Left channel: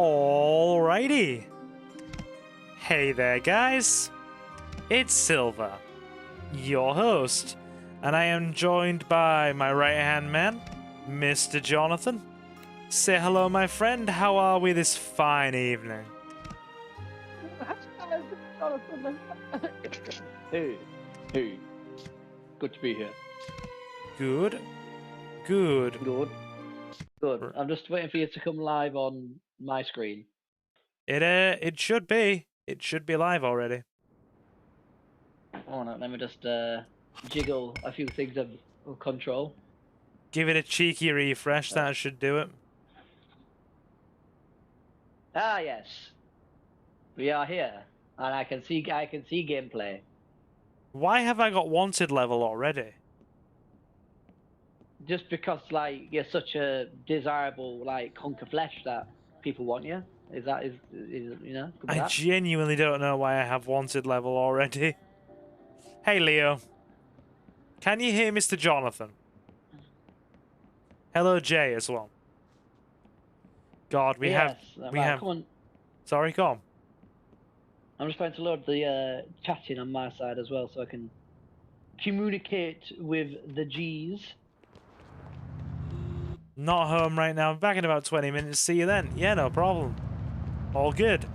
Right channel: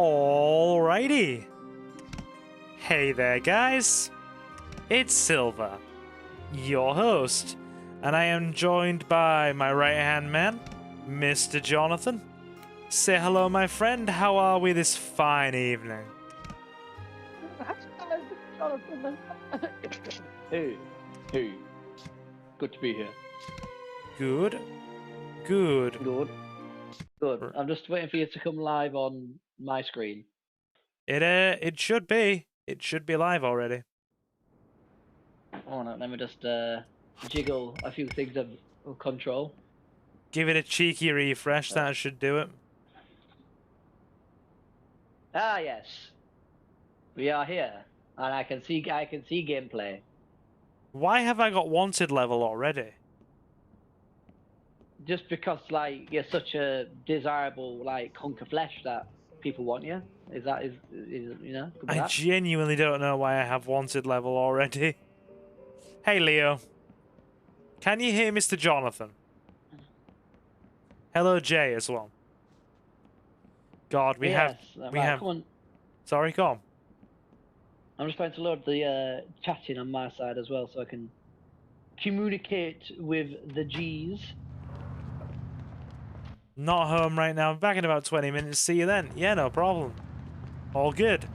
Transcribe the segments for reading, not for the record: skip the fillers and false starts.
Alrighty. Hey there, guys. It's Silver, your host, and I am joined by my right-hand man, Mr. Jonathan. Say hello, my friend. How are we this fine evening? Hey. Good to be here. Good. Good. I'm just waiting for you to come live on my screen. It should be. It should be live already. Oh no, let me just jiggle a few things of control. Give it a cheeky refresh. That should do it. Ah yes, we are here, and I can see gameplay. Why have I got wanted level already? Just because like you're such a desirable like hunk of flesh that people want you. Is you know? I genuinely don't know why I have wanted level already. Hey, Leo. Can you hear Mr. Jonathan? Hello, Jay, as well. God, we have... Sorry, go on. I'm just trying to load the chatting on my side as well so I can communicate with the G's. Not home right now. I'm back in about 20 minutes. See you then. Yeah, no problem. All good.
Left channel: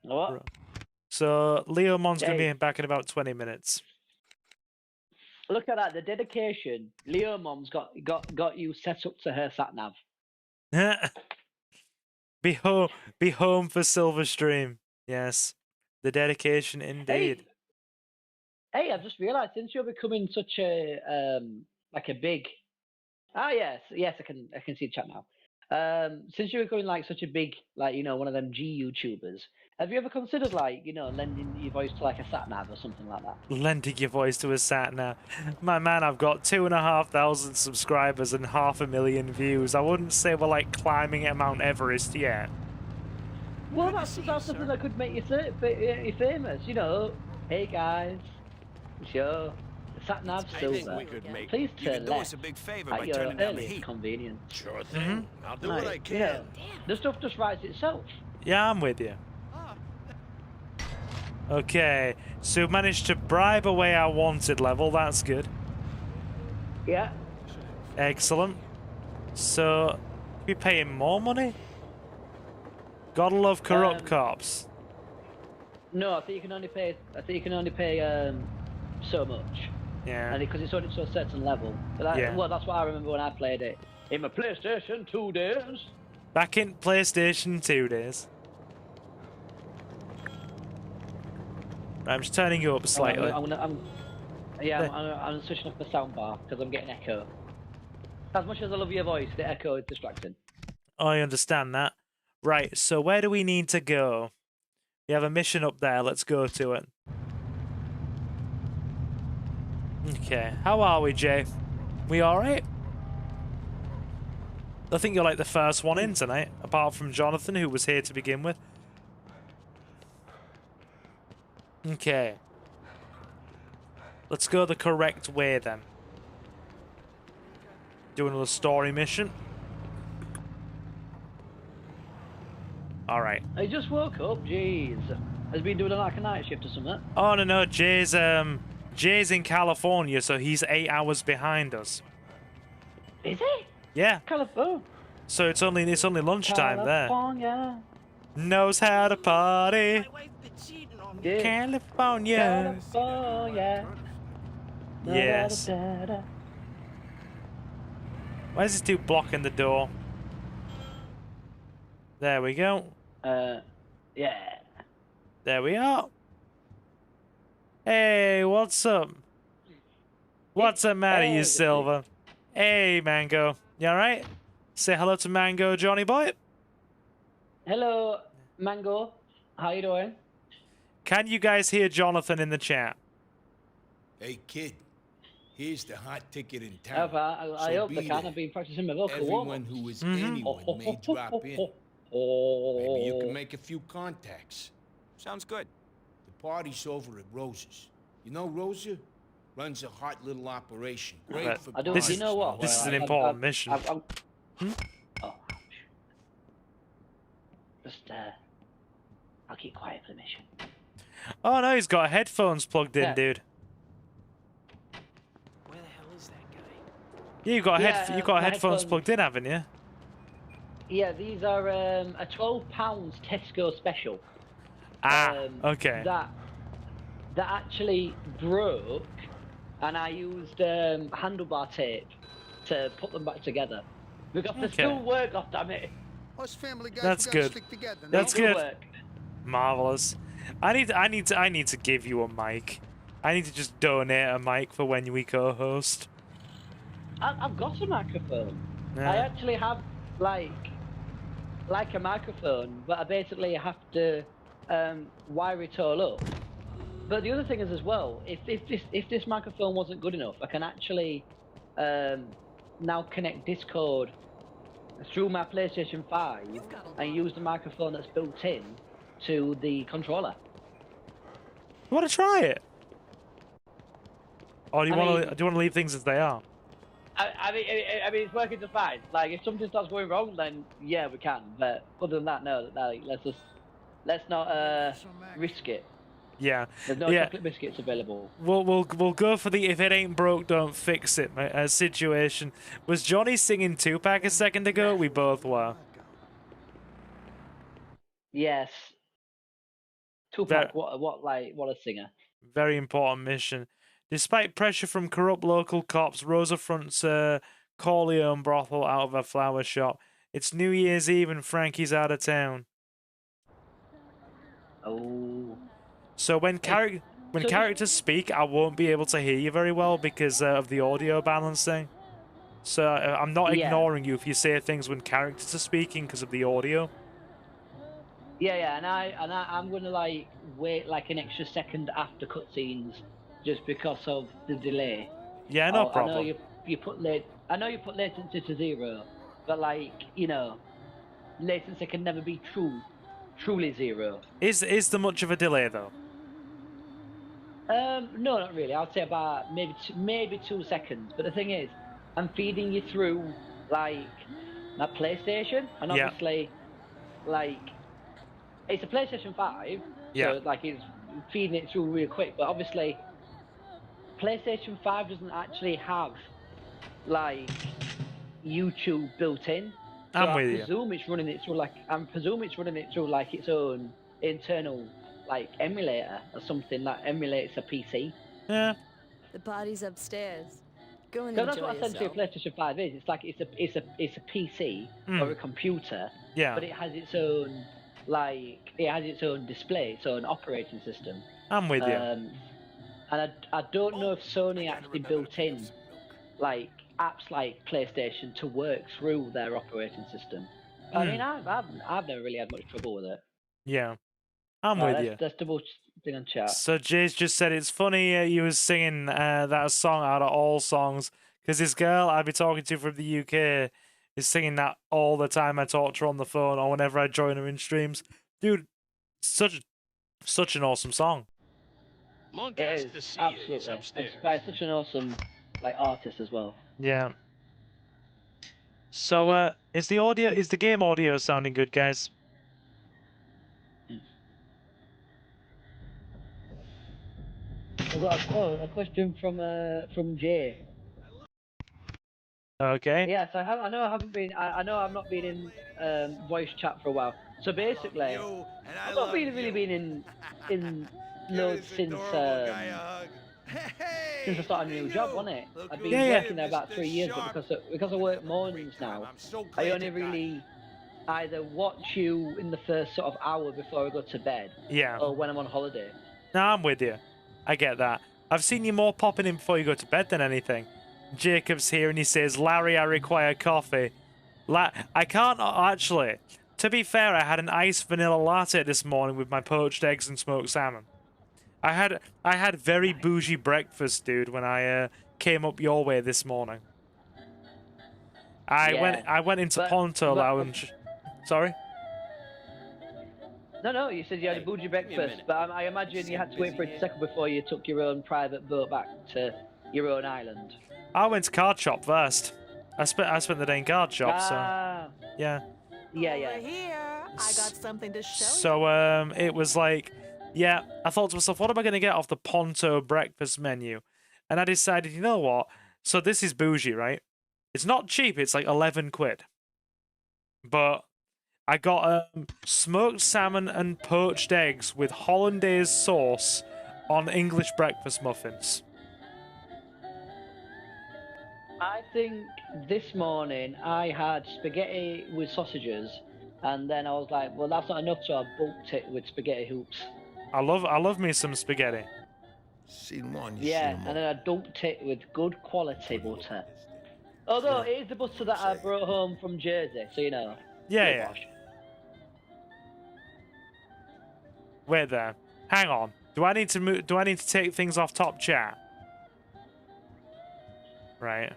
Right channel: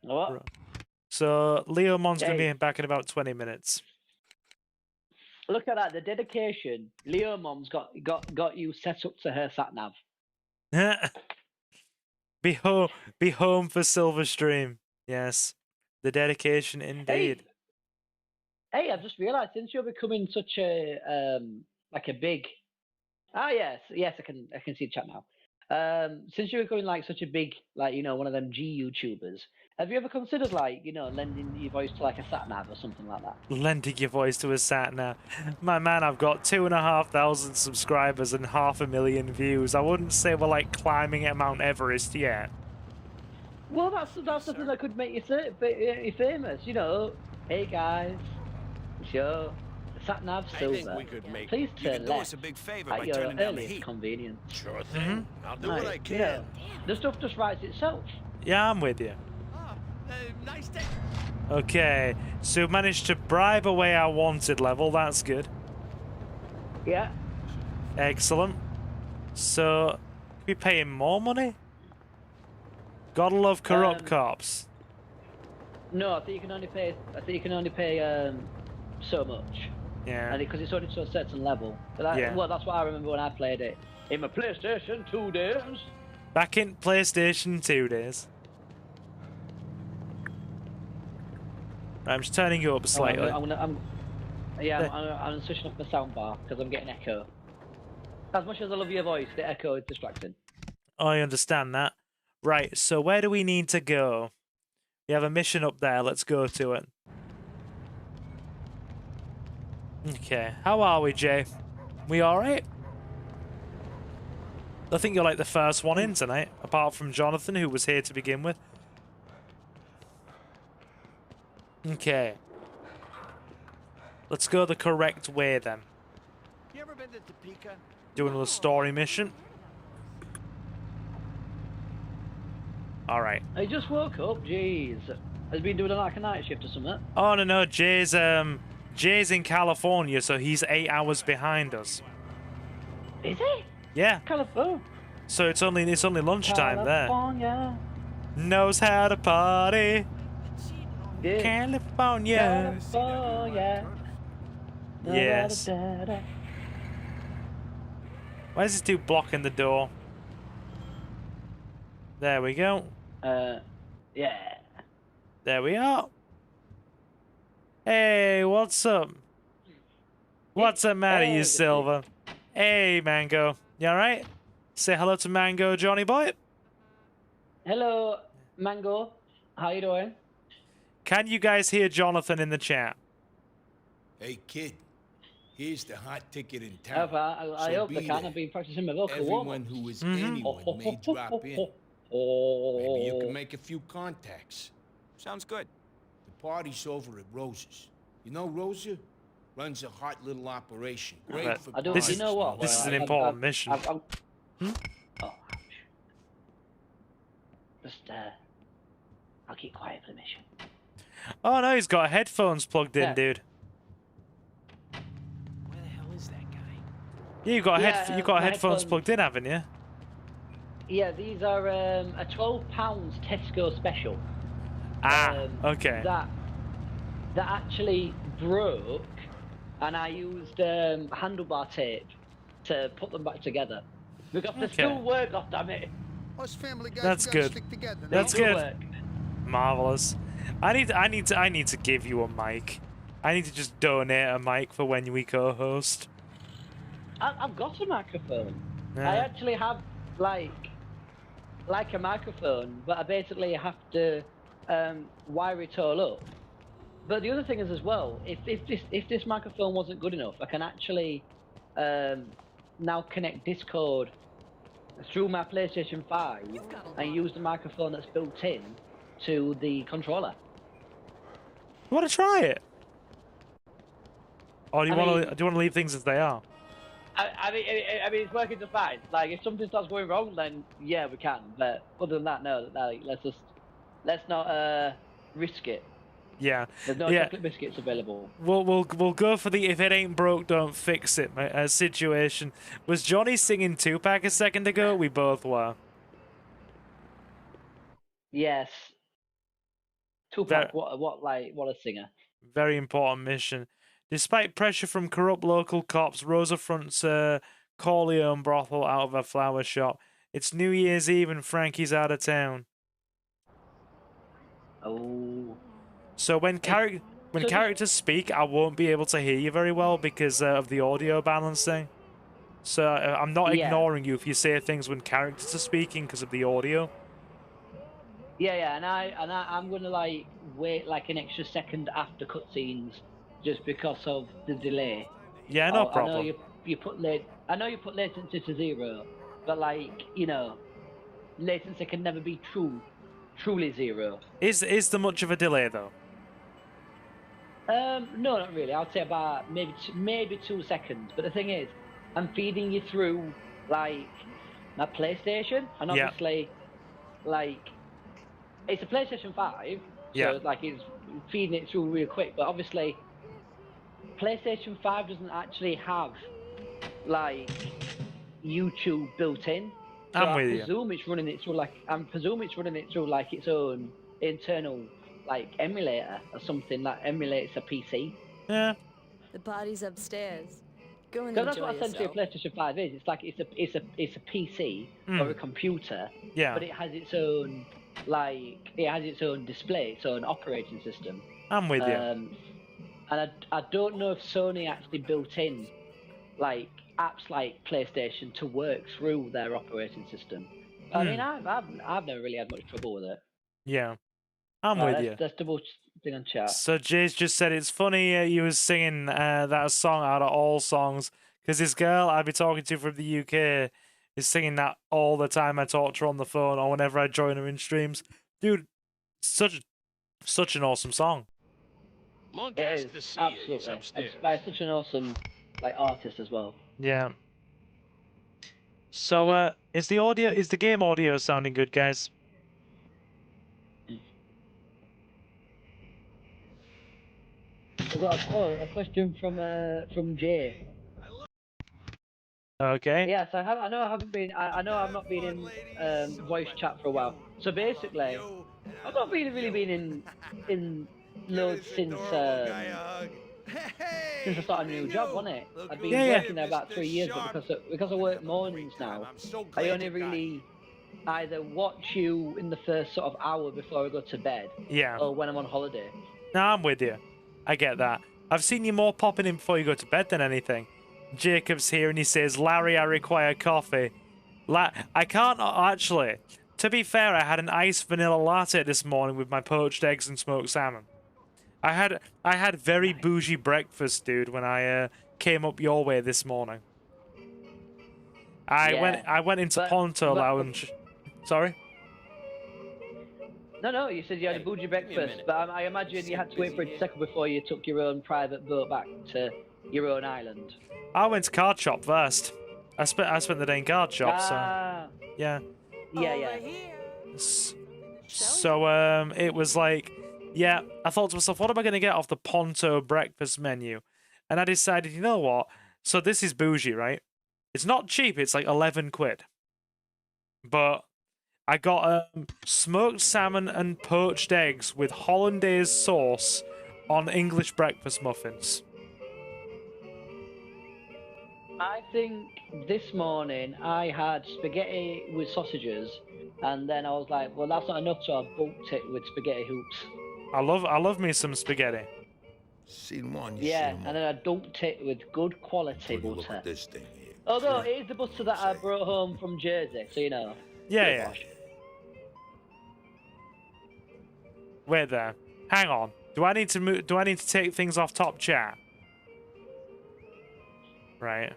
What? So, Leo Mon's going to be back in about 20 minutes. Look at that, the dedication. Leo Mom's got you set up to her sat nav. Be home for Silverstream. Yes. The dedication indeed. Hey, I've just realised since you're becoming such a like a big yes, I can see the chat now. Since you're becoming like such a big, like, you know, one of them G YouTubers, have you ever considered like, you know, lending your voice to like a sat nav or something like that? Lending your voice to a sat nav. My man, I've got 2,500 subscribers and 500,000 views. I wouldn't say we're like climbing at Mount Everest yet. Well, that's something that could make you famous, you know. Hey guys, sure. Sat nav silver. I think we could make. Please you could do us a big favor by turning down the heat. Convenient. Sure thing. I'll do what I can. Yeah. The stuff just writes itself. Yeah, I'm with you. Nice day. Okay, so we managed to bribe away our wanted level. That's good. Yeah. Excellent. So, can we pay him more money? Gotta love corrupt cops. No, I think you can only pay so much. Yeah. Because it's only to a certain level. But well, that's why I remember when I played it in my PlayStation 2 days. Back in PlayStation 2 days. I'm just turning you up slightly. I'm switching off the soundbar because I'm getting echo. As much as I love your voice, the echo is distracting. I understand that. Right, so where do we need to go? We have a mission up there. Let's go to it. Okay, how are we, Jay? We alright? I think you're like the first one in tonight, apart from Jonathan, who was here to begin with. Okay. Let's go the correct way then. You ever been to Topeka? Do another story mission. Alright. I just woke up, jeez. Has been doing like a night shift or something? Oh no, Jay's in California, so he's 8 hours behind us. Is he? Yeah. California. So it's only lunchtime California. there. Knows how to party. Yeah. California. California. Yes. Why is this dude blocking the door? There we go. Yeah. There we are. Hey, what's up? What's the matter, you Silver? Hey, Mango. You alright? Say hello to Mango, Johnny boy. Hello, Mango. How you doing? Can you guys hear Jonathan in the chat? Hey, kid. Here's the hot ticket in town. I hope they can. I've been practicing my local Everyone who is anyone may drop in. Maybe you can make a few contacts. Sounds good. The party's over at Rosa's. You know Rosa? Runs a hot little operation. Great for this is an important mission. Oh, I'll keep quiet for the mission. Oh no, he's got headphones plugged in, Yeah. dude. Yeah, you got you got my headphones plugged in, haven't you? Yeah, these are a £12 Tesco special. Ah, okay. That actually broke, and I used handlebar tape to put them back together. Because they still work, goddammit. Us family guys, That's we gotta good. stick together. That's Still good. work. Marvelous. I need to give you a mic. I need to just donate a mic for when we co-host. I've got a microphone. Yeah. I actually have like a microphone, but I basically have to wire it all up. But the other thing is as well, if this microphone wasn't good enough, I can actually now connect Discord through my PlayStation 5 and use the microphone that's built in to the controller. You want to try it? Or do you want to leave things as they are? I mean, it's working just fine. Like, if something starts going wrong, then yeah, we can. But other than that, no. Like, let's not risk it. Yeah. There's no chocolate biscuits available. We'll go for the if it ain't broke, don't fix it situation. Was Johnny singing Tupac a second ago? We both were. Yes. Tupac, what a singer. Very important mission. Despite pressure from corrupt local cops, Rosa fronts a Corleone brothel out of a flower shop. It's New Year's Eve and Frankie's out of town. Oh. So when characters speak, I won't be able to hear you very well because of the audio balancing. So I'm not ignoring you if you say things when characters are speaking because of the audio. Yeah, and I'm gonna like wait like an extra second after cutscenes just because of the delay. Yeah, no problem. I know you put latency to 0, but like, you know, latency can never be truly 0. Is there much of a delay though? No, not really. I'd say about maybe 2 seconds. But the thing is, I'm feeding you through like my PlayStation, and obviously, like, it's a PlayStation 5. Yeah. So like it's feeding it through real quick. But obviously, PlayStation 5 doesn't actually have like YouTube built in. So I'm with you. I presume it's running it through like its own internal like emulator or something that emulates a PC. Yeah. The party's upstairs. Go and So that's enjoy what essentially a yourself. PlayStation 5 is. It's like it's a PC or a computer, Yeah. but it has its own display, its own operating system. I'm with you. And I don't know if Sony actually built in like apps like PlayStation to work through their operating system. I mean, I've never really had much trouble with it. Yeah. I'm with you. That's double thing on chat. So Jay's just said it's funny you was singing that song out of all songs because this girl I'd be talking to from the UK is singing that all the time I talk to her on the phone or whenever I join her in streams. Dude, such an awesome song. Monk has to see it. He's upstairs. By such an awesome like artist as well. Yeah. So is the game audio sounding good, guys? I've got a question from Jay. Okay. Yes, I know I haven't been. I know I've not been in voice chat for a while. So basically, I've not really been in since I started a new job, wasn't it? I've been working there about 3 years, but because I work mornings now, I only really either watch you in the first sort of hour before I go to bed, or when I'm on holiday. No, I'm with you. I get that. I've seen you more popping in before you go to bed than anything. Jacob's here and he says, Larry, I require coffee. I can't actually. To be fair, I had an iced vanilla latte this morning with my poached eggs and smoked salmon. I had very bougie breakfast, dude, when I came up your way this morning. I went into Ponto Lounge. Sorry? No, you said you had a bougie breakfast, but I imagine you had to wait for a second before you took your own private boat back to your own island. I went to card shop first. I spent the day in card shop, so yeah. Yeah. something to share. So it was like, yeah, I thought to myself, what am I going to get off the Ponto breakfast menu? And I decided, you know what? So this is bougie, right? It's not cheap. It's like 11 quid. But I got smoked salmon and poached eggs with hollandaise sauce on English breakfast muffins. I think this morning I had spaghetti with sausages, and then I was like, well, that's not enough, so I bumped it with spaghetti hoops. I love me some spaghetti. Seen one, you Yeah, seen them and all. then I dumped it with good quality Take a look butter. at this thing here. Although it is the butter that I brought home from Jersey, so you know. Yeah. Wait there. Hang on. Do I need to move? Do I need to take things off top chat? Right.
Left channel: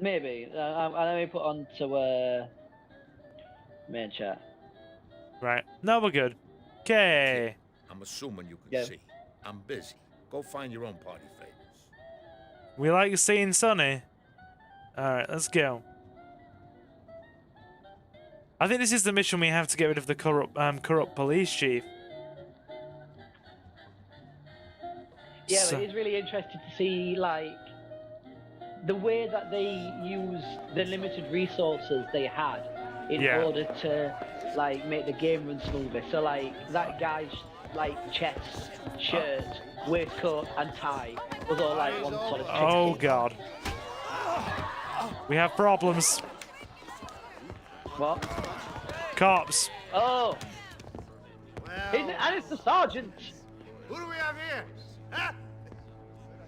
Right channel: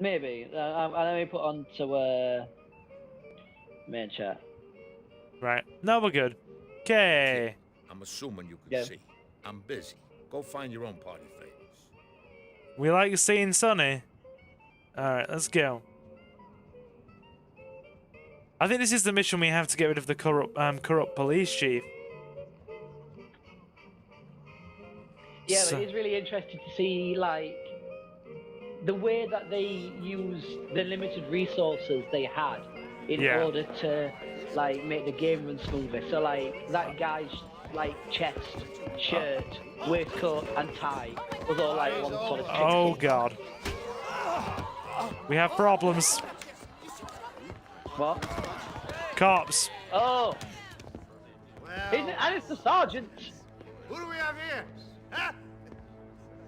Maybe. Let me put on to main chat. Right. No, we're good. Okay. I'm assuming you can Yeah. see. I'm busy. Go find your own party favors. We like seeing Sonny. Alright, let's go. I think this is the mission we have to get rid of the corrupt police chief. Yeah, So- but it's really interesting to see, like, the way that they use the limited resources they had in Yeah. order to, like, make the game run smoother. So, like, that guy's, like, chest, shirt, waistcoat, and tie was all, like, on top. Oh god. We have problems. What? Cops. Oh! And it's the sergeant! Who do we have here? Huh?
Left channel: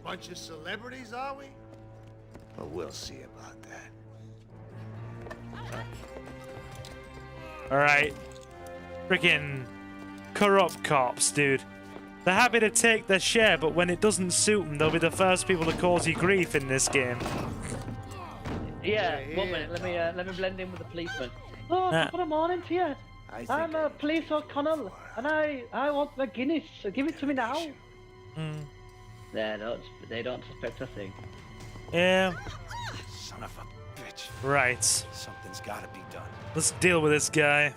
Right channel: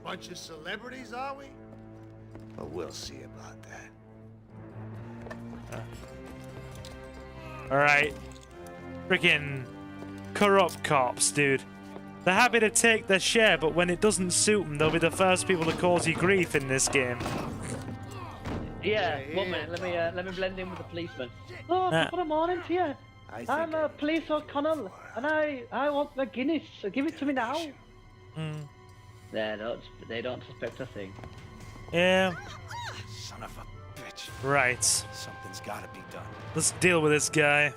Bunch of celebrities, are we? Well, we'll see about that. Alright. Freaking corrupt cops, dude. They're happy to take their share, but when it doesn't suit them, they'll be the first people to cause you grief in this game. Yeah, 1 minute, let me blend in with the policeman. Oh, Ah. good morning to you. I I'm a police O'Connell, and I want the Guinness, so give it to me now. Mm. They don't suspect a thing. Yeah. Son of a bitch. Right. Something's gotta be done. Let's deal with this guy.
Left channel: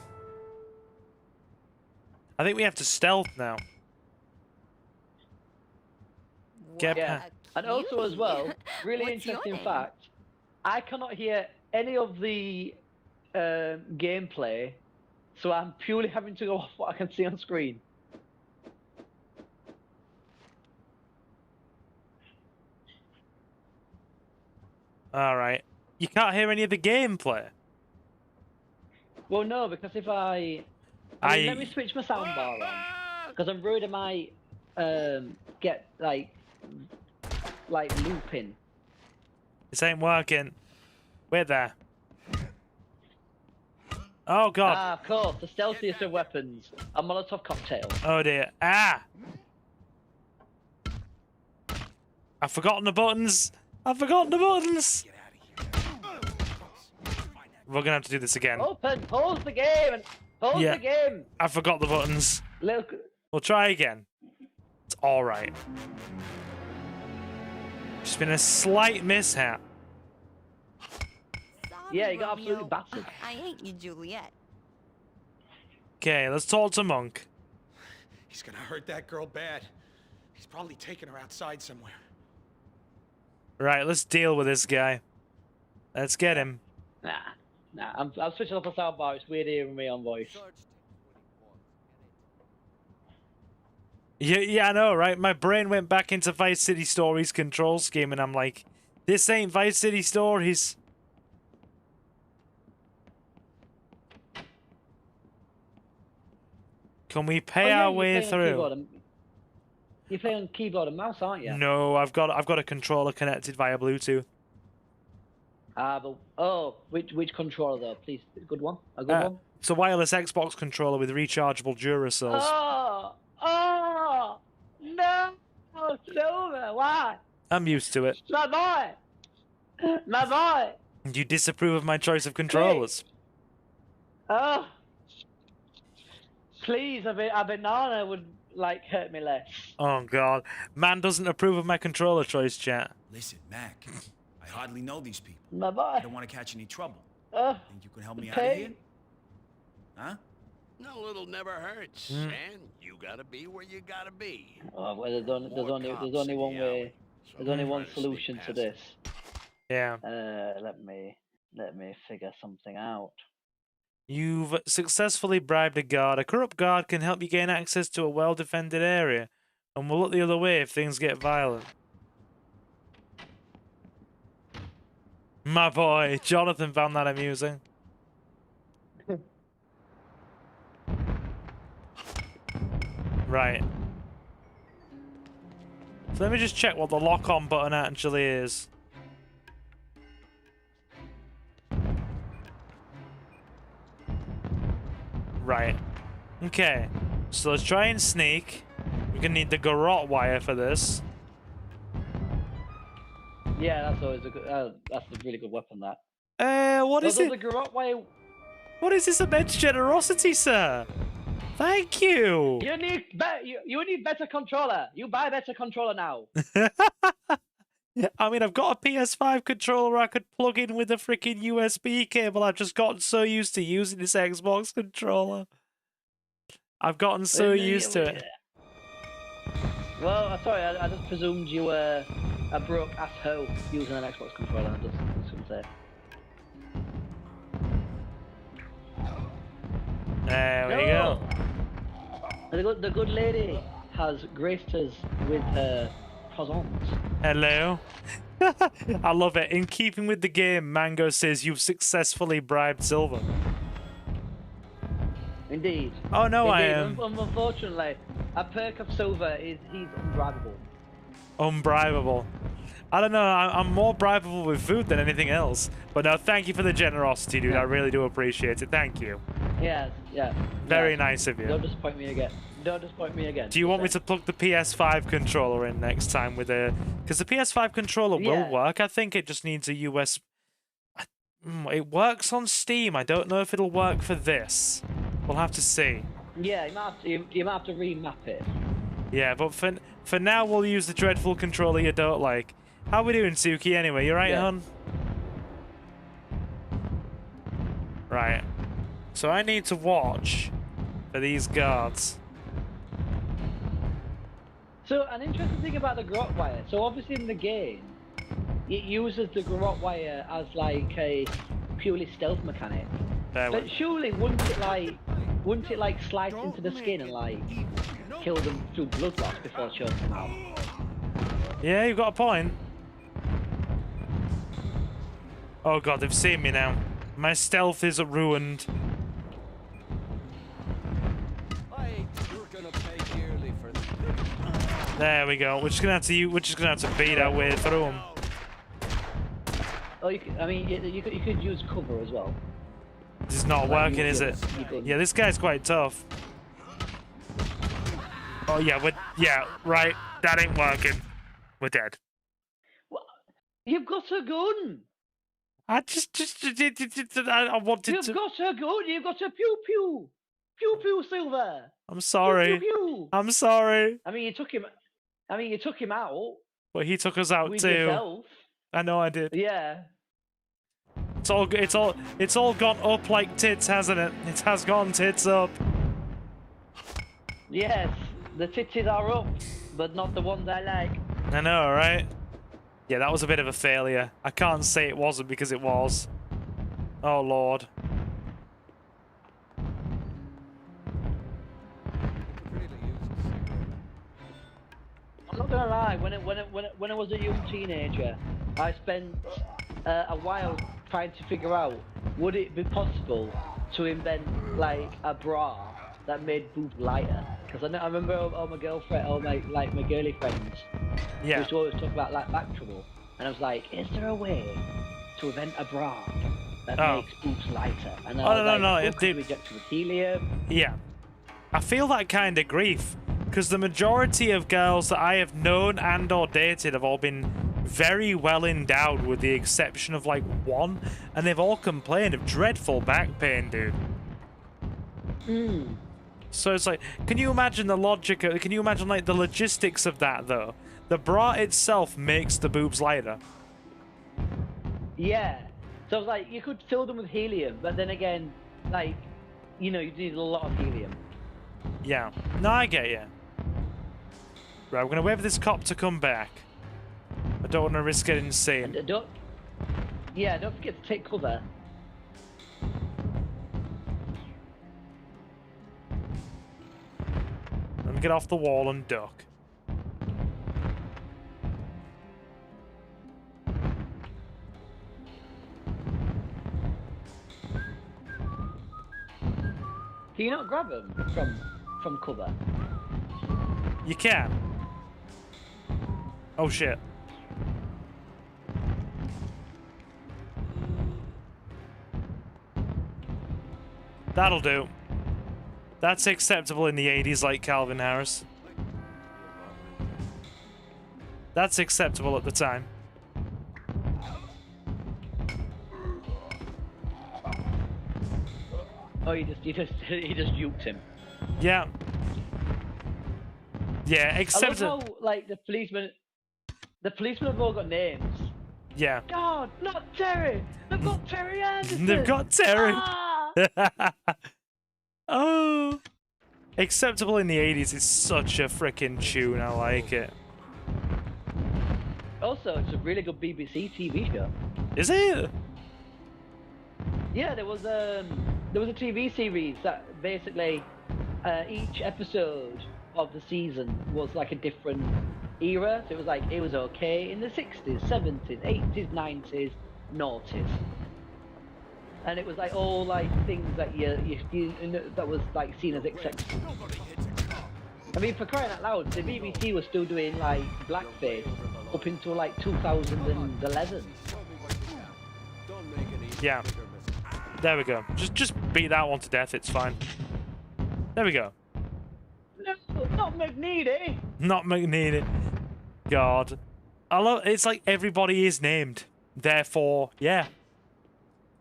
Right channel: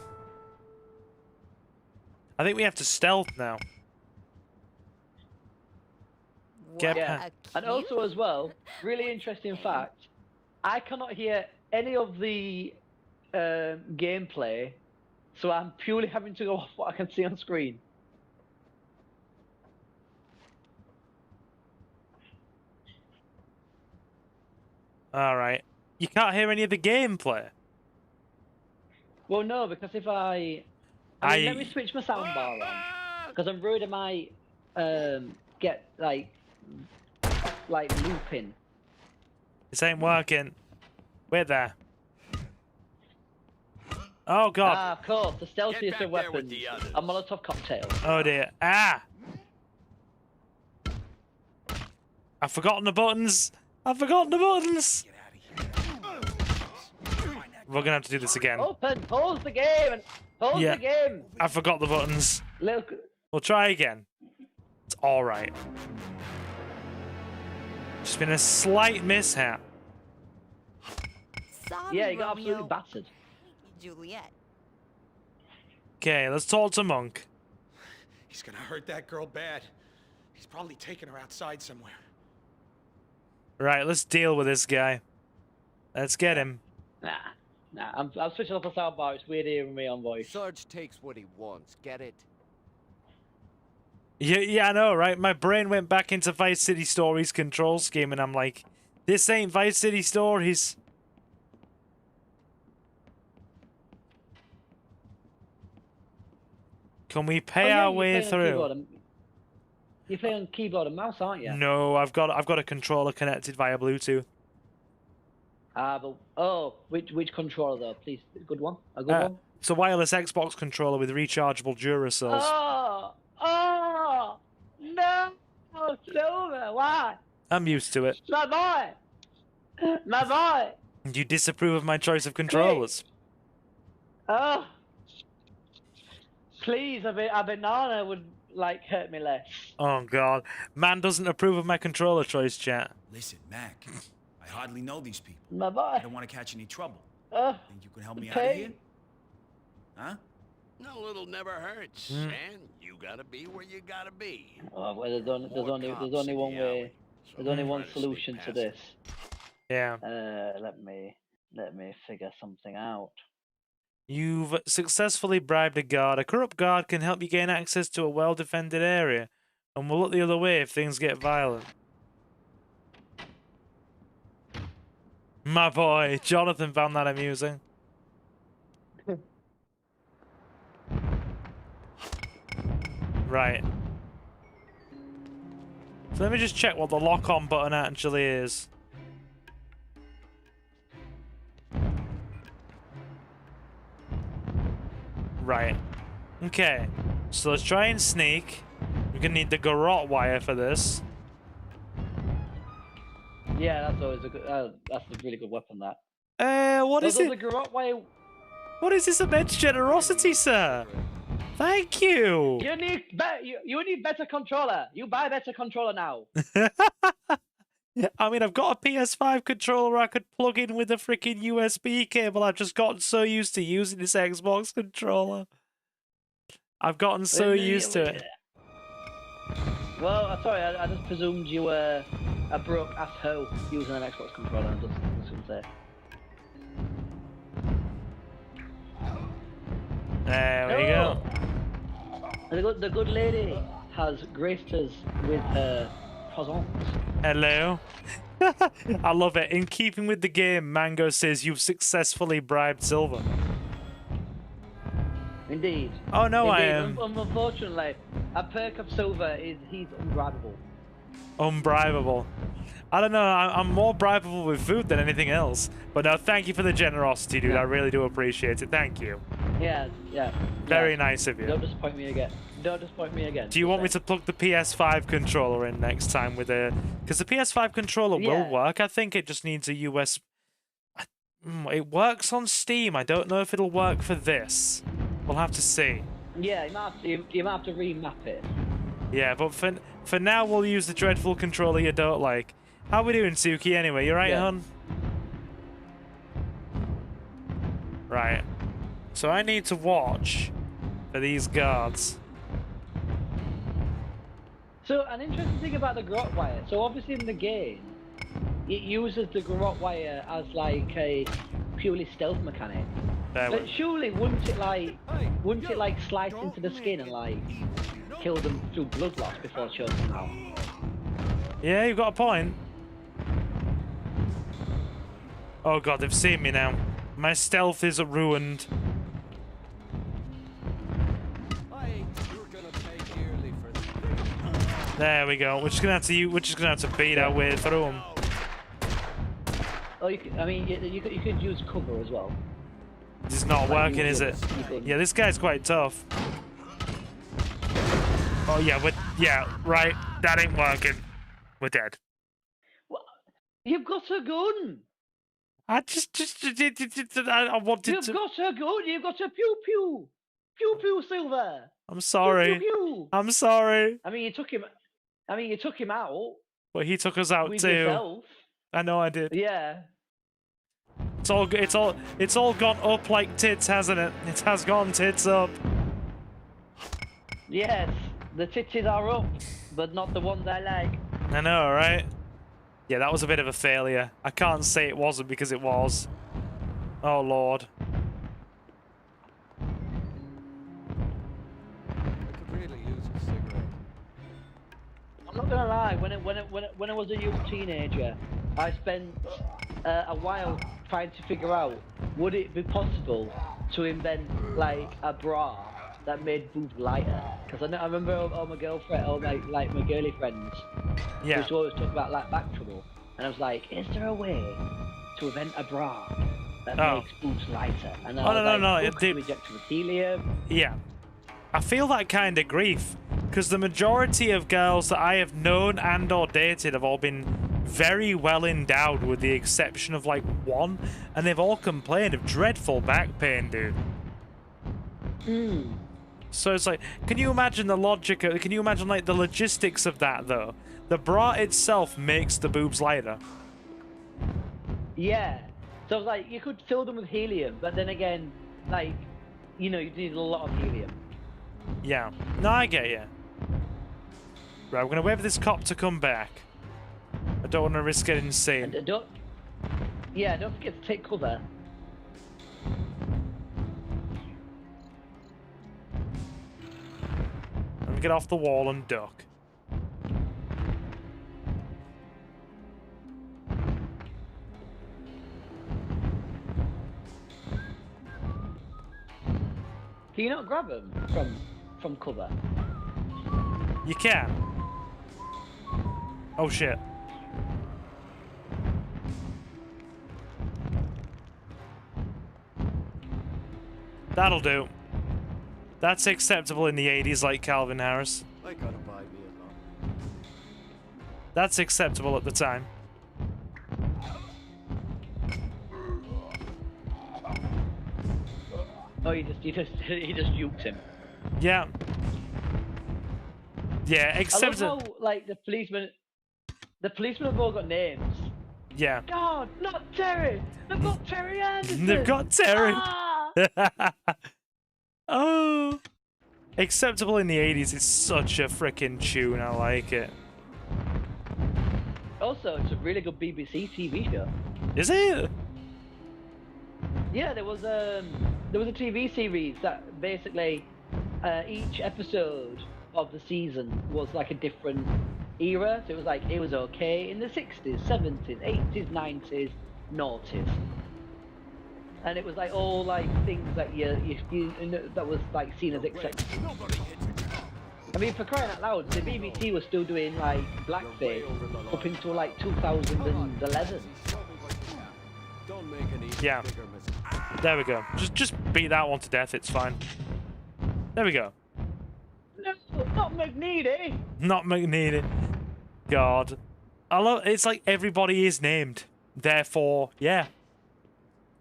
I think we have to stealth now. Get Yeah. pa- And also as well, really What's your interesting name? fact, I cannot hear any of the gameplay, so I'm purely having to go off what I can see on screen. Alright. You can't hear any of the gameplay. Well, no, because if let me switch my soundbar on, because I'm worried I might get like looping. This ain't working. Wait there. Oh god. Ah, of course, the stealthiest of weapons, a Molotov cocktail. Oh dear. Ah! I've forgotten the buttons. I've forgotten the buttons. We're gonna have to do this again. Open, pause the game, and pause Yeah. the game. I forgot the buttons. Look, We'll try again. It's alright. Just been a slight mishap. Sorry, yeah, you got absolutely Romeo. battered. I ain't you, Juliet. Okay, let's talk to Monk. He's gonna hurt that girl bad. He's probably taking her outside somewhere. Right, let's deal with this guy. Let's get him. Nah, I'm switching off the soundbar. It's weird hearing me on voice. Sarge takes what he wants, get it? Yeah, I know, right? My brain went back into Vice City Stories control scheme, and I'm like, this ain't Vice City Stories. Can we pay our way through? You're playing keyboard and mouse, aren't you? No, I've got a controller connected via Bluetooth. Which controller though? Please, a good one. A good one. It's a wireless Xbox controller with rechargeable Duracells. Oh no, Silver, why? I'm used to it. My boy. You disapprove of my choice of controllers. Oh, please, a banana would like hurt me less. Oh god, man doesn't approve of my controller choice, chat. Listen, Mac, I hardly know these people. My boy. I don't want to catch any trouble. Oh, Think you can help me out of here? Huh? A little never hurts, and you gotta be where you gotta be. Oh, well, there's only More one cops in way. the alley, so There's only try one to sneak solution to past this. Yeah. Let me figure something out. You've successfully bribed a guard. A corrupt guard can help you gain access to a well-defended area, and will look the other way if things get violent. My boy, Jonathan found that amusing. Right. So let me just check what the lock-on button actually is. Right. Okay. So let's try and sneak. We're gonna need the garrote wire for this. Yeah, that's always a good. That's a really good weapon. That. What is it? The garrote wire. What is this immense generosity, sir? Thank you. You need better controller. You buy better controller now. I mean, I've got a PS5 controller I could plug in with a freaking USB cable. I've just gotten so used to using this Xbox controller. I've gotten so used to it. Well, I'm sorry, I just presumed you were a broke asshole using an Xbox controller. I'm just gonna say. There we go. The good lady has graced us with her presents. Hello. I love it. In keeping with the game, Mango says you've successfully bribed Silver. Indeed. Oh no, Indeed. I am. Unfortunately, a perk of Silver is he's unbribable. Unbribable. I don't know. I'm more bribable with food than anything else. But no, thank you for the generosity, dude. Yeah. I really do appreciate it. Thank you. Yeah. Very nice of you. Don't disappoint me again. Do you want me to plug the PS5 controller in next time with a... Because the PS5 controller will work. I think it just needs a US... It works on Steam. I don't know if it'll work for this. We'll have to see. Yeah, you might have to remap it. Yeah, but for now, we'll use the dreadful controller you don't like. How we doing, Suki, anyway? You right, hon? Right. So I need to watch for these guards. So, an interesting thing about the garrote wire. So, obviously in the game, it uses the garrote wire as like a purely stealth mechanic. But surely, wouldn't it like slice into the skin and like kill them through blood loss before choking them out? Yeah, you've got a point. Oh god, they've seen me now. My stealth is ruined. There we go. We're just gonna have to beat our way through them. Oh, you could use cover as well. This is not working, is it? Yeah, this guy's quite tough. Oh yeah, right. That ain't working. We're dead. What? You've got a gun. I wanted to. You've got a gun. You've got a pew pew, pew pew, Silver. I'm sorry. Pew, pew, pew. I'm sorry. I mean, you took him out. Well, he took us out with too. Yourself. I know I did. Yeah. It's all gone up like tits, hasn't it? It has gone tits up. Yes, the titties are up, but not the ones I like. I know, right? Yeah, that was a bit of a failure. I can't say it wasn't because it was. Oh lord. I could really use a cigarette. I'm not gonna lie. When I was a young teenager, I spent a while trying to figure out would it be possible to invent like a bra that made boobs lighter? Because I remember all my girlfriend, all my girly friends, used to always talk about like back trouble, and I was like, is there a way to invent a bra that makes boobs lighter? And no, dude. Injected with helium. Yeah. I feel that kind of grief because the majority of girls that I have known and or dated have all been very well endowed with the exception of like one, and they've all complained of dreadful back pain, dude. So it's like, can you imagine the logic, can you imagine like the logistics of that though? The bra itself makes the boobs lighter. Yeah. So like you could fill them with helium, but then again, like you know, you need a lot of helium. Yeah. No, I get you. Right, we're gonna wait for this cop to come back. I don't want to risk getting seen. Don't forget to take cover. Let me get off the wall and duck. Can you not grab them from cover? You can. Oh shit. That'll do. That's acceptable in the 80s, like Calvin Harris. I gotta buy me a lottery ticket. That's acceptable at the time. Oh, he just juked him. Yeah. Yeah, I except love how, like, the policemen have all got names. yeah. God, not Terry! They've got Terry Anderson! They've got Terry. Ah! Oh. Acceptable in the 80s is such a freaking tune. I like it. Also, it's a really good BBC TV show. Is it? Yeah, there was a TV series that basically each episode of the season was like a different era. So it was okay in the 60s, 70s, 80s, 90s, noughties. And it was like all like things that that was like seen as acceptable. I mean, for crying out loud, the BBC was still doing like blackface up until like 2011. Don't make any Yeah. bigger mistake. There we go. Just beat that one to death. It's fine. There we go. No, not McNeedy. Not McNeedy. God. I love. It's like everybody is named. Therefore, yeah.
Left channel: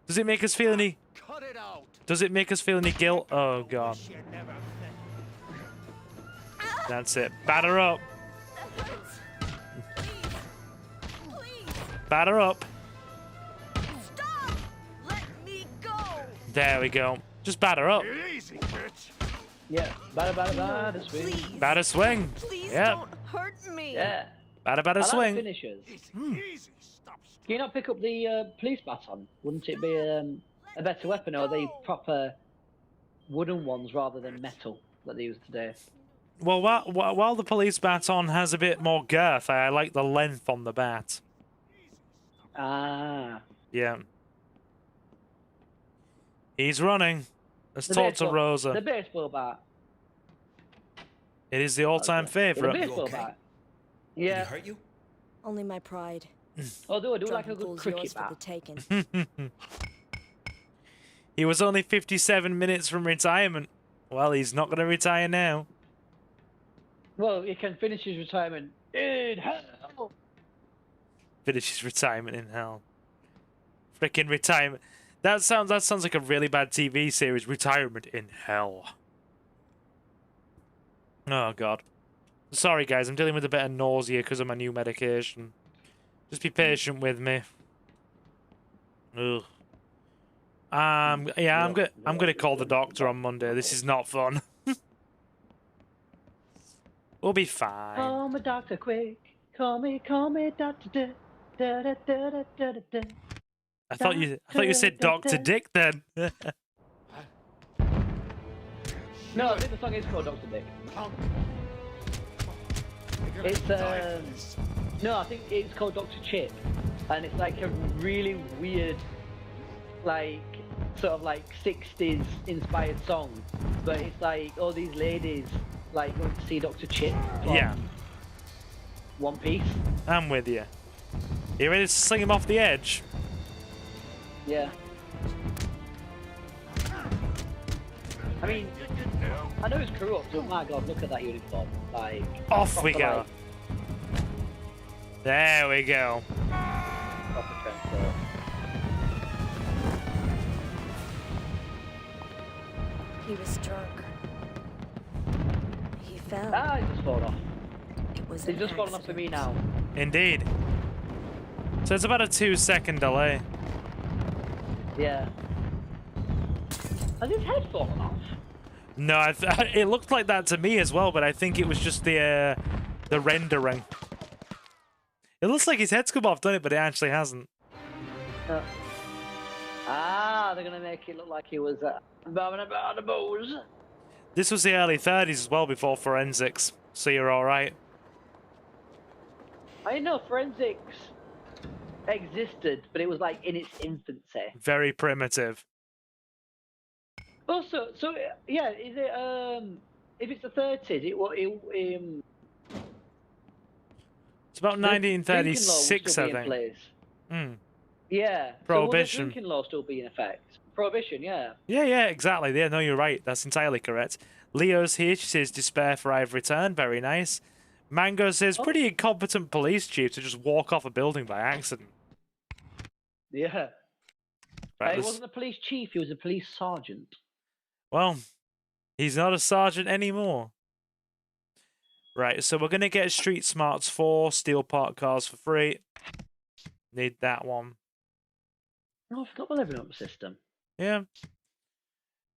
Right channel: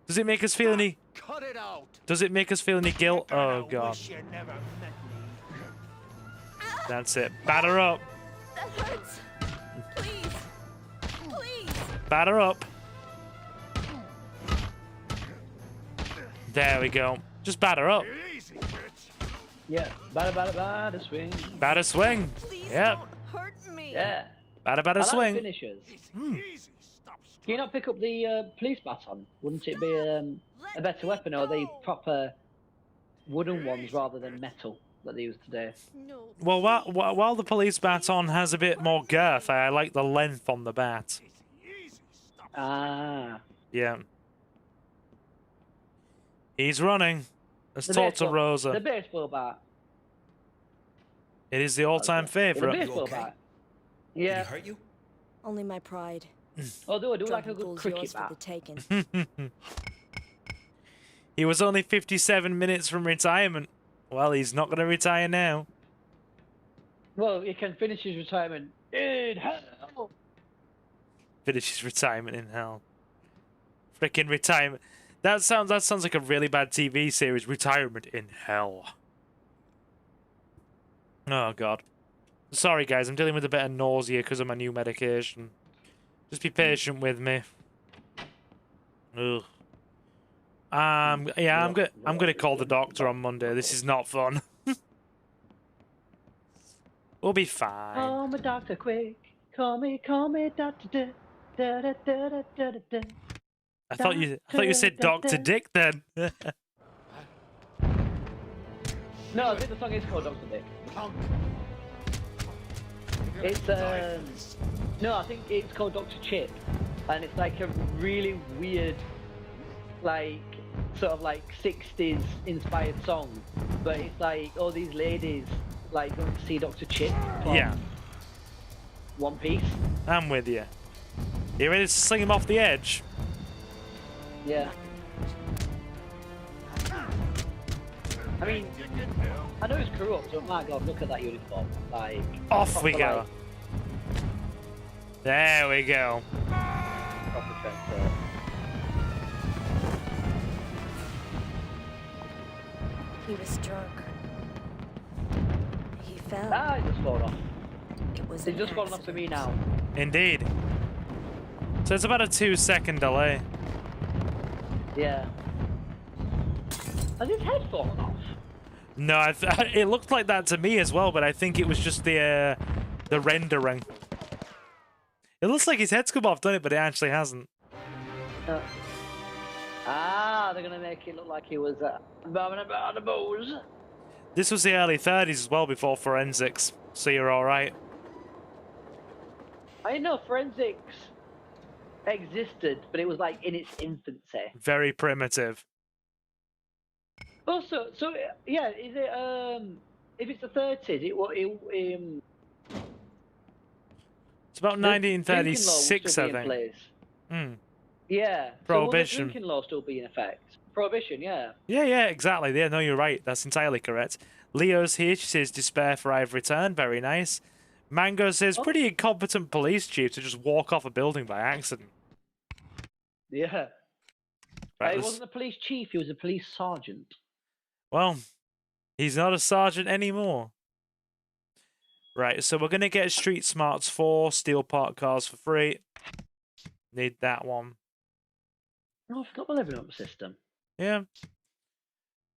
Does it make us feel any? Cut it out. Does it make us feel any guilt? Oh God. That's it. Batter up. Batter up. There we go. Just batter up. Yeah, batter swing. Batter swing. Yep. Yeah. Batter I like swing. finishers. Hmm. Can you not pick up the police baton? Wouldn't it be a better weapon, or are they proper wooden ones rather than metal that they use today? Well, while the police baton has a bit more girth, I like the length on the bat. Ah. Yeah. He's running. Let's The talk to baseball- Rosa. The baseball bat. It is the all-time The favorite. baseball okay? bat. Did he Yeah. hurt you? Only my pride. Oh, do like a Drunken good fool's cricket yours for bat. the taking. He was only 57 minutes from retirement. Well, he's not going to retire now. Well, he can finish his retirement in hell. Finish his retirement in hell. Freaking retirement. That sounds like a really bad TV series. Retirement in hell. Oh God. Sorry guys, I'm dealing with a bit of nausea because of my new medication. Just be patient with me. Ugh. Yeah, I'm gonna call the doctor on Monday. This is not fun. We'll be fine. Call me doctor quick. Call me doctor. Da, da, da, da, da, da, da. I thought you said Dr. Dick then. No, I think the song is called Dr. Dick. Punk. You're gonna It's die for this. no, I think it's called Dr. Chip, and it's like a really weird, like sort of like 60s inspired song, but it's like all these ladies like going to see Dr. Chip. from Yeah, One Piece. I'm with you. You ready to sling him off the edge? Yeah. I mean, I know it's corrupt, but my God, look at that uniform. Like, Off we proper, go. like, There we go. proper dress. He was drunk. He fell. Ah, it just fallen off. It was It's an just fallen off to me accident. now. Indeed. So it's about a 2-second delay. Yeah. Has his head fallen off? No, it looked like that to me as well, but I think it was just the rendering. It looks like his head's come off, doesn't it? But it actually hasn't. They're gonna make it look like he was bobbing about the booze. This was the early 30s as well, before forensics, so you're all right. I know forensics existed, but it was like in its infancy. Very primitive. Also, so yeah, is it if it's the 30s, It's about 1936, I think. Hmm. Yeah. Prohibition. So will the drinking law still be in effect? Prohibition, yeah. Yeah, exactly. Yeah, no, you're right. That's entirely correct. Leo's here. She says, despair for I've returned. Very nice. Mango says, pretty incompetent police chief to just walk off a building by accident. Yeah. Right, He wasn't a police chief, he was a police sergeant. Well, he's not a sergeant anymore. Right, so we're going to get Street Smarts 4, steal parked cars for free. Need that one. Oh, I forgot my leveling up system. Yeah.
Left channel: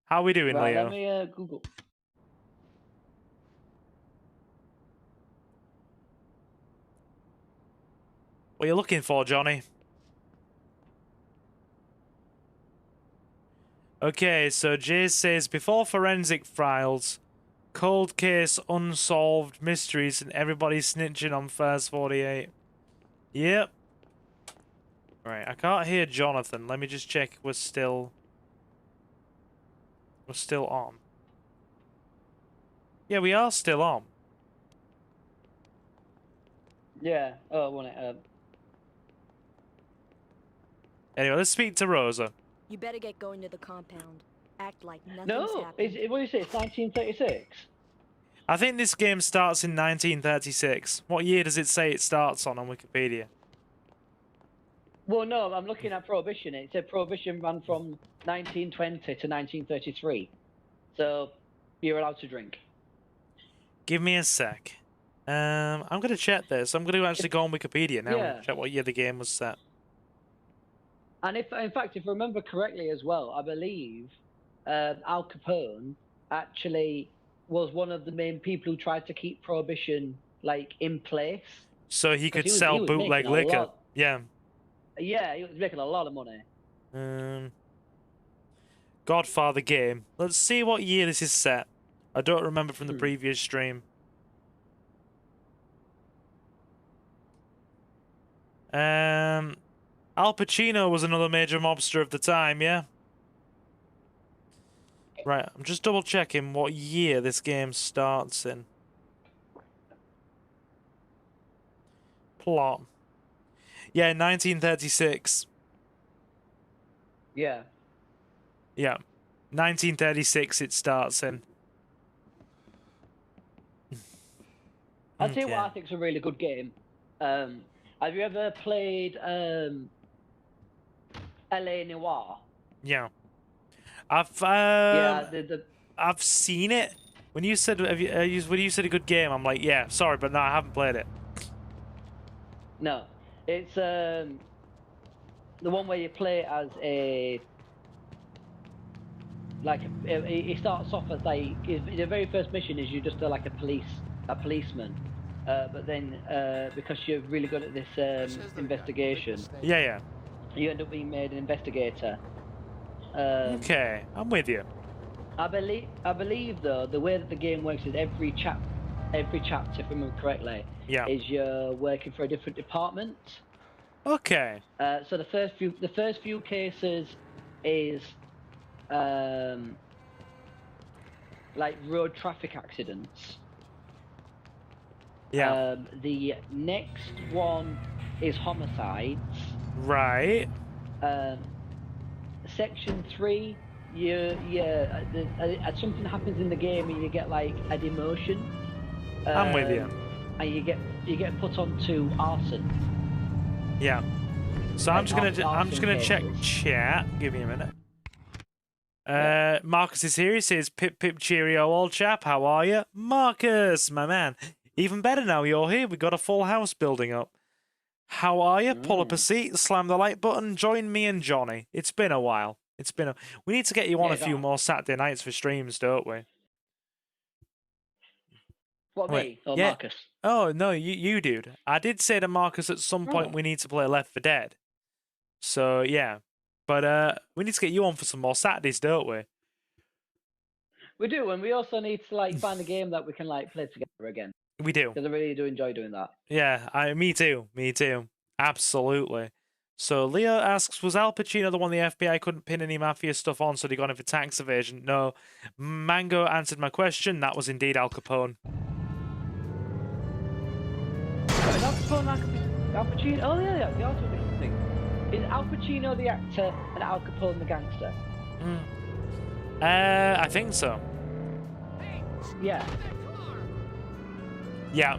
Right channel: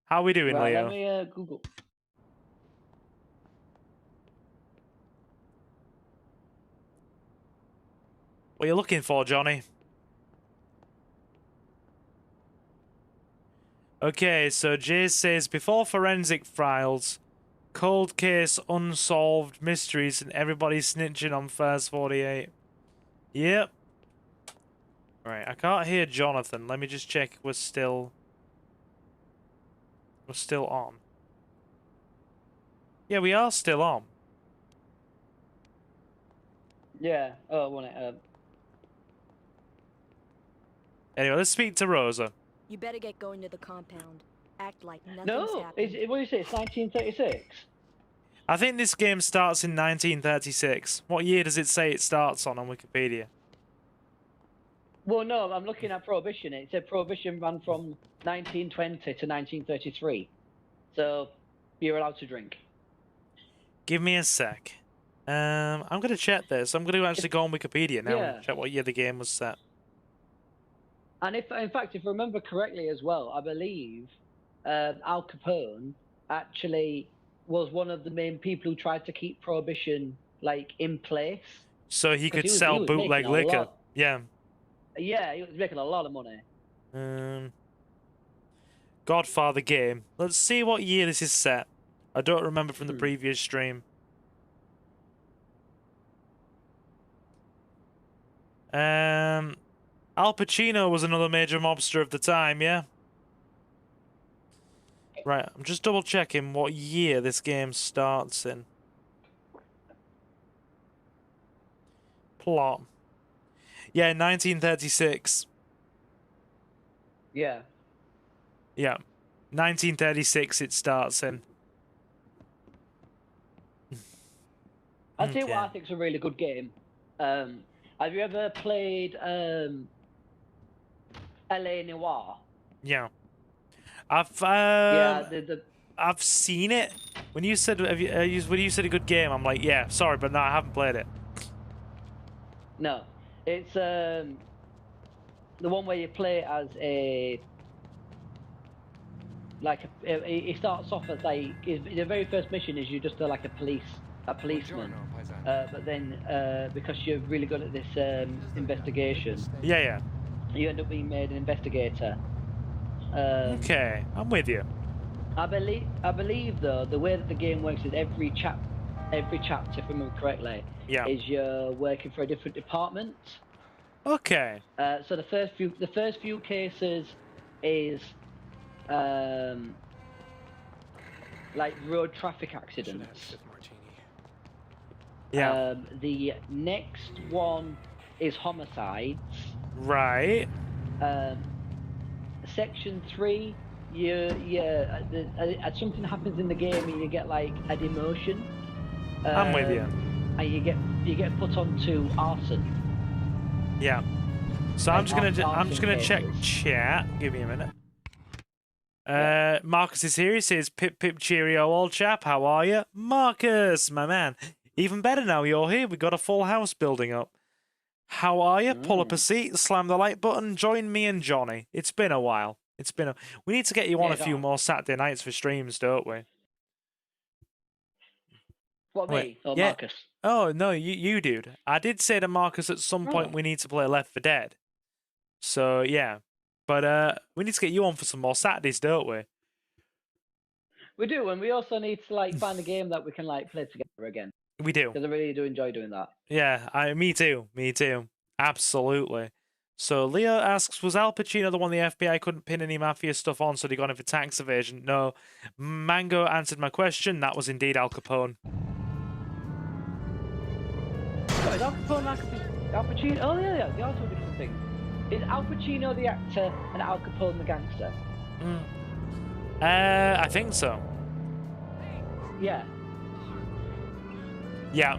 How we doing, Right, Leo? let me Google. What are you looking for, Johnny? Okay, so Jay says, before forensic files, cold case, unsolved mysteries, and everybody snitching on First 48. Yep. Right, I can't hear Jonathan. Let me just check we're still on. Yeah, we are still on. Yeah. Oh, I want it. Anyway, let's speak to Rosa. You better get going to the compound. Act like nothing's No, happened. what do you say? It's 1936. I think this game starts in 1936. What year does it say it starts on Wikipedia? Well, no, I'm looking at Prohibition. It said Prohibition ran from 1920 to 1933. So, you're allowed to drink. Give me a sec. I'm going to check this. I'm going to actually go on Wikipedia now and check what year the game was set. And in fact, if I remember correctly as well, I believe Al Capone actually was one of the main people who tried to keep Prohibition, like, in place. So he could sell bootleg liquor. Yeah. Yeah, he was making a lot of money. Godfather game. Let's see what year this is set. I don't remember from the previous stream. Al Pacino was another major mobster of the time, yeah? Right, I'm just double checking what year this game starts in. Plot. Yeah, 1936. Yeah. Yeah. 1936 it starts in. I'll tell you what I think's a really good game. Have you ever played LA Noire? Yeah. I've seen it. When you said when you said a good game, I'm like, yeah, sorry, but no, I haven't played it. No. It's the one where you play as a it starts off as like the very first mission is you're just like a policeman, but then because you're really good at this investigation, yeah, you end up being made an investigator. Okay, I'm with you. I believe though the way that the game works is every chapter, if I remember correctly, is you're working for a different department. Okay. So the first few cases is like road traffic accidents. Yeah. The next one is homicides. Right. Section 3, something happens in the game and you get like a demotion. I'm with you. And you get put onto arson. Yeah. So I'm just gonna check chat. Give me a minute. Marcus is here. He says, "Pip pip cheerio, old chap. How are you, Marcus, my man? Even better now you're here. We got a full house building up. How are you? Pull up a seat, slam the like button, join me and Johnny. It's been a while. It's been a. We need to get you on Yeah, a few no. more Saturday nights for streams, don't we? What, Wait, me or yeah. Marcus? Oh no, you dude. I did say to Marcus at some point Oh. we need to play Left 4 Dead. So yeah, but we need to get you on for some more Saturdays, don't we? We do, and we also need to like find a game that we can like play together again. We do. Because I really do enjoy doing that. Yeah, me too. Me too. Absolutely. So Leo asks, was Al Pacino the one the FBI couldn't pin any mafia stuff on, so they got him for tax evasion? No. Mango answered my question. That was indeed Al Capone. Al Pacino. Oh yeah, the Al Pacino thing. Is Al Pacino the actor and Al Capone the gangster? I think so. Yeah. Yeah.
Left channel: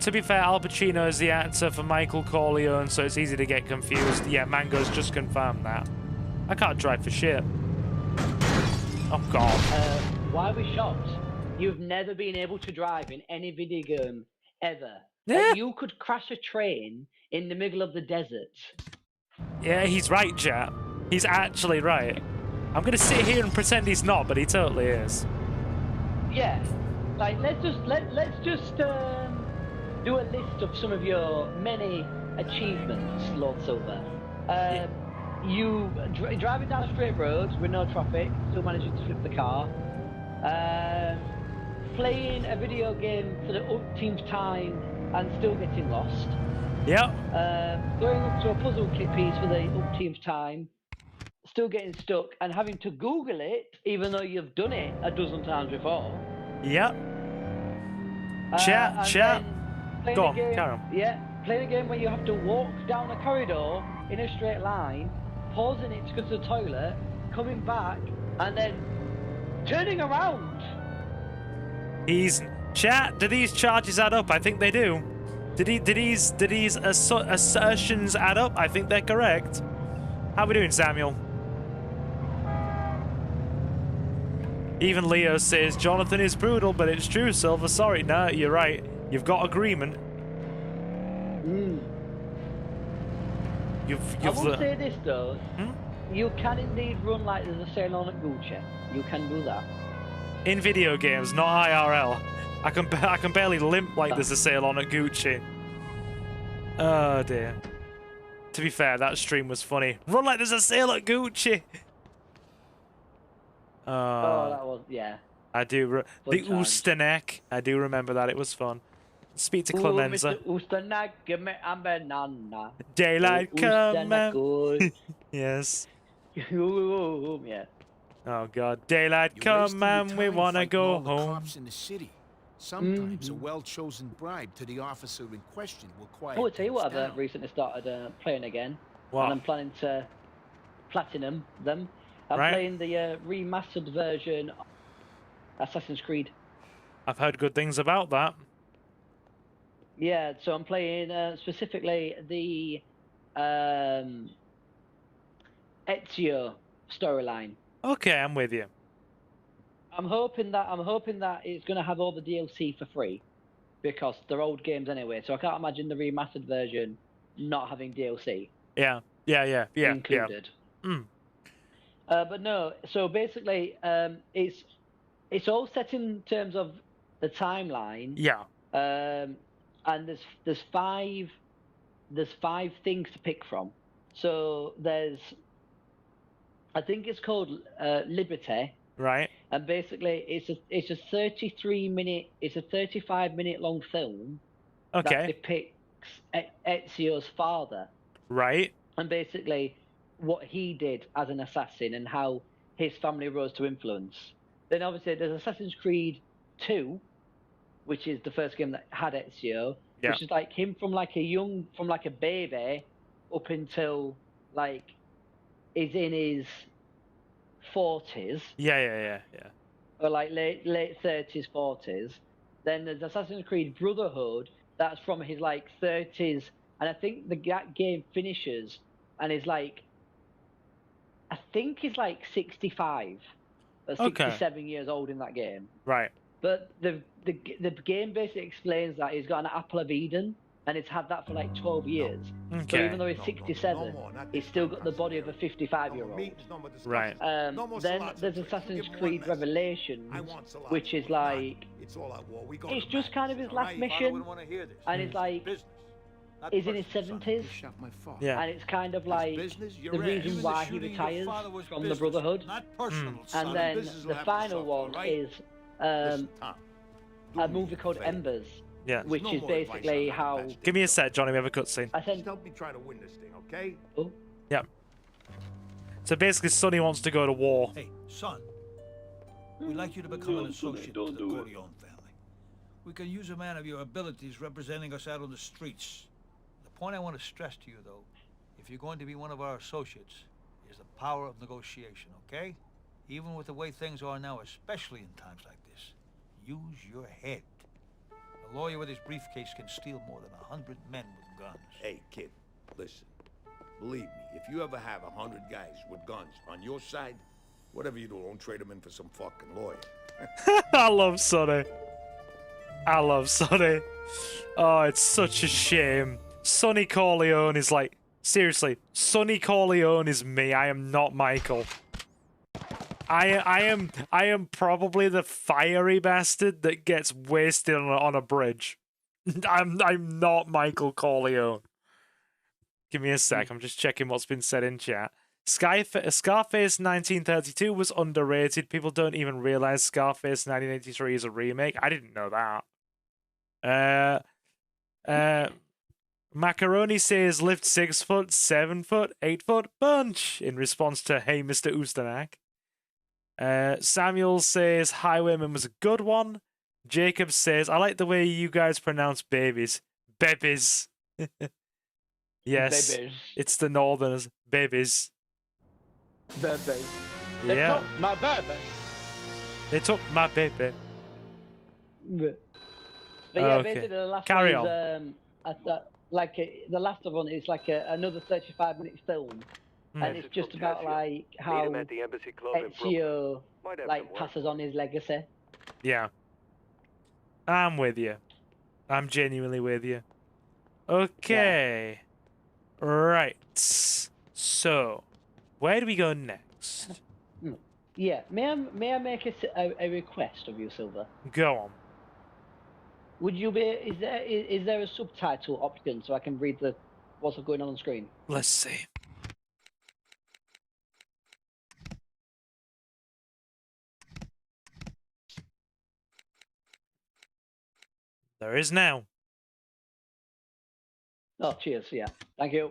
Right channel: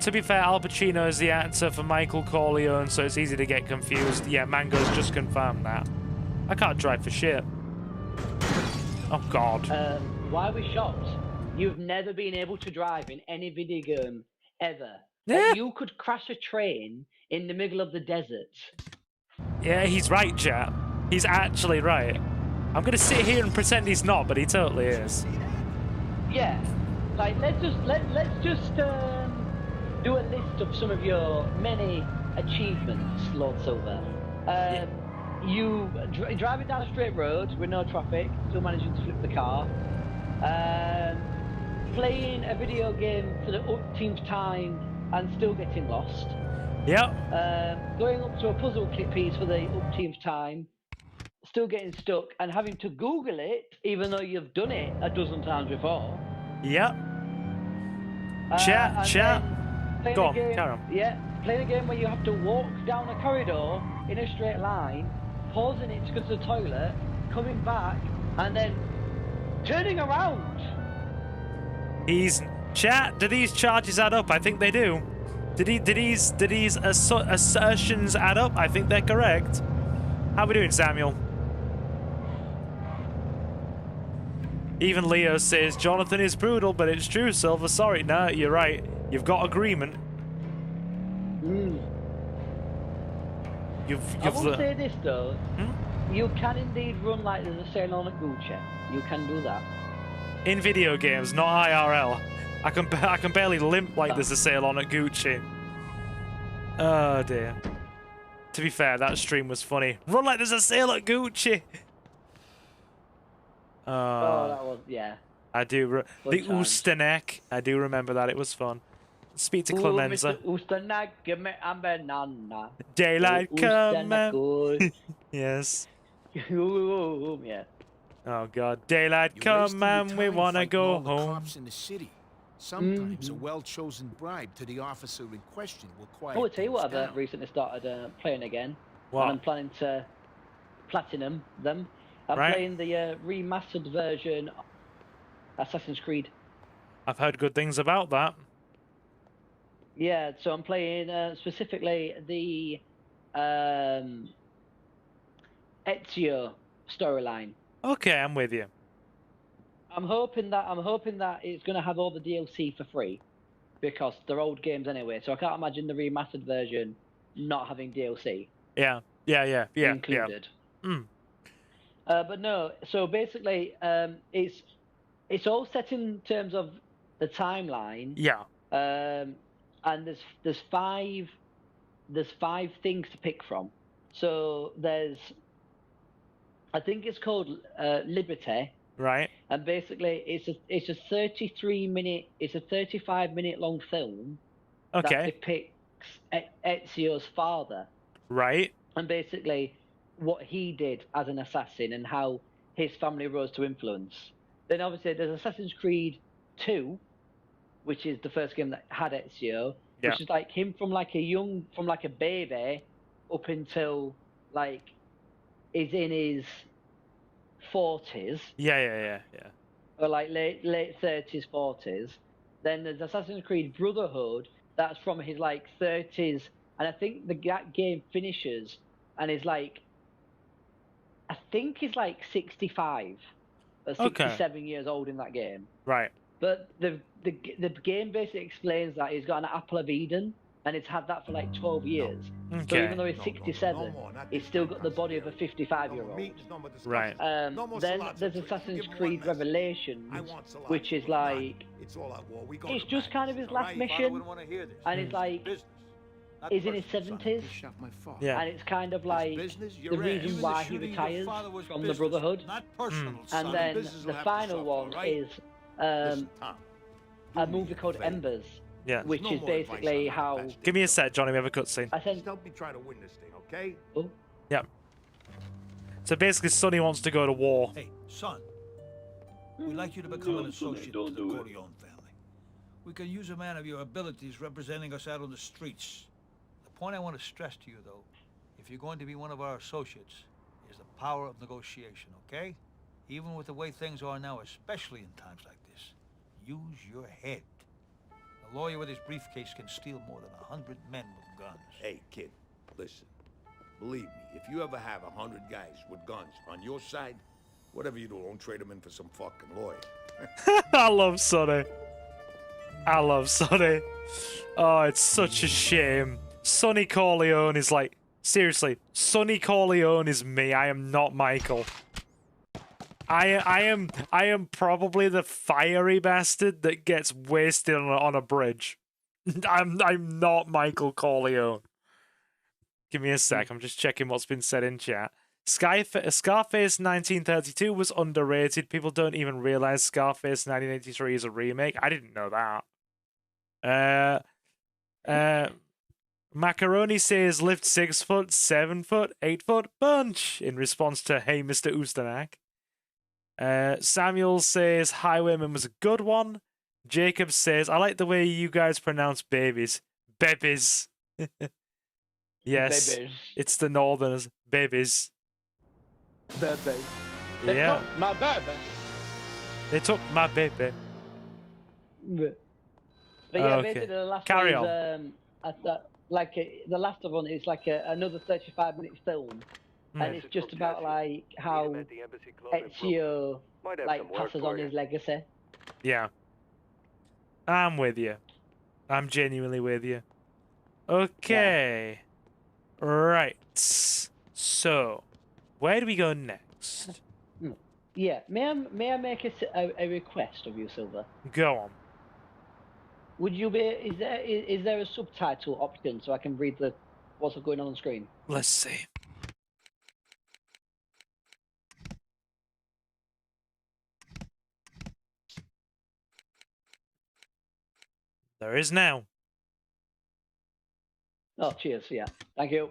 To be fair, Al Pacino is the actor for Michael Corleone, so it's easy to get confused. Yeah, Mango's just confirmed that. I can't drive for shit. Oh, God. Why are we shocked? You've never been able to drive in any video game ever. Yeah. Like, you could crash a train in the middle of the desert. Yeah, he's right, Jap. He's actually right. I'm going to sit here and pretend he's not, but he totally is. Yeah. Like, let's just do a list of some of your many achievements, Lord Silver. You driving down straight roads with no traffic, still managing to flip the car. Playing a video game for the umpteenth time and still getting lost. Yep. Going up to a puzzle kit piece for the umpteenth time, still getting stuck and having to Google it, even though you've done it a dozen times before. Yep. Chat. Go on, carry on. Yeah, playing a game where you have to walk down a corridor in a straight line, pausing it to go to the toilet, coming back, and then turning around. Chat, do these charges add up? I think they do. Did these assertions add up? I think they're correct. How we doing, Samuel? Even Leo says, Jonathan is brutal, but it's true, Silver. Sorry, no, you're right. You've got agreement. I will say this, though. You can indeed run like there's a sail on a Gucci. You can do that. In video games, not IRL. I can barely limp like there's a sale on at Gucci. Oh, dear. To be fair, that stream was funny. Run like there's a sale at Gucci! Yeah. I do. The Oosterneck. I do remember that. It was fun. Speak to Clemenza. Oosterneck, give me a banana. Daylight come and... Yes. Yeah. Oh, God. Daylight come and we want to go home. Cops in the city. Sometimes a well-chosen bribe to the officer in question will quiet I'll tell you what, things I've down. recently started playing again. What? I'm planning to platinum them. I'm Right. playing the remastered version of Assassin's Creed. I've heard good things about that. Yeah, so I'm playing specifically the Ezio storyline. Okay, I'm with you. I'm hoping that it's going to have all the DLC for free, because they're old games anyway. So I can't imagine the remastered version not having DLC. Yeah. Included. But no, so basically, it's all set in terms of the timeline. Yeah. And there's five things to pick from. So there's, I think it's called Liberty. Right. And basically, it's a 35-minute long film. Okay. That depicts Ezio's father. Right. And basically, what he did as an assassin and how his family rose to influence. Then obviously there's Assassin's Creed 2, which is the first game that had Ezio, which is like him from like a baby up until like he's in his 40s. Yeah. Or like late 30s, 40s. Then there's Assassin's Creed Brotherhood, that's from his like 30s, and I think the game finishes and is like, I think he's like 65 or 67 years old in that game. Right. But the game basically explains that he's got an apple of Eden and it's had that for like 12 years. So Okay. even though it's 67, it's still got the body of a 55-year-old. Right. Then there's Assassin's Creed Revelations, which is like, it's just kind of his last mission, and it's like, he's in his 70s, Yeah. and it's kind of like the reason why he retires from the Brotherhood. And then the final one is a movie called Embers, Yeah. which is basically how... Give me a sec, Johnny. We have a cutscene. I said, Help me try to win this thing, okay? oh, Yeah. So basically, Sonny wants to go to war. Hey, son. We'd like you to become an associate to the Corleone family. We can use a man of your abilities representing us out on the streets. The point I want to stress to you, though, if you're going to be one of our associates, is the power of negotiation, okay? Even with the way things are now, especially in times like this, use your head. A lawyer with his briefcase can steal more than 100 men with guns. Hey, kid, listen. Believe me, if you ever have 100 guys with guns on your side, whatever you do, don't trade them in for some fucking lawyer. I love Sonny. I love Sonny. Oh, it's such a shame. Sonny Corleone is like, seriously, Sonny Corleone is me. I am not Michael. I am probably the fiery bastard that gets wasted on a bridge. I'm not Michael Corleone. Give me a sec. I'm just checking what's been said in chat. Scarface 1932 was underrated. People don't even realize Scarface 1983 is a remake. I didn't know that. Macaroni says lift 6 foot, 7 foot, 8 foot bunch in response to hey Mr. Ustanak. Samuel says Highwayman was a good one. Jacob says I like the way you guys pronounce babies. Babies. Yes, babies. It's the Northerners. Babies. Baby. Yeah. My baby. They took my baby. But yeah, Okay. basically the last Carry one on. is, the last one is like another 35-minute film, and it's just about like how Ezio like passes on his legacy. Yeah. I'm with you. I'm genuinely with you. Okay. Right. So, where do we go next? Yeah, may I make a request of you, Silver? Go on. Would you be? Is there a subtitle option so I can read what's going on screen? Let's see. There is now. Oh, cheers. Yeah, thank you.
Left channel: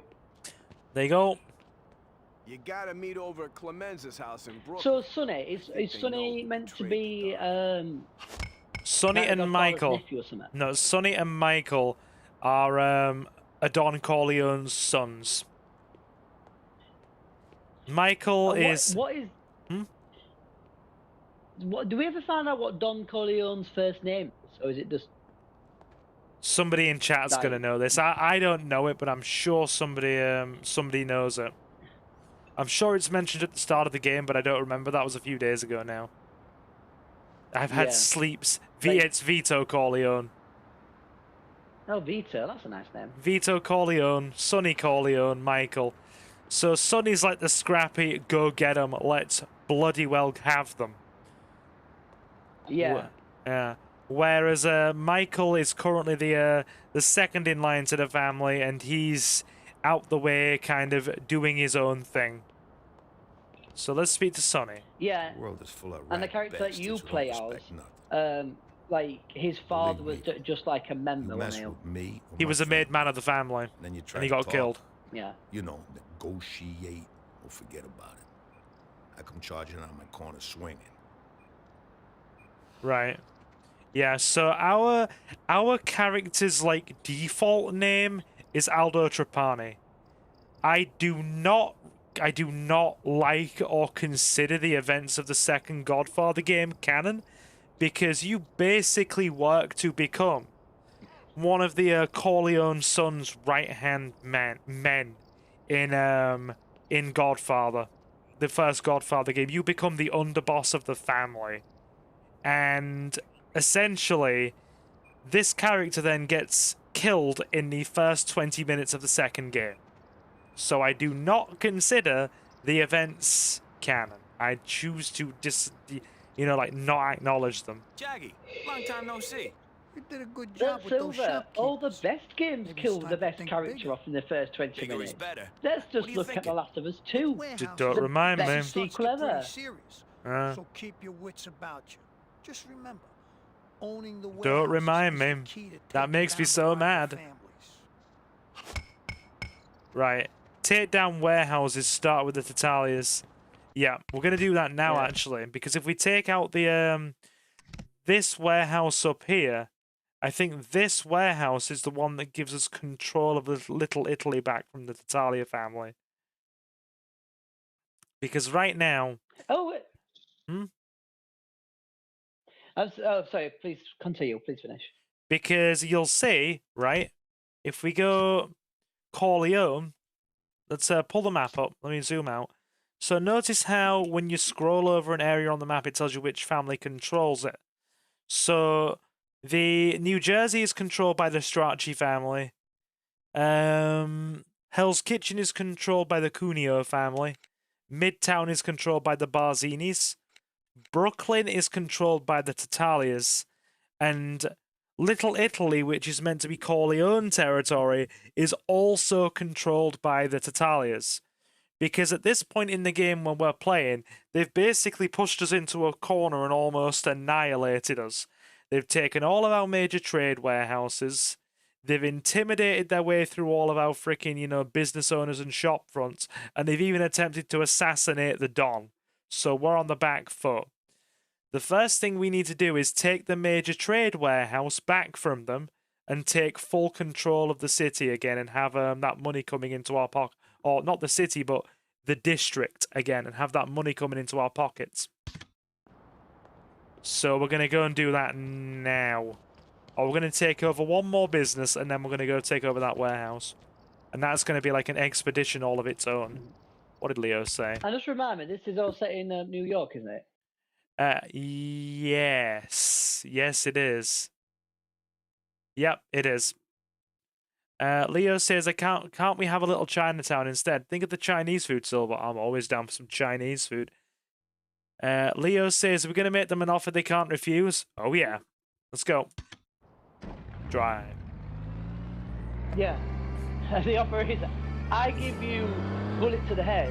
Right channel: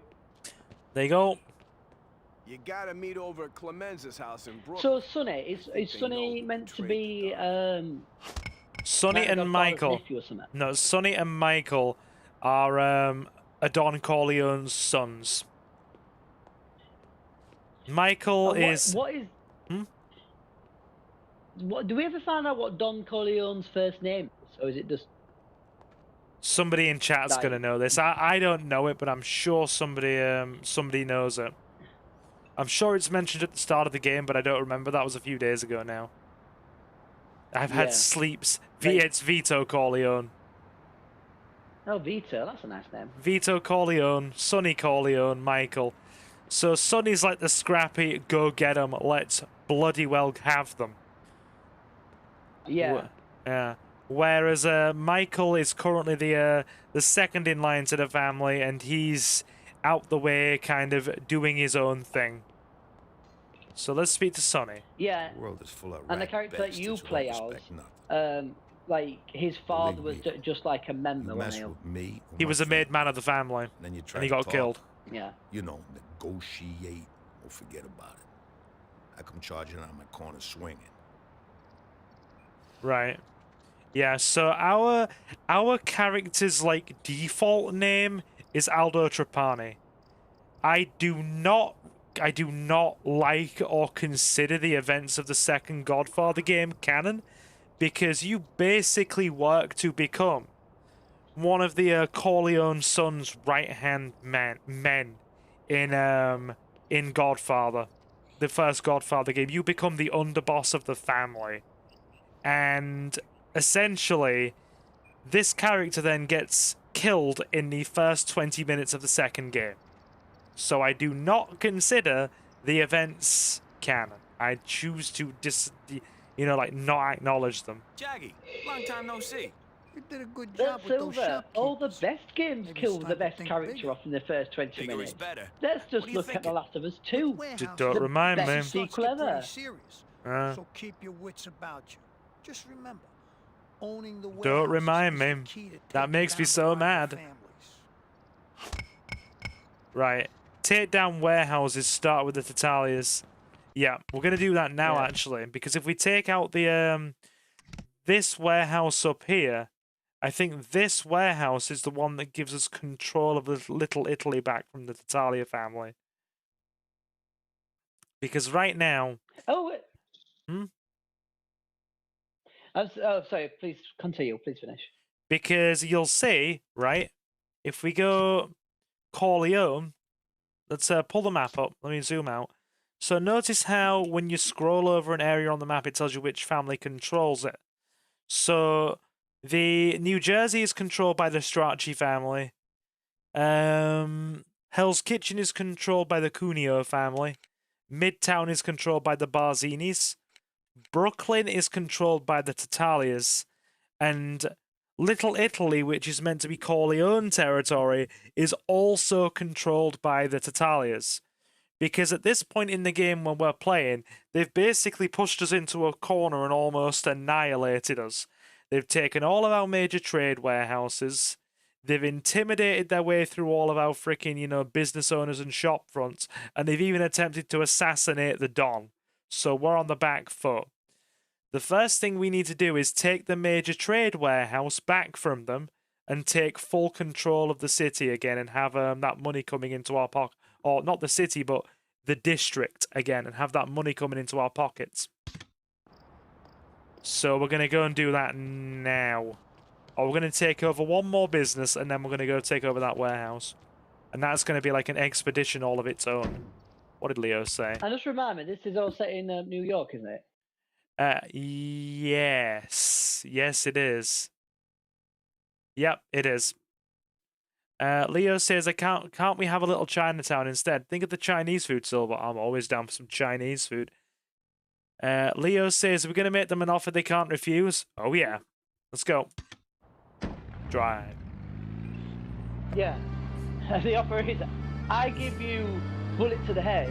There you go. You gotta meet over at Clemenza's house in Brooklyn. So, Sonny, is Sonny meant to be Sonny like and Godfather's Michael. nephew or something? No, Sonny and Michael are a Don Corleone's sons. Michael And is. What is? Hmm? What do we ever find out what Don Corleone's first name is, or is it just? Somebody in chat's Right. gonna know this. I don't know it, but I'm sure somebody knows it. I'm sure it's mentioned at the start of the game, but I don't remember. That was a few days ago now. I've had Yeah. sleeps. Right. It's Vito Corleone. Oh, Vito, that's a nice name. Vito Corleone, Sonny Corleone, Michael. So Sonny's like the scrappy, go get 'em, let's bloody well have them. Yeah. Yeah. Whereas Michael is currently the second in line to the family, and he's out the way, kind of doing his own thing. So let's speak to Sonny. Yeah. The world is full of And the rat character that you bastards who play don't out, respect nothing. like his father was Believe me, just like a member. You mess wasn't with me, or He my was a made family, man of the family, and then you try and he to got talk, killed. he? Yeah. You know, negotiate or forget about it. I come charging out my corner swinging. Right. Yeah, so our character's like default name is Aldo Trapani. I do not like or consider the events of the second Godfather game canon, because you basically work to become one of the Corleone sons' right-hand men in Godfather, the first Godfather game. You become the underboss of the family. And essentially, this character then gets killed in the first 20 minutes of the second game. So I do not consider the events canon. I choose to not acknowledge them. Jaggy, long time no see. You did a good job with those shopkeepers. All the best games Maybe kill it's the time to best think character bigger. off in the first 20 Bigger minutes. is better. Let's What just are you look at The thinking? Last of Us 2. Don't remind me. Best Starts to sequel get pretty ever. serious. Uh. So keep your wits about you. Just remember, owning the Don't remind warehouses me. is the key to That taking makes me down so the rival mad. families. Right. Take down warehouses, start with the Tatalias. Yeah, we're going to do that now, actually. Because if we take out the this warehouse up here, I think this warehouse is the one that gives us control of Little Italy back from the Tatalia family. Because right now... Oh, wait. Hmm? Sorry, please continue. Please finish. Because you'll see, right, if we go Corleone, let's pull the map up. Let me zoom out. So notice how when you scroll over an area on the map, it tells you which family controls it. So the New Jersey is controlled by the Strachey family. Hell's Kitchen is controlled by the Cuneo family. Midtown is controlled by the Barzinis. Brooklyn is controlled by the Tatalias. And Little Italy, which is meant to be Corleone territory, is also controlled by the Tatalias. Because at this point in the game when we're playing, they've basically pushed us into a corner and almost annihilated us. They've taken all of our major trade warehouses. They've intimidated their way through all of our freaking, business owners and shop fronts. And they've even attempted to assassinate the Don. So we're on the back foot. The first thing we need to do is take the major trade warehouse back from them and take full control of the city again and have that money coming into our pocket. Or not the city, but the district again, and have that money coming into our pockets. So we're going to go and do that now. Or we're going to take over one more business, and then we're going to go take over that warehouse. And that's going to be like an expedition all of its own. What did Leo say? And just remind me, this is all set in New York, isn't it? Yes. Yes, it is. Yep, it is. Leo says, can't we have a little Chinatown instead? Think of the Chinese food, Silver. I'm always down for some Chinese food. Leo says, we're going to make them an offer they can't refuse. Oh, yeah. Let's go. Drive. Yeah. The offer is, I give you bullet to the head,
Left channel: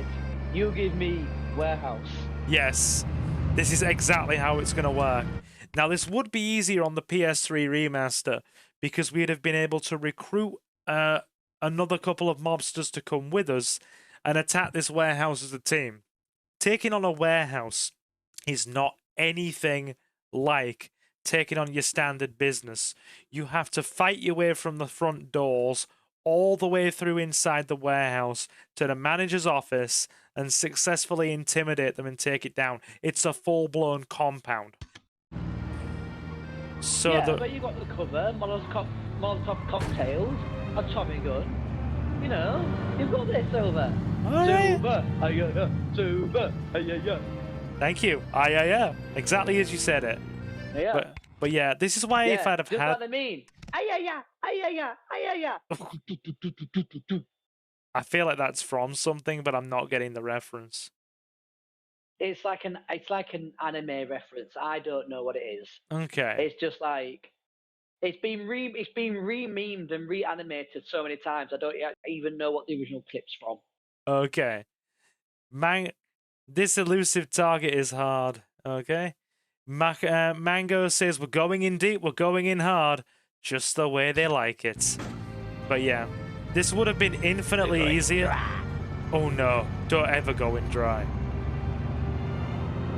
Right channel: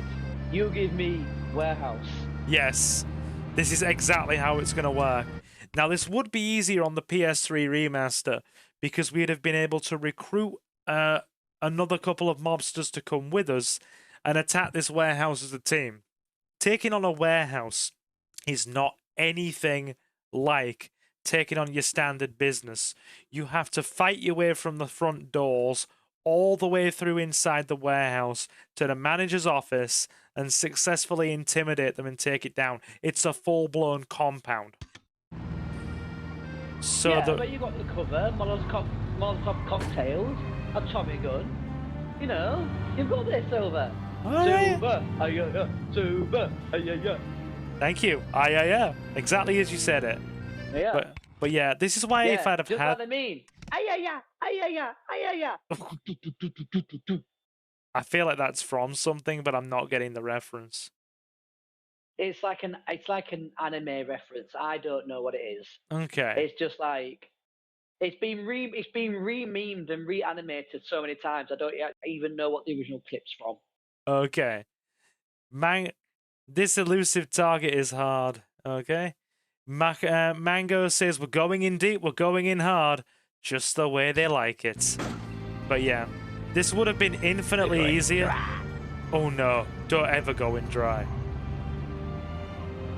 you give me warehouse. Yes. This is exactly how it's going to work. Now, this would be easier on the PS3 remaster because we'd have been able to recruit another couple of mobsters to come with us and attack this warehouse as a team. Taking on a warehouse is not anything like taking on your standard business. You have to fight your way from the front doors all the way through inside the warehouse to the manager's office and successfully intimidate them and take it down. It's a full-blown compound. So yeah, but you got the cover, Molotov cocktails, a Tommy gun. You've got this, Silver. Alright. Silver, yeah. Thank you. Yeah. Exactly as you said it. Yeah. But yeah, this is why if I'd have had... What I mean. I feel like that's from something, but I'm not getting the reference. It's like an anime reference. I don't know what it is. Okay. It's just like it's been re-memed and reanimated so many times. I don't even know what the original clip's from. Okay. This elusive target is hard. Okay. Mango says we're going in deep, we're going in hard, just the way they like it. But yeah, this would have been infinitely easier. Oh no! Don't ever go in dry.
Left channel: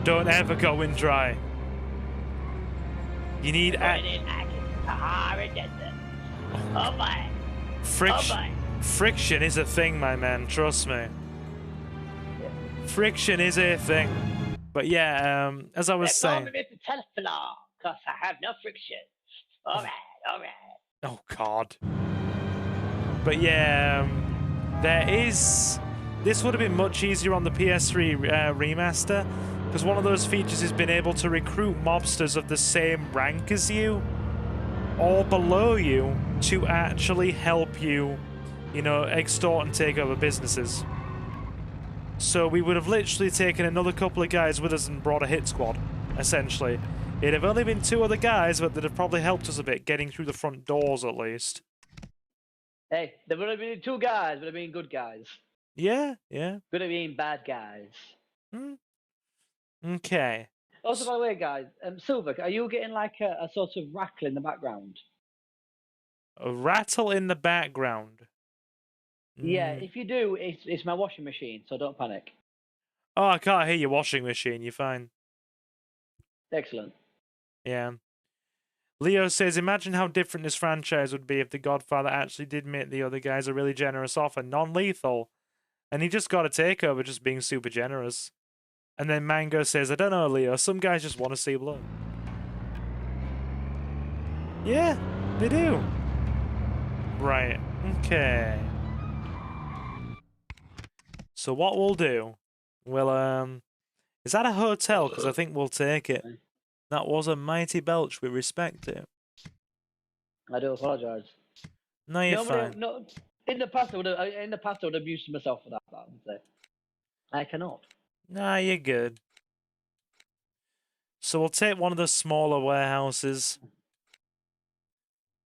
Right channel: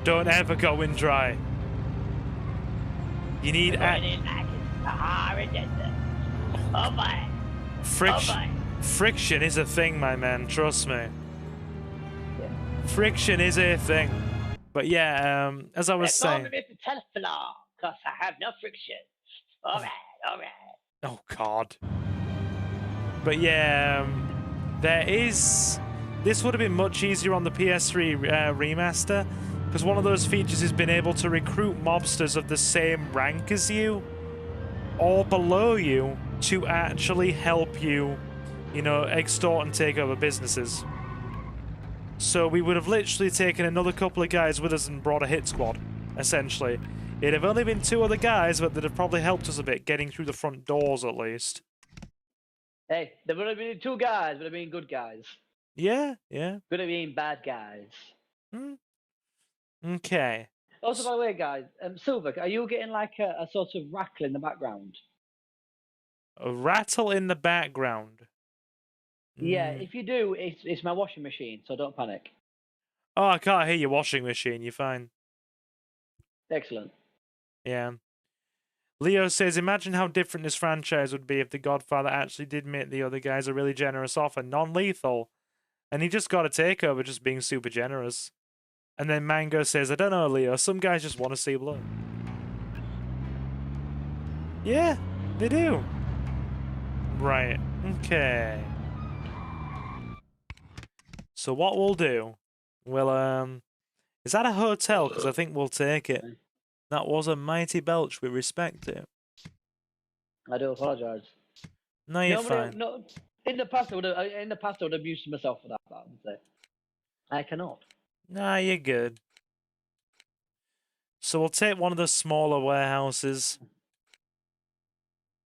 Don't ever go in dry. You need friction is a thing, my man. Trust me. Friction is a thing. But yeah, as I was saying. Because I have no friction. Alright. Oh God. But yeah, this would have been much easier on the PS3 remaster, because one of those features has been able to recruit mobsters of the same rank as you, or below you, to actually help you, you know, extort and take over businesses. So we would have literally taken another couple of guys with us and brought a hit squad, essentially. It'd have only been 2 other guys, but they'd have probably helped us a bit, getting through the front doors at least. Hey, there would have been 2 guys, would have been good guys. Yeah, yeah. Could have been bad guys. Okay. Also, by the way, guys, Silver, are you getting like a sort of rattle in the background? A rattle in the background. Yeah, if you do, it's my washing machine, so don't panic. Oh, I can't hear your washing machine. You're fine. Excellent. Yeah. Leo says, imagine how different this franchise would be if The Godfather actually did make the other guys a really generous offer, non-lethal. And he just got a takeover just being super generous. And then Mango says, I don't know, Leo, some guys just want to see blood. Yeah, they do. Right, okay. So what we'll do, we'll, is that a hotel? Because I think we'll take it. That was a mighty belch, we respect it. I do apologise. No, you're fine. No, in the past, I would have used myself for that, but I cannot. Nah, you're good. So we'll take one of the smaller warehouses.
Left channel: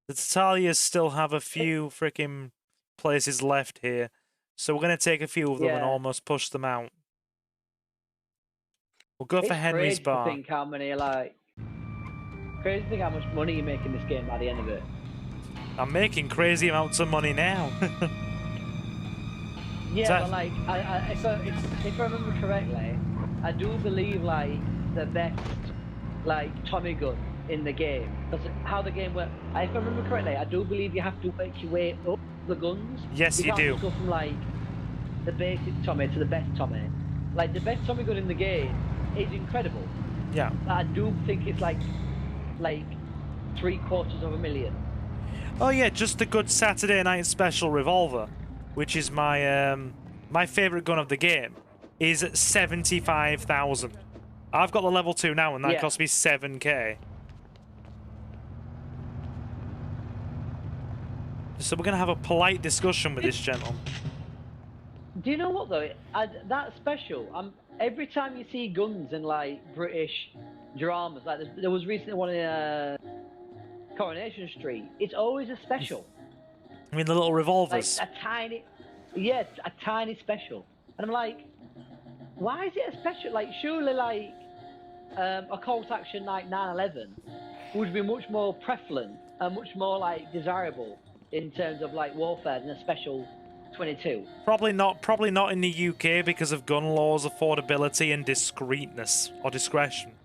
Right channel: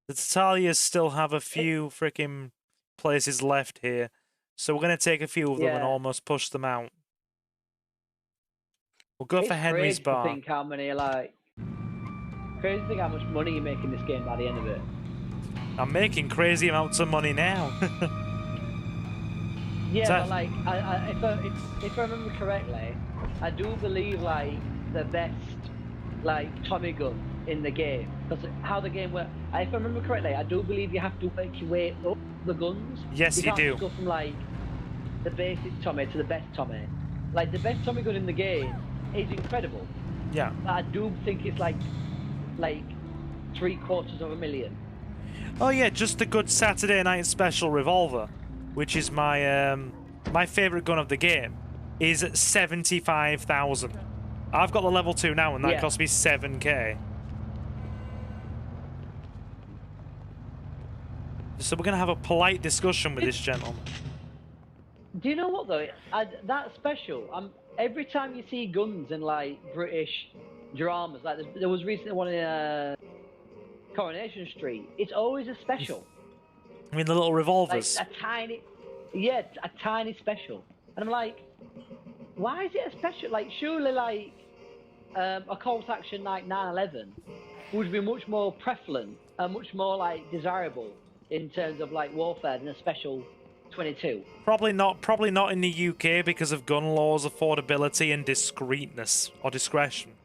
The Tatalias still have a few freaking places left here. So we're going to take a few of them and almost push them out. We'll go for Henry's Bar. Crazy to think how many, crazy to think how much money you make in this game by the end of it. I'm making crazy amounts of money now. Yeah, like, if I remember correctly, I do believe, the best, Tommy gun in the game. That's how the game works. If I remember correctly, I do believe you have to work your way up the guns. Yes, you do. Go from, the basic Tommy to the best Tommy. The best Tommy gun in the game is incredible. Yeah. But I do think it's, $750,000. Oh yeah, just the good Saturday night special revolver, which is my my favorite gun of the game, is 75,000. I've got the level 2 now, and that cost me 7k. So we're gonna have a polite discussion with this gentleman. Do you know what though? That special. Every time you see guns in British dramas, there was recently one in Coronation Street. It's always a special. I mean the little revolvers. A tiny special. And I'm like, why is it a special? Surely a Colt action 911 would be much more prevalent and much more desirable in terms of warfare than a special 22. Probably not in the UK because of gun laws, affordability, and discreetness or discretion,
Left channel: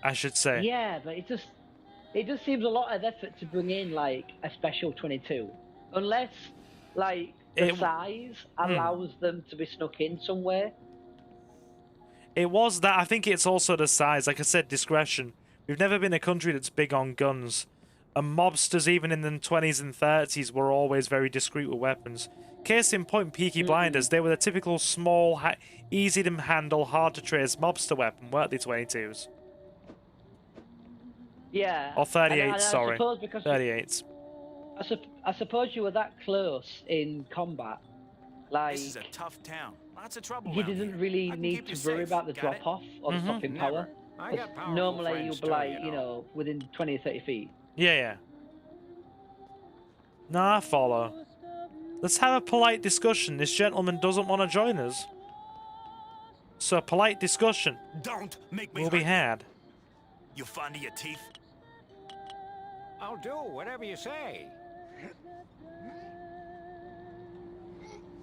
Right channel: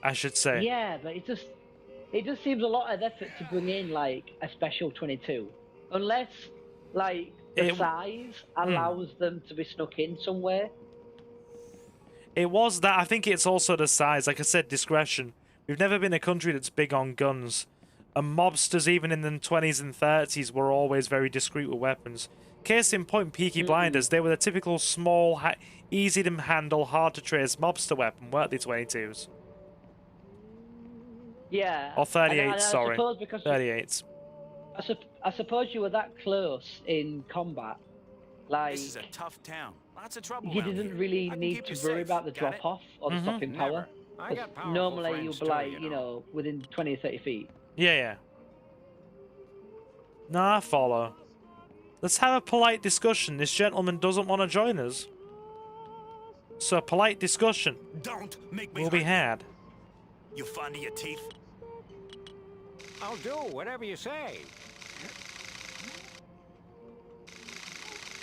I should say. Yeah, but it just seems a lot of effort to bring in a special 22, unless the size allows them to be snuck in somewhere. It was that. I think it's also the size. Like I said, discretion. We've never been a country that's big on guns. And mobsters, even in the 20s and 30s, were always very discreet with weapons. Case in point, Peaky Blinders. They were the typical small, easy to handle, hard to trace mobster weapon, weren't they, 22s? Yeah. Or 38s, sorry. 38s. I suppose you were that close in combat. This is a tough town. Lots of trouble You around didn't here. really I can need keep you to worry safe. about the Got it? drop-off or the stopping power. Never. I got powerful Normally friends you'll too, be within 20 or 30 feet. Yeah, yeah. Nah, I follow. Let's have a polite discussion. This gentleman doesn't want to join us. So a polite discussion Don't make me will be had. You fond of your teeth? I'll do whatever you say.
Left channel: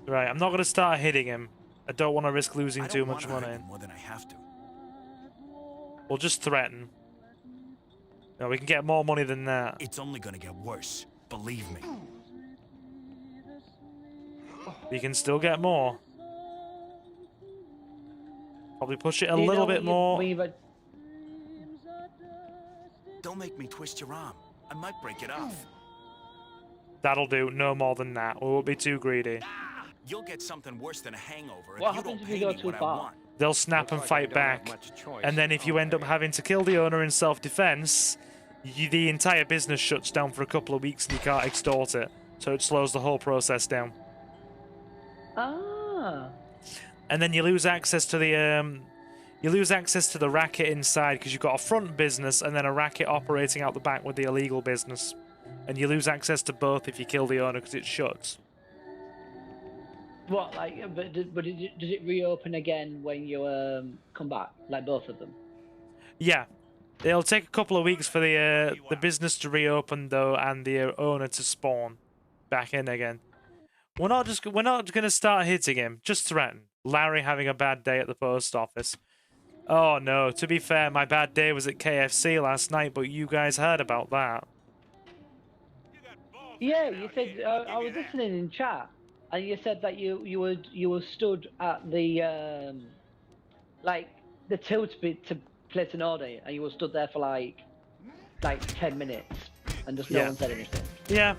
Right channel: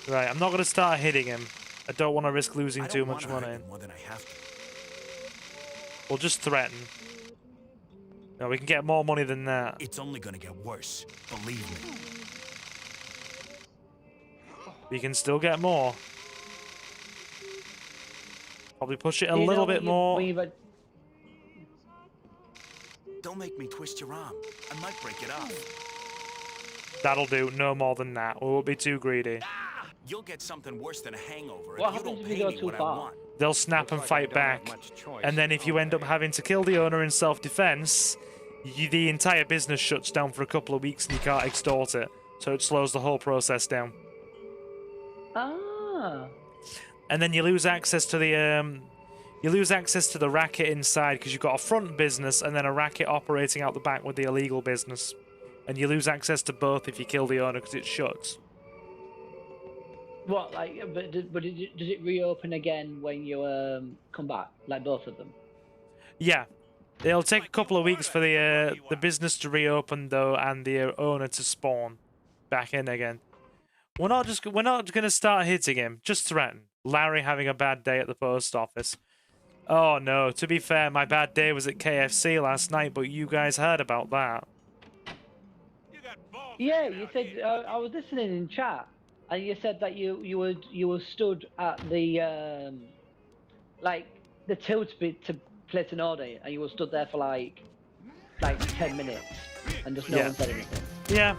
Right, I'm not going to start hitting him. I don't want to risk losing I too don't much wanna hurt money. you more than I have to. We'll just threaten. No, we can get more money than that. It's only gonna get worse. Believe me. We can still get more. Probably push it a little bit more. Don't make me twist your arm. I might break it off. That'll do. No more than that. We won't be too greedy. You'll get something worse than a hangover What if you don't happens if pay you go me too what I far? want. They'll snap and Looks like I fight don't have back. much choice. And then if you end up Okay. having to kill the owner in self-defense, the entire business shuts down for a couple of weeks and you can't extort it. So it slows the whole process down. Ah. And then you lose access to the racket inside because you've got a front business and then a racket operating out the back with the illegal business. And you lose access to both if you kill the owner because it shuts. What, like, but does it reopen again when you come back, like both of them? Yeah, it'll take a couple of weeks for the business to reopen though, and the owner to spawn back in again. We're not gonna start hitting him. Just threaten. Larry having a bad day at the post office. Oh no. To be fair, my bad day was at KFC last night, but you guys heard about that. Yeah, you said I was listening in chat. And you said that you were stood at the like the till to place an order, and you were stood there for like 10 minutes, and just no one said anything. Yeah,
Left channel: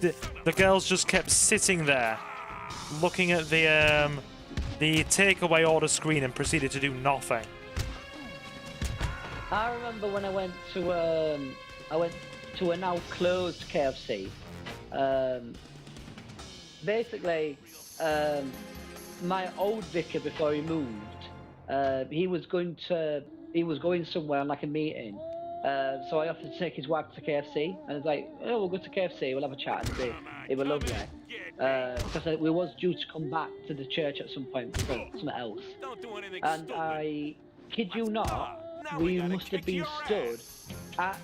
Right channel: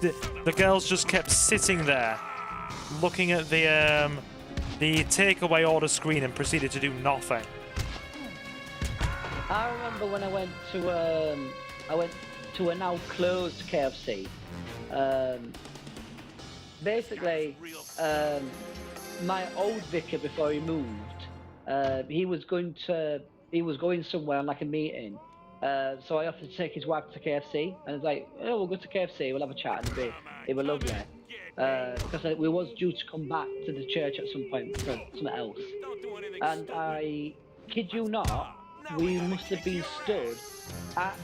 the girls just kept sitting there, looking at the takeaway order screen, and proceeded to do nothing. I remember when I went to a now closed KFC. Basically, my old vicar before he moved, he was going somewhere on like a meeting. So I offered to take his wife to KFC. I was like, oh, we'll go to KFC, we'll have a chat. It was lovely. Because we was due to come back to the church at some point for something else. And I kid you not, we must have been stood at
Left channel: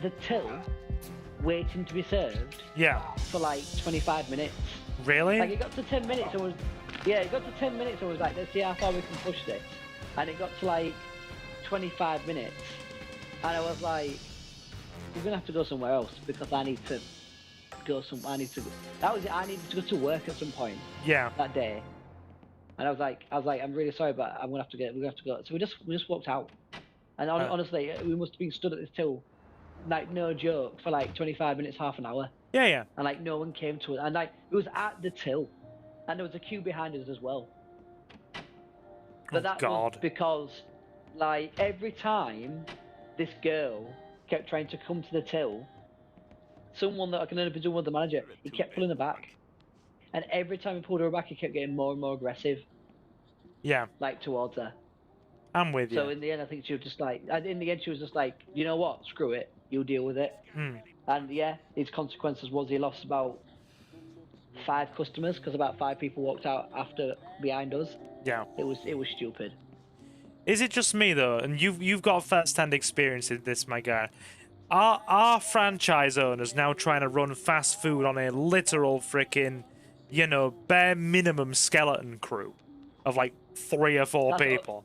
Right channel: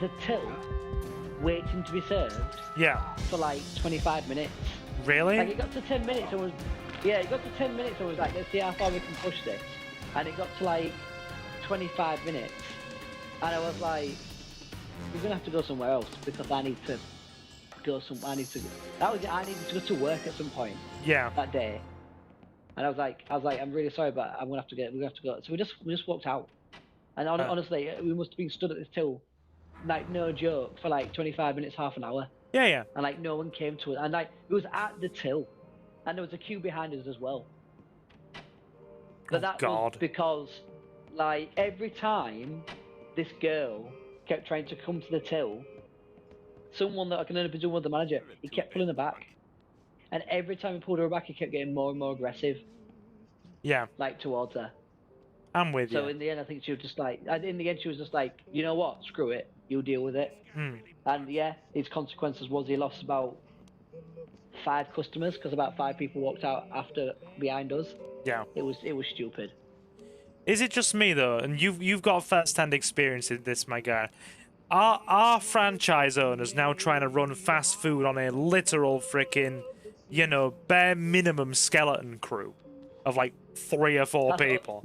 the till waiting to be served. Yeah. For like 25 minutes. Really? And it got to 10 minutes and it got to 10 minutes and was like, let's see how far we can push this. And it got to like 25 minutes. And I was like, we're gonna have to go somewhere else because I need to go somewhere. I needed to go to work at some point. Yeah. That day. And I was like, I'm really sorry, but I'm gonna have to go. So we just walked out. And honestly, we must have been stood at this till, like, no joke, for like 25 minutes, half an hour. Yeah. And like no one came to it, and like it was at the till, and there was a queue behind us as well. But that was because, like, every time this girl kept trying to come to the till, someone that I can end up doing with the manager, he kept pulling her back, and every time he pulled her back, he kept getting more and more aggressive. Yeah. Like towards her. I'm with you. So in the end, I think she was just like, she was just like, you know what, screw it, you'll deal with it. And yeah, his consequences was he lost about 5 customers because about 5 people walked out behind us. Yeah. It was stupid. Is it just me though? And you've got first-hand experience in this, my guy. Are franchise owners now trying to run fast food on a literal freaking, bare minimum skeleton crew of like 3 or 4 people?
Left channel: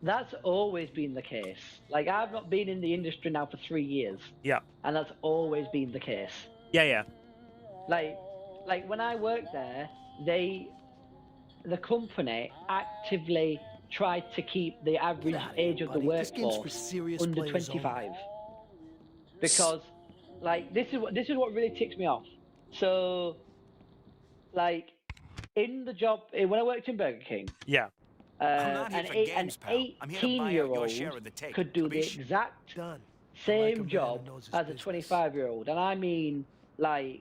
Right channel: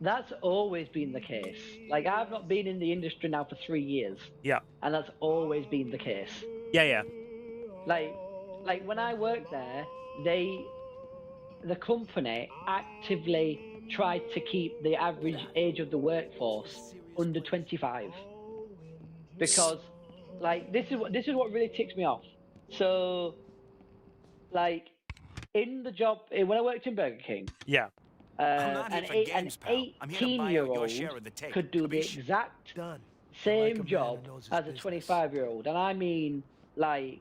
That's always been the case. Like, I've not been in the industry now for 3 years. Yeah. And that's always been the case. Yeah. Like when I worked there, the company actively tried to keep the average age of the workforce under 25. Because, like, this is what really ticks me off. So, like, in the job, when I worked in Burger King. Yeah. I'm not here for games, pal. I'm here to buy out your share of the take. Could do the exact same job as a 25-year-old, and I mean, like,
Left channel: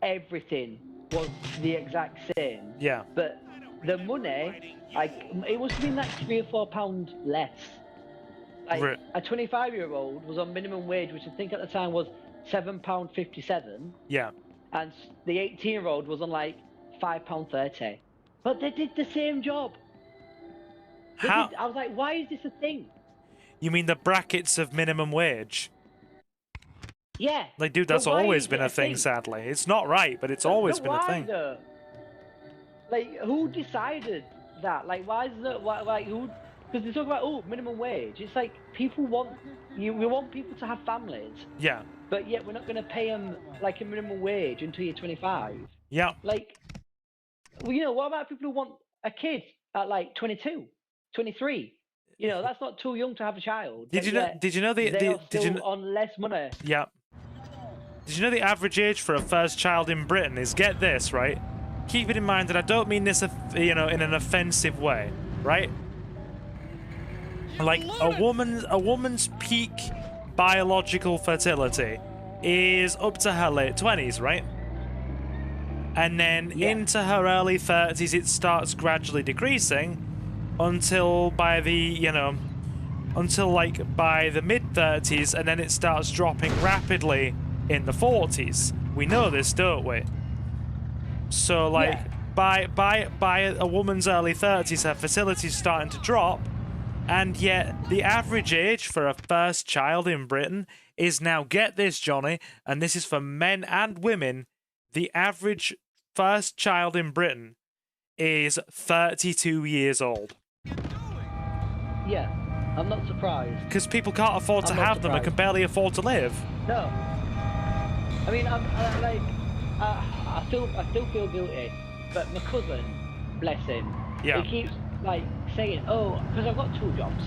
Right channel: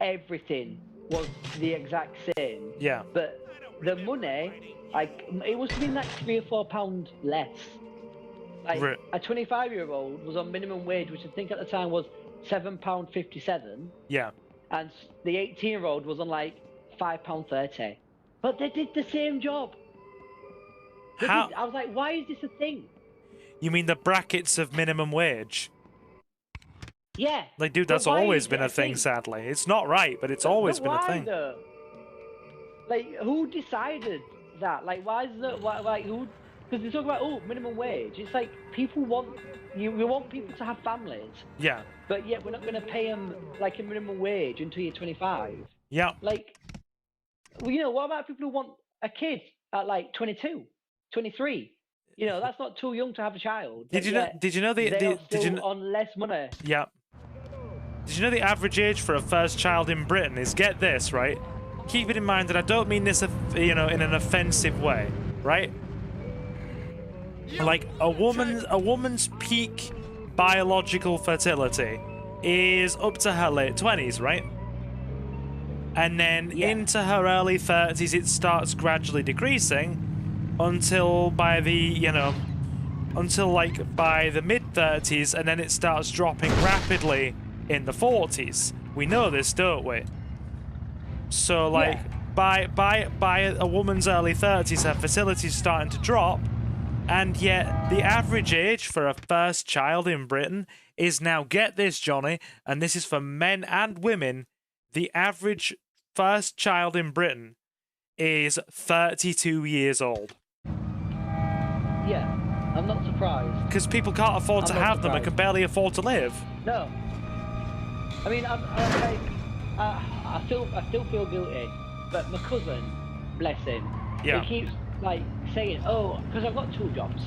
everything was the exact same. Yeah. But the money, like, it must be like £3 or £4 less. Like, a 25-year-old was on minimum wage, which I think at the time was £7.57. Yeah. And the 18-year-old was on like £5.30. But they did the same job. How? I was like, why is this a thing? You mean the brackets of minimum wage? Yeah. Like, dude, that's always been a thing, sadly. It's not right, but it's always been a thing. Though? Like, who decided that? Like, why is that? Who? Because they talk about, minimum wage. It's like, we want people to have families. Yeah. But yet we're not going to pay them, like, a minimum wage until you're 25. Yeah. Like, well, what about people who want a kid at, like, 22? 23. That's not too young to have a child. Did you know on less money? Yeah. Did you know the average age for a first child in Britain is, get this, right? Keep it in mind that I don't mean this, in an offensive way, right? Like, a woman's peak biological fertility is up to her late 20s, right? And then into her early 30s, it starts gradually decreasing until by the, until like by the mid 30s, and then it starts dropping rapidly in the 40s. We know this, don't we? So like by a woman's early 30s, her fertility's starting to drop, and yet the average age for a first child in Britain is now, get this, Johnny, and this is for men and women, the average first child in Britain is 32 years old. Yeah, I'm not surprised. Because people can't afford to have them and can barely afford to live. No. I mean, I'm like, I still feel guilty, but my cousin, bless him, he keeps like saying, oh, because I've got 2 jobs.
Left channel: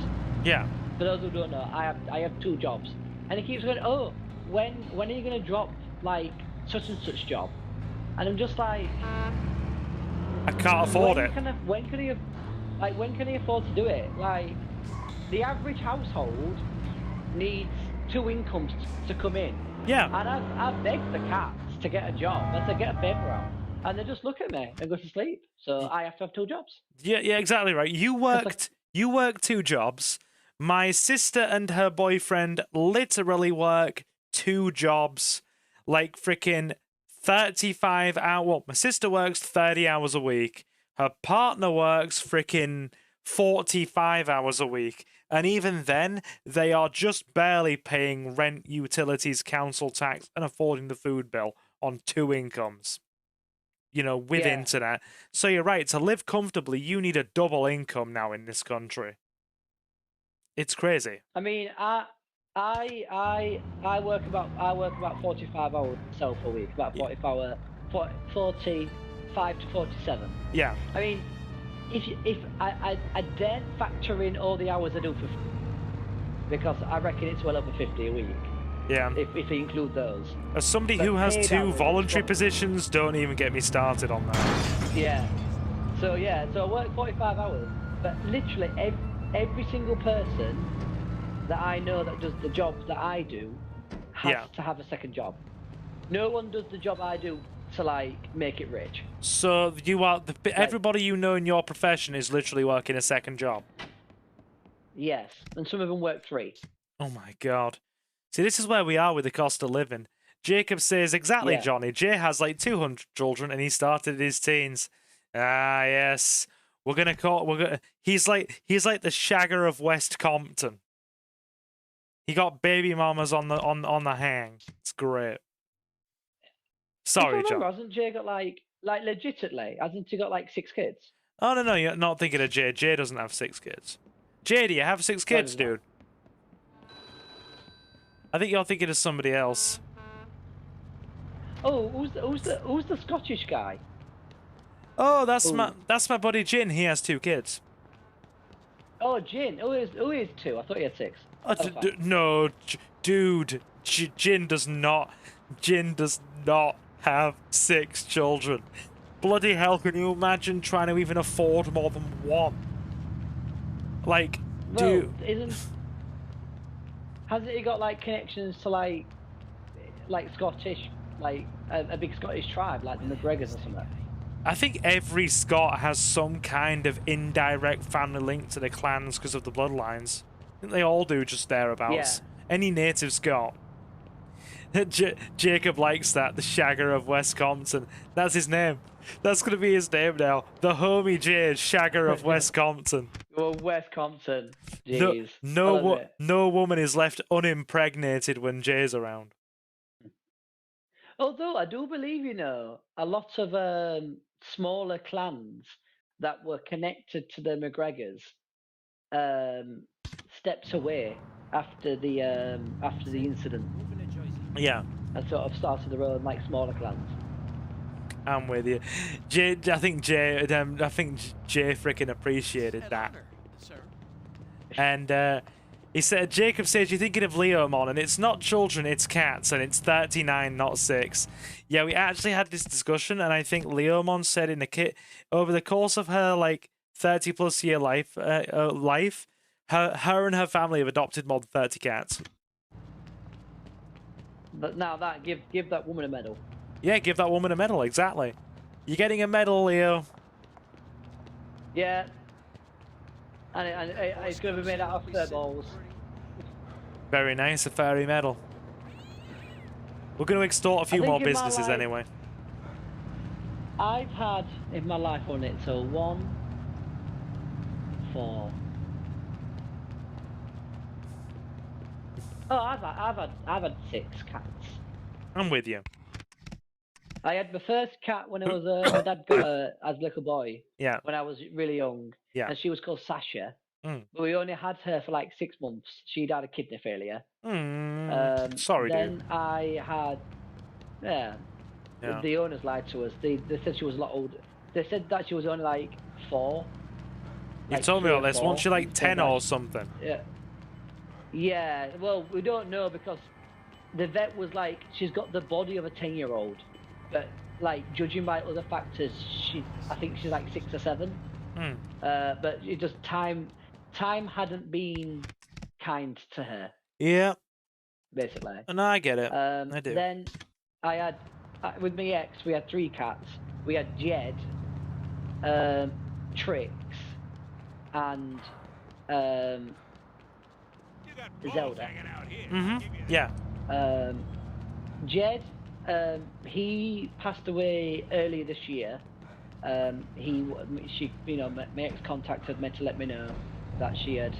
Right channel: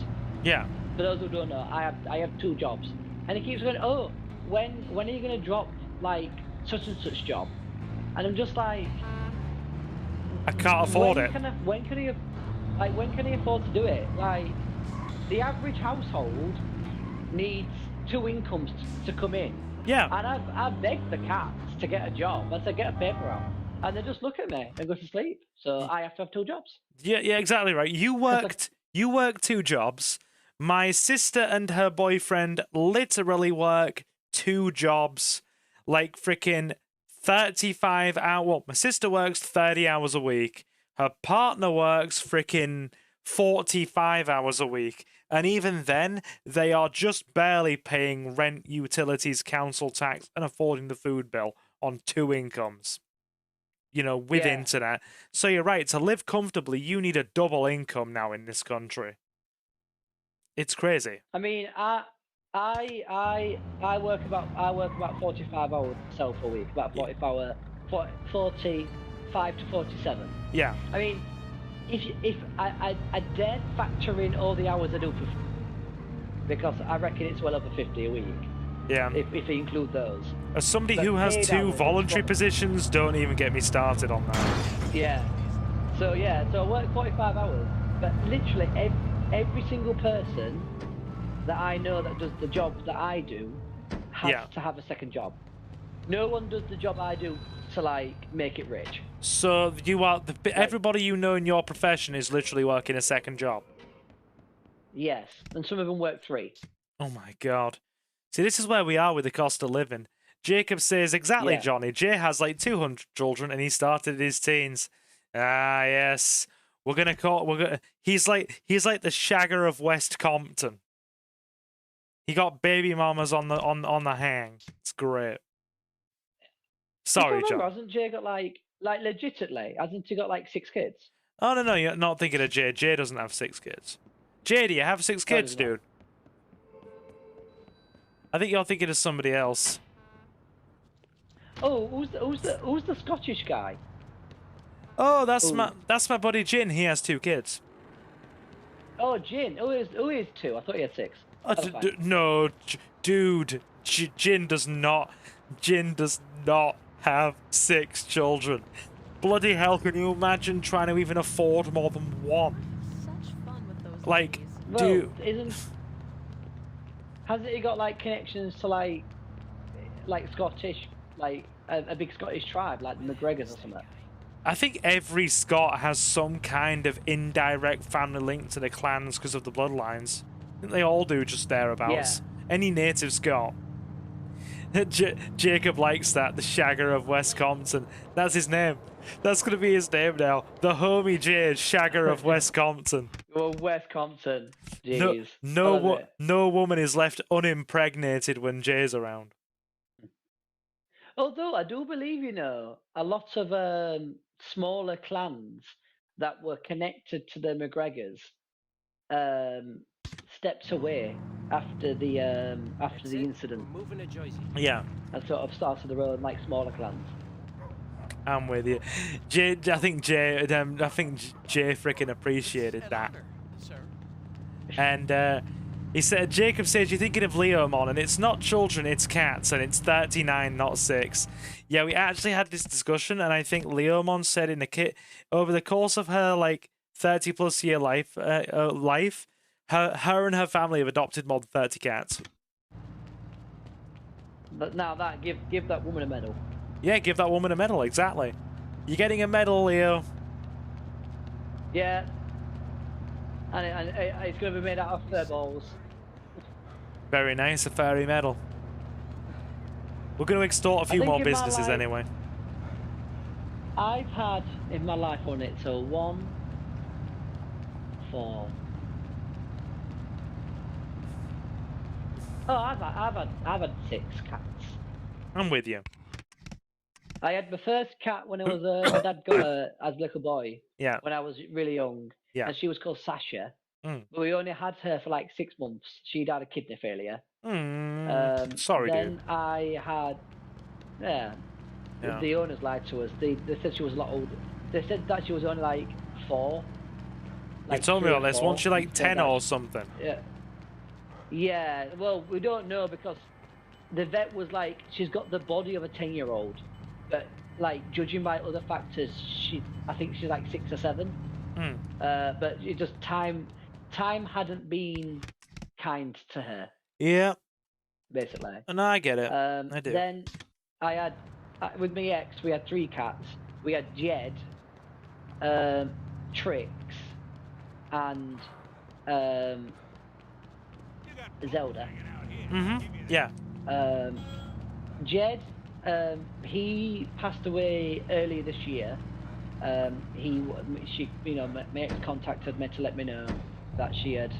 Yeah. For those who don't know, I have 2 jobs, and he keeps going, oh, when are you gonna drop like such and such job? And I'm just like, I can't afford it. When can he afford to do it? Like, the average household needs 2 incomes to come in. Yeah. And I've begged the cats to get a job and to get a paper out, and they just look at me and go to sleep. So I have to have 2 jobs. Yeah, exactly right. You worked 2 jobs. My sister and her boyfriend literally work 2 jobs, like freaking 35 hours. Well, my sister works 30 hours a week. Her partner works freaking 45 hours a week. And even then, they are just barely paying rent, utilities, council tax, and affording the food bill on 2 incomes. With internet. So you're right, to live comfortably, you need a double income now in this country. It's crazy. I mean, I work about 45 hours myself a week, about 45 to 47. Yeah. I mean, if I dare factor in all the hours I do because I reckon it's well over 50 a week. Yeah. If you include those. As somebody who has 2 voluntary positions, don't even get me started on that. Yeah. So I work 45 hours, but literally every single person that I know that does the job that I do has to have a second job. No one does the job I do to like make it rich. So you are everybody you know in your profession is literally working a second job. Yes, and some of them work 3. Oh my god. See, this is where we are with the cost of living. Jacob says, exactly, Johnny. Jay has like 200 children and he started in his teens. Ah, yes. He's like the Shagger of West Compton. He got baby mamas on the hang. It's great. Sorry, John. Hasn't Jay got like legitimately? Hasn't he got like 6 kids? Oh no, you're not thinking of Jay. Jay doesn't have 6 kids. Jay, do you have 6 kids, dude? I think you're thinking of somebody else. Oh, who's the Scottish guy? Oh, that's my buddy Jin. He has 2 kids. Oh, Jin. Who is 2? I thought he had 6. No, dude. Jin does not have 6 children. Bloody hell! Can you imagine trying to even afford more than 1? Like, dude. Hasn't he got like connections to like Scottish, like a big Scottish tribe, like the McGregors or something? I think every Scot has some kind of indirect family link to the clans because of the bloodlines. I think they all do, just thereabouts. Yeah. Any native Scot. Jacob likes that, the Shagger of West Compton. That's his name. That's going to be his name now. The homie Jay, Shagger of West Compton. Well, West Compton. No woman is left unimpregnated when Jay's around. Although I do believe, a lot of smaller clans that were connected to the McGregors stepped away after the incident. Yeah. And sort of started their own like smaller clans. I'm with you. I think Jay freaking appreciated that. And he said, Jacob says, you're thinking of Leomon, and it's not children, it's cats, and it's 39, not 6. Yeah, we actually had this discussion, and I think Leomon said in the kit, over the course of her, like, 30-plus year life, her and her family have adopted more than 30 cats. But now that give that woman a medal. Yeah, give that woman a medal. Exactly. You're getting a medal, Leo. Yeah. And it's going to be made out of fur balls. Very nice, a fairy medal. We're going to extort a few more businesses anyway. I've had in my life on it, so 1, 4. Oh, I've had 6 cats. I'm with you. I had my first cat when I was my dad got her as a little boy. Yeah. When I was really young. Yeah. And she was called Sasha. Mm. But we only had her for like 6 months. She died of kidney failure. Sorry, then dude. I had, Yeah. the owners lied to us. They said she was a lot older. They said that she was only like 4. You told me all this. Wasn't she like 10 or something? Yeah. Yeah. Well, we don't know because the vet was like, she's got the body of a 10-year-old, but like judging by other factors, I think she's like 6 or 7. But it just time hadn't been kind to her. Yeah. Basically. And I get it. I do. Then I had, with my ex, we had 3 cats. We had Jed, Trix, and Zelda. Yeah. Jed, he passed away early this year. My ex contacted me to let me know that he had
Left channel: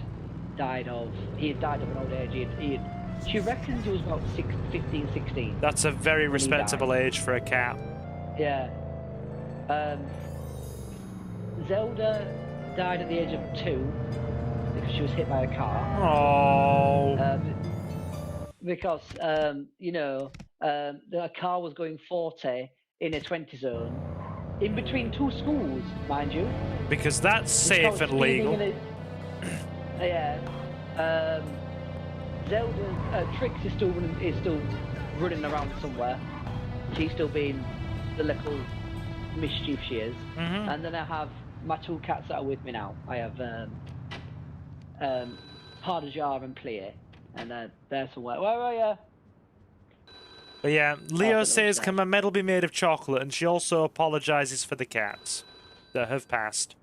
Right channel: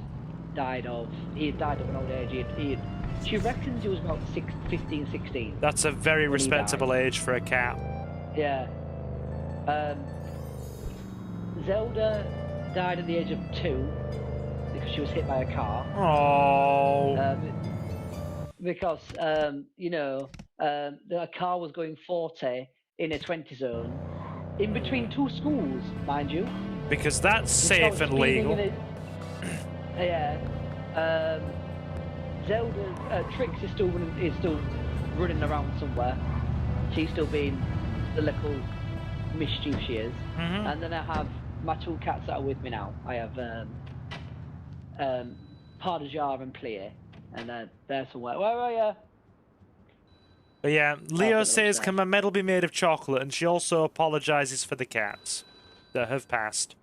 died of an old age. She reckons he was about 15, 16. That's a very respectable age for a cat. Yeah. Zelda died at the age of 2 because she was hit by a car. Oh. Because the car was going 40 in a 20 zone, in between 2 schools, mind you. Because that's safe and legal. Yeah. Zelda, Trix is still running around somewhere. She's still being the little mischief she is. And then I have my 2 cats that are with me now. I have Pardajar and Clear, and they're somewhere. Where are you? But yeah, Leo says, can my medal be made of chocolate? And she also apologizes for the cats that have passed.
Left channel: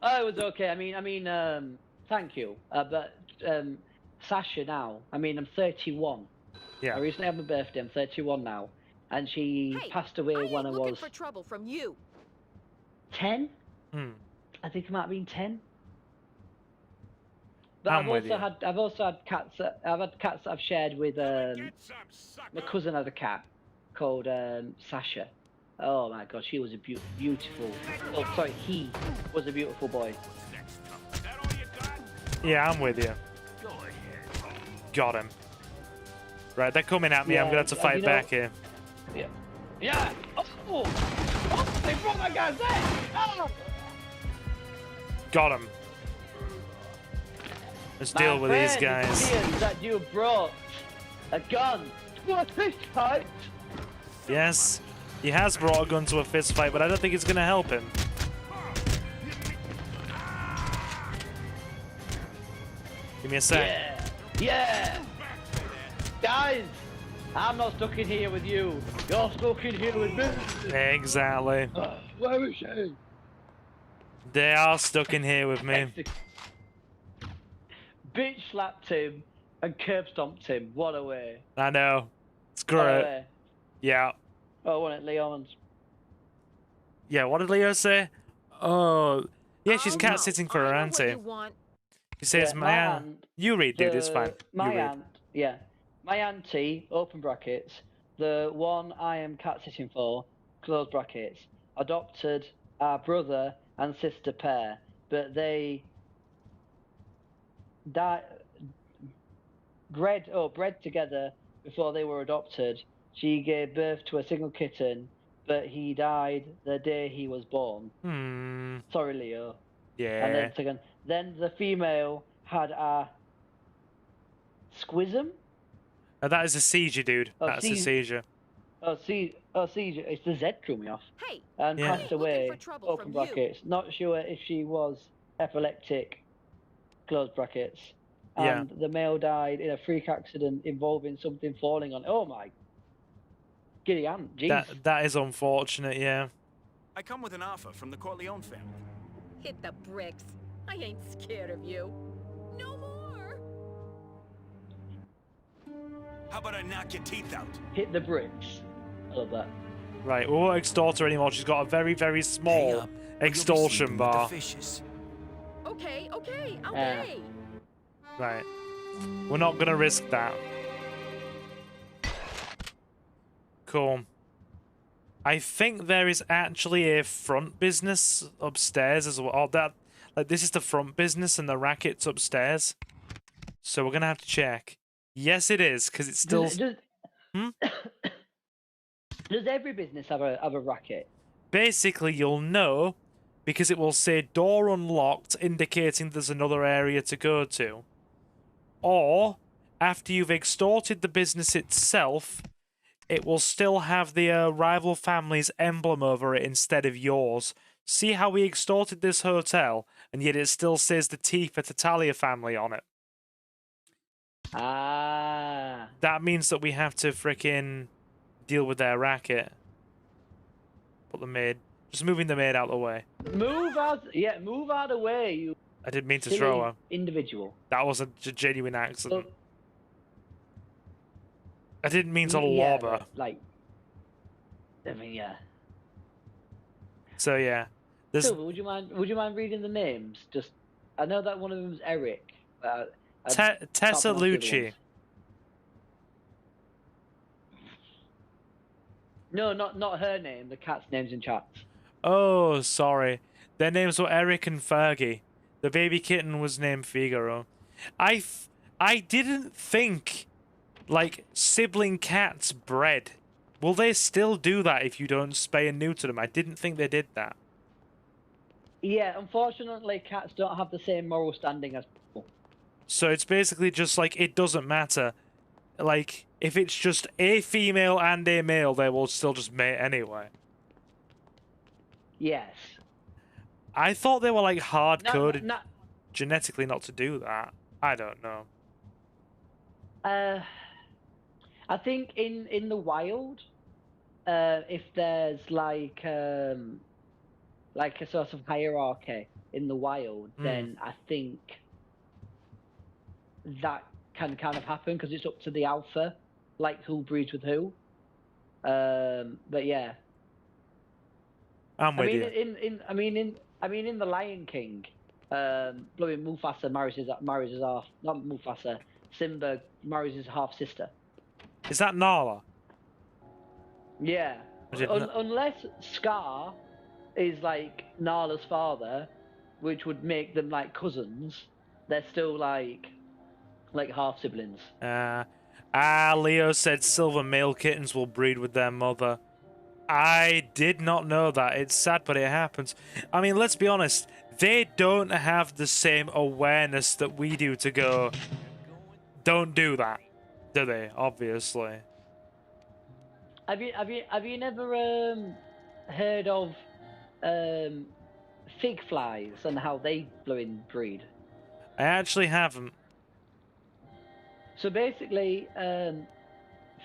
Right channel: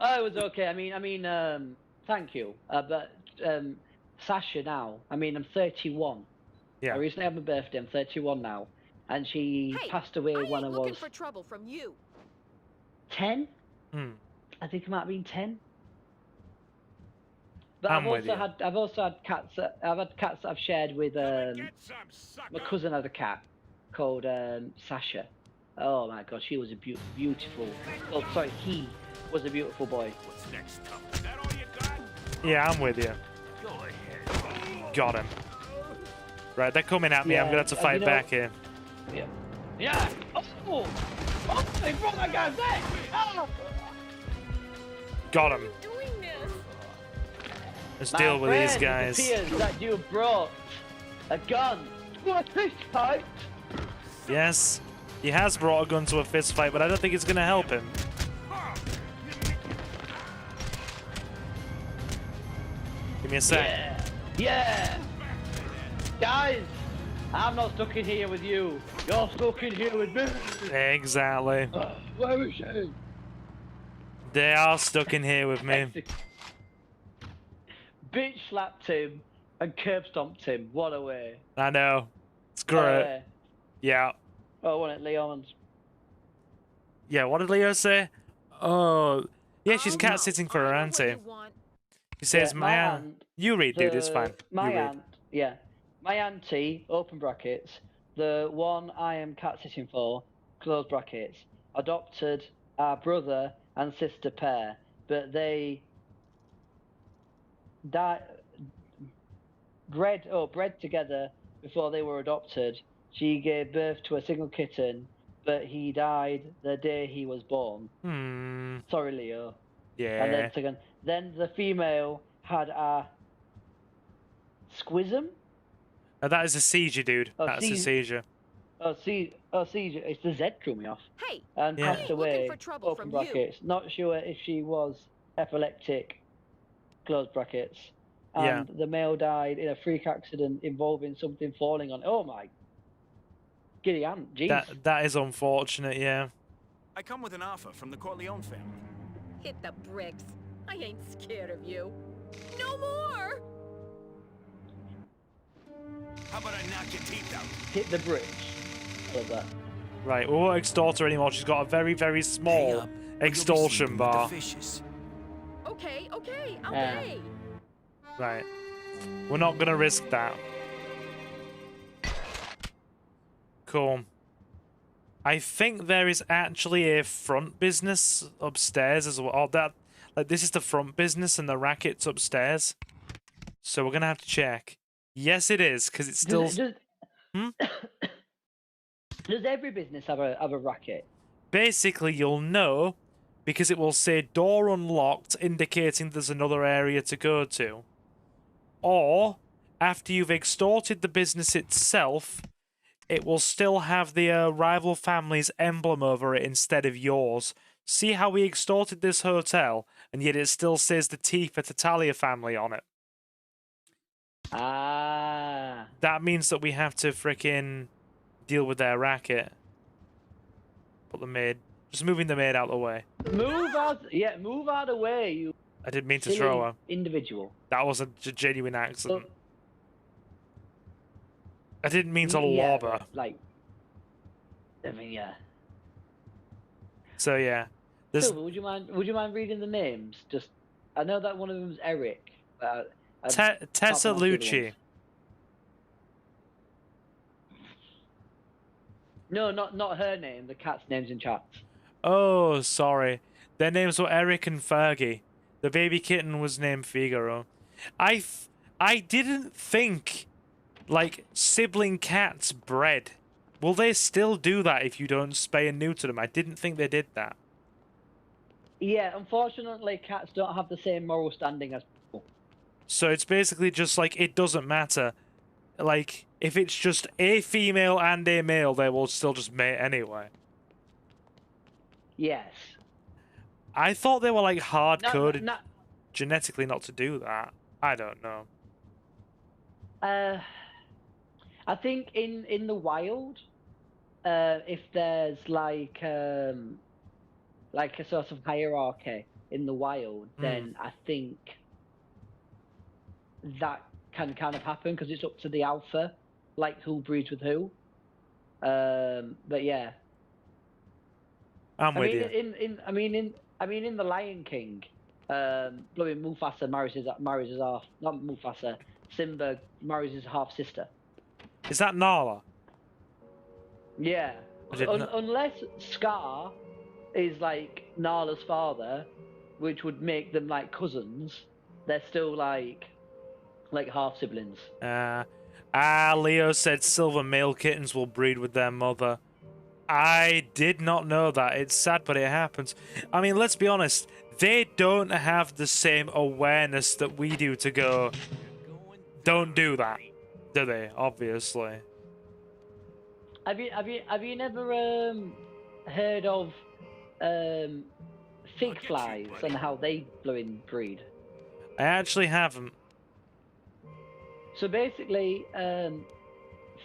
Oh, it was okay. I mean, thank you. But Sasha now, I'm 31. Yeah. I recently had my birthday. I'm 31 now, and she passed away when I was looking for trouble from you. 10. I think it might have been 10. But I'm with you. I've also had cats. I've had cats that I've shared with. My cousin had a cat called Sasha. Oh my God, she was a beautiful. Oh, sorry, he was a beautiful boy. What's next, Tom? Is that all you got? Yeah, I'm with you. Go ahead. Got him. Right, they're coming at me. I'm gonna have to fight back here. Yeah. Yeah. Oh, they brought my guy back. Oh. Got him. Let's deal with these guys. That you brought a gun to a fist fight. Yes, he has brought a gun to a fist fight, but I don't think it's gonna help him. Give me a sec. Yeah. Guys, I'm not stuck in here with you. You're stuck in here with me. Exactly. Where is she? They are stuck in here with me. Bitch slapped him and curb stomped him. What a way. I know. Screw it. Yeah. Oh, what Leon's. Yeah, what did Leo say? Oh, yeah, she's cat sitting for her auntie. He says, my aunt. You read, dude, it's fine. You read. Yeah. My auntie, open brackets, the one I am cat sitting for, close brackets, adopted our brother and sister pair, but they bred together before they were adopted. She gave birth to a single kitten, but he died the day he was born. Sorry, Leo. Yeah. And then the female had a squism. Oh, that is a seizure, dude. That's a seizure. Seizure. It's the Z threw me off. Hey, and passed away. looking for trouble Open from brackets. you. Not sure if she was epileptic. Close brackets. And Yeah. the male died in a freak accident involving something falling on. Oh my Giddy on, jeez. That is unfortunate, yeah. I come with an offer from the Corleone family. Hit the bricks. I ain't scared of you. No more! How about I knock your teeth out? Hit the bridge. I love that. Right, we won't extort her anymore. She's got a very, very small extortion bar. Okay, I'll pay. Right. We're not gonna risk that. Cool. I think there is actually a front business upstairs as well. Oh, that, like, this is the front business and the racket's upstairs. So we're gonna have to check. Yes, it is, because it's still... Does every business have a racket? Basically, you'll know because it will say door unlocked, indicating there's another area to go to. Or, after you've extorted the business itself, it will still have the rival family's emblem over it instead of yours. See how we extorted this hotel, and yet it still says the T for Tatalia family on it. Ah. That means that we have to frickin' deal with their racket. Put the maid. Just moving the maid out of the way. Move out of the way, you... I didn't mean to throw her. Individual. That was a genuine accident. I didn't mean to lob her. Like, I mean, yeah. So yeah, there's. So, would you mind reading the names? Just, I know that one of them's Eric. Tessa Lucci. No, not her name. The cat's name's in chat. Oh, sorry. Their names were Eric and Fergie. The baby kitten was named Figaro. I didn't think, like, sibling cats bred. Will they still do that if you don't spay and neuter them? I didn't think they did that. Yeah, unfortunately, cats don't have the same moral standing as people. So it's basically just like, it doesn't matter. Like, if it's just a female and a male, they will still just mate anyway. Yes. I thought they were, like, hard-coded genetically not to do that. I don't know. I think in the wild, if there's like a sort of hierarchy in the wild, then I think that can kind of happen because it's up to the alpha, like who breeds with who. But yeah, I'm with you. In the Lion King, Mufasa marries his half, not Mufasa. Simba marries his half sister. Is that Nala? Yeah. Unless Scar is like Nala's father, which would make them like cousins, they're still like half siblings. Leo said silver male kittens will breed with their mother. I did not know that. It's sad, but it happens. I mean, let's be honest. They don't have the same awareness that we do to go, don't do that, do they? Obviously. Have you never heard of fig flies and how they breed? I actually haven't. So basically,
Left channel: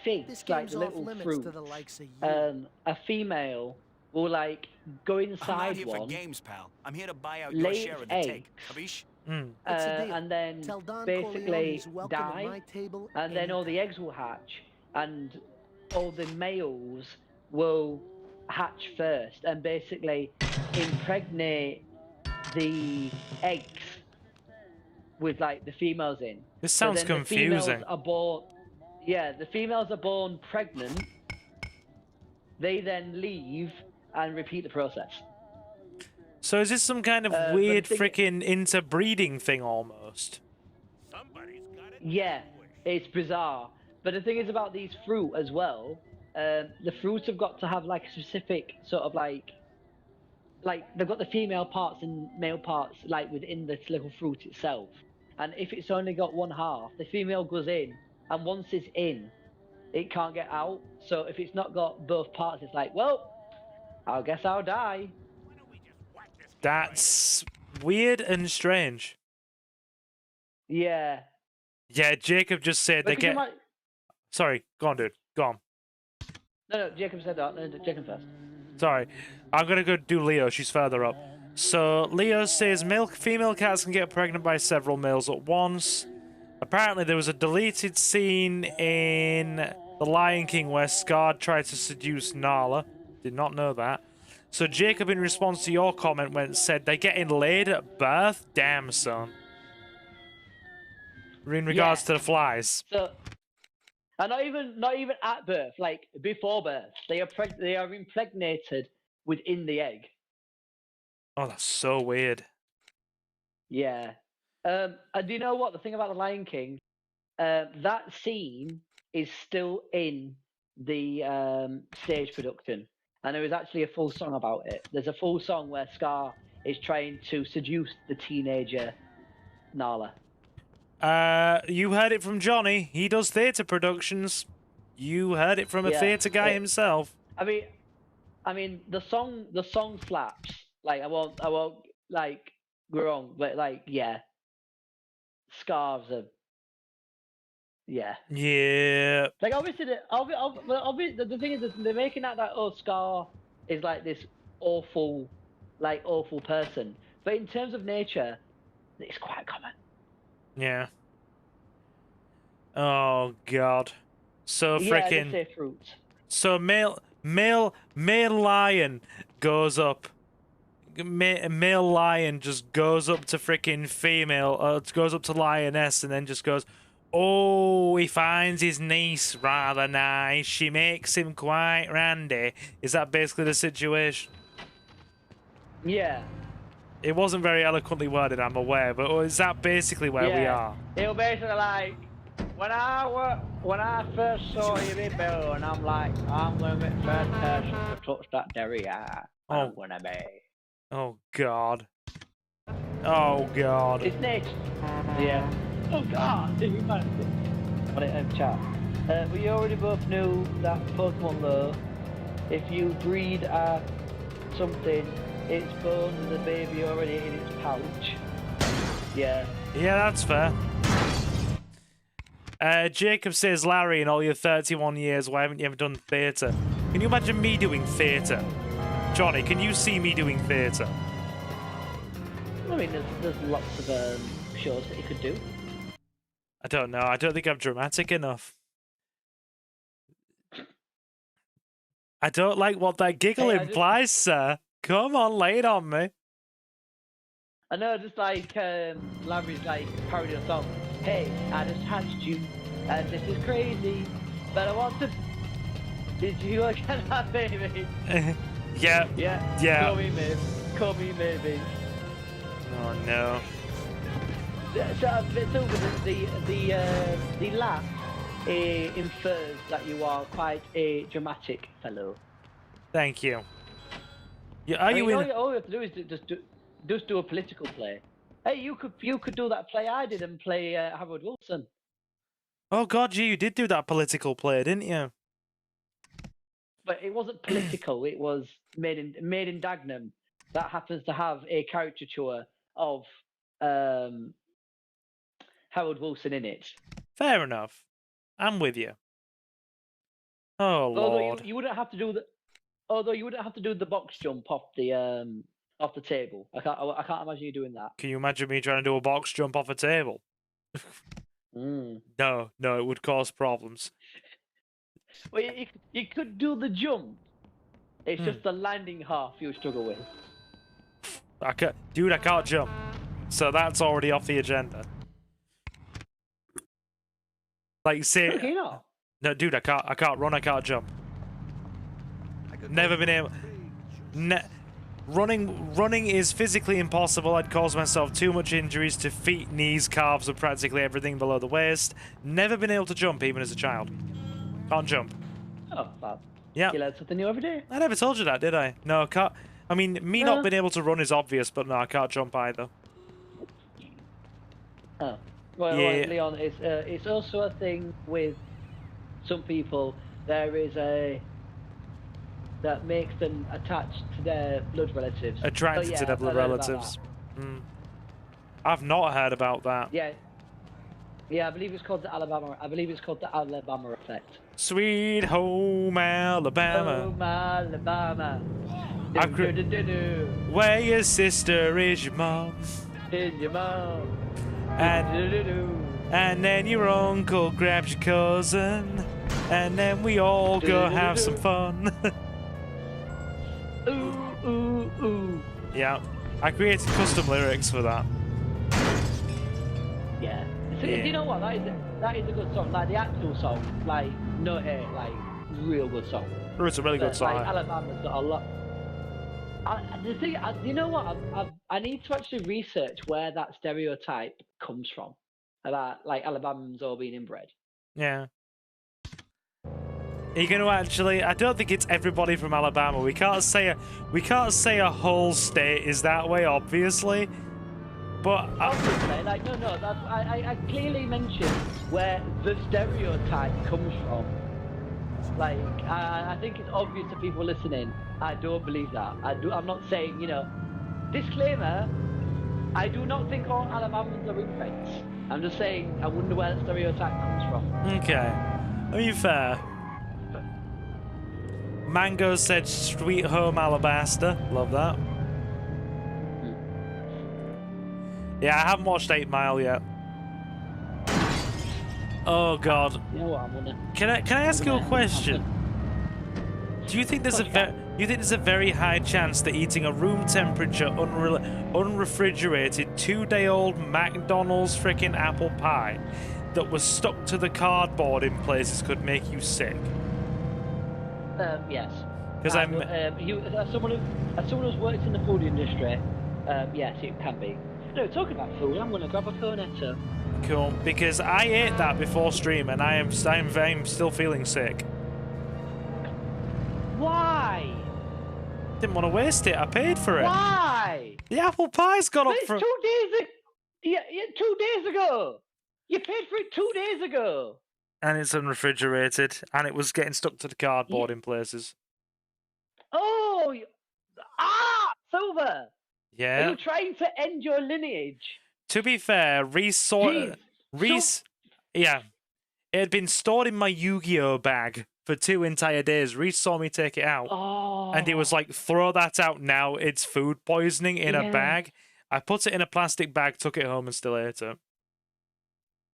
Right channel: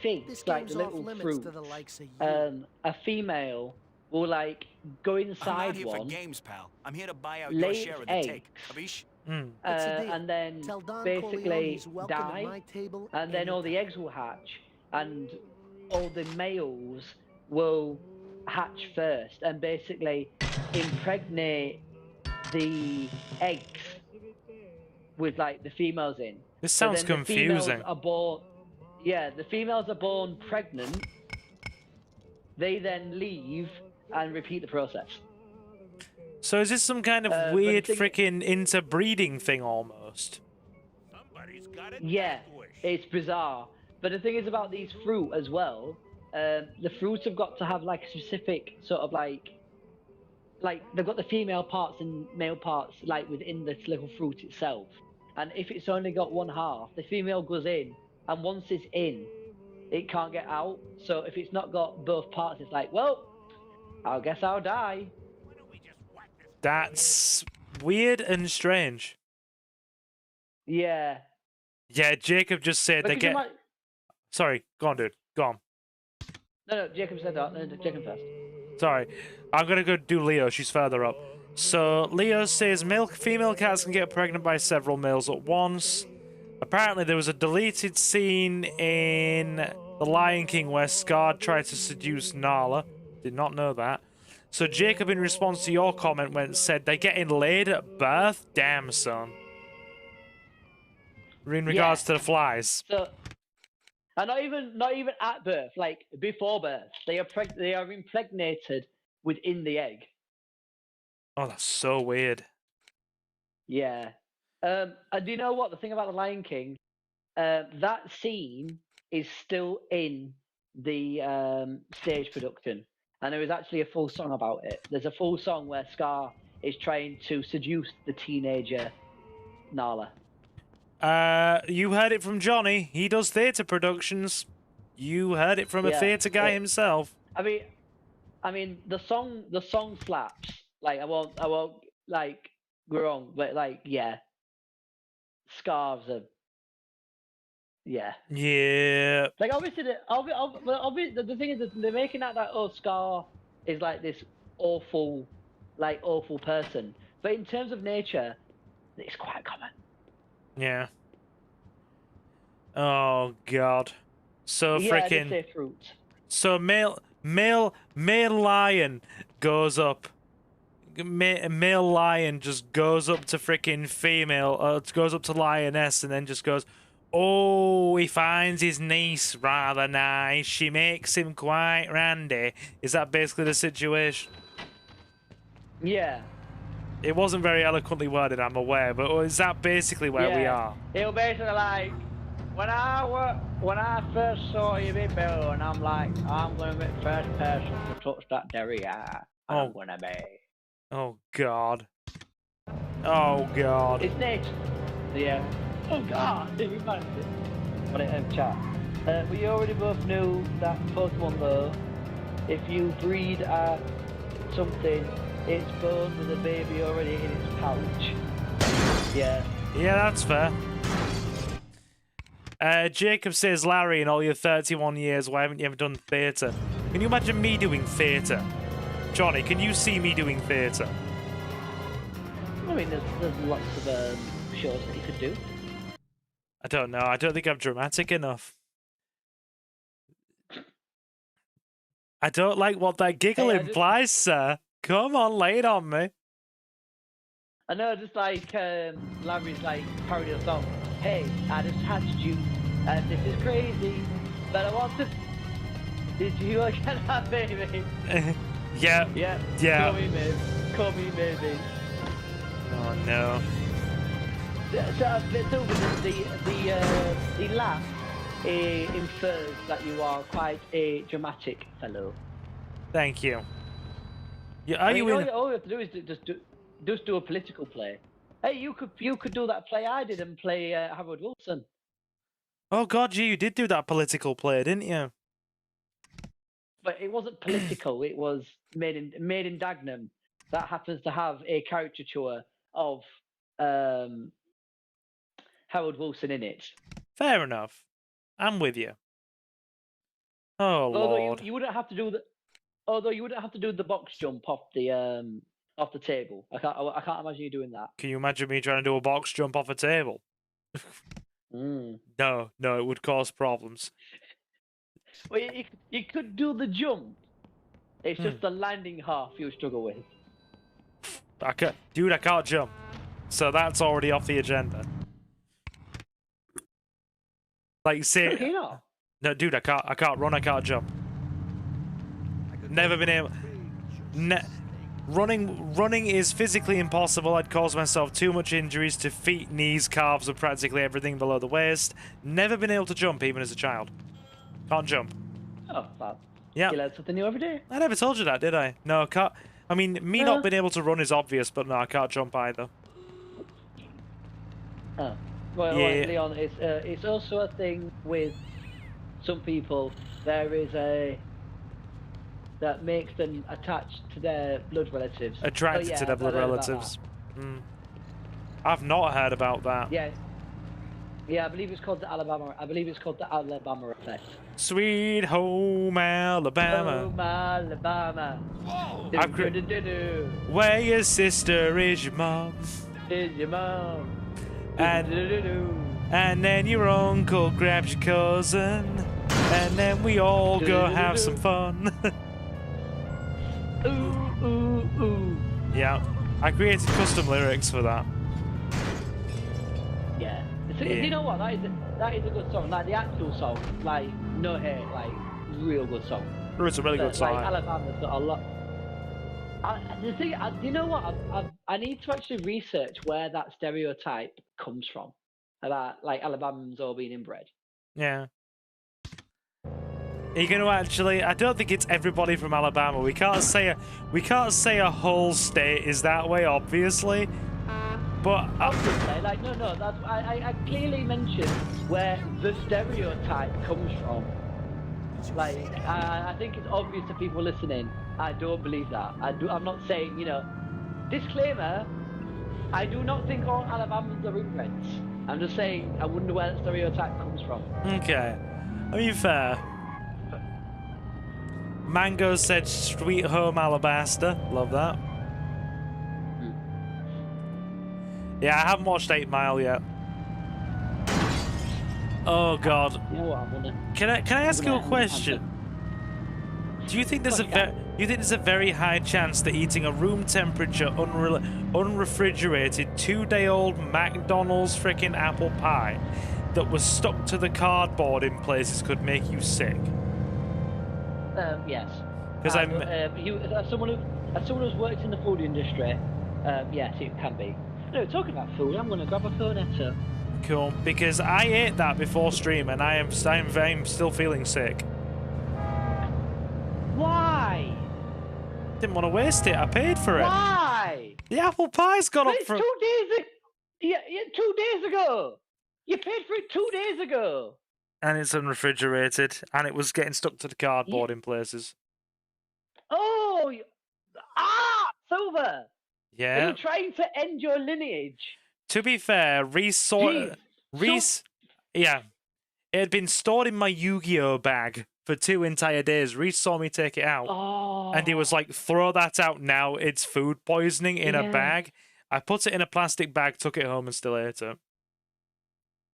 figs, this like game's little off limits fruits, to the likes of you. a female will like go inside I'm not here one, for games, pal. I'm here to buy out your share of the take. Capiche? What's the deal? And then Tell Don basically Corleone he's welcome die, at my table. and then all the eggs will hatch, and all the males will hatch first, and basically impregnate the eggs with like the females in. This sounds confusing. The females are born pregnant. They then leave and repeat the process. So is this some kind of weird freaking interbreeding thing almost? Somebody's got it. Yeah, it's bizarre. But the thing is about these fruit as well, the fruits have got to have like a specific sort of like they've got the female parts and male parts like within the little fruit itself. And if it's only got one half, the female goes in, and once it's in, it can't get out. So if it's not got both parts, it's like, well, I guess I'll die. That's weird and strange. Yeah. Yeah, Jacob just said they get... Sorry, go on, dude. Go on. No, Jacob said that. No, Jacob first. Sorry, I'm gonna go do Leo. She's further up. So Leo says female cats can get pregnant by several males at once. Apparently, there was a deleted scene in The Lion King where Scar tried to seduce Nala. Did not know that. So Jacob, in response to your comment, said they're getting laid at birth. Damn, son. In regards to the flies. So, and not even at birth, like before birth, they are impregnated within the egg. Oh, that's so weird. Yeah. And do you know what? The thing about The Lion King, that scene is still in the stage production. And there is actually a full song about it. There's a full song where Scar is trying to seduce the teenager Nala. You heard it from Johnny. He does theatre productions. You heard it from a theatre guy himself. I mean, the song slaps. Like, I won't like go wrong, but like, yeah, scarves are, yeah. Yeah. Like, obviously, the thing is that they're making out that Scar is like this awful person, but in terms of nature, it's quite common. Yeah. Oh God. So freaking. So male lion goes up. Male lion just goes up to freaking female. Goes up to lioness and then just goes. Oh, he finds his niece rather nice. She makes him quite randy. Is that basically the situation? Yeah. It wasn't very eloquently worded, I'm aware, but is that basically where we are? It'll basically like when I first saw him in Bello, and I'm like, I'm gonna be the first person to touch that derriere. I'm gonna be. Oh God. Oh God. His name's oh God, did you imagine? Chat. We already both knew that Pokemon though, if you breed at something, it's both the baby already in its pouch. Yeah. Yeah, that's fair. Jacob says, Larry, in all your 31 years, why haven't you ever done theatre? Can you imagine me doing theatre? Johnny, can you see me doing theatre? I mean, there's lots of shows that you could do. I don't know. I don't think I'm dramatic enough. I don't like what that giggle implies, sir. Come on, lay it on me. I know, just like Larry's like carried us off. Hey, I just handed you, and this is crazy, but I want to. Did you look at that baby? Yeah. Yeah. Call me baby. Oh no. So the laugh infers that you are quite a dramatic fellow. Thank you. Yeah, are you in? All you have to do is just do a political play. Hey, you could do that play I did and play Howard Wilson. Oh God, you did do that political play, didn't you? But it wasn't political. It was made in Dagenham. That happens to have a caricature of Howard Wilson in it. Fair enough. I'm with you. Oh Lord. You wouldn't have to do the. Although you wouldn't have to do the box jump off the table. I can't imagine you doing that. Can you imagine me trying to do a box jump off a table? No, it would cause problems. Well, you could do the jump. It's just the landing half you struggle with. I can't jump. So that's already off the agenda. Like, say, no, dude, I can't run, I can't jump. Never been able. Running is physically impossible. I'd cause myself too much injuries to feet, knees, calves, and practically everything below the waist. Never been able to jump, even as a child. Can't jump. Oh, fab. Yeah. You learn something new every day. I never told you that, did I? No, can't. I mean, me not being able to run is obvious, but no, I can't jump either. Oh. Well, yeah. Leon, it's also a thing with some people. There is that makes them attached to their blood relatives. Attracted to their blood relatives. I've not heard about that. Yeah, I believe it's called the Alabama. I believe it's called the Alabama effect. Sweet home Alabama. Home Alabama. I've cr- Do-do-do-do-do. Where your sister is your mom. Is your mom. And Do-do-do-do. and then your uncle grabs your cousin. And then we all go have some fun. Ooh, ooh, ooh. Yeah. I created custom lyrics for that. Yeah. So, Yeah. You know what? That is a good song. Like the actual song, like no hate, like real good song. It's a really good song. Like, Alabama's got a lot. The thing, you know what? I need to actually research where that stereotype comes from. About like Alabamans all being inbred. Yeah. Are you going to actually? I don't think it's everybody from Alabama. We can't say a whole state is that way, obviously. But Like no, that's I clearly mentioned where the stereotype comes from. Like I think it's obvious to people listening. I don't believe that. I'm not saying, you know. Disclaimer. I do not think all Alabamans are inbreds. I'm just saying I wonder where the stereotype comes from. okay, I mean fair. Mango said "Sweet Home Alabaster." Love that. Yeah, I haven't watched 8 Mile yet. Oh God. Can I ask you a question? Do you think there's a very high chance that eating a room temperature unrefrigerated 2-day-old McDonald's freaking apple pie that was stuck to the cardboard in places could make you sick? Yes. Because I'm. As someone who's worked in the food industry, yes, it can be. No, talking about food, I'm gonna grab a Sirenetta. Cool, because I ate that before stream and I'm still feeling sick. Why? Didn't want to waste it. I paid for it. Why? The apple pie's gone up It's from 2 days. Yeah, 2 days ago. You paid for it 2 days ago. and it's unrefrigerated and it was getting stuck to the cardboard in places. Oh, Silver. Yeah. Are you trying to end your lineage? To be fair, yeah, it had been stored in my Yu-Gi-Oh bag for 2 entire days. Reese saw me take it out, and he was like, "Throw that out now. It's food poisoning in a bag." I put it in a plastic bag, took it home, and still ate it.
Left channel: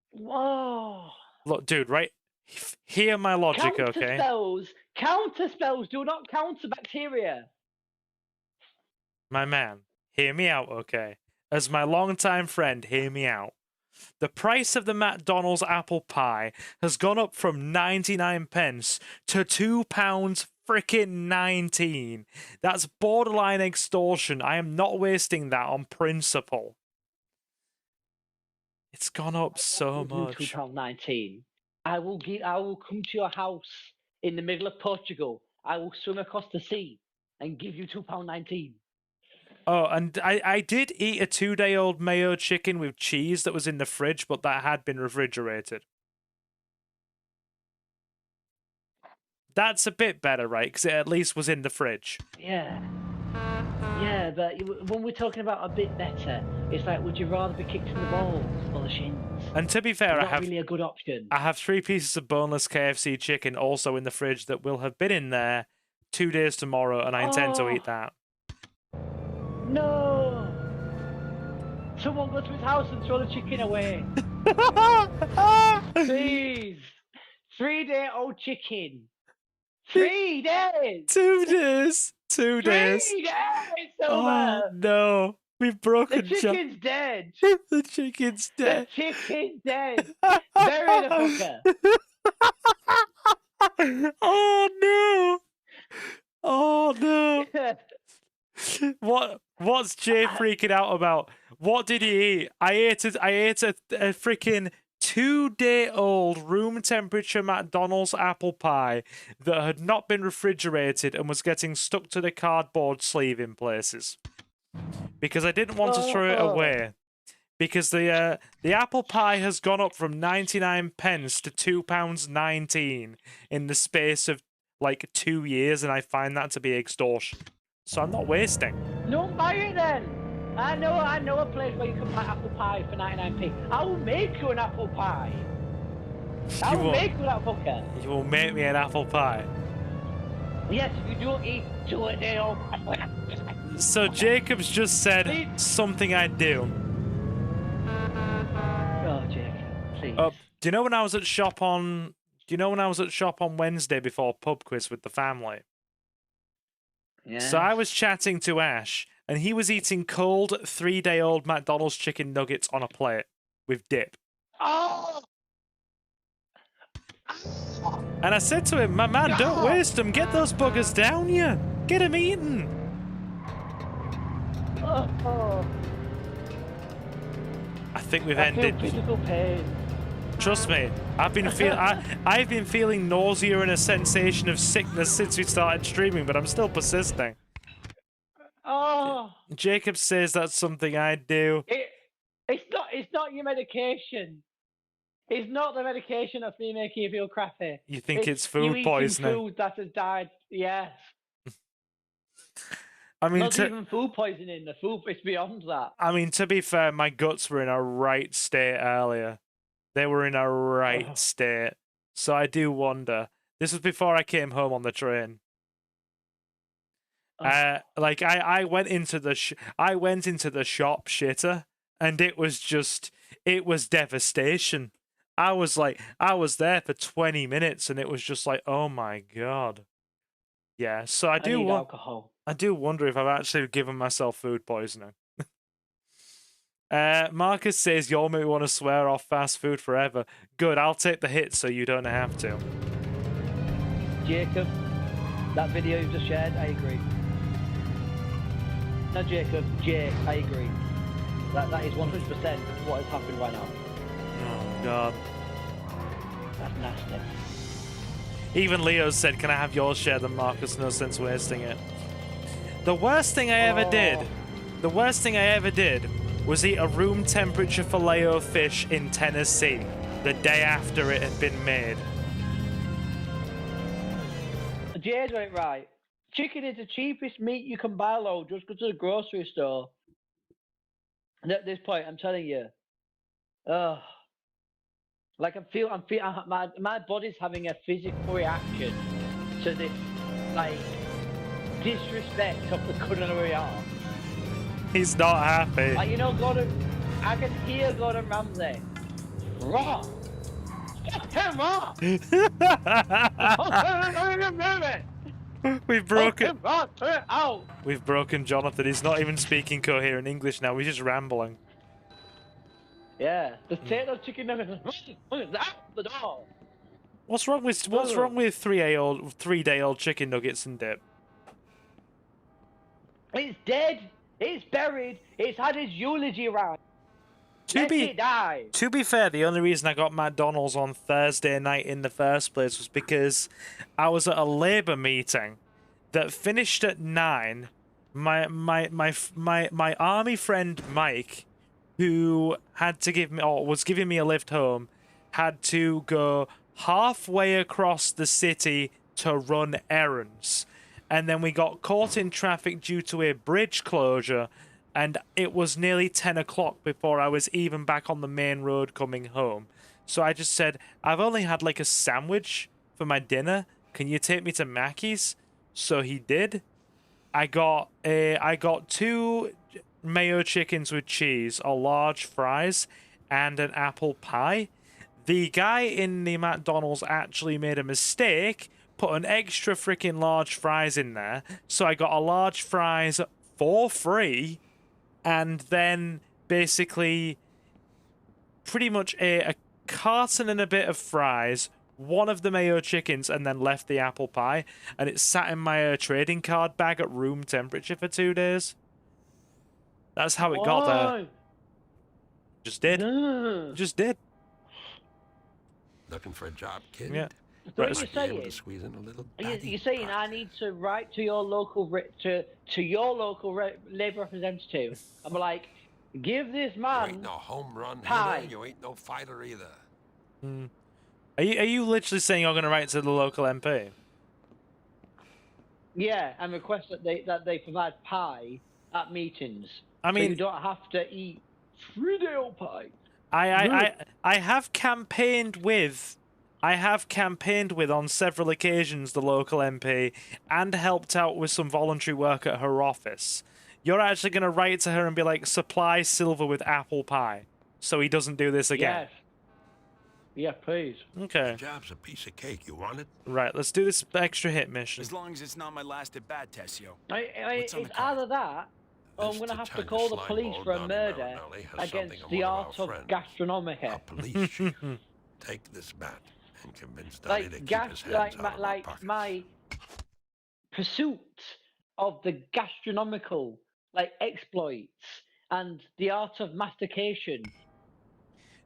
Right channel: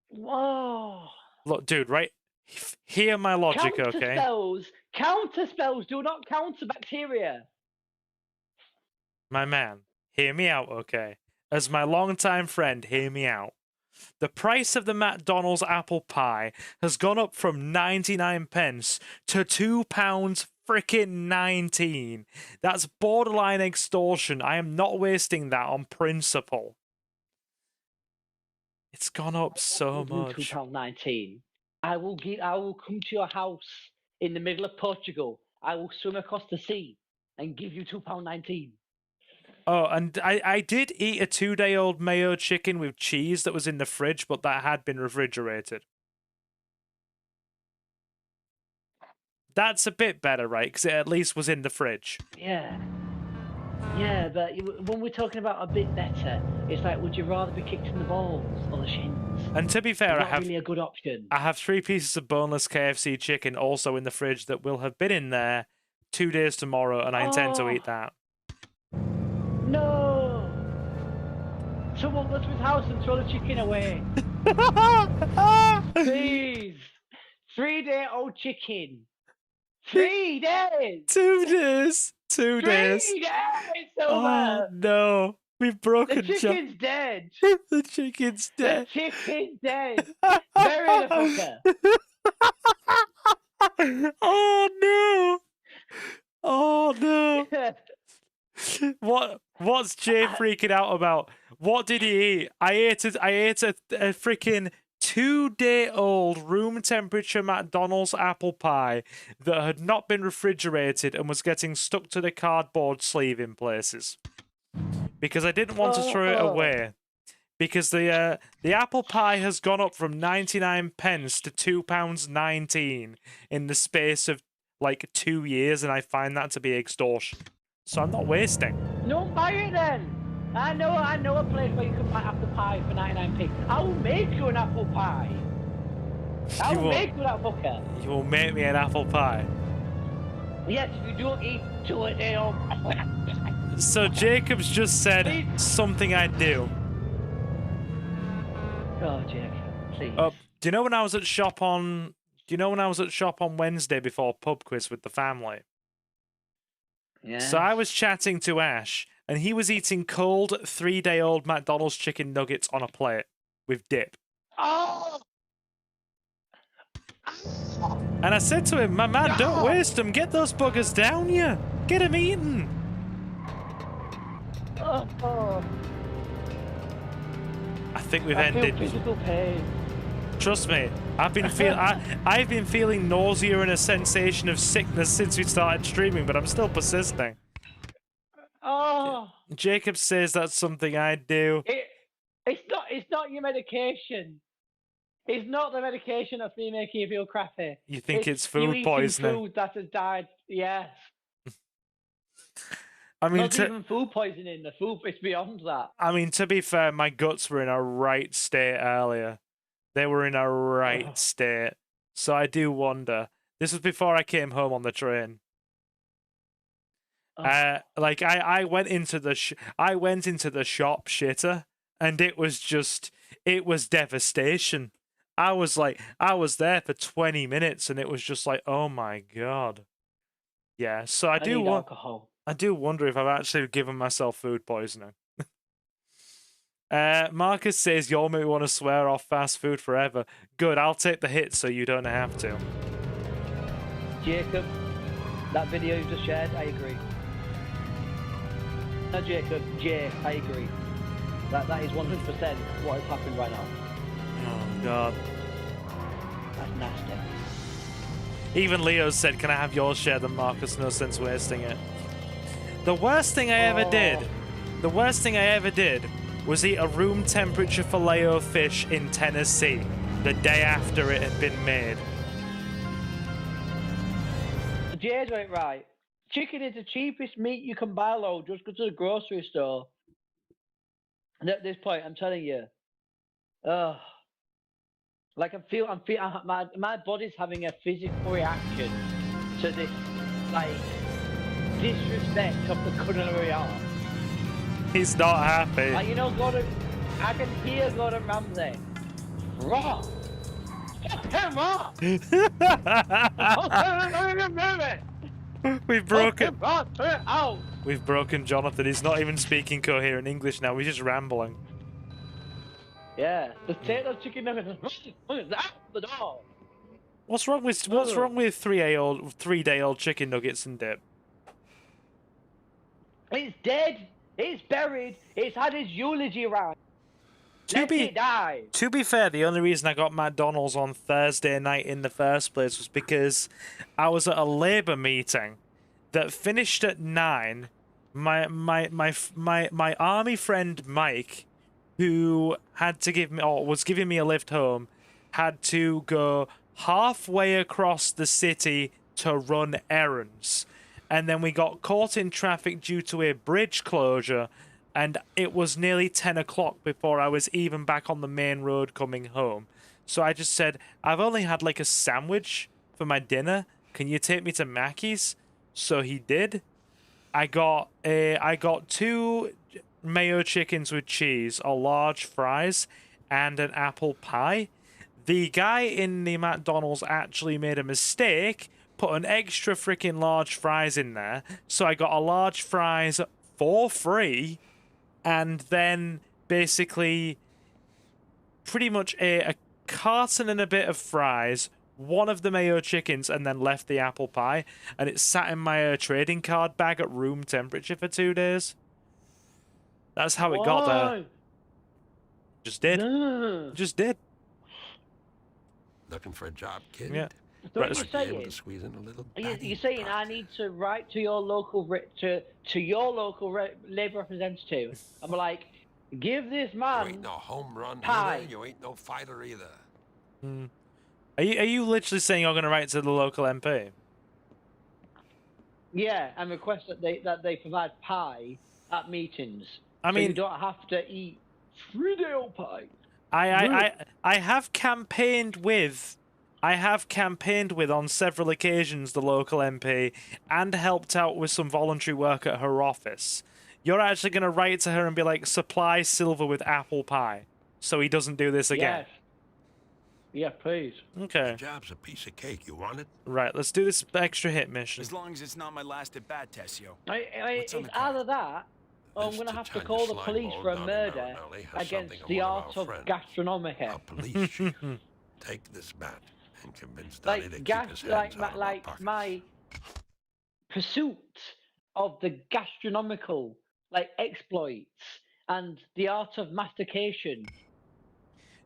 Whoa. Look, dude, right? Hear my logic, okay? Counterspells do not counter bacteria. My man, hear me out, okay? As my longtime friend, hear me out. The price of the McDonald's apple pie has gone up from 99 pence to £2 frickin' 19. That's borderline extortion. I am not wasting that on principle. It's gone up so much. £2.19. I will come to your house in the middle of Portugal. I will swim across the sea and give you £2.19. Oh, and I did eat a 2-day-old mayo chicken with cheese that was in the fridge, but that had been refrigerated. That's a bit better, right? Because it at least was in the fridge. Yeah. Yeah, but when we're talking about a bit better, it's like, would you rather be kicked in the balls or the shins? And to be fair, Not really a good option. I have 3 pieces of boneless KFC chicken also in the fridge that will have been in there 2 days tomorrow, and I intend to eat that. No! Someone go to his house and throw the chicken away. Please! 3-day-old chicken. 3 days! 2 days! 2 days! 3 days! Oh no! We've broken The chicken's dead! The chicken's dead! The chicken's dead! Bury the fucker! Oh no! Oh no! What's Jay freaking out about? What did he eat? I ate a freaking 2-day-old room temperature McDonald's apple pie that had not been refrigerated and was getting stuck to the cardboard sleeve in places. Because I didn't want to throw it away. Because the apple pie has gone up from 99 pence to £2.19 in the space of like 2 years, and I find that to be extortion. So I'm not wasting. Don't buy it then! I know a place where you can buy apple pie for 99p. I will make you an apple pie. I will make for that fucker. You will make me an apple pie. Yes, if you don't eat to it, they'll... So Jacob's just said something I'd do. Oh, Jacob, please. Do you know when I was at shop on? Do you know when I was at shop on Wednesday before pub quiz with the family? Yeah. So I was chatting to Ash, and he was eating cold 3-day-old McDonald's chicken nuggets on a plate with dip. Oh! And I said to him, "My man, don't waste them. Get those buggers down, you. Get them eaten." Oh. I think we've ended. Trust me, I've been feeling nausea and a sensation of sickness since we started streaming, but I'm still persisting. Oh. Jacob says that's something I'd do. It's not your medication. It's not the medication that's been making you feel crappy. You think it's food poisoning? Food that has died. Yes. I mean, not even food poisoning. The food is beyond that. I mean, to be fair, my guts were in a right state earlier. They were in a right state. So I do wonder. This was before I came home on the train. Like I went into the shop shitter, and it was devastation. I was there for 20 minutes, and it was just like, oh my god. Yeah, so I do wonder if I've actually given myself food poisoning. Marcus says, "You'll make me want to swear off fast food forever." Good, I'll take the hit so you don't have to. Jacob, that video you just shared, I agree. No, Jacob, I agree. That is 100% what is happening right now. Oh god. That's nasty. Even Leo said, "Can I have yours shared?" And Marcus, no sense wasting it. The worst thing I ever did was eat a room temperature Filet-O-Fish in Tennessee the day after it had been made. Jay's right. Chicken is the cheapest meat you can buy, though. Just go to the grocery store. And at this point, I'm telling you, like my body's having a physical reaction to this, like, disrespect of the culinary art. He's not happy. And you know, I can hear Gordon Ramsay. Wrong. Come on. We've broken Jonathan. He's not even speaking coherent English now. He's just rambling. Yeah, the potato chicken nuggets. What is that? The door. What's wrong with 3-day-old chicken nuggets and dip? It's dead. It's buried. It's had its eulogy round. To be fair, the only reason I got McDonald's on Thursday night in the first place was because I was at a Labour meeting that finished at 9. My army friend Mike, who had to give me, or was giving me a lift home, had to go halfway across the city to run errands. And then we got caught in traffic due to a bridge closure, and it was nearly 10 o'clock before I was even back on the main road coming home. So I just said, "I've only had like a sandwich for my dinner. Can you take me to Mackey's?" So he did. I got 2 mayo chickens with cheese, a large fries, and an apple pie. The guy in the McDonald's actually made a mistake, put an extra freaking large fries in there, so I got a large fries for free, and then basically pretty much a carton and a bit of fries, one of the mayo chickens, and then left the apple pie, and it sat in my trading card bag at room temperature for 2 days. That's how it got there. Just did. Just did. Looking for a job, kid? Yeah. Right, might be able to squeeze in a little. You're saying I need to write to your local Labour representative? I'm like, give this man. You ain't no home run pie. hitter. You ain't no fighter either. Are you literally saying you're going to write to the local MP? Yeah, and request that they provide pie at meetings. I mean, so you don't have to eat 3-day-old pie. I have campaigned with I have campaigned with on several occasions the local MP and helped out with some voluntary work at her office. You're actually going to write to her and be like, supply Silver with apple pie, so he doesn't do this again. Yeah, please. Okay. The job's a piece of cake. You want it? Right, let's do this extra hit mission. As long as it's not my last at bat test, yo. It's either that, or I'm going to have to call the police for a murder against the art of gastronomy. A police chief. Take this bat and convince Daddy to keep his hands out of our pockets. My pursuit of the gastronomical exploits and the art of mastication.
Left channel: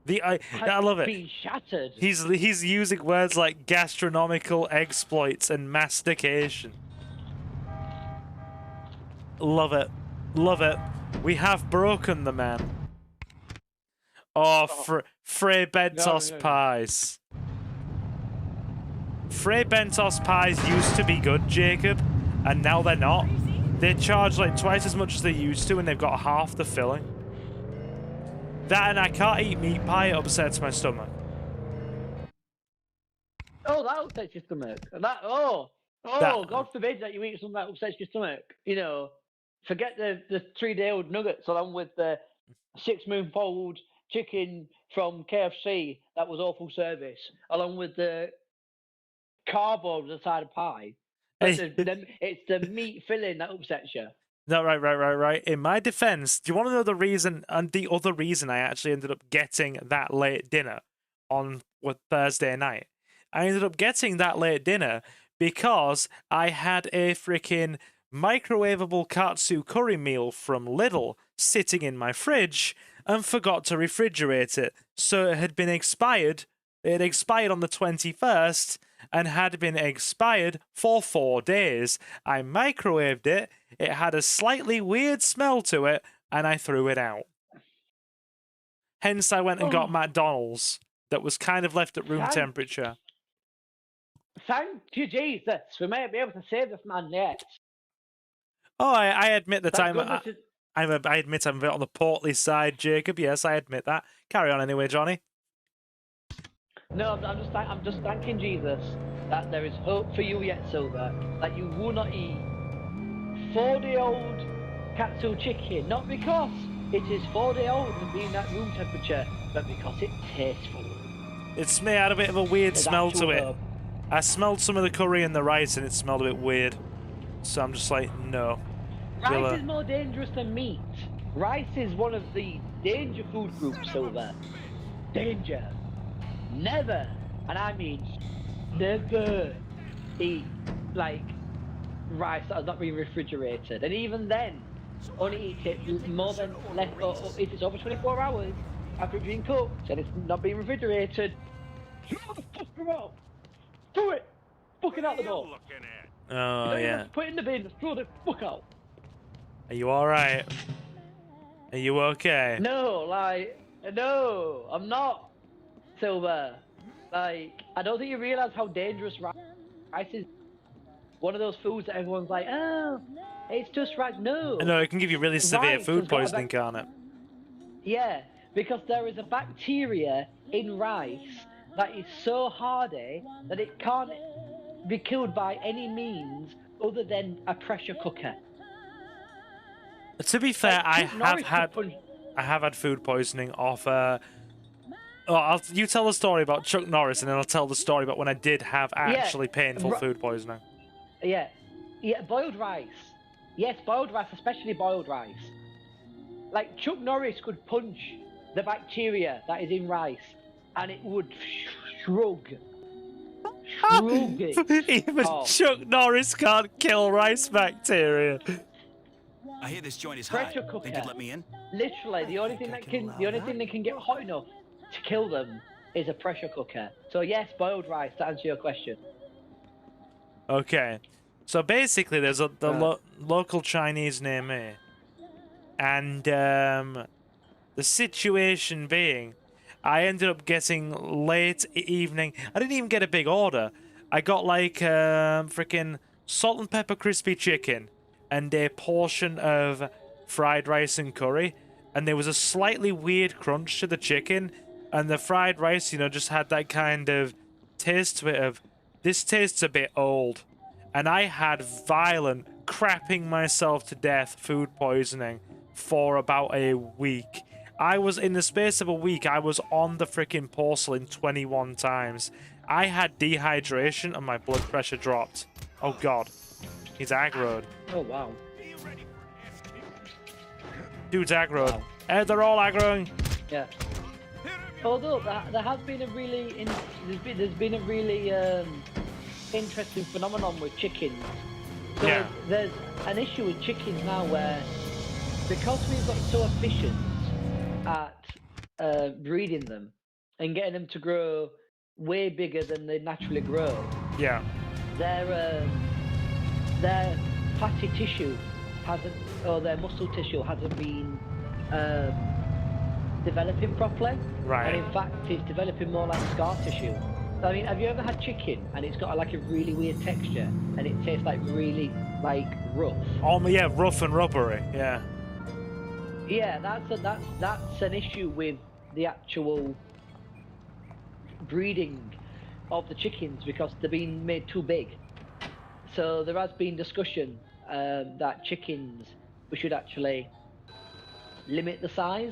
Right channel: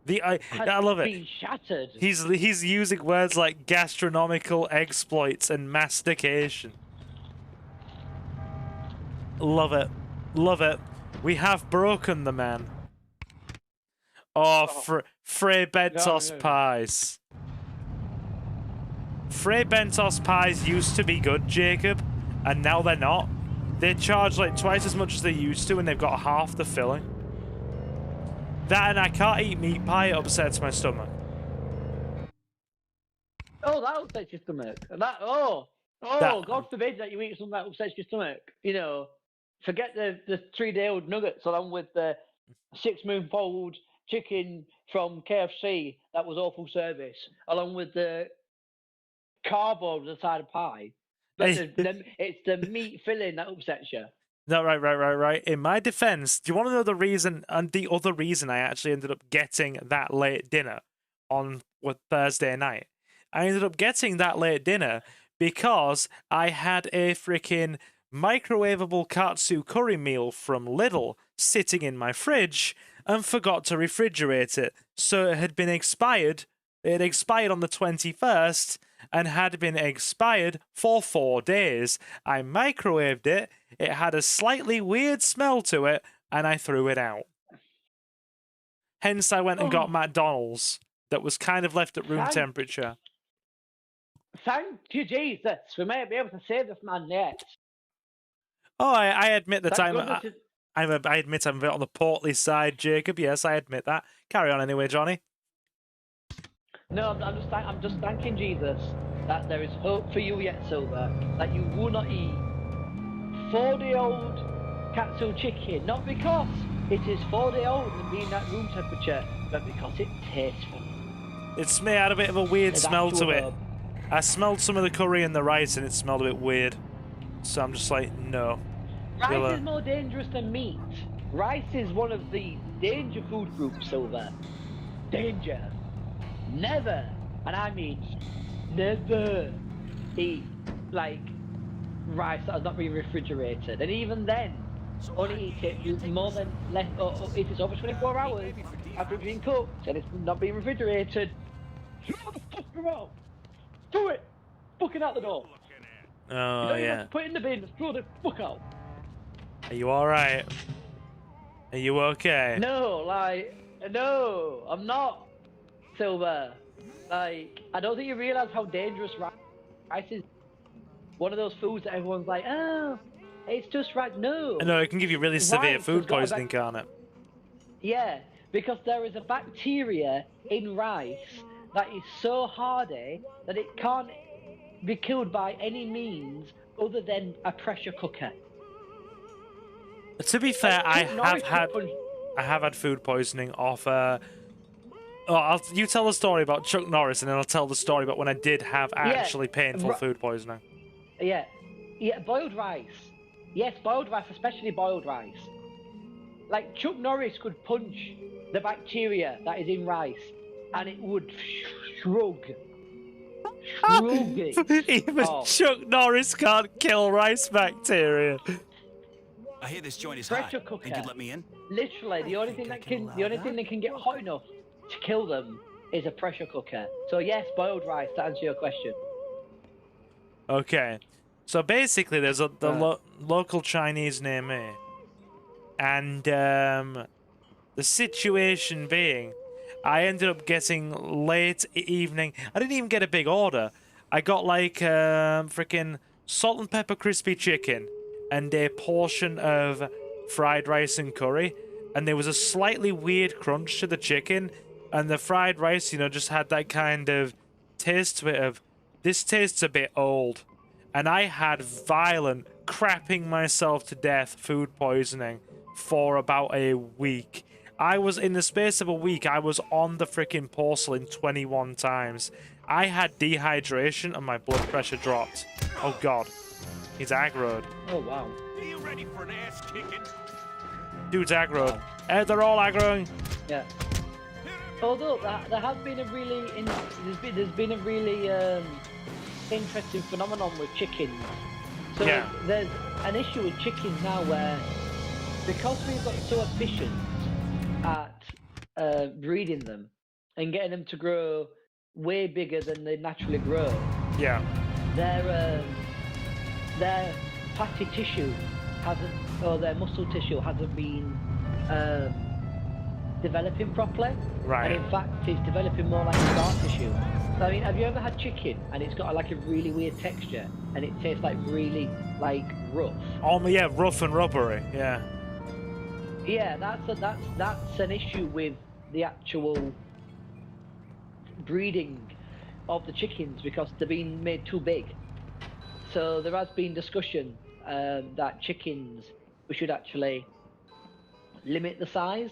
I love it. Been shattered. He's using words like gastronomical exploits and mastication. Love it. Love it. We have broken the man. Oh, Frey Bentos pies. Frey Bentos pies used to be good, Jacob, and now they're not. They charge like twice as much as they used to, and they've got half the filling. That and I can't eat meat pie, it upsets my stomach. Oh, that upsets your stomach. God forbid that you eat something that upsets your stomach. You know, forget the 3-day-old nuggets along with the 6-moon-fold chicken from KFC that was awful service, along with the cardboard on the side of pie. But it's the meat filling that upsets you. No, right. In my defense, do you want to know the reason, and the other reason I actually ended up getting that late dinner on Thursday night? I ended up getting that late dinner because I had a freaking microwavable katsu curry meal from Lidl sitting in my fridge and forgot to refrigerate it. So it had been expired. It had expired on the 21st and had been expired for 4 days. I microwaved it. It had a slightly weird smell to it, and I threw it out. Hence, I went and got McDonald's that was kind of left at room temperature. Thank you, Jesus. We may be able to save this man yet. Oh, I admit that I admit I'm a bit on the portly side, Jacob. Yes, I admit that. Carry on anyway, Johnny. No, I'm just thanking Jesus that there is hope for you yet, Silver. That you will not eat 4-day-old katsu chicken, not because it is 4-day-old and being at room temperature, but because it tastes good. It had a bit of a weird smell to it. I smelled some of the curry and the rice, and it smelled a bit weird. So I'm just like, no. Rice is more dangerous than meat. Rice is one of the danger food groups, Silver. Danger. Never, and I mean never, eat rice that has not been refrigerated, and even then, only eat it more than it is over 24 hours after it's been cooked and it's not being refrigerated. Do it! Fucking out the door! Oh, yeah. Put it in the bin, just throw the fuck out. Are you alright? Are you okay? No, no, I'm not. Silver, I don't think you realise how dangerous rice is. One of those foods that everyone's like, oh, it's just rice. No. No, it can give you really severe food poisoning, can't it? Yeah, because there is a bacteria in rice that is so hardy that it can't be killed by any means other than a pressure cooker. To be fair, I have had food poisoning off you tell the story about Chuck Norris, and then I'll tell the story about when I did have actually painful food poisoning. Yeah, boiled rice. Yes, boiled rice, especially boiled rice. Like, Chuck Norris could punch the bacteria that is in rice, and it would shrug. Even Chuck Norris can't kill rice bacteria. I hear this joint is hot. Think you'd let me in? Literally, the only thing that can get hot enough to kill them is a pressure cooker. So yes, boiled rice, to answer your question. Okay. So basically there's the local Chinese near me. And the situation being, I ended up getting late evening. I didn't even get a big order. I got like freaking salt and pepper crispy chicken and a portion of fried rice and curry. And there was a slightly weird crunch to the chicken. And the fried rice, just had that kind of taste to it of, this tastes a bit old. And I had violent crapping myself to death food poisoning for about a week. I was, in the space of a week, I was on the freaking porcelain 21 times. I had dehydration and my blood pressure dropped. Oh god. He's aggroed. Oh wow. Dude's aggroed. They're all aggroing. Yeah. Although there has been a really there's been a really interesting phenomenon with chickens. So yeah. There's an issue with chickens now where, because we've got so efficient at breeding them and getting them to grow way bigger than they naturally grow. Yeah. Their fatty tissue hasn't, or their muscle tissue hasn't been developing properly. Right. And in fact, it's developing more like scar tissue. So, I mean, have you ever had chicken and it's got like a really weird texture and it tastes like really like rough? Oh yeah, rough and rubbery. Yeah. Yeah, that's an issue with the actual breeding of the chickens because they're being made too big. So there has been discussion that chickens, we should actually limit the size.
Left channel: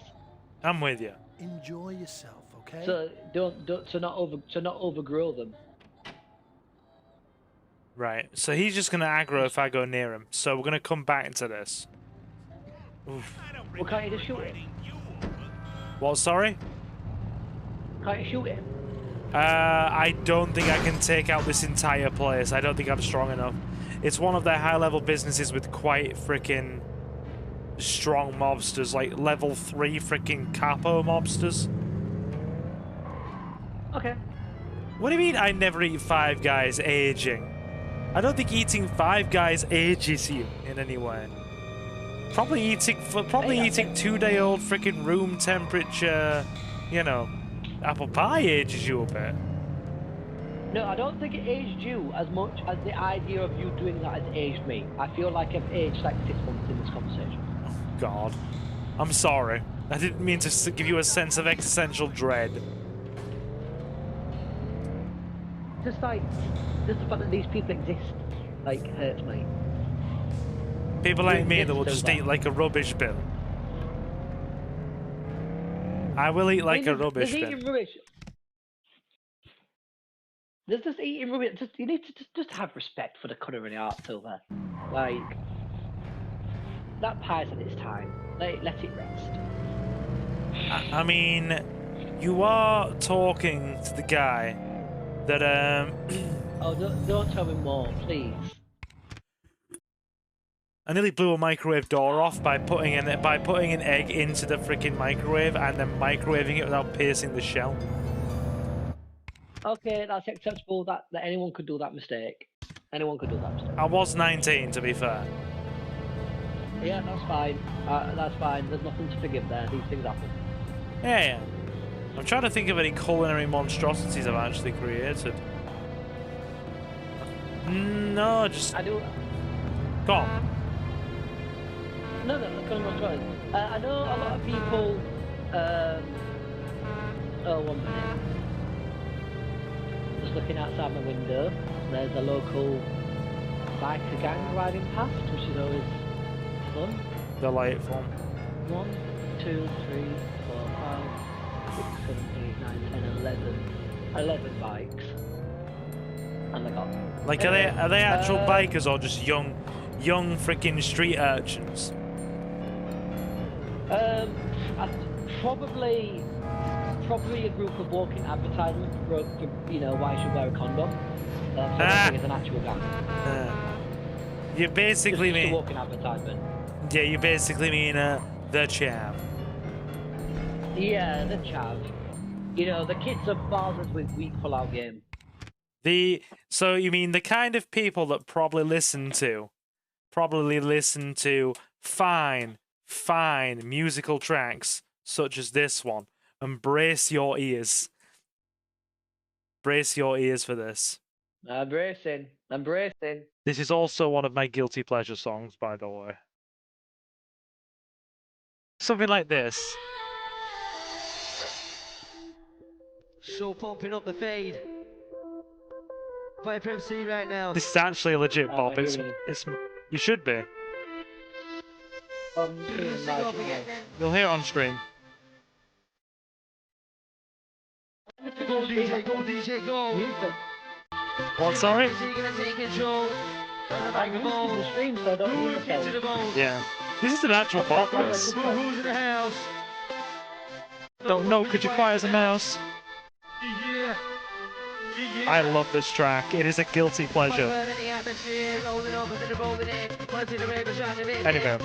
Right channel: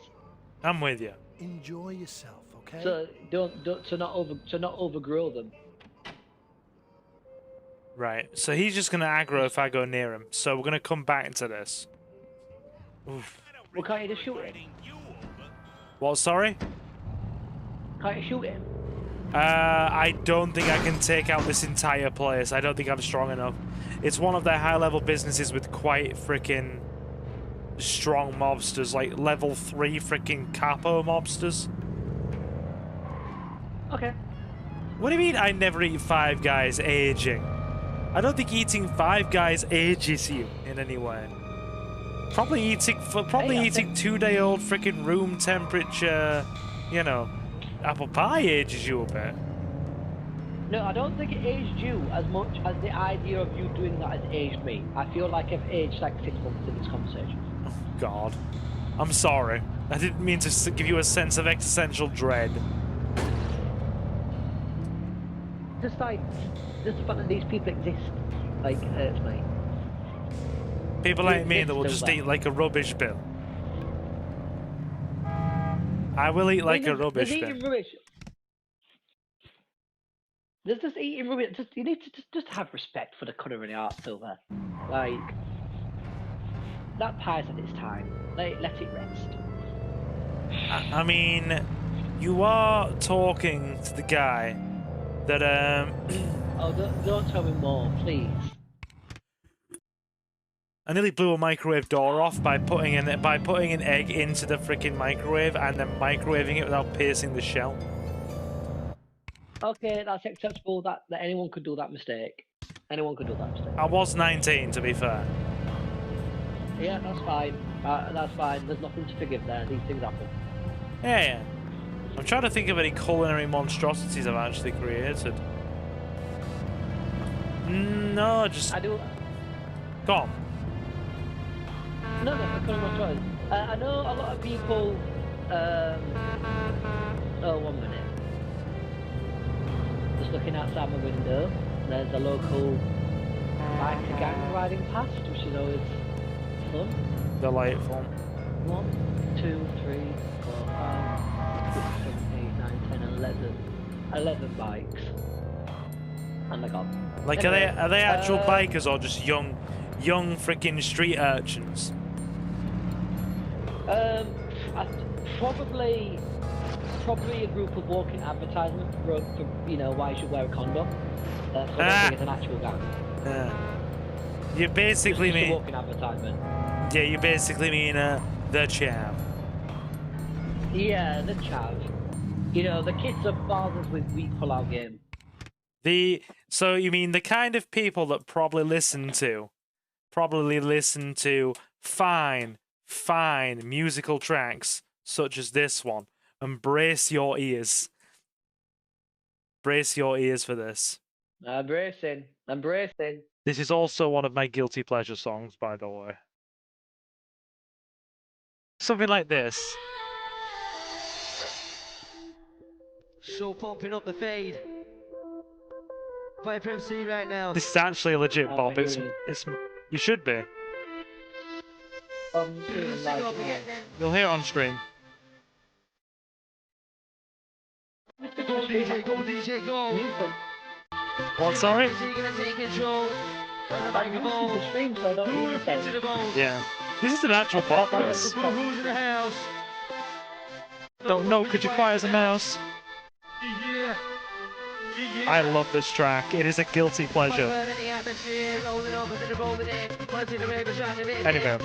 I'm with you. Enjoy yourself, okay? So to not overgrow them. Right. So he's just gonna aggro if I go near him. So we're gonna come back into this. Oof. Well, can't you just shoot him? What? Sorry? Can't you shoot him? I don't think I can take out this entire place. I don't think I'm strong enough. It's one of their high-level businesses with quite freaking strong mobsters, like level 3 freaking capo mobsters. Okay. What do you mean I never eat Five Guys aging? I don't think eating Five Guys ages you in any way. Probably eating 2-day-old freaking room temperature, you know, apple pie ages you a bit. No, I don't think it aged you as much as the idea of you doing that has aged me. I feel like I've aged like 6 months in this conversation. Oh, God. I'm sorry. I didn't mean to give you a sense of existential dread. Just the fact that these people exist, like, hurts me. People like me that will just eat like a rubbish bin. I will eat like a rubbish bin. There's just eating rubbish. You need to just have respect for the culinary art, Silver. Like, that pie's at its time. Let it rest. I mean, you are talking to the guy that Oh, don't tell me more, please. I nearly blew a microwave door off by putting an egg into the freaking microwave and then microwaving it without piercing the shell. Okay, that's acceptable. That anyone could do that mistake. Anyone could do that mistake. I was 19, to be fair. Yeah, that's fine. That's fine. There's nothing to forgive there. These things happen. Yeah. I'm trying to think of any culinary monstrosities I've actually created. No, just... I do... Go on. No, that's pretty much right. I know a lot of people... Oh, 1 minute. Just looking outside my window, there's a local biker gang riding past, which is always fun. Delightful. 1, 2, 3, 4, 5, 6, 7, 8, 9, 10, 11 bikes. And I got... Like, are they actual bikers or just young freaking street urchins? Probably a group of walking advertisements for you know, why you should wear a condom. That's an actual gang. You basically mean... walking advertisement. Yeah, you basically mean the chav. Yeah, the chav. You know, the kids are fathers with weak pull-out game. So you mean the kind of people that probably listen to fine musical tracks such as this one, and brace your ears. Brace your ears for this. I'm bracing. This is also one of my guilty pleasure songs, by the way. Something like this. So pumping up the fade. Play FC right now. This is actually a legit Bob. It's you should be. You'll hear it on stream. Go DJ, go DJ, go! What, sorry? You're gonna take control. Bang the ball. Get to the ball. Yeah. This is an actual Bob. This. Who's in the house? Don't know. Could you fire as a mouse? Yeah. I love this track. It is a guilty pleasure. Anyway.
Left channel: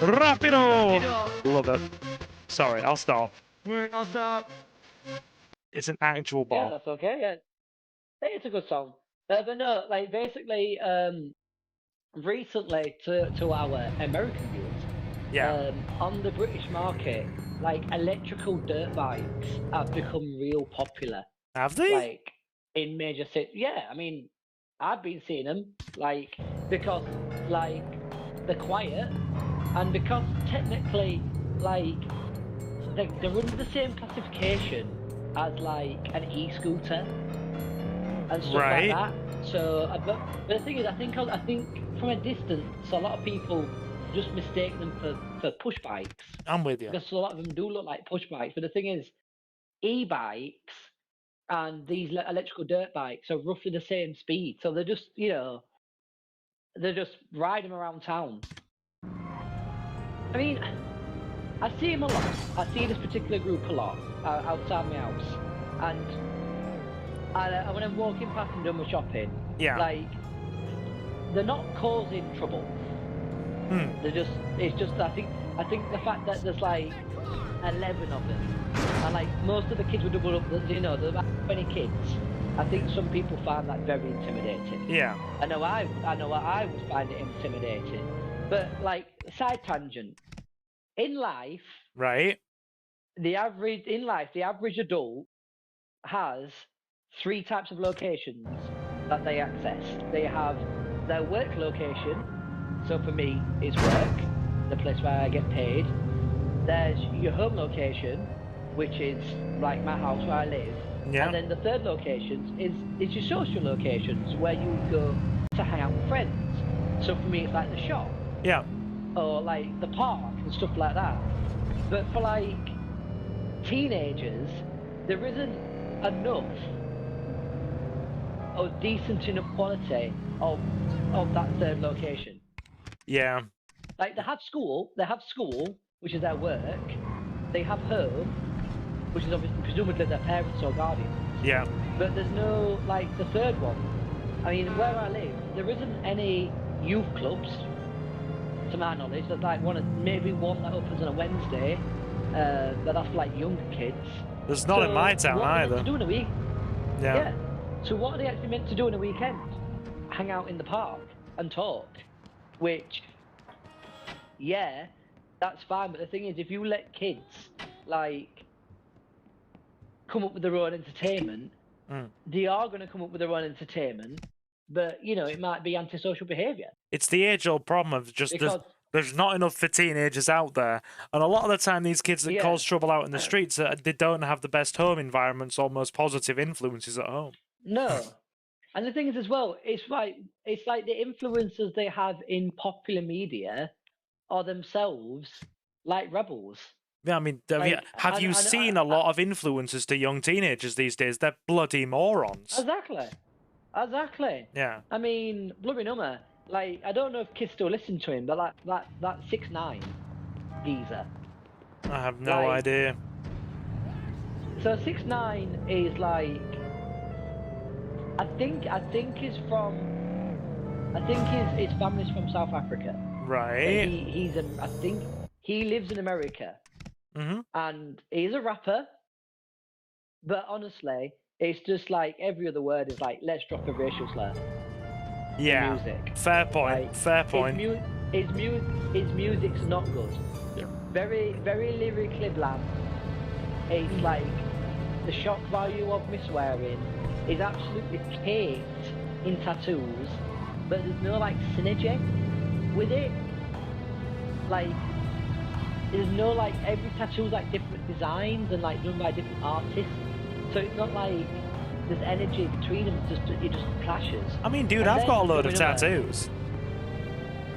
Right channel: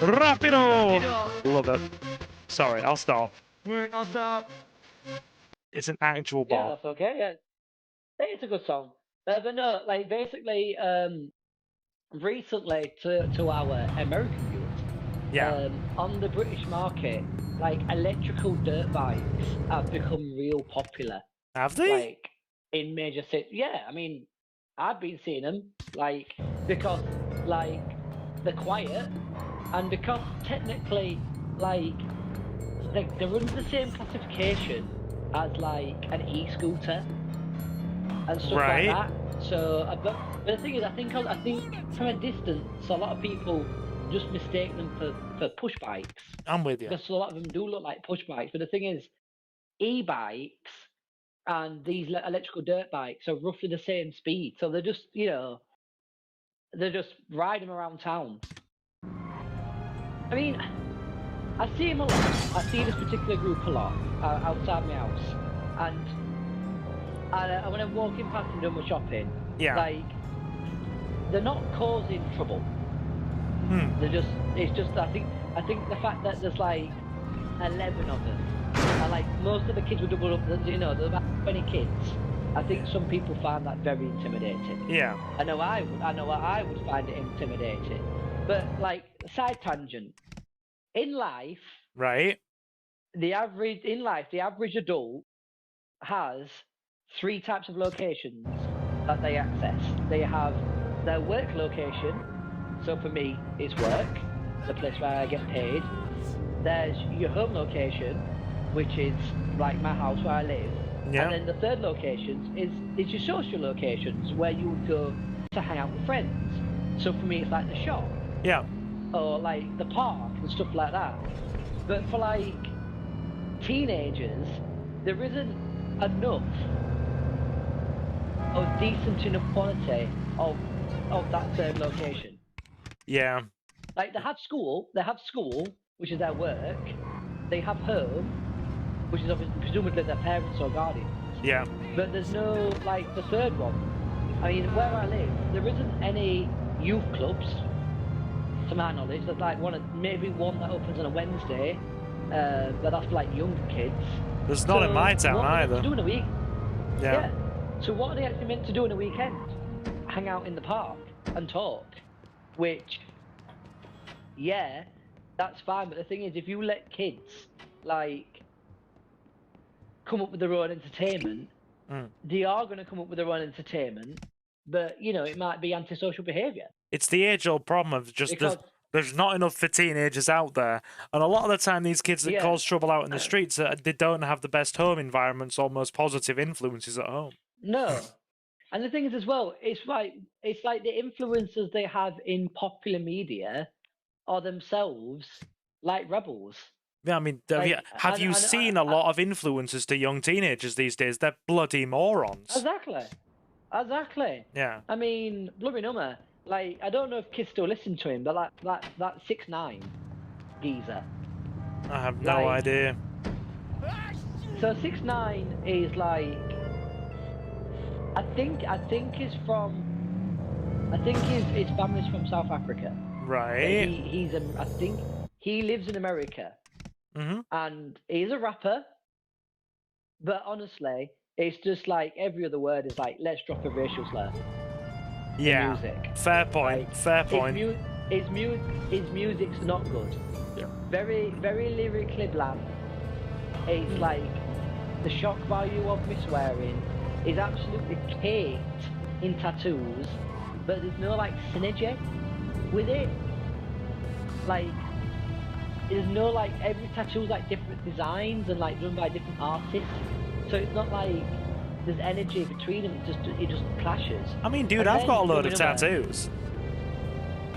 Rapido! Love it. Sorry, I'll stop. I'll stop. It's an actual Bob. Yeah, that's okay. Yeah. It's a good song. But no, like basically, recently to our American viewers, Yeah. on the British market, like electrical dirt bikes have become real popular. Have they? Like in major cities. Yeah, I mean, I've been seeing them, like, because like they're quiet and because technically, like, they're under the same classification as like an e-scooter and stuff Right. like that. So, but the thing is, I think from a distance, a lot of people just mistake them for push bikes. I'm with you. Because a lot of them do look like push bikes. But the thing is, e-bikes and these electrical dirt bikes are roughly the same speed. So they're just, you know, they're just riding around town. I mean, I see them a lot. I see this particular group a lot outside my house. And when I'm walking past and doing my shopping, Yeah. like, they're not causing trouble. They're just, it's just, I think the fact that there's like 11 of them, and like most of the kids would have grown up, you know, there's about 20 kids. I think some people find that very intimidating. Yeah. I know I would find it intimidating. But like, side tangent, in life, Right. the average adult has 3 types of locations that they access. They have their work location, so for me, it's work, the place where I get paid. There's your home location, which is like my house where I live. Yeah. And then the third location is your social locations, where you would go to hang out with friends. So for me, it's like the shop. Yeah. Or like the park and stuff like that. But for like teenagers, there isn't enough of decent enough quality of that certain location. Yeah. Like they have school, which is their work. They have home, which is presumably their parents or guardians. Yeah. But there's no, like, the third one. I mean, where I live, there isn't any youth clubs, to my knowledge. There's like maybe one that opens on a Wednesday, but that's like young kids. There's not in my town either. Yeah. So what are they actually meant to do on a weekend? Hang out in the park and talk. Which, yeah, that's fine. But the thing is, if you let kids, like, come up with their own entertainment, they are going to come up with their own entertainment, but, you know, it might be antisocial behaviour. It's the age-old problem of just there's not enough for teenagers out there, and a lot of the time these kids that cause trouble out in the streets, they don't have the best home environments or most positive influences at home. No. And the thing is as well, it's like the influencers they have in popular media are themselves like rebels. Yeah, I mean, have you seen a lot of influencers to young teenagers these days? They're bloody morons. Exactly. Yeah. I mean, bloody number. Like, I don't know if kids still listen to him, but that 6ix9ine geezer. I have no idea. So 6ix9ine is like, I think his family's from South Africa. Right. I think he lives in America. And he's a rapper. But honestly, it's just like every other word is like, let's drop a racial slur. Yeah. Music. Fair point. Like, fair point. His music's not good. Yeah. Very, very lyrically bland. It's like the shock value of me swearing is absolutely caked in tattoos, but there's no like synergy with it. Like, there's no like every tattoo's like different designs and like done by different artists. So it's not like there's energy between them. It just clashes. I mean, dude, I've got a load of tattoos.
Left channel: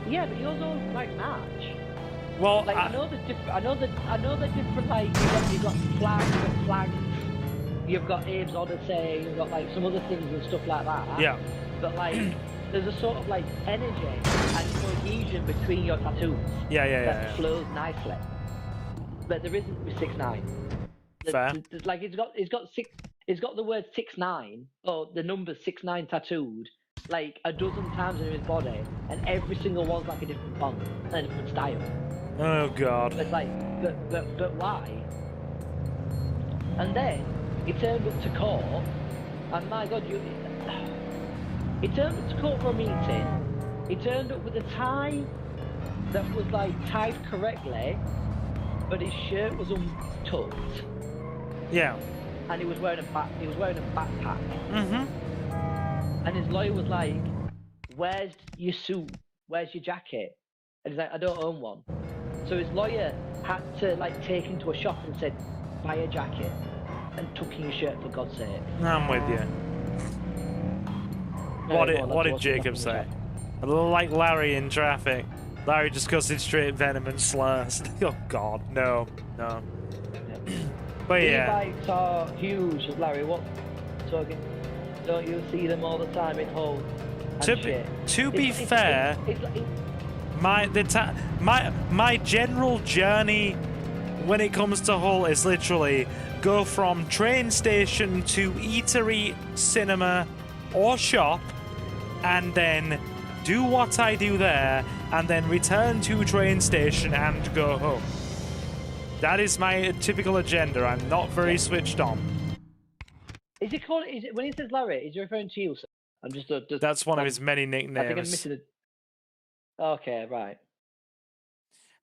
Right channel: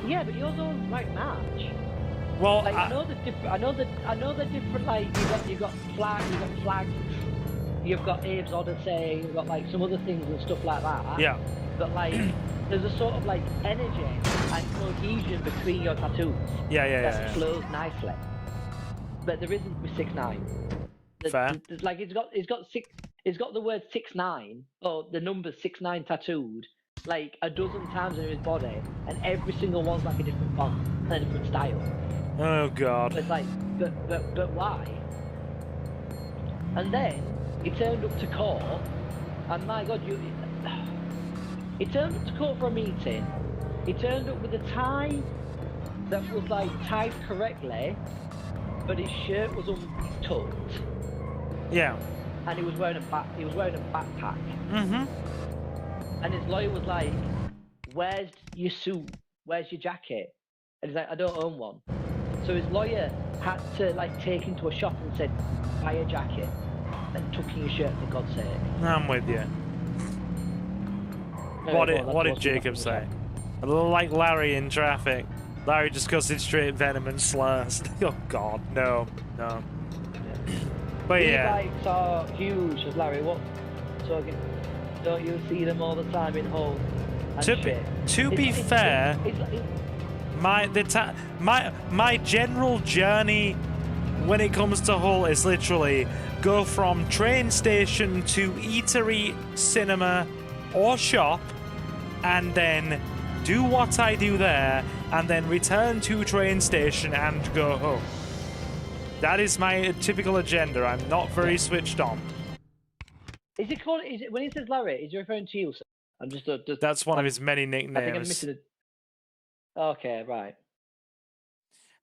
Yeah, but yours don't quite match. Well, like, I know the different. Like you've got flags. You've got names on and saying. You've got like some other things and stuff like that. Yeah. But like, there's a sort of like energy and cohesion between your tattoos. Yeah. Flows nicely. But there isn't with 6'9". Fair. There's like it's got the word 6'9" or the number 6'9" tattooed like a dozen times in his body, and every single one's like a different font, a different style. Oh god. But it's like, but why? And then he turned up to court, and my god, he turned up to court for a meeting. He turned up with a tie that was like tied correctly, but his shirt was untucked. Yeah. And he was wearing a backpack. Mm-hmm. And his lawyer was like, "Where's your suit? Where's your jacket?" And he's like, "I don't own one." So his lawyer had to like take him to a shop and said, "Buy a jacket and tuck in your shirt for God's sake." I'm with you. What did Jacob say? Like Larry in traffic. Larry just goes in straight venom and slurs. Oh god, no. But yeah. These bikes are huge, Larry. What? So don't you see them all the time at home? To be fair, my general journey when it comes to Hull is literally go from train station to eatery, cinema, or shop, and then do what I do there, and then return to train station and go home. That is my typical agenda. I'm not very switched on. Is it called? Is it when he says Larry? Is he referring to you? Sir? I'm just. That's one of his many nicknames. Okay, right.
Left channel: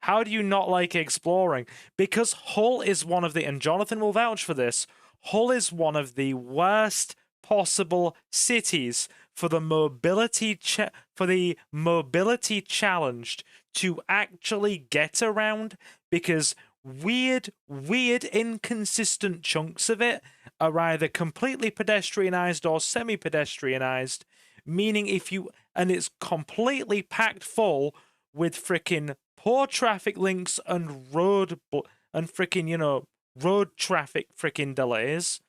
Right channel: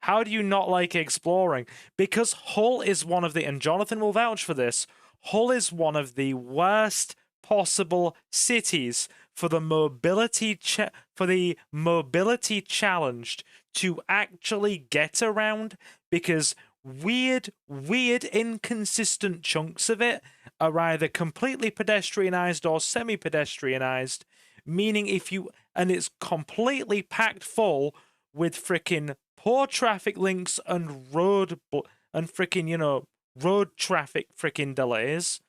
How do you not like exploring? Because Hull is one of the, and Jonathan will vouch for this, Hull is one of the worst possible cities for the mobility challenged to actually get around, because weird, inconsistent chunks of it are either completely pedestrianized or semi-pedestrianized, meaning and it's completely packed full with frickin' poor traffic links and road traffic frickin' delays.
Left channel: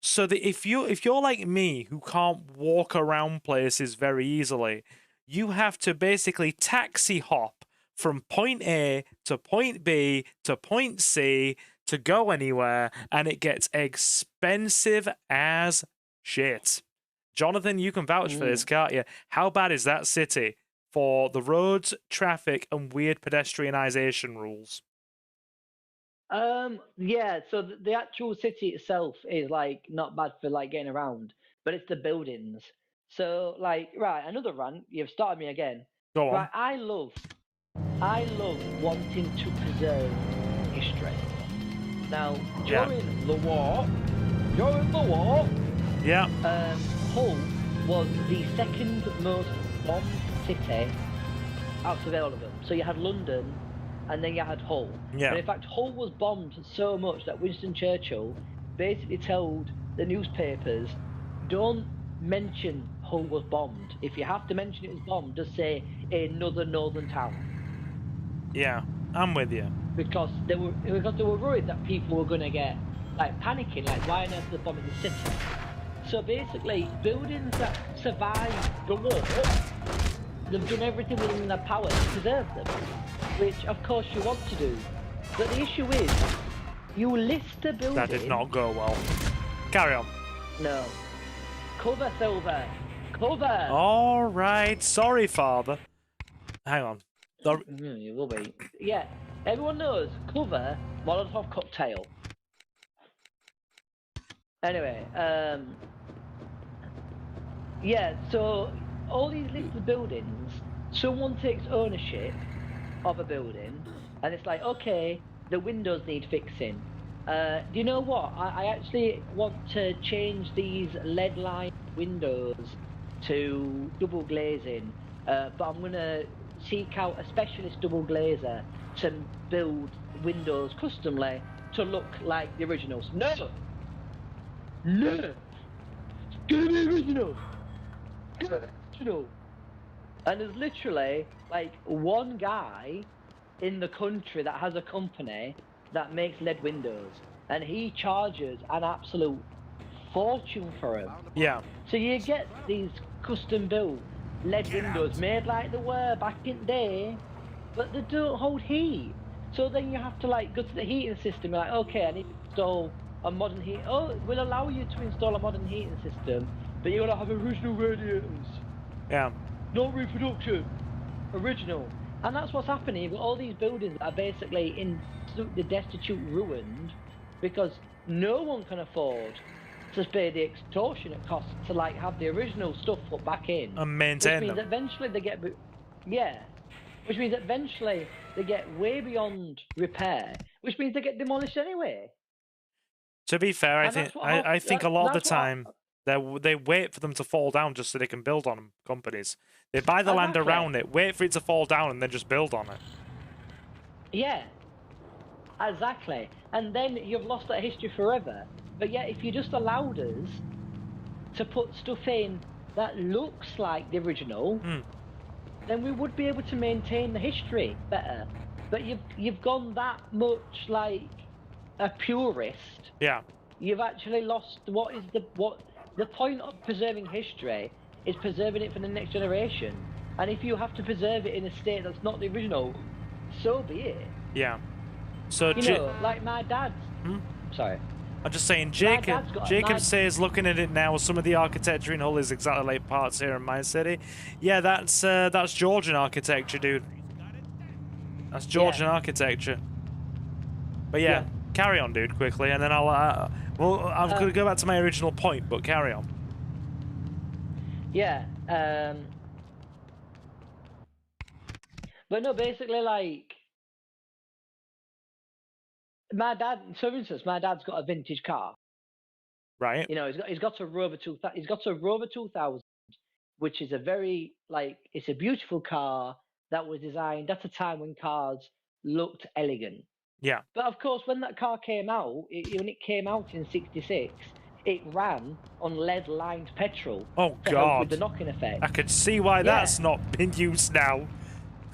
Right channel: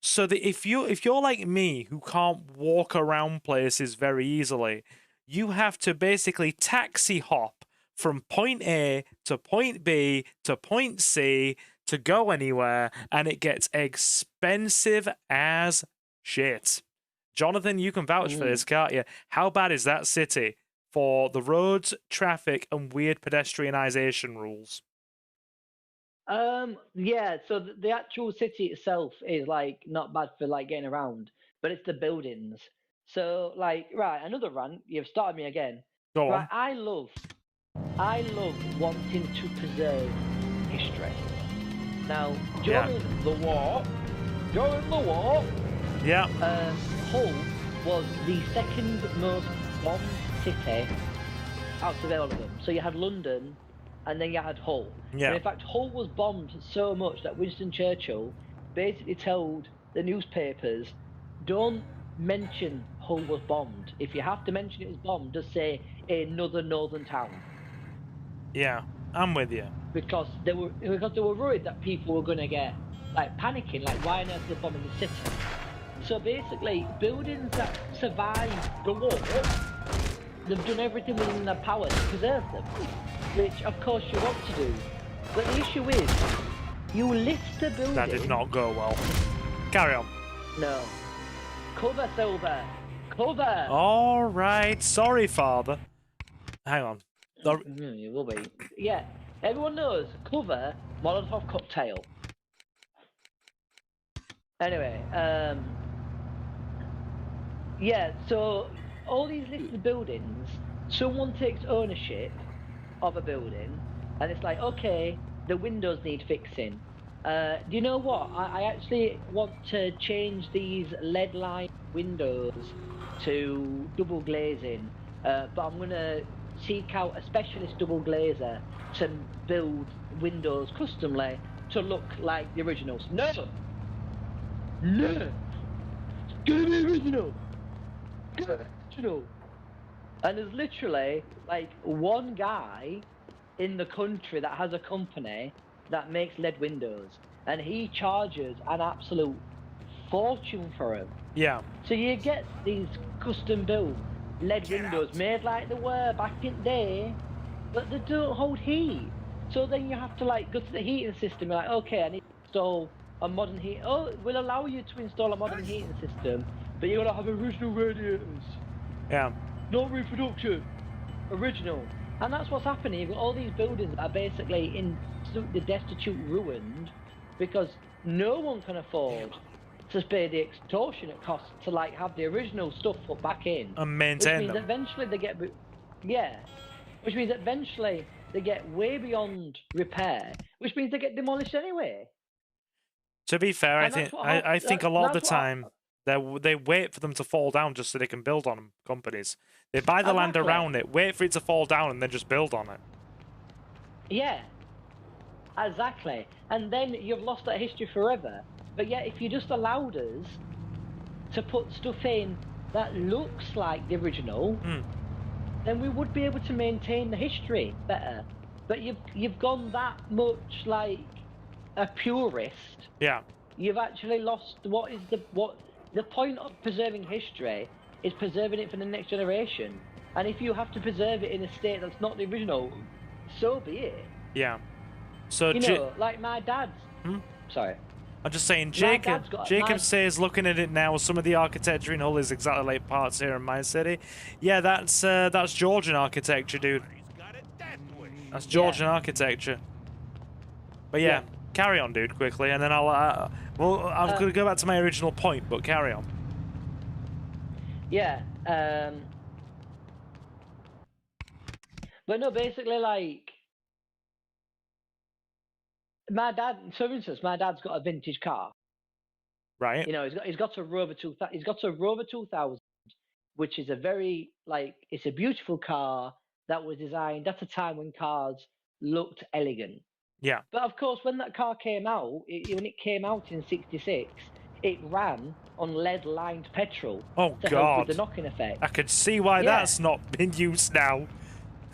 So that if you're like me, who can't walk around places very easily, you have to basically taxi hop from point A to point B to point C to go anywhere, and it gets expensive as shit. Jonathan, you can vouch for this, can't you? How bad is that city for the roads, traffic, and weird pedestrianization rules? Yeah, so the actual city itself is like not bad for like getting around, but it's the buildings. So like, right, another rant. You've started me again. Go on. Right, I love wanting to preserve history. Now, during the war, yeah, Hull was the second most bombed city after London. So you had London, and then you had Hull. Yeah. But in fact, Hull was bombed so much that Winston Churchill basically told the newspapers, "Don't mention Hull was bombed. If you have to mention it was bombed, just say another northern town." Yeah, I'm with you. Because they were worried that people were going to get like panicking, like why on earth are they bombing the city? So basically, buildings that survived the war, they've done everything within their power to preserve them, which of course you want to do. But the issue is, you list the building. That did not go well. Carry on. No. Cover, Silver. Cover. All right. Sorry, Father. Hang on. We'll wait. Yeah. Everyone knows cover Molotov cocktail. Anyway, yeah. So all these listed buildings, someone takes ownership of a building, and it's like, okay, the windows need fixing. Do you know what? I actually want to change these lead line windows to double glazing, but I'm gonna seek out a specialist double glazer to build windows customly to look like the originals. No! No! It's gonna be original! Original! And there's literally, like, one guy in the country that has a company that makes LED windows, and he charges an absolute fortune for it. Yeah. So you get these custom built LED windows made like they were back in the day, but they don't hold heat. So then you have to like go to the heating system, like, okay, I need to install a modern heat. Oh, it will allow you to install a modern heating system, but you're gonna have original radiators. Yeah. No reproduction. Original. And that's what's happening. You've got all these buildings that are basically in absolutely destitute ruins because no one can afford to pay the extortionate costs to like have the original stuff put back in. And maintain them. Eventually they get, which means eventually they get way beyond repair, which means they get demolished anyway. To be fair, I think a lot of the time they wait for them to fall down just so they can build on them. Companies, they buy the land around it, wait for it to fall down, and then just build on it. Yeah, exactly. And then you've lost that history forever. But yet, if you just allowed us to put stuff in that looks like the original, then we would be able to maintain the history better. But you've gone that much like a purist. Yeah. You've actually lost what the point of preserving history is preserving it for the next generation. And if you have to preserve it in a state that's not the original, so be it. Yeah. So like my dad's. Sorry. I'm just saying, Jacob says, looking at it now, some of the architecture in Hull is exactly like parts here in my city. Yeah, that's Georgian architecture, dude. That's Georgian architecture. But yeah, carry on, dude, quickly, and then I'll. Well, I'm gonna go back to my original point, but carry on. Yeah. But no, basically, like. My dad, for instance, my dad's got a vintage car. Right. You know, he's got a Rover 2000. He's got a Rover 2000, which is a very it's a beautiful car that was designed at a time when cars looked elegant. Yeah. But of course, when that car came out, it came out in '66. It ran on lead-lined petrol. Oh God! The knocking effect. I could see why that's not in use now.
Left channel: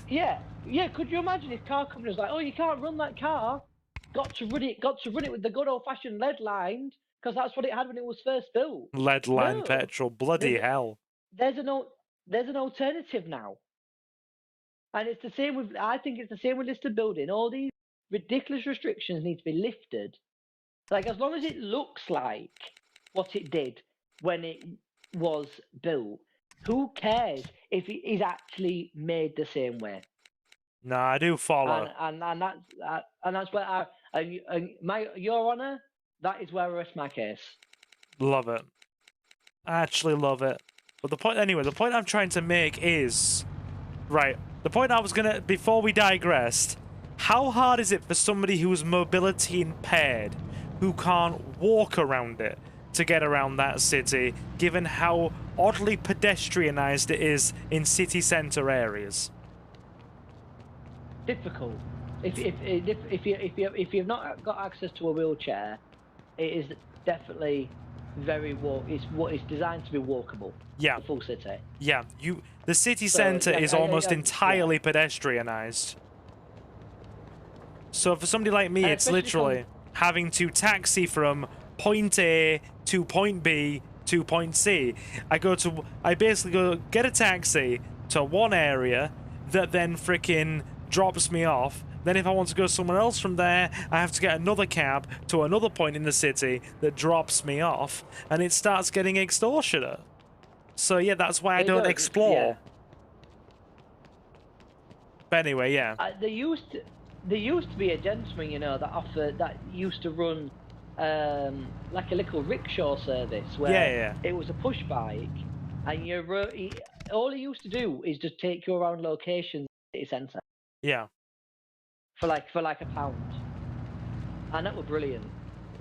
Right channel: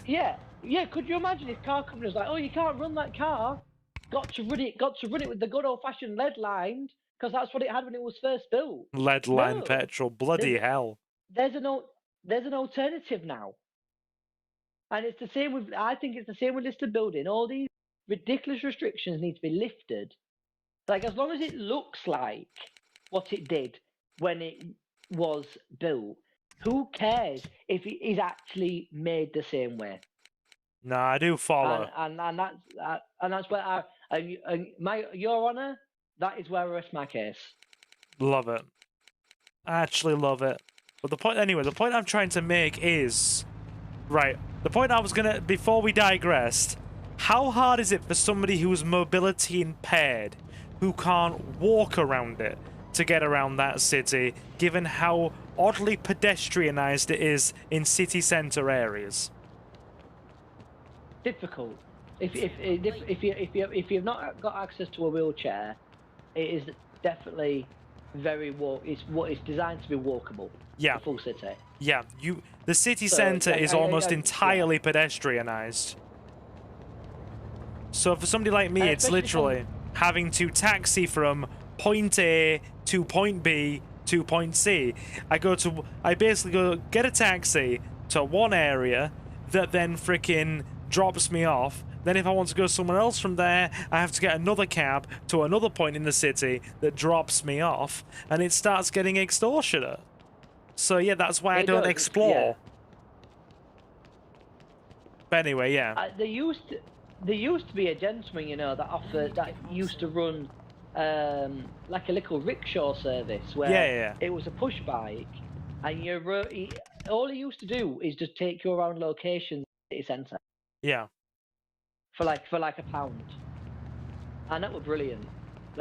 Yeah. Could you imagine if car company was like, "Oh, you can't run that car. Got to run it with the good old-fashioned lead-lined, because that's what it had when it was first built." Lead-lined petrol, bloody hell. There's an alternative now, and it's the same with. I think it's the same with listed building. All these ridiculous restrictions need to be lifted. Like, as long as it looks like what it did when it was built, who cares if it is actually made the same way? No, I do follow. And that's where Your Honour, that is where I rest my case. Love it. I actually love it. But the point I'm trying to make is, right, the point I was gonna, before we digressed, how hard is it for somebody who's mobility impaired, who can't walk around it, to get around that city, given how oddly pedestrianised it is in city centre areas? Difficult. If you've not got access to a wheelchair, it is definitely it's designed to be walkable. Yeah. The full city. Yeah. The city centre is almost entirely pedestrianised. So for somebody like me, it's literally having to taxi from point A to point B to point C. I basically go get a taxi to one area that then frickin' drops me off. Then if I want to go somewhere else from there, I have to get another cab to another point in the city that drops me off, and it starts getting extortionate. So yeah, that's why I don't explore. Yeah. But anyway, yeah. There used to be a gentleman, that used to run like a little rickshaw service where it was a push bike, and all he used to do is just take you around locations in the city centre. Yeah. For like £1, and that was brilliant.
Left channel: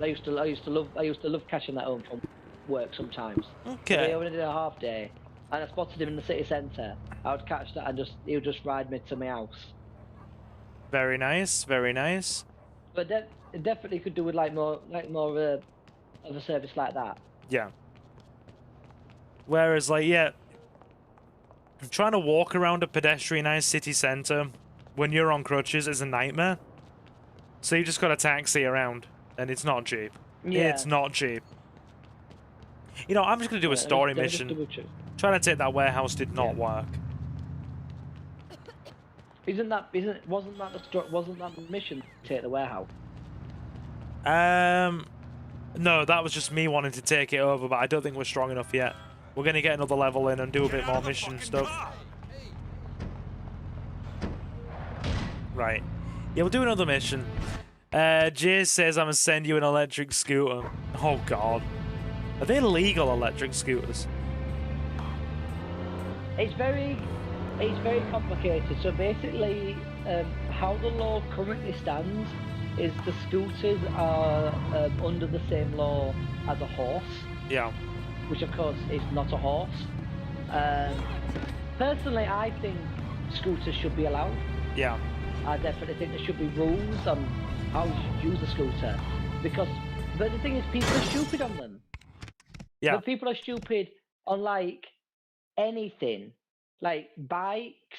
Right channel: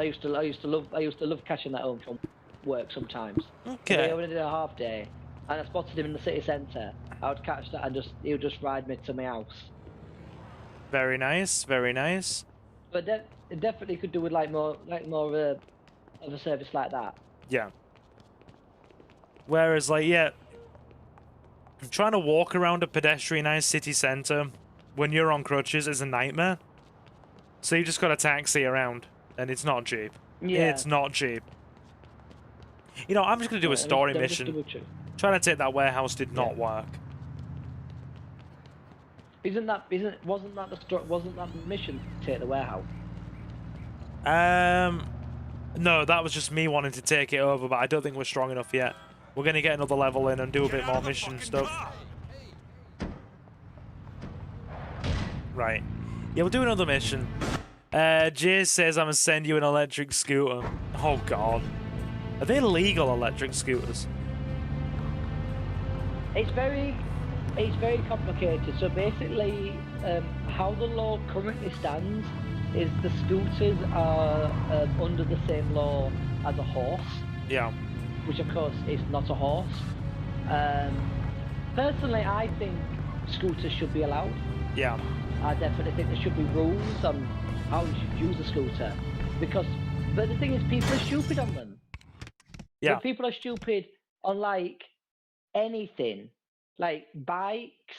I used to love cashing that home from work sometimes. Okay. I would do a half day, and I spotted him in the city centre, I would catch that and he would just ride me to my house. Very nice, very nice. But it definitely could do with more of a service like that. Yeah. Whereas, like, yeah, trying to walk around a pedestrianised city centre when you're on crutches is a nightmare. So you just got a taxi around, and it's not cheap. Yeah. It's not cheap. You know, I'm just gonna do a story mission. Trying to take that warehouse did not work. Wasn't that the mission to take the warehouse? No, that was just me wanting to take it over, but I don't think we're strong enough yet. We're gonna get another level in and do a bit more mission stuff. Right. Yeah, we'll do another mission. Jay says I'm gonna send you an electric scooter. Oh god. Are they legal electric scooters? It's very complicated. So basically, how the law currently stands is the scooters are under the same law as a horse. Yeah. Which of course is not a horse. Personally, I think scooters should be allowed. Yeah. I definitely think there should be rules on how you should use a scooter. But the thing is, people are stupid on them. Yeah. So people are stupid on like anything, like bikes,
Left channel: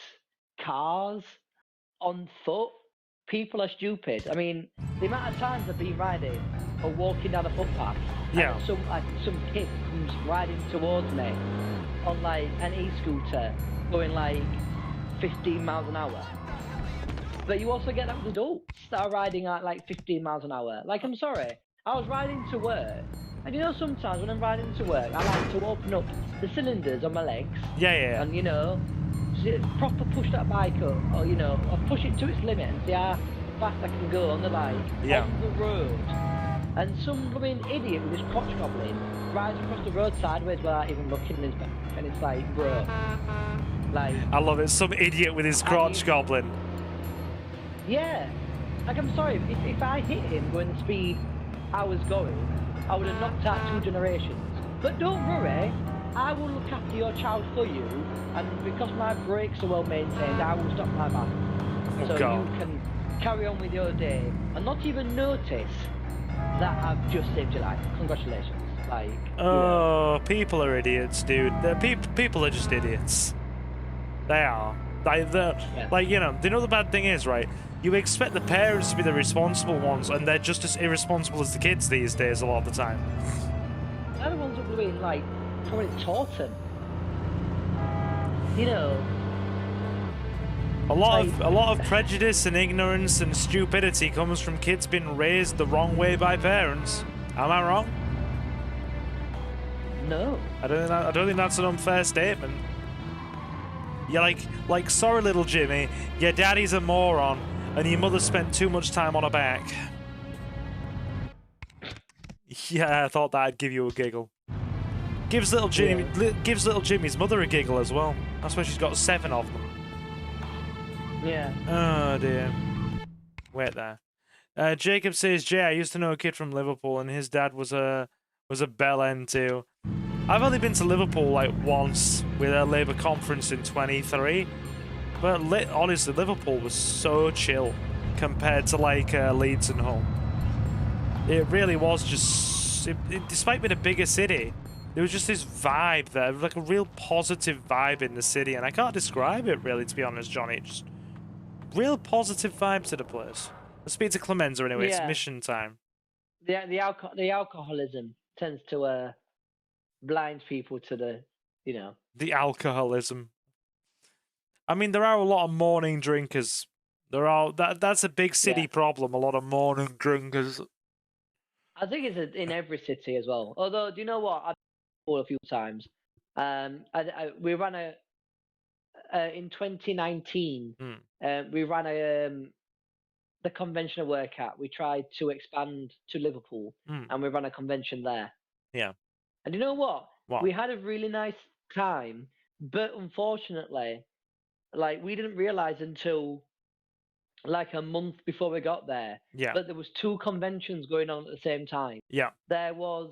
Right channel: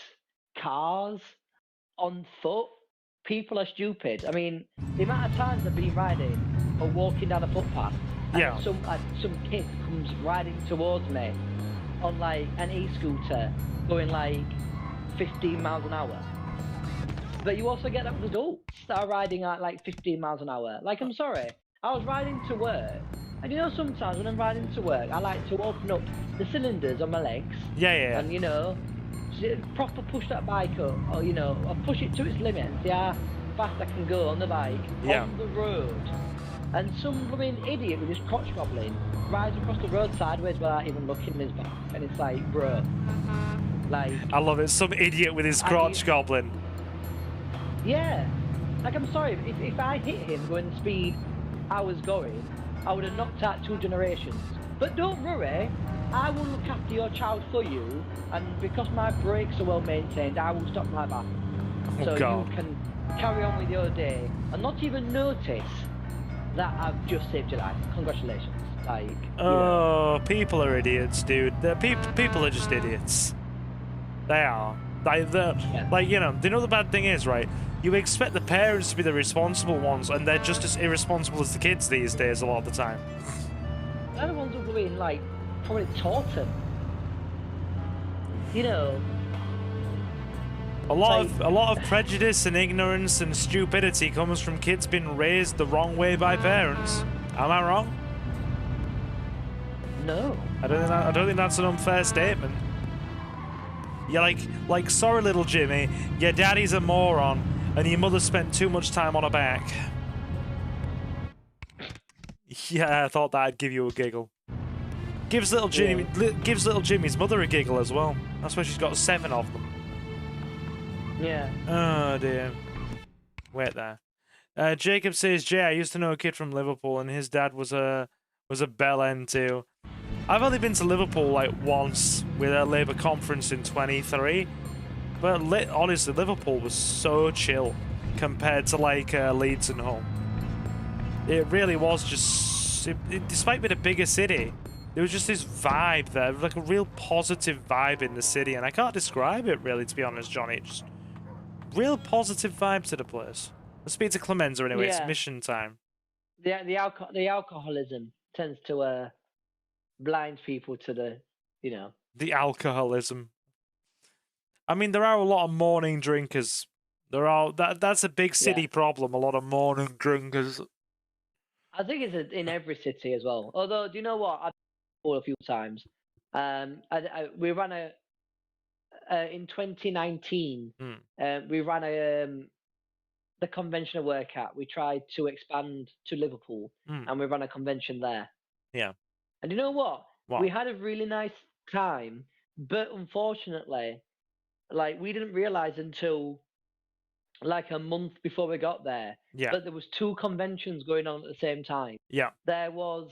cars, on foot. People are stupid. I mean, the amount of times I've been riding or walking down a footpath, yeah, and some kid comes riding towards me on like an e-scooter going like 15 miles an hour. But you also get adults that are riding at like 15 miles an hour. Like, I'm sorry, I was riding to work, and you know sometimes when I'm riding to work, I like to open up the cylinders on my legs. Yeah. And, you know, proper push that bike up, or, you know, or push it to its limit, see how fast I can go on the bike, on the road. And some blooming idiot with his crotch gobbling rides across the road sideways without even looking at me. And it's like, bro. Like, I love it, some idiot with his crotch gobbling. Yeah. Like, I'm sorry, if I hit him when the speed I was going, I would have knocked out 2 generations. But don't worry, I will look after your child for you, and because my brakes are well maintained, I will stop my back. Oh, God. You can carry on with your day and not even notice that I've just saved your life. Congratulations. Like, oh, people are idiots, dude. People are just idiots. They are. Like, you know the bad thing is, right? You expect the parents to be the responsible ones, and they're just as irresponsible as the kids these days a lot of the time. Everyone's doing, like, Prince Horton. You know. A lot of prejudice and ignorance and stupidity comes from kids being raised the wrong way by parents. Am I wrong? No. I don't think that's an unfair statement. You're like, sorry, little Jimmy, your daddy's a moron, and your mother spent too much time on her back. Yeah, I thought that'd give you a giggle. Gives little Jimmy's mother a giggle as well. That's why she's got 7 of them. Yeah. Oh dear. Wait there. Jacob says, Jay, I used to know a kid from Liverpool, and his dad was a bell end too. I've only been to Liverpool like once with a Labour conference in 23, but honestly, Liverpool was so chill compared to like Leeds and Hull. It really was just, despite being a bigger city, there was just this vibe there, like a real positive vibe in the city, and I can't describe it really, to be honest, Johnny. Just real positive vibe to the place. Let's speak to Clemenza anyway. Yeah. It's mission time. The alcoholism tends to blind people to the, you know. The alcoholism. I mean, there are a lot of morning drinkers. That's a big city problem. A lot of morning drinkers. I think it's in every city as well. Although, do you know what? I've been a few times. We ran in 2019. We ran the convention I work at. We tried to expand to Liverpool, and we ran a convention there. Yeah. And you know what? We had a really nice time, but unfortunately, like, we didn't realize until like a month before we got there that there was 2 conventions going on at the same time. Yeah. There was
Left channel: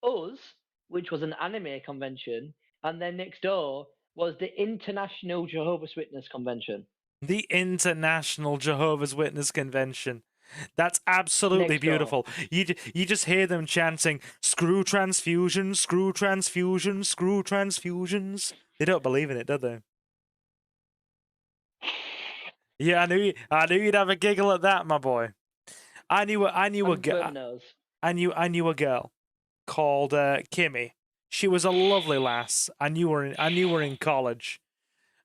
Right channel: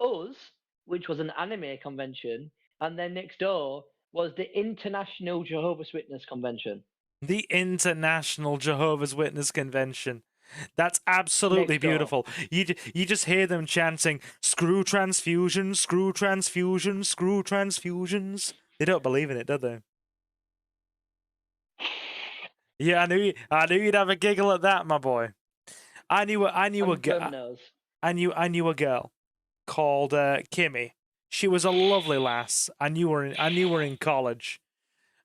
us, which was an anime convention, And then next door was the International Jehovah's Witness Convention. The International Jehovah's Witness Convention. That's absolutely beautiful. You just hear them chanting, "Screw transfusions, screw transfusions, screw transfusions." They don't believe in it, do they? Yeah, I knew you'd have a giggle at that, my boy. I knew a girl called Kimmy. She was a lovely lass. I knew her in college,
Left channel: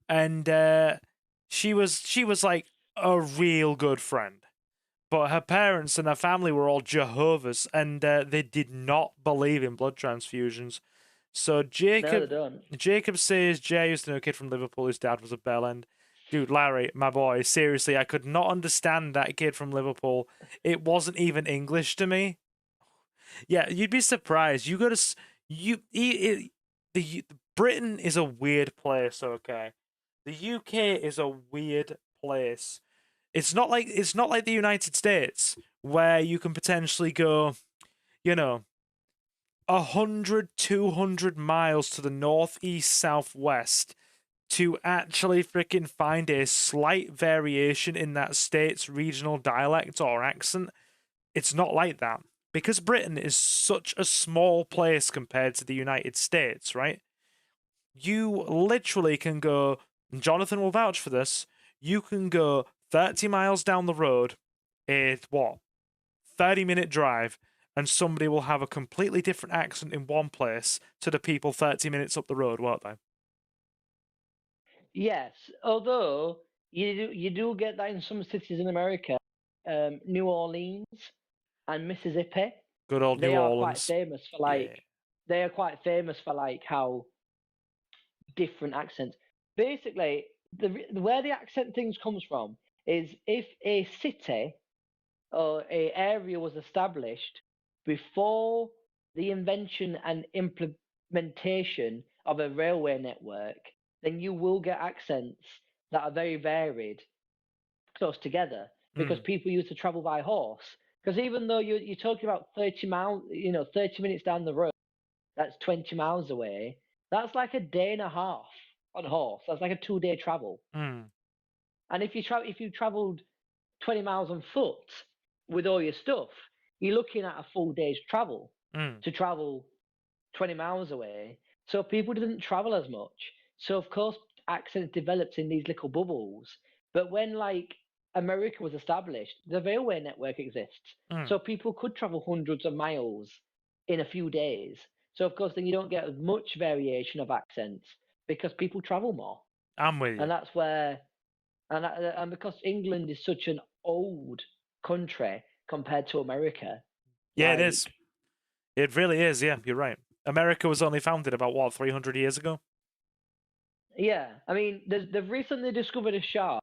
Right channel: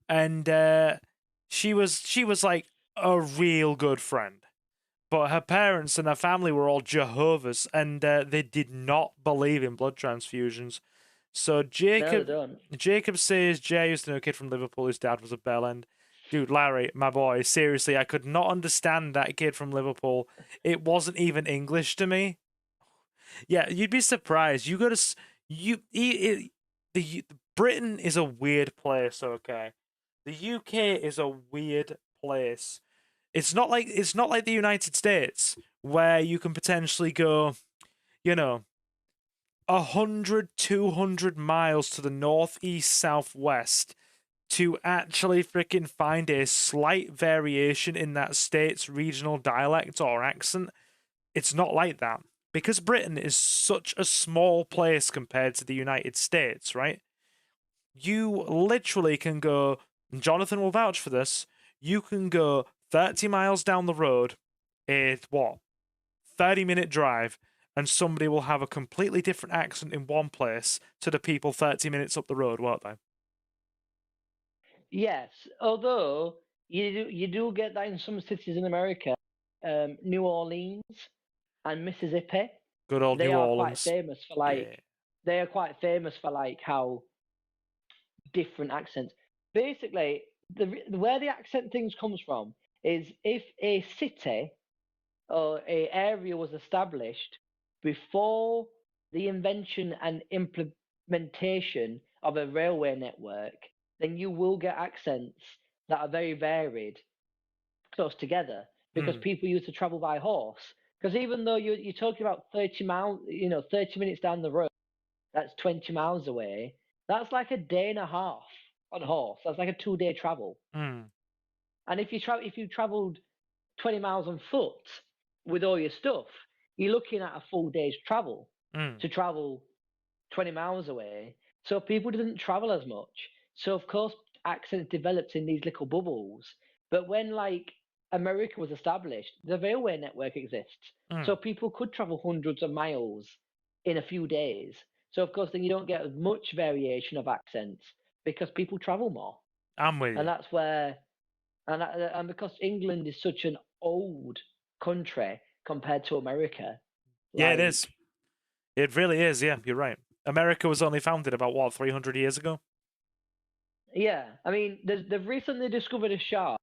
and she was like a real good friend. But her parents and her family were all Jehovah's, and they did not believe in blood transfusions. So Jacob says Jay used to know a kid from Liverpool whose dad was a bellend. Dude, Larry, my boy, seriously, I could not understand that kid from Liverpool. It wasn't even English to me. Yeah, you'd be surprised. You go to Britain is a weird place. Okay, the UK is a weird place. It's not like the United States where you can potentially go, 100, 200 miles to the northeast, southwest to actually freaking find a slight variation in that state's regional dialect or accent. It's not like that. Because Britain is such a small place compared to the United States, right? You literally can go, and Jonathan will vouch for this, you can go 30 miles down the road, 30-minute drive, and somebody will have a completely different accent in one place to the people 30 minutes up the road, won't they? Yes, although you do get that in some cities in America, New Orleans and Mississippi. Good old New Orleans. They are quite famous for like how different accents. Basically, where the accent things comes from is if a city or a area was established before the invention and implementation of a railway network, then you will get accents that are very varied close together because people used to travel by horse. Because even though you're talking about 30 miles, 30 minutes down the road, that's 20 miles away. That's like a day and a half on horse. That's like a 2-day travel. And if you traveled 20 miles on foot with all your stuff, you're looking at a full day's travel to travel 20 miles away. So people didn't travel as much. So of course accents developed in these little bubbles. But when like America was established, the railway network exists. So people could travel hundreds of miles in a few days. So of course then you don't get as much variation of accents because people travel more. I'm with you. And that's where, and because England is such an old country compared to America. Yeah, it is. It really is. Yeah, you're right. America was only founded about 300 years ago. Yeah, I mean, they've recently discovered a shark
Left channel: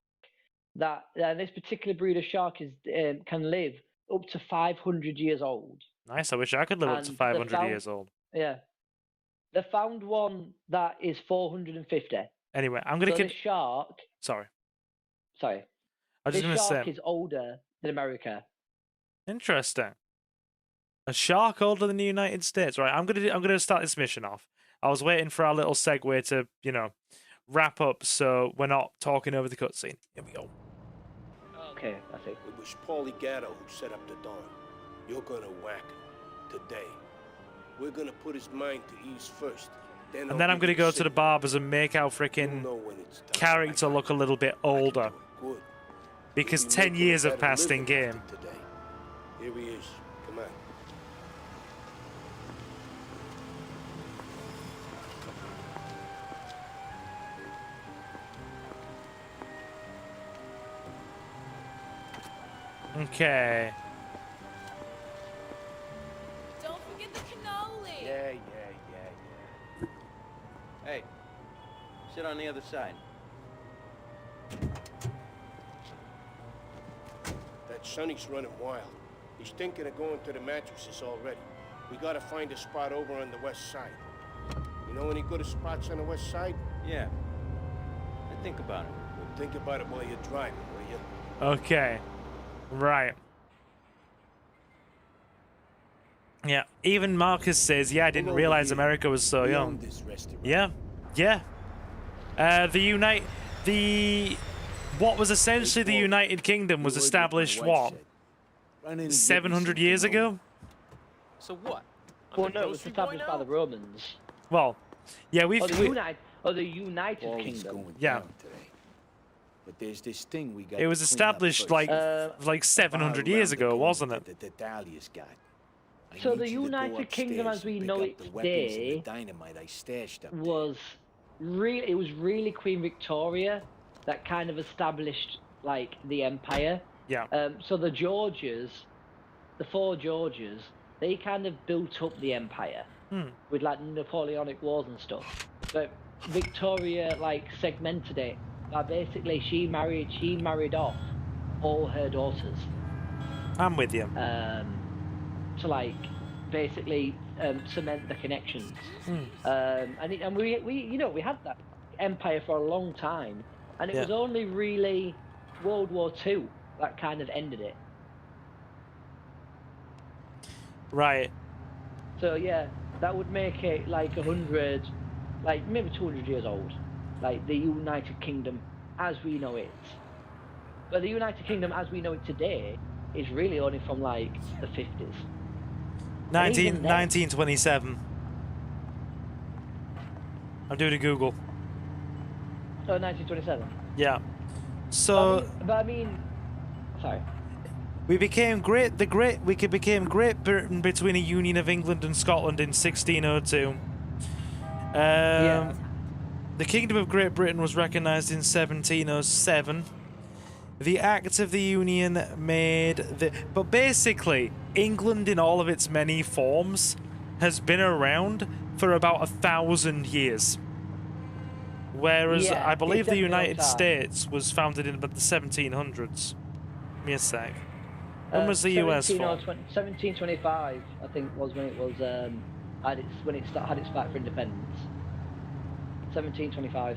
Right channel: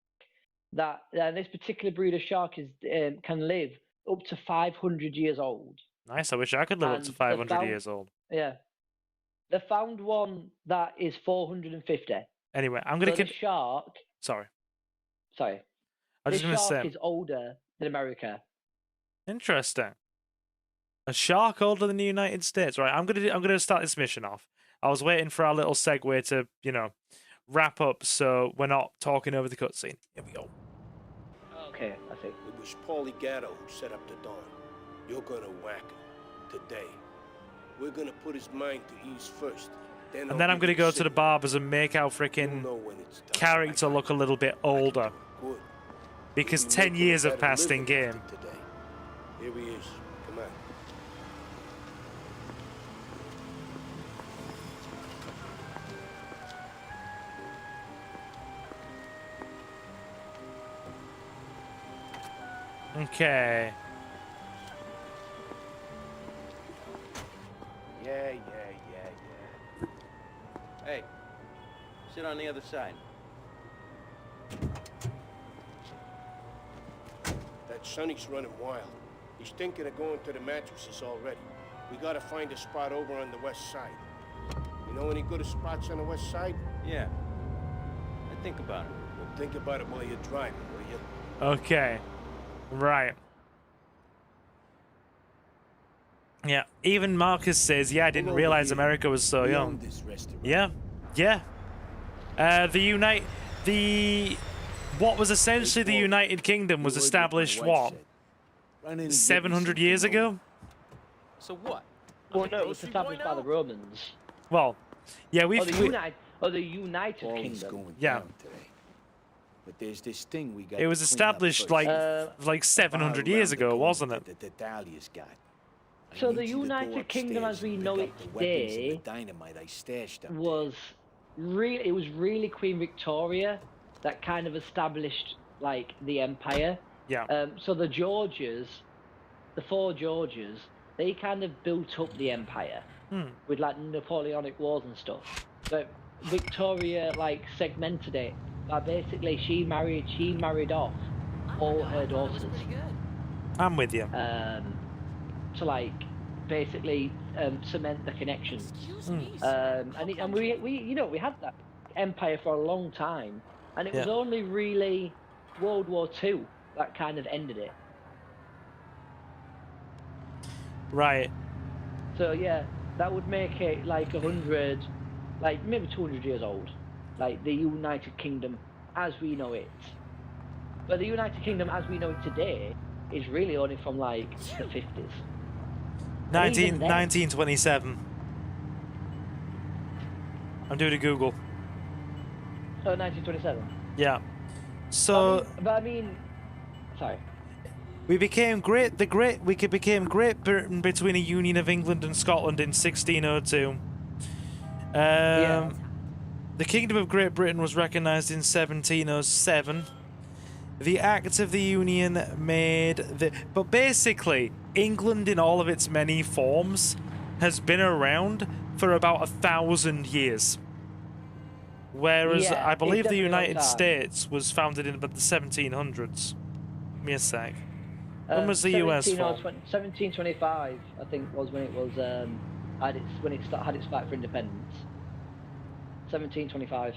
that this particular breed of shark can live up to 500 years old. Nice. I wish I could live up to 500 years old. Yeah, they found one that is 450. Anyway, I'm gonna the shark. Sorry. I was just gonna say is older than America. Interesting. A shark older than the United States, right? I'm gonna start this mission off. I was waiting for our little segue to wrap up, so we're not talking over the cutscene. Here we go. Okay, I think it was Paulie Gatto who set up the Dawn. You're gonna whack him today. We're gonna put his mind to ease first. And then I'm gonna go to the barbers and make our freaking character look a little bit older. Because 10 years have passed in game. Here he is. Come on. Okay. Don't forget the cannoli. Yeah. Hey, sit on the other side. That Sonny's running wild. He's thinking of going to the mattresses already. We gotta find a spot over on the west side. You know any good spots on the west side? Yeah. I think about it. Well, think about it while you're driving, will you? Okay. Right. Yeah, even Marcus says, yeah, I didn't realize America was so young. Yeah, yeah. What was essentially the United Kingdom was established, what, 700 years ago? So what? Well, no, it was established by the Romans. Well, yeah, the United Kingdom. Yeah. But there's this thing we got. It was established like 700 years ago, wasn't it? That Dahlia's got. So the United Kingdom as we know it today was really Queen Victoria that kind of established like the empire. Yeah. So the four Georges, they kind of built up the empire with like Napoleonic wars and stuff. But Victoria like segmented it. Basically, she married off all her daughters. I'm with you. To like basically cement the connections. And we had that empire for a long time, and it was only really World War II that kind of ended it. Right. So yeah, that would make it like 100, like maybe 200 years old. Like the United Kingdom as we know it. But the United Kingdom as we know it today is really only from like the 50s. 1927. I'm doing a Google. So 1927? Yeah. So... but I mean... Sorry. We became Great Britain between a union of England and Scotland in 1602. The Kingdom of Great Britain was recognised in 1707. The Act of the Union made the... But basically, England in all of its many forms has been around for about 1,000 years. Whereas I believe the United States was founded in about the 1700s. Give me a sec. When was the US formed? 1725, I think, was when it was had its fight for independence. 1725.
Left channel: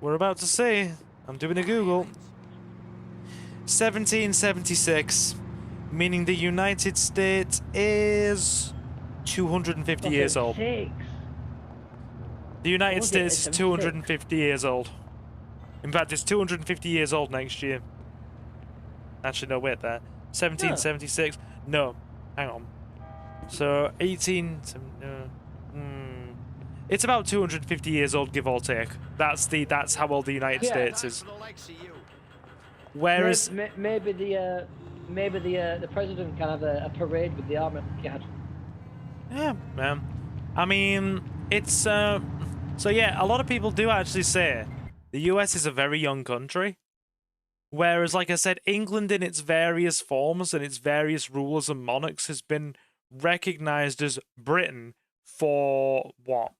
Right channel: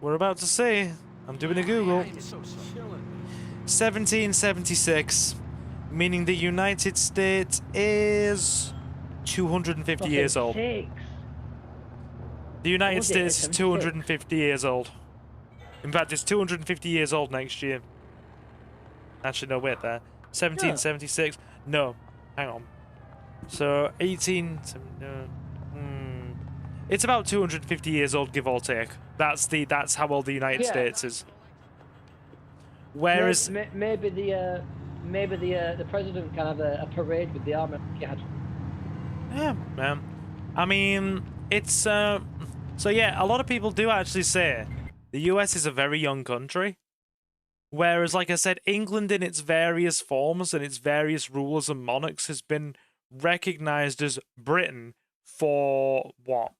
We're about to see. I'm doing a Google. 1776, meaning the United States is 250 years old. The United States is 250 years old. In fact, it's 250 years old next year. Actually, no, wait there. 1776. No, hang on. So, 18... It's about 250 years old, give or take. That's how old the United States is. Whereas maybe the president can have a parade with the army. Yeah, man. I mean, it's so yeah. A lot of people do actually say the US is a very young country. Whereas, like I said, England in its various forms and its various rulers and monarchs has been recognized as Britain for what?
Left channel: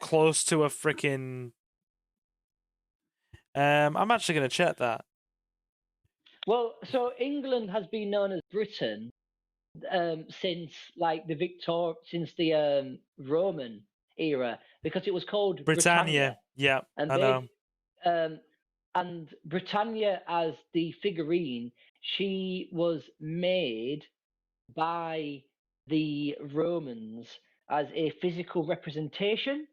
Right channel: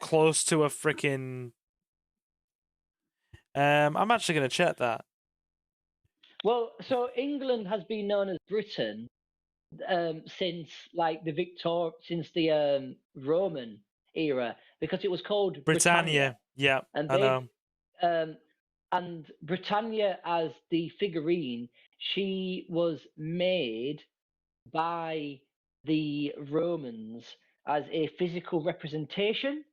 Close to a freaking... I'm actually going to check that. Well, so England has been known as Britain since like since the Roman era, because it was called Britannia. Yeah, I know. And Britannia, as the figurine, she was made by the Romans as a physical representation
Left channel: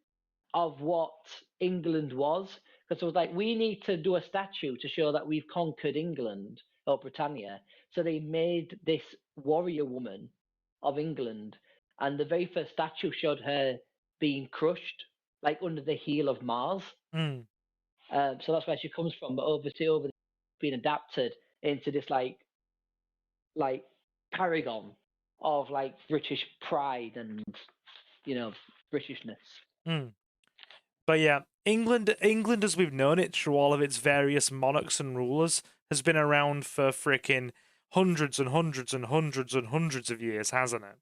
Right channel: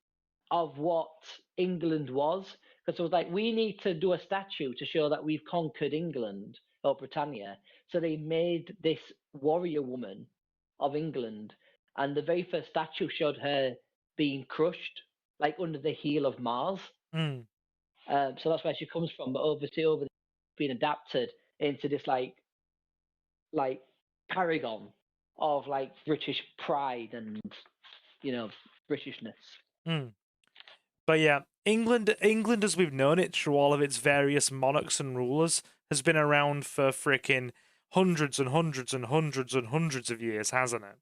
of what England was. Because it was like, we need to do a statue to show that we've conquered England, or Britannia. So they made this warrior woman of England, and the very first statue showed her being crushed, like under the heel of Mars. So that's where she comes from. But obviously, being adapted into this like paragon of like British pride and Britishness. But yeah, England as we've known it through all of its various monarchs and rulers has been around for freaking hundreds and hundreds and hundreds and hundreds of years, hasn't it?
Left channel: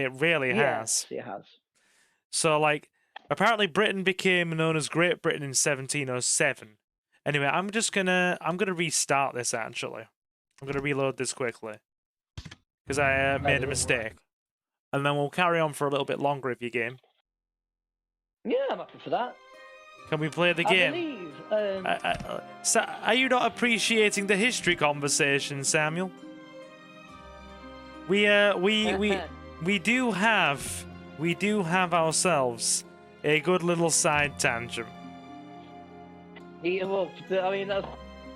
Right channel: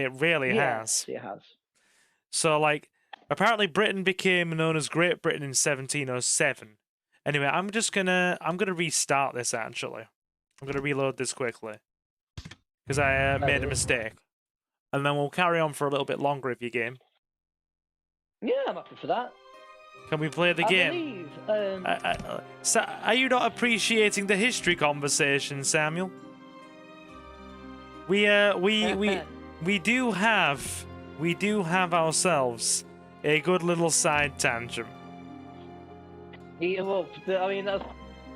It really has. It has. So like, apparently Britain became known as Great Britain in 1707. Anyway, I'm gonna restart this actually. I'm gonna reload this quickly because I made a mistake, and then we'll carry on for a little bit longer if you game. Yeah, I'm happy for that. Can we play the game? Believe, are you not appreciating the history conversation, Samuel? we do have ourselves a good little side tangent. Yeah, well, I mean, that's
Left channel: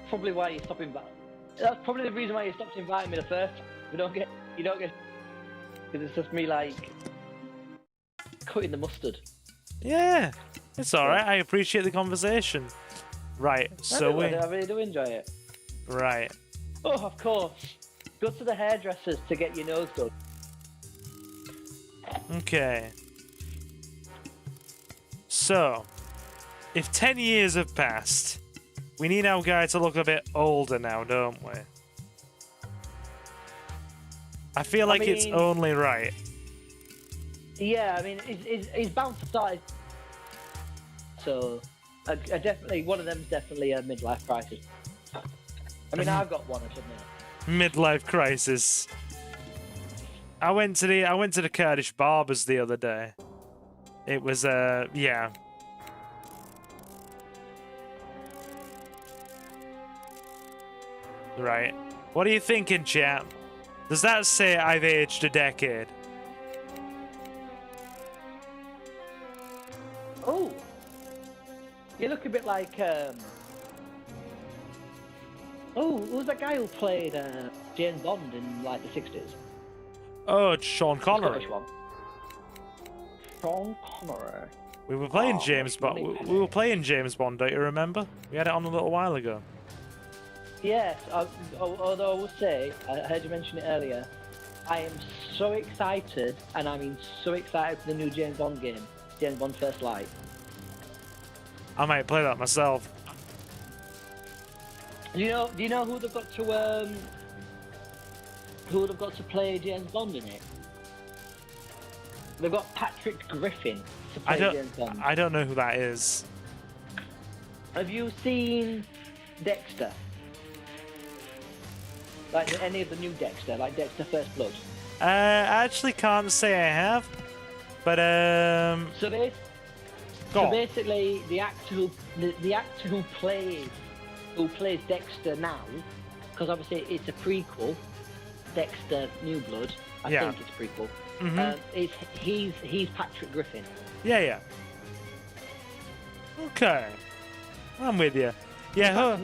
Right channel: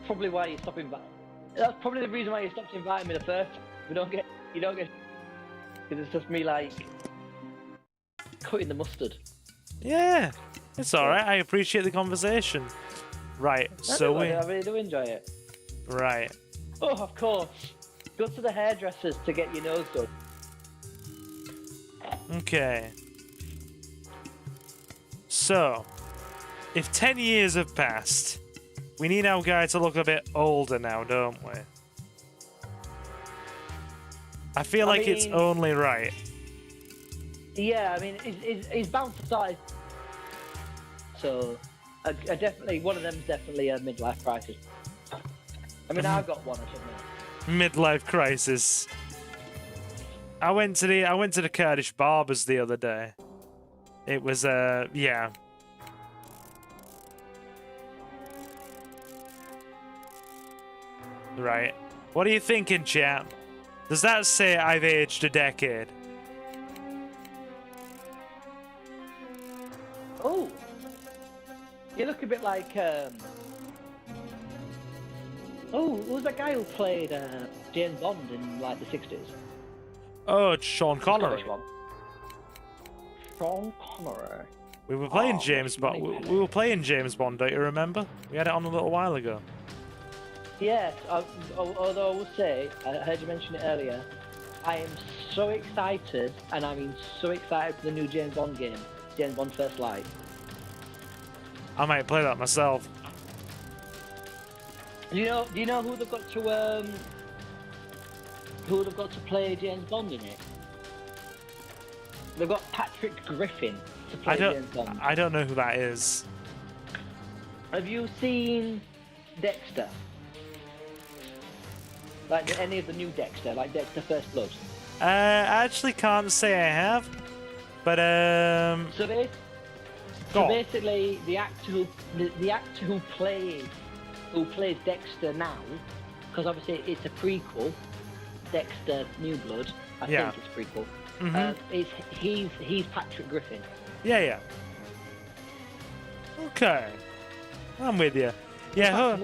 probably why you stopped inviting. That's probably the reason why you stopped inviting me at first. You don't get, because it's just me like cutting the mustard. Yeah, it's all right. I appreciate the conversation. Right, so I really do enjoy it. Right. Oh, of course. Go to the hairdressers to get your nose done. Okay. So, if 10 years have passed, we need our guy to look a bit older now, don't we? I feel like it's only right. Yeah, I mean, he's bound to start. So, I definitely, one of them's definitely a midlife crisis. I mean, I got one or something. Midlife crisis. I went to the Kurdish barbers the other day. It was yeah. Right. What are you thinking, chap? Does that say I've aged a decade? Oh, you look a bit like oh, who was that guy who played James Bond in like the 60s? Oh, it's Sean Connery. Sean Connery. We were playing James Bond. We were playing James Bond. Don't you remember? We had it on a little while ago. Yes. Although I will say, I heard you mention it earlier. I am so excited, and I mean so excited for the new James Bond game, James Bond First Light. I might play that myself. Do you know who they've got to play James Bond in it? They've got Patrick Griffin to play James Bond. I don't know who that is. Have you seen Dexter? Like any of the new Dexter, like Dexter First Blood? I actually can't say I have, but So basically, the actor who plays Dexter now, because obviously it's a prequel, Dexter New Blood. I think it's prequel. Mm-hmm. He's Patrick Griffin. Yeah. Okay, I'm with you. Yeah.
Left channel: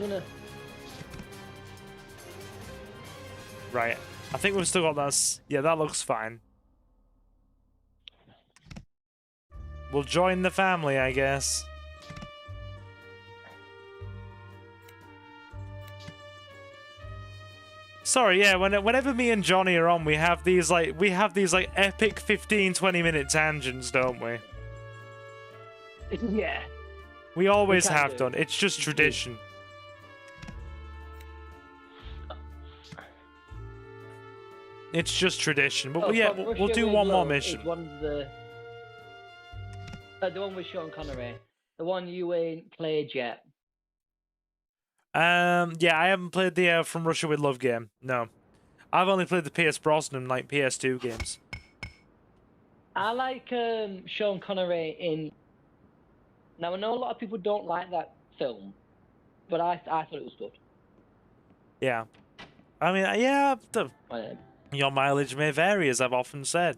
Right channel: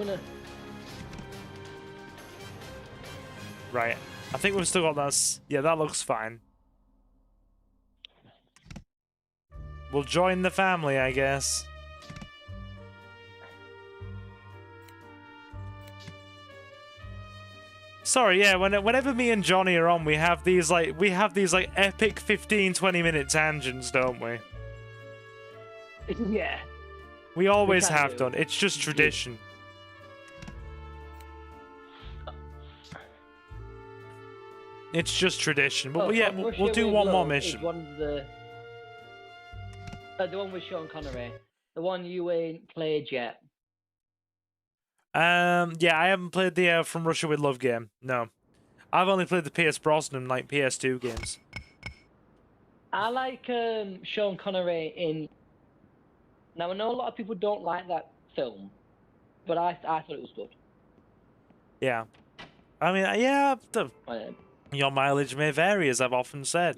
Right. I think we've still got that. Yeah, that looks fine. We'll join the family, I guess. Sorry, yeah, whenever me and Johnny are on, we have these like epic 15-20 minute tangents, don't we? Yeah. We always have done. It's just tradition. It's just tradition. But yeah, we'll do one more mission. The one with Sean Connery. The one you ain't played yet. Yeah, I haven't played the From Russia with Love game. No. I've only played the PS Brosnan, like, PS2 games. I like Sean Connery in... Now, I know a lot of people don't like that film, but I thought it was good. Yeah. I mean, yeah, your mileage may vary, as I've often said.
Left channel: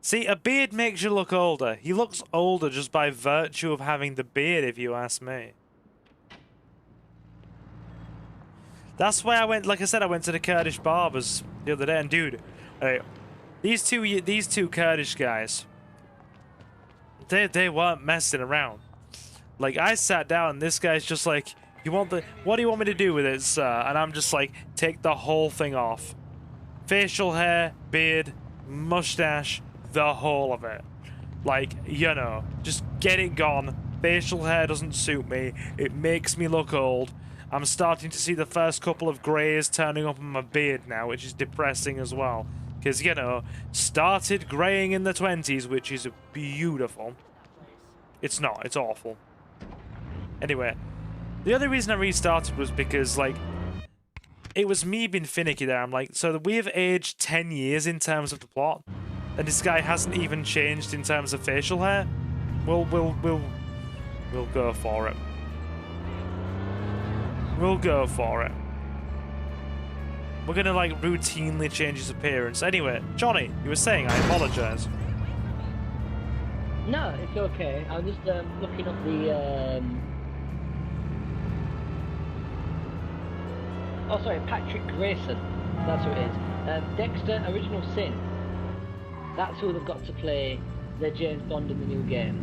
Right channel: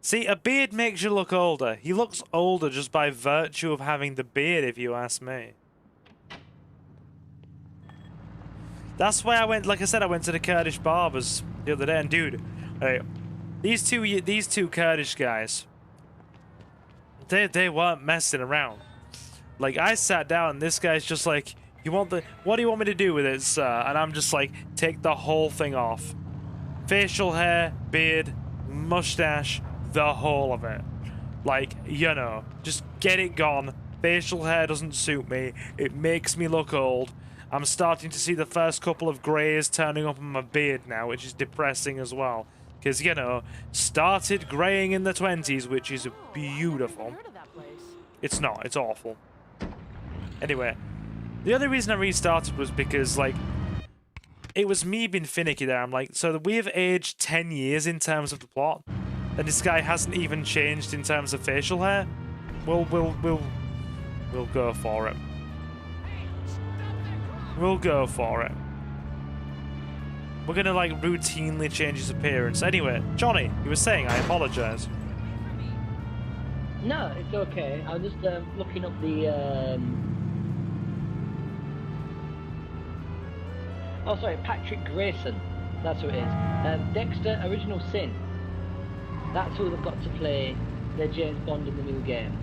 See, a beard makes you look older. He looks older just by virtue of having the beard, if you ask me. That's why I went, like I said, I went to the Kurdish barbers the other day, and dude, right, these two Kurdish guys, they weren't messing around. Like, I sat down, and this guy's just like, what do you want me to do with it, sir? And I'm just like, take the whole thing off. Facial hair, beard, mustache, the whole of it. Like, you know, just get it gone. Facial hair doesn't suit me. It makes me look old. I'm starting to see the first couple of greys turning up on my beard now, which is depressing as well. Because, you know, started greying in the 20s, which is beautiful. It's not. It's awful. Anyway, the other reason I restarted was because, like, it was me being finicky there. I'm like, so we have aged 10 years in terms of the plot, and this guy hasn't even changed in terms of facial hair. We'll go for it. We'll go for it. We're gonna like routinely change his appearance. Anyway, Johnny, you were saying, I apologize. No, it's okay. I'm just looking up the. Oh, sorry, Patrick Grayson. That's who it is. Dexter Original Sin. That's who we've got to play the James Bond in the new game.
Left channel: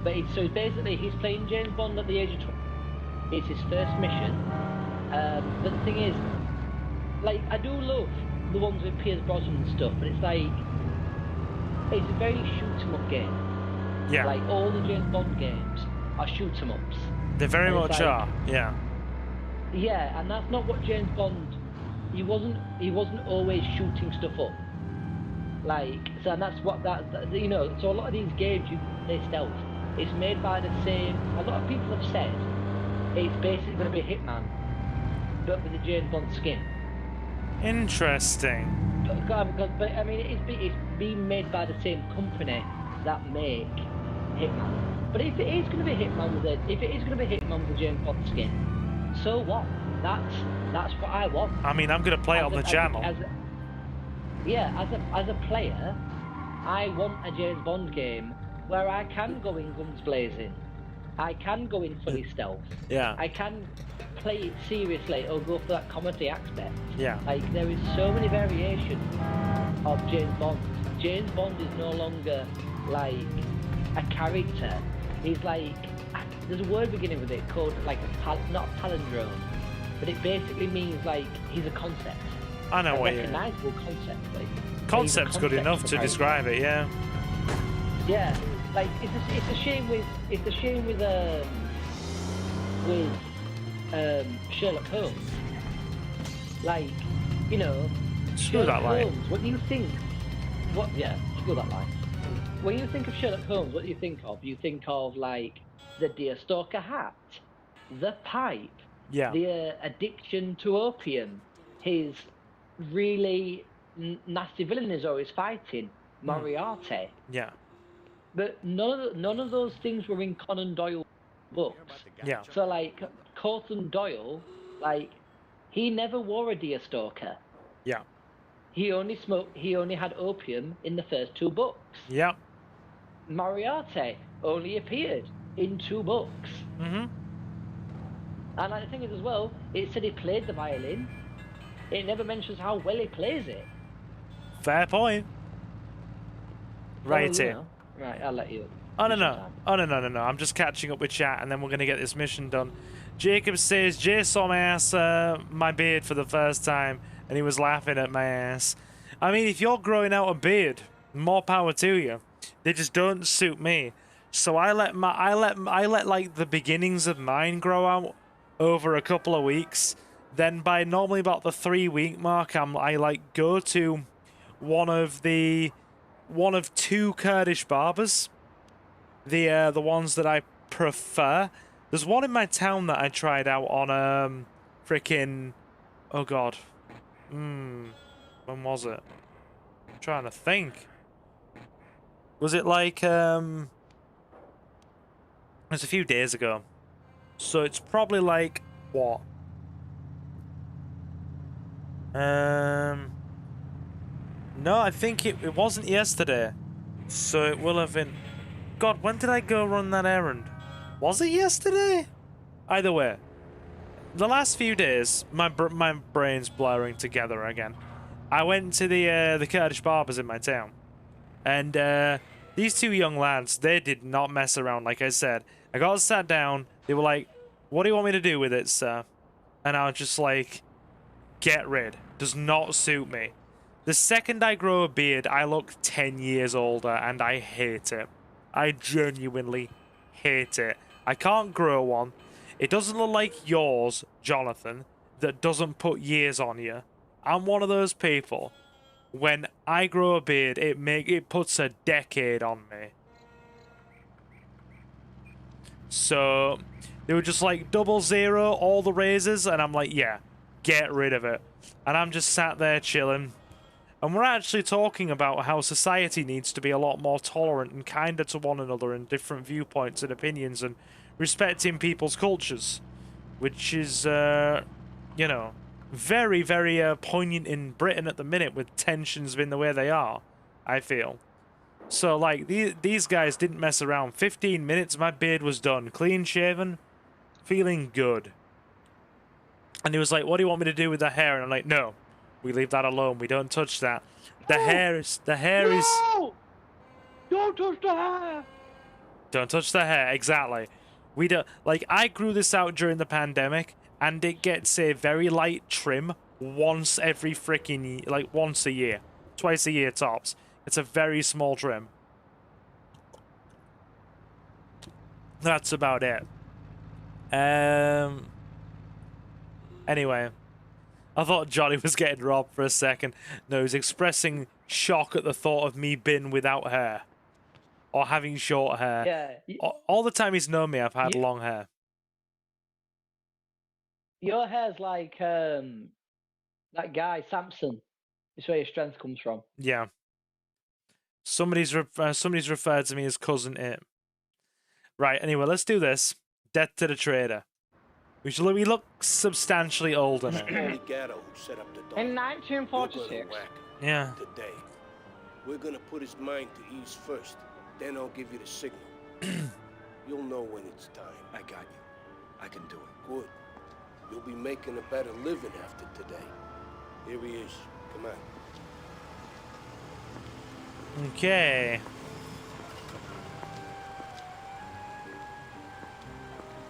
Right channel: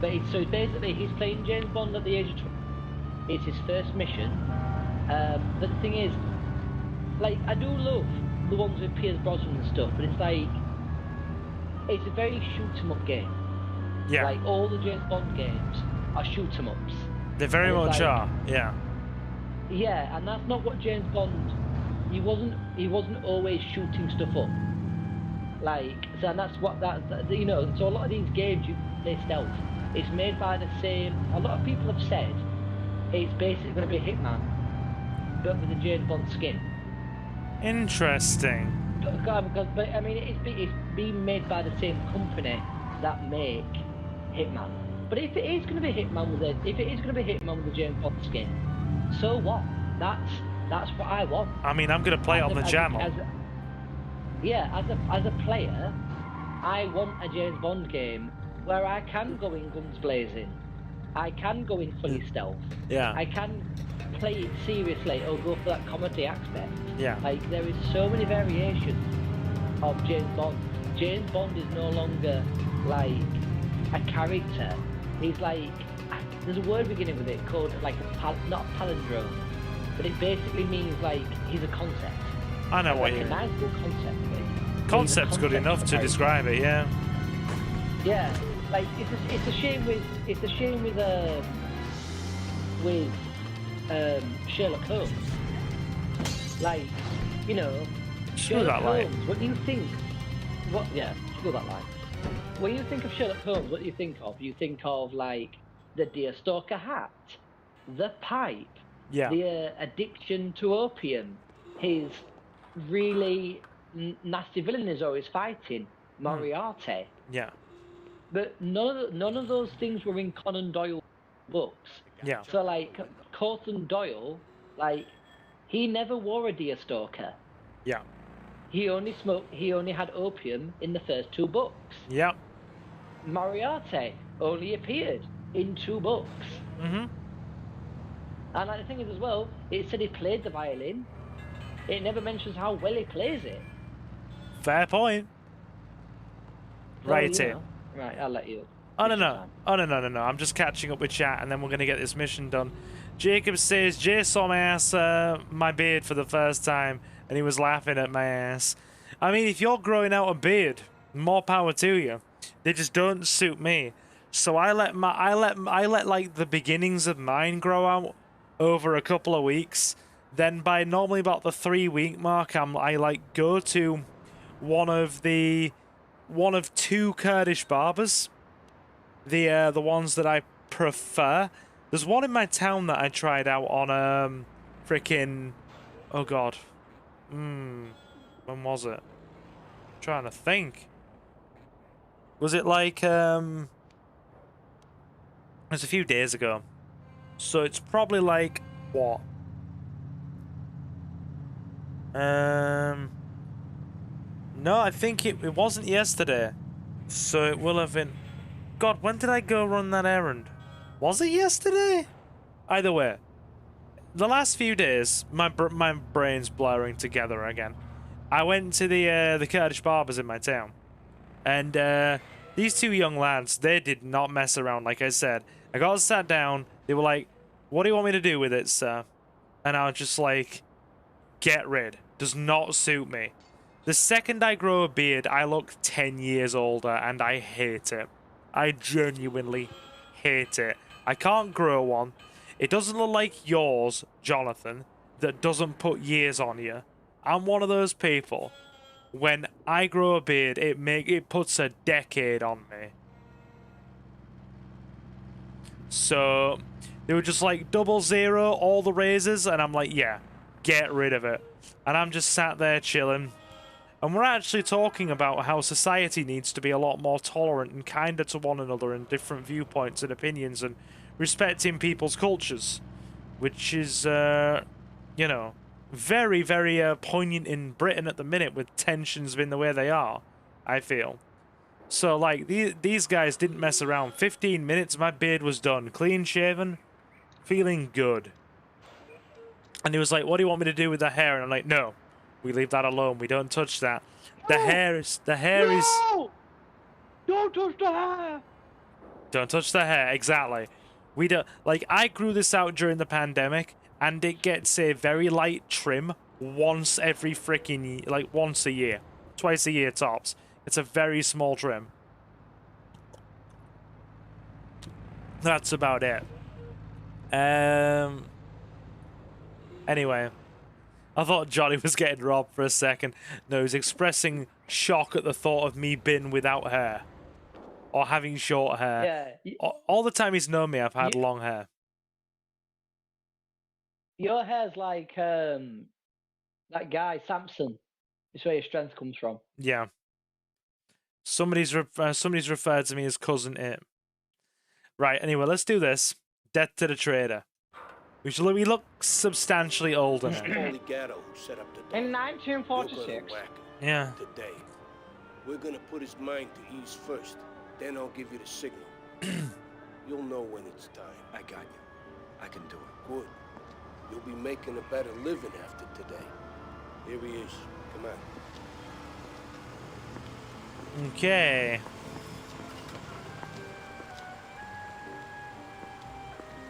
But so basically, he's playing James Bond at the age of 12. It's his first mission. But the thing is, like, I do love the ones with Pierce Brosnan and stuff, but it's like, it's a very shoot 'em up game. Yeah. Like, all the James Bond games are shoot 'em ups. They very much are, yeah. Yeah, and that's not what James Bond. He wasn't always shooting stuff up. Like, so that's what that you know. So a lot of these games, they're stealth. It's made by the same. A lot of people have said it's basically a Hitman, but with the James Bond skin. Interesting. But I mean, it's being made by the same company that make Hitman. But if it is going to be Hitman with the James Bond skin, so what? That's what I want. I mean, I'm gonna play it on the channel. As a player, I want a James Bond game where I can go in guns blazing. I can go in funny stealth. Yeah. I can play it seriously or go for that comedy aspect. Yeah. Like, there is so many variations of James Bond. James Bond is no longer like a character. He's like, there's a word beginning with it called like not a palindrome, but it basically means like he's a concept. I know what you're. you Nice little concept. Like, concept's good enough to describe it, yeah. Yeah, like it's a shame with Sherlock Holmes. Like, you know. Screw that light. What do you think? Screw that light. When you think of Sherlock Holmes, what do you think of? You think of like the deerstalker hat, the pipe, the addiction to opium, his really nasty villain is always fighting, Moriarty. Yeah. But none of those things were in Conan Doyle books. Yeah. So like Conan Doyle, like he never wore a deerstalker. Yeah. He only had opium in the first 2 books. Yep. Moriarty only appeared in 2 books. Mm-hmm. And I think as well, it said he played the violin. It never mentions how well he plays it. Fair point. Right in. Right, I'll let you. Oh no. I'm just catching up with chat and then we're gonna get this mission done. Jacob says Jay saw my beard for the first time and he was laughing at my ass. I mean, if you're growing out a beard, more power to you. They just don't suit me. So I let like the beginnings of mine grow out over a couple of weeks. Then by normally about the 3-week mark, I like go to one of 2 Kurdish barbers. The ones that I prefer. There's one in my town that I tried out on freaking, oh god, when was it? I'm trying to think. Was it like it was a few days ago. So it's probably like what? No, I think it wasn't yesterday. So it will have been. God, when did I go run that errand? Was it yesterday? Either way, the last few days, my brain's blurring together again. I went to the Kurdish barbers in my town, and these 2 young lads, they did not mess around. Like I said, I got sat down. They were like, "What do you want me to do with it, sir?" And I was just like, "Get rid. Does not suit me." The second I grow a beard, I look 10 years older, and I hate it. I genuinely hate it. I can't grow one. It doesn't look like yours, Jonathan, that doesn't put years on you. I'm one of those people. When I grow a beard, it puts a decade on me. So they were just like 00 all the razors, and I'm like, yeah, get rid of it. And I'm just sat there chilling. And we're actually talking about how society needs to be a lot more tolerant and kinder to one another and different viewpoints and opinions and respecting people's cultures. Which is, you know, very, very poignant in Britain at the minute with tensions being the way they are, I feel. So, like, these guys didn't mess around. 15 minutes, my beard was done. Clean shaven, feeling good. And he was like, what do you want me to do with the hair? And I'm like, no, we leave that alone. We don't touch that. The hair is... No! Don't touch the hair! Don't touch the hair, exactly. We don't... Like, I grew this out during the pandemic, and it gets a very light trim once every freaking... Like, once a year. Twice a year, tops. It's a very small trim. That's about it. Anyway. I thought Johnny was getting robbed for a second. No, he's expressing shock at the thought of me being without hair. Or having short hair. Yeah. All the time he's known me, I've had long hair. Your hair's like that guy, Samson. That's where your strength comes from. Yeah. Somebody's referred to me as Cousin It. Right, anyway, let's do this. Death to the Trader. We look substantially older now. Paulie Gatto who set up the dog. In 1946. You're gonna whack him. Yeah. Today. We're gonna put his mind to ease first. Then I'll give you the signal. You'll know when it's time. I got you. I can do it. Good. You'll be making a better living after today. Here he is. Come on. Okay.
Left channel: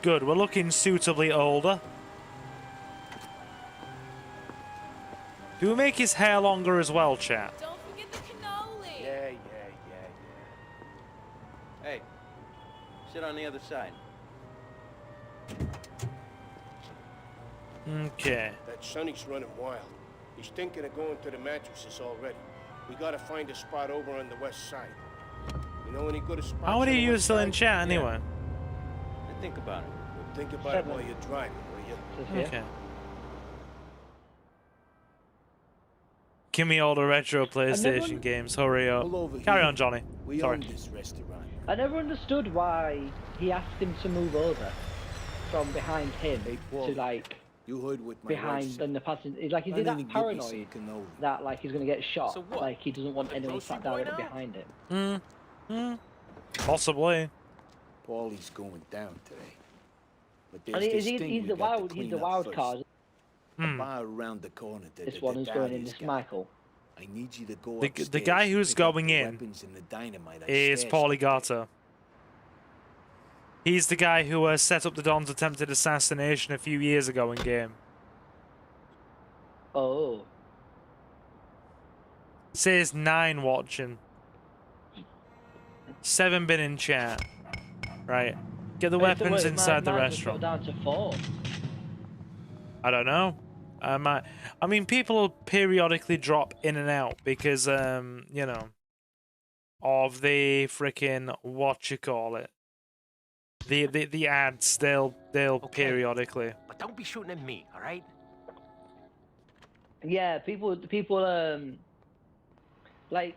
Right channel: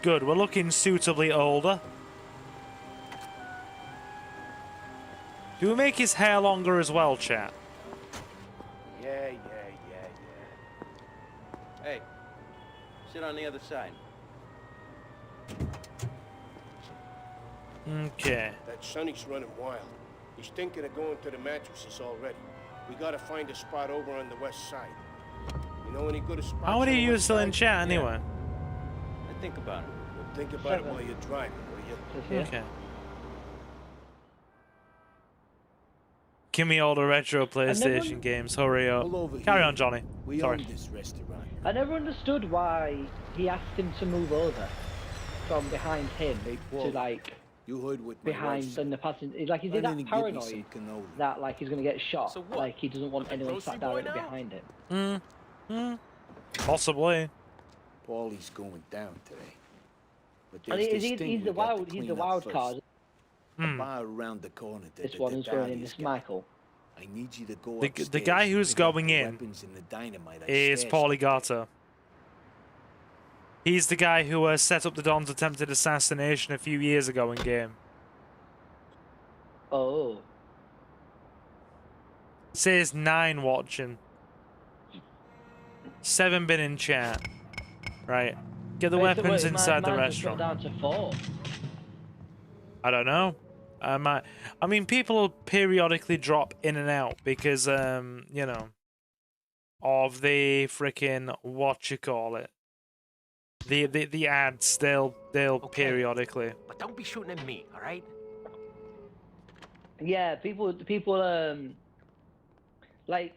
Good, we're looking suitably older. Do we make his hair longer as well, chat? Yeah. Hey, sit on the other side. Okay. That Sonny's running wild. He's thinking of going to the mattresses already. We gotta find a spot over on the west side. You know any good spots? How many of you are still in chat anyway? I think about it. Well, think about it while you're driving, will you? Okay. Give me all the retro PlayStation games. Hurry up. Carry on, Johnny. We Sorry. own this restaurant. I never understood why he asked him to move over from behind him to like you heard what my wife behind said. the passenger. Like he's Why in don't you that give me some paranoid cannoli? that like he's gonna get shot. So what? Like he doesn't want anyone sat down behind him. Possibly. Paulie's going down today. But And there's this thing he's we the got to wild, he's clean the up wild first. card. The bar around the corner, This the one's going in Dahlia's this guy. Michael. I need you to go The upstairs guy and who's pick up going the in weapons and the dynamite I is stashed Paulie up there. Gato. He's the guy who set up the Don's attempted assassination a few years ago in game. Oh. It says 9 watching. 7 been in chat. Right. Get the weapons inside the restaurant. Down to 4. I don't know. I mean, people periodically drop in and out because, you know, of the freaking the ads. They'll periodically. But don't be shooting at me, all right? Yeah, people like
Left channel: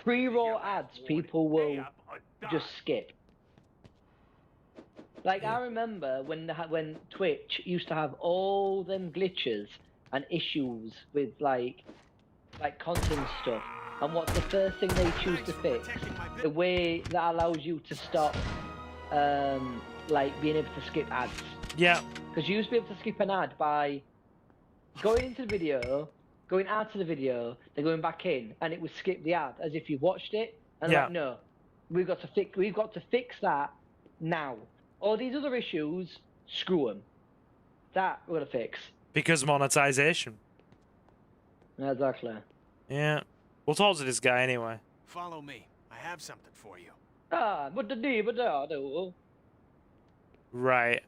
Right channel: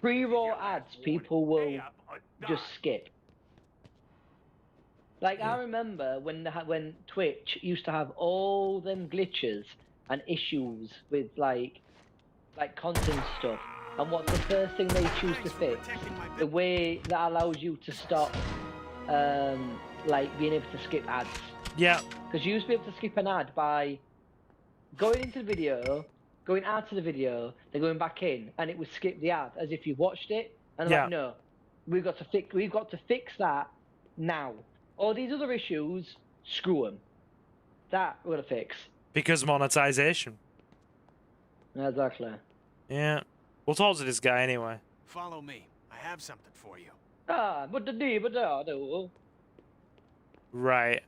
pre-roll ads. People will just skip. Like I remember when Twitch used to have all them glitches and issues with like content stuff, and what the first thing they choose to fix, the way that allows you to stop like being able to skip ads. Yeah. Because you used to be able to skip an ad by going into the video, going out to the video, then going back in, and it would skip the ad as if you watched it. And yeah. Like, no, we've got to fix that now. All these other issues, screw them. That we'll fix. Because monetization. Exactly. Yeah. We'll talk to this guy anyway. Follow me. I have something for you. Right.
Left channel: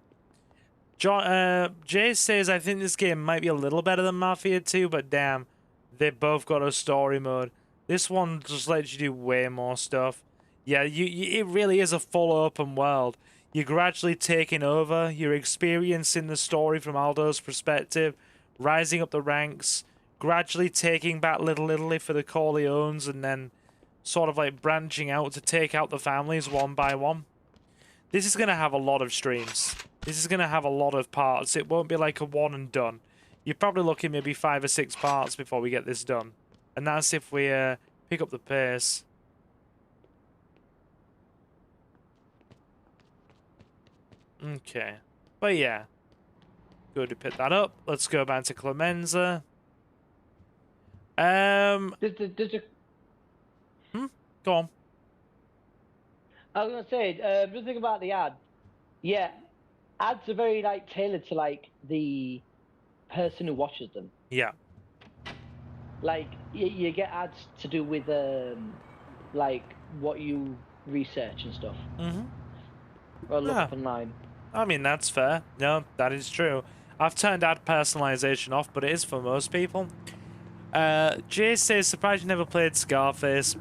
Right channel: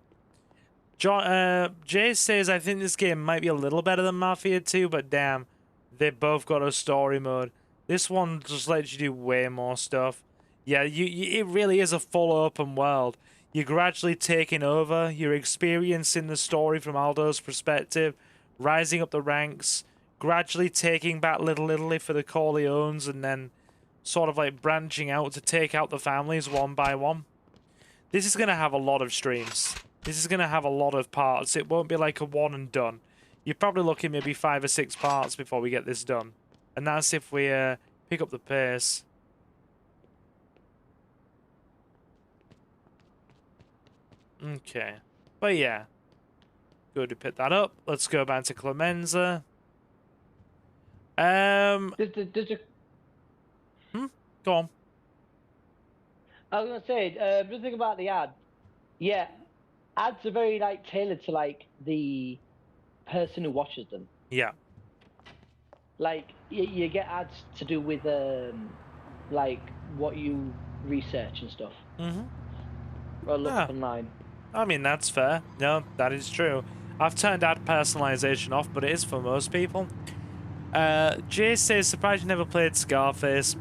Jay says, I think this game might be a little better than Mafia 2, but damn, they both got a story mode. This one just lets you do way more stuff. Yeah, it really is a full open world. You're gradually taking over, you're experiencing the story from Aldo's perspective, rising up the ranks, gradually taking back Little Italy for the Corleones, and then sort of like branching out to take out the families one by one. This is going to have a lot of streams. This is going to have a lot of parts. It won't be like a one and done. you're probably looking maybe 5 or 6 parts before we get this done. And that's if we pick up the pace. Okay. But yeah. Good to pick that up. Let's go back to Clemenza. Go on. I was gonna say, just think about the ad. Yeah, ads are very like tailored to like the person who watches them. Yeah. Like you get ads to do with like what you research and stuff. Or look online. I mean, that's fair. No, that is true. I've turned ad personalization off, but it is for most people. Jay says, surprised you never played Scarface.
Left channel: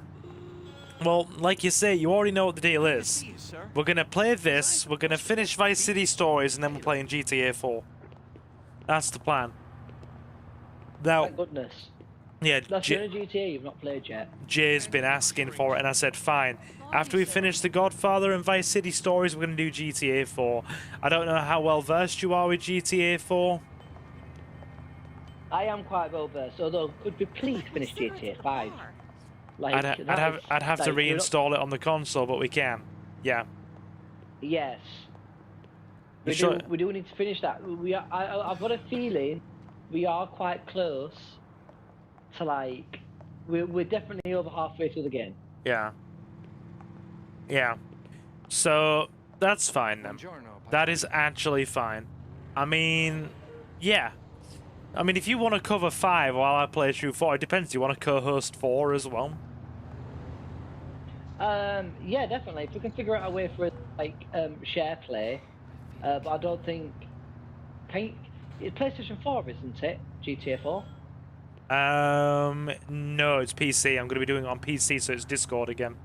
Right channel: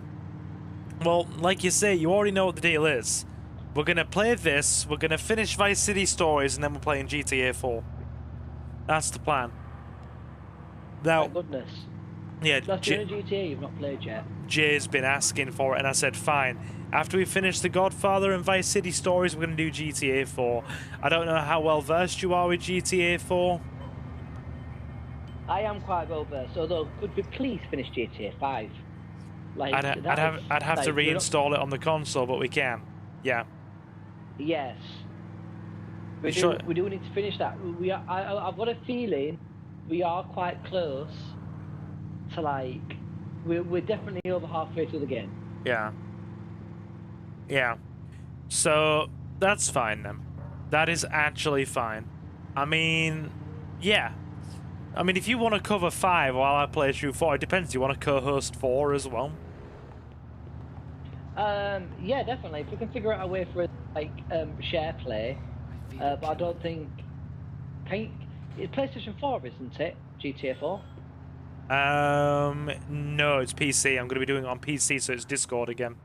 Well, like you say, you already know what the deal is. We're going to play this, we're going to finish Vice City Stories, and then we're playing GTA 4. That's the plan. Now, my goodness. Yeah, GTA you've not played yet. Jay's been asking for it, and I said, fine. After we finish the Godfather and Vice City Stories, we're going to do GTA 4. I don't know how well versed you are with GTA 4. I am quite well versed, although could we please finish GTA 5? Like, I'd have to reinstall it on the console, but we can. Yeah. Yes. We sure? We do need to finish that. I've got a feeling we are quite close to like we're definitely over halfway through the game. Yeah. Yeah. So that's fine then. That is actually fine. I mean, yeah. I mean, if you want to cover 5 while I play through 4, it depends. Do you want to co-host 4 as well? Yeah, definitely. If we can figure out a way for like share play, but I don't think. It's PlayStation 4, isn't it? GTA 4. No, it's PC. I'm going to be doing it on PC, so it's Discord again.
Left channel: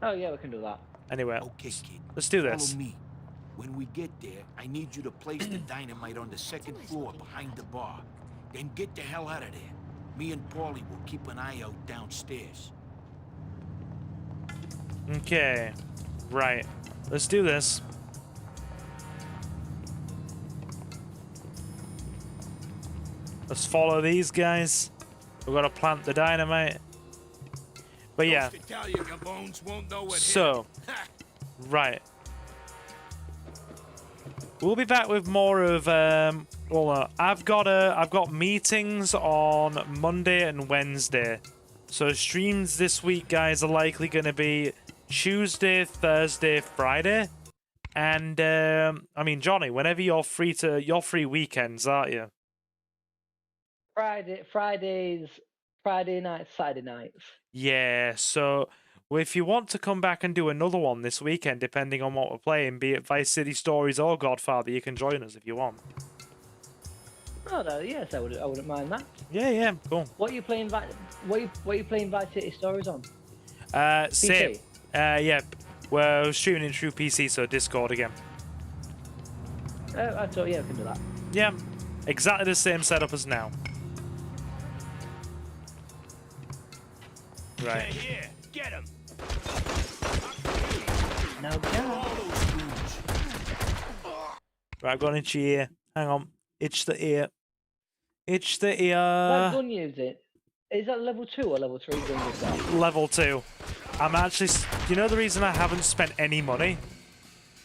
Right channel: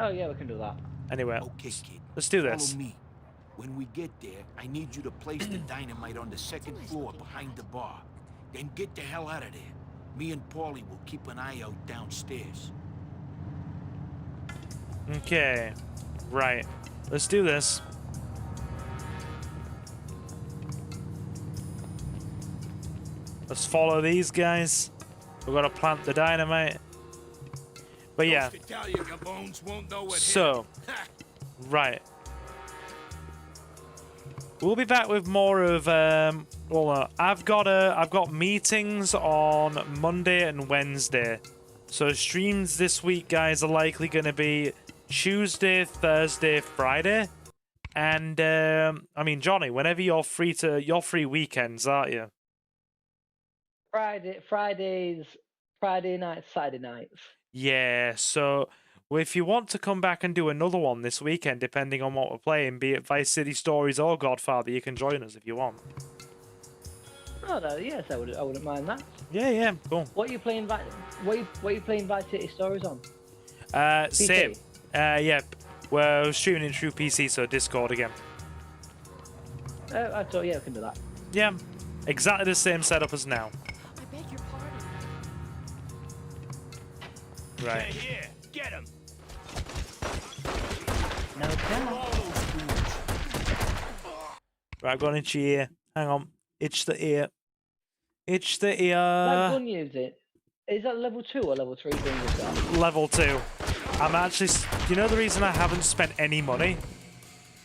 Oh yeah, we can do that. Anyway, okay, kid. Let's do this. Follow me. When we get there, I need you to place the dynamite on the 2nd floor behind the bar. Then get the hell out of there. Me and Paulie will keep an eye out downstairs. Okay. Right. Let's do this. Let's follow these guys. We've got to plant the dynamite. But yeah. So, right. We'll be back with more of I've got meetings on Monday and Wednesday. So streams this week, guys, are likely going to be Tuesday, Thursday, Friday. And I mean, Johnny, whenever you're free free weekends, aren't you? Friday nights, Saturday nights. Yeah, so if you want to come back and do another one this weekend, depending on what we're playing, be it Vice City Stories or Godfather, you can join us if you want. Oh no, yes, I wouldn't mind that. Yeah, cool. What are you playing? What are you playing Vice City Stories on? Same. Yeah, we're streaming it through PC, so Discord again. I thought yeah, I can do that. Yeah, exactly the same setup as now. Right. Here, get him. Right, I've got an itchy ear. Hang on. Itch the ear. Itch the ear. What gun use it? Is that level 2 or level 3 gun you've got? Level 2. I'm actually... You know the reason I haven't spent any money?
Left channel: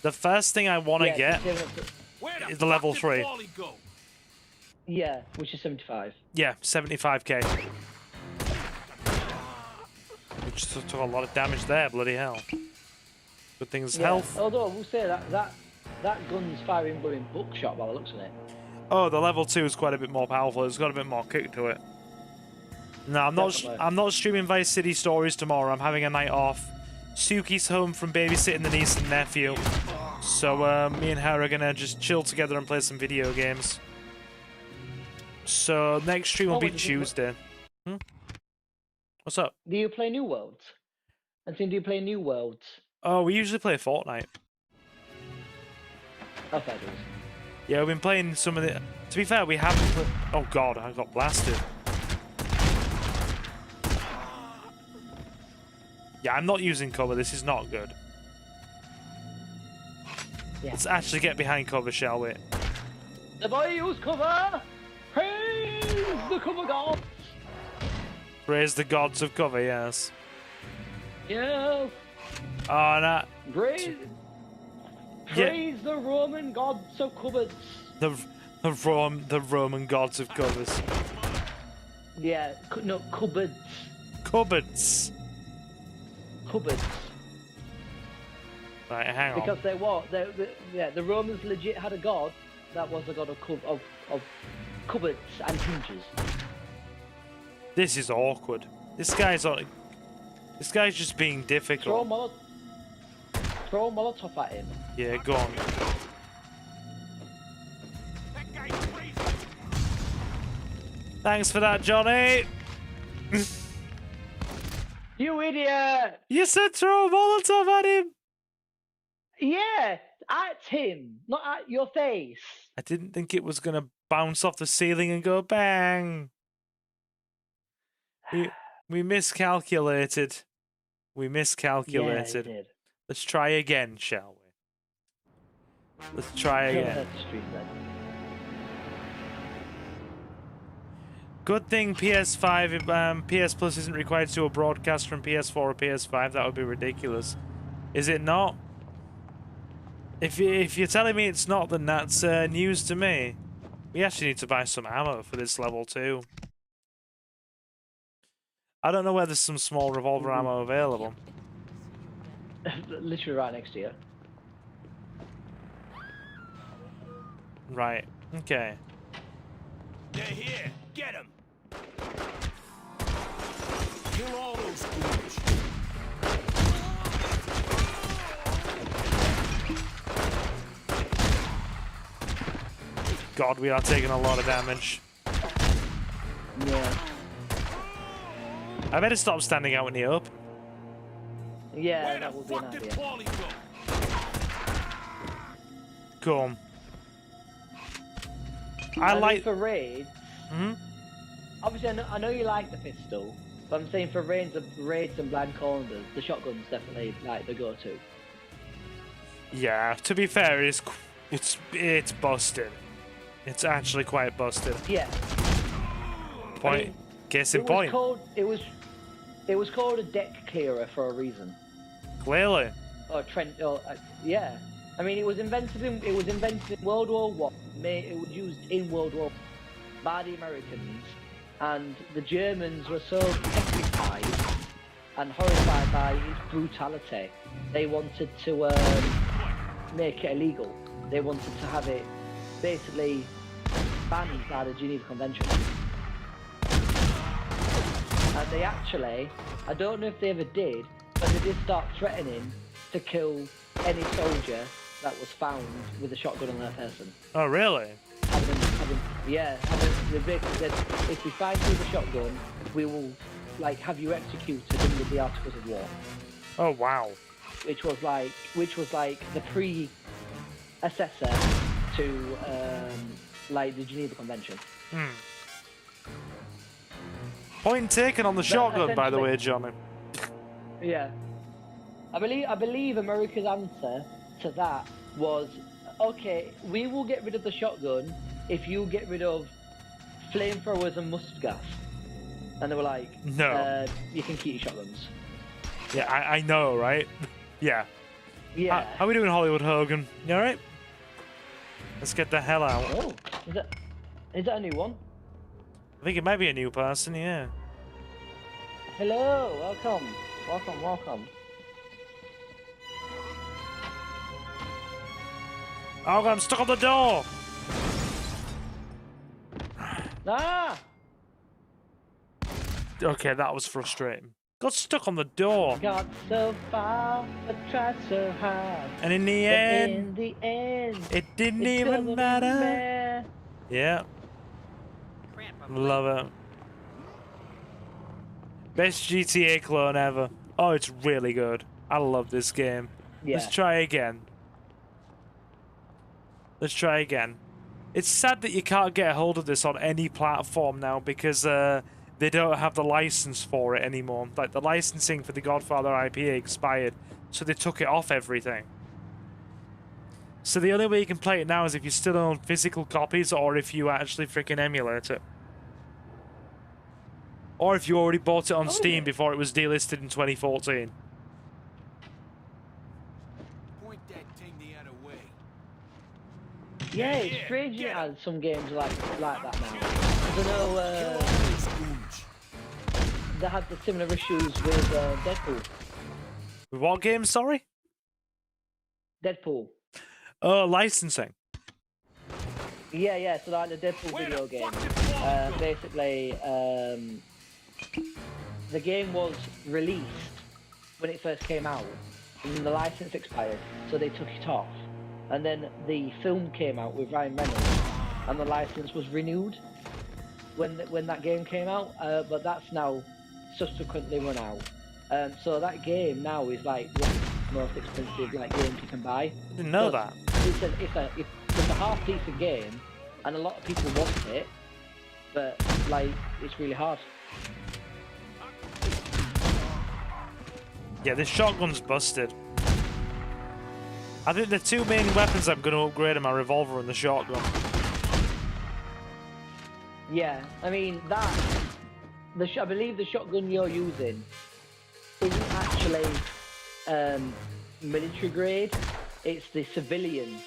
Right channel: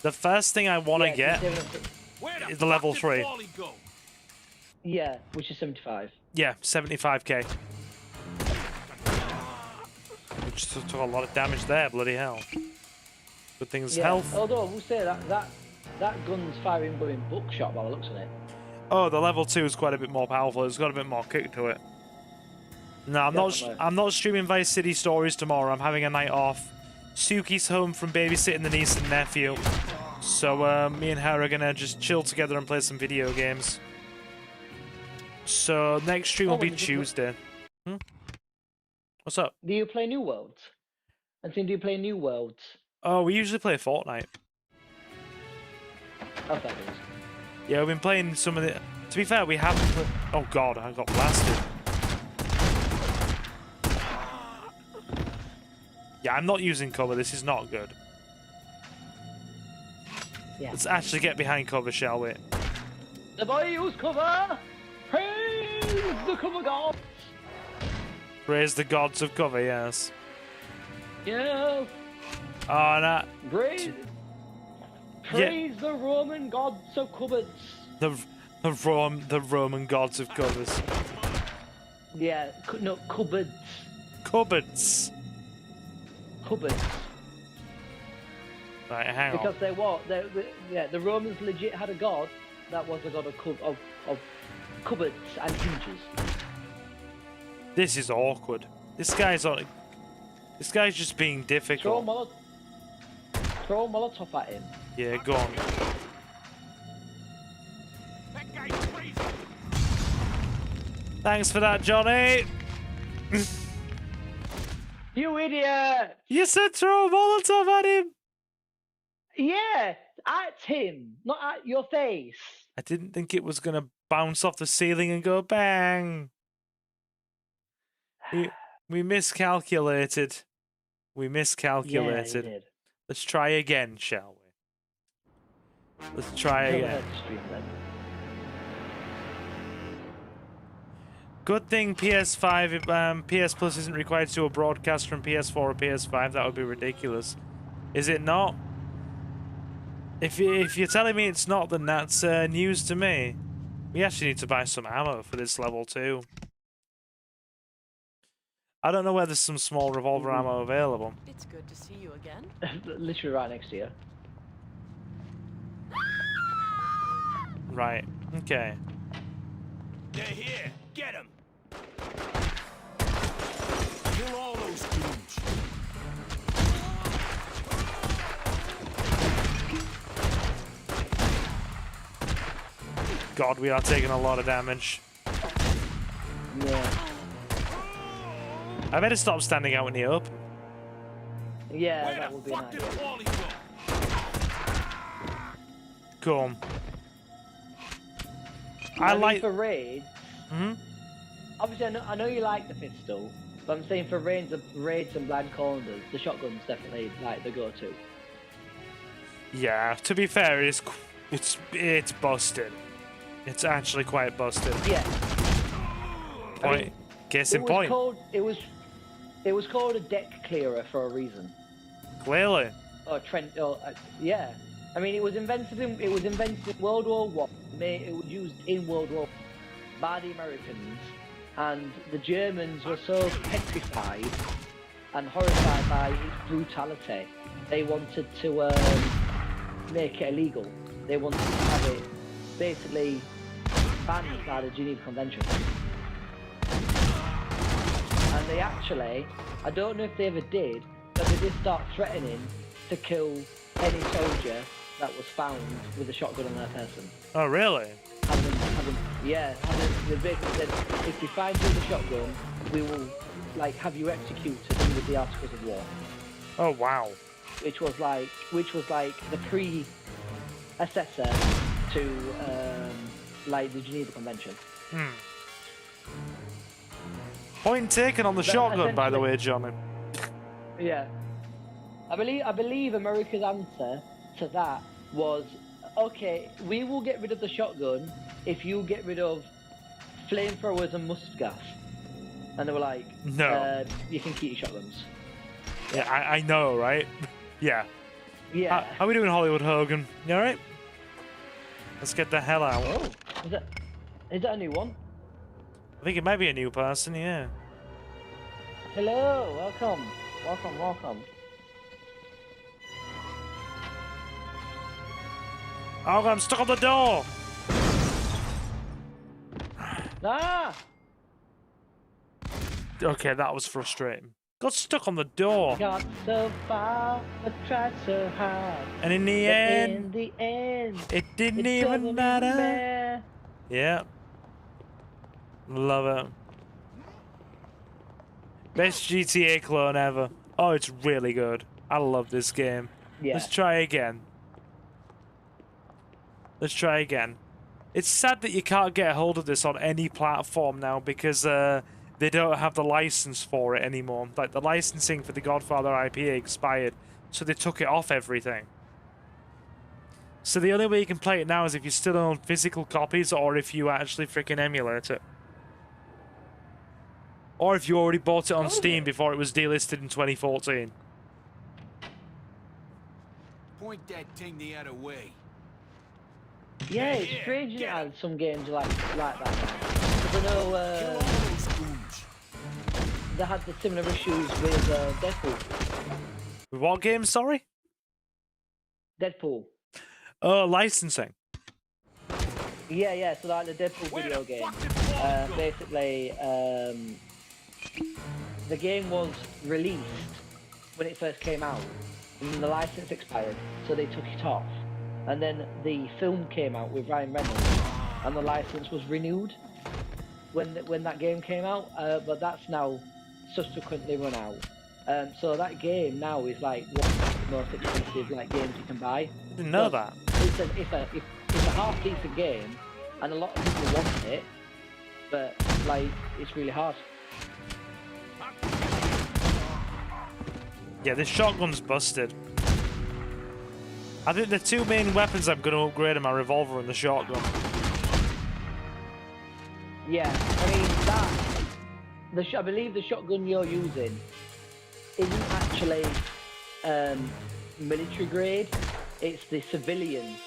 The first thing I want to get is the level 3. Yeah, which is 75. Yeah, 75k. Which took a lot of damage there, bloody hell. Good thing it's health. Although I will say that gun's firing going bookshot by the looks of it. Oh, the level 2 is quite a bit more powerful. It's got a bit more kick to it. No, I'm not streaming Vice City Stories tomorrow. I'm having a night off. Suki's home from babysitting the niece and nephew. So me and her are gonna just chill together and play some video games. So next stream will be Tuesday. What's up? Do you play New Worlds? I think do you play New Worlds? Oh, we usually play Fortnite. Okay. Yeah, we've been playing some of the... To be fair, we haven't played... Oh god, I got blasted. Yeah, I'm not using cover. This is not good. Yeah. Let's actually get behind cover, shall we? The boy who's cover! Praise the cover gods! Praise the gods of cover, yes. Yeah. Oh, no. Praise Yeah. the Roman gods of covers. The Roman gods of covers. Yeah, no, cupboards. Cupboards. Cupboards. Right, hang on. Because they what? The Romans legit had a god that was a god of cupboards and hinges. This is awkward. This guy's just being difficult. Throw Molotov at him. Yeah, go on. That guy's crazy. Thanks for that, Johnny. You idiot! You said throw a Molotov at him. Yeah, at him, not at your face. I didn't think it was gonna bounce off the ceiling and go bang. We miscalculated. We miscalculated. Yeah, Let's try again, shall we? Let's try again. Good thing PS5, PS Plus isn't required to do a broadcast from PS4 or PS5. That would be ridiculous. Is it not? If you're telling me it's not, then that's news to me. We actually need to buy some ammo for this level too. I don't know whether there's some small revolver ammo available. It's good to see you again. Literally right next to you. Right. Okay. They're here. Get them. Kill all those goons. God, we are taking a lot of damage. Yeah. I better stop standing out in the open. Yeah. Where the fuck did Paulie go? Come. I like. For raids. Obviously, I know you like the pistol, but I'm saying for raids and blind corners, the shotgun's definitely like the go-to. Yeah. To be fair, it's busted. It's actually quite busted. Yeah. Point. Case in point. It was called a deck clearer for a reason. Clearly. Or Trent. Yeah. I mean, it was invented in World War One. It was used in World War by the Americans, and the Germans were so petrified and horrified by its brutality, they wanted to make it illegal. They wanted to have it basically banned by the Geneva Convention. And they actually, I don't know if they ever did, but they did start threatening to kill any soldier that was found with a shotgun in their person. Oh, really? Yeah, and if you find you with a shotgun, we will like have you executed with the Articles of War. Oh, wow. Which was like the predecessor to like the Geneva Convention. Point taken on the shotgun, by the way, Johnny. Yeah. I believe America's answer to that was, okay, we will get rid of the shotgun if you get rid of flamethrowers and mustard gas. And they were like, no. You can keep shotguns. Yeah, I know, right? Yeah. Yeah. How we doing, Hollywood Hogan? You alright? Let's get the hell out. Is that a new one? I think it might be a new person, yeah. Hello, welcome. Oh, I'm stuck on the door! Ah! Okay, that was frustrating. Got stuck on the door. Got so far, but tried so hard. And in the end, it didn't even matter. Yeah. Love it. Best GTA clone ever. Oh, it's really good. I love this game. Yeah. Let's try again. Let's try again. It's sad that you can't get a hold of this on any platform now because they don't have the license for it anymore. Like, the licensing for the Godfather IP expired, so they took it off everything. So the only way you can play it now is if you still own physical copies or if you actually freaking emulate it. Or if you already bought it on Steam before it was delisted in 2014. Point that thing the other way. Yeah, it's strange you had some games like that. You know, Kill all those goons. that had the similar issues with Deadpool. With what game, sorry? Deadpool. Oh, licensing. Yeah, so I had a Deadpool video game. Basically, the game was released when it first came out, and the license expired, so they took it off. And then the film came out with Ryan Reynolds, and the license was renewed when that game came out, but that's now subsequently run out. So that game now is like one of the most expensive like games you can buy. I didn't know that. It's a half-decent game, and a lot of people want it, but like it's really hard. Yeah, this shotgun's busted. I think the two main weapons I'm going to upgrade are my revolver and the shotgun. Yeah, I mean I believe the shotgun you're using isn't actually military grade. It's the civilian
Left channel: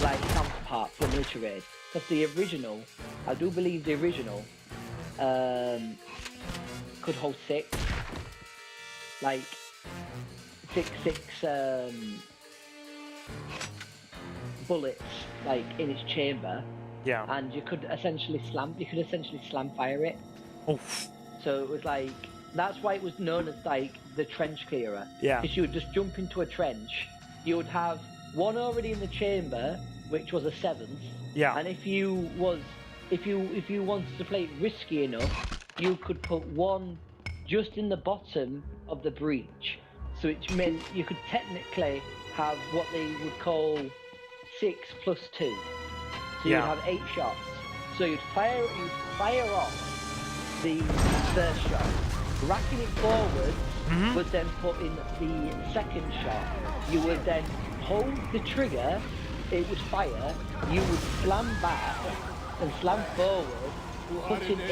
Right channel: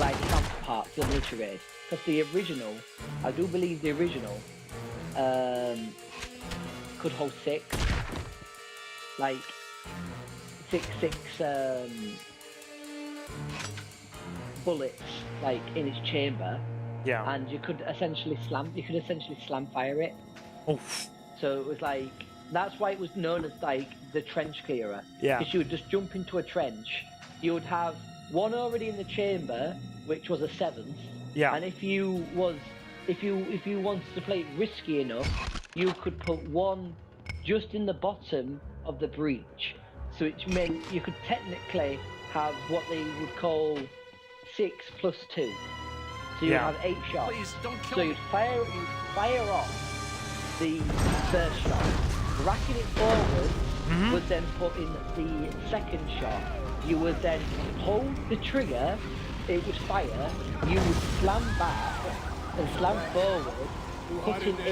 like counterpart to military grade. Because the original, I do believe the original could hold six bullets like in its chamber. Yeah. And you could essentially slam fire it. Oof. So it was like, that's why it was known as like the trench clearer. Yeah. Because you would just jump into a trench, you would have one already in the chamber, which was a 7th. Yeah. And if you wanted to play it risky enough, you could put one just in the bottom of the breach. So which meant you could technically have what they would call 6 plus 2. So you have 8 shots. So you fire off the first shot, racking it forward, you would then put in the second shot. You would then hold the trigger, it would fire, you would slam back and slam forward, hitting in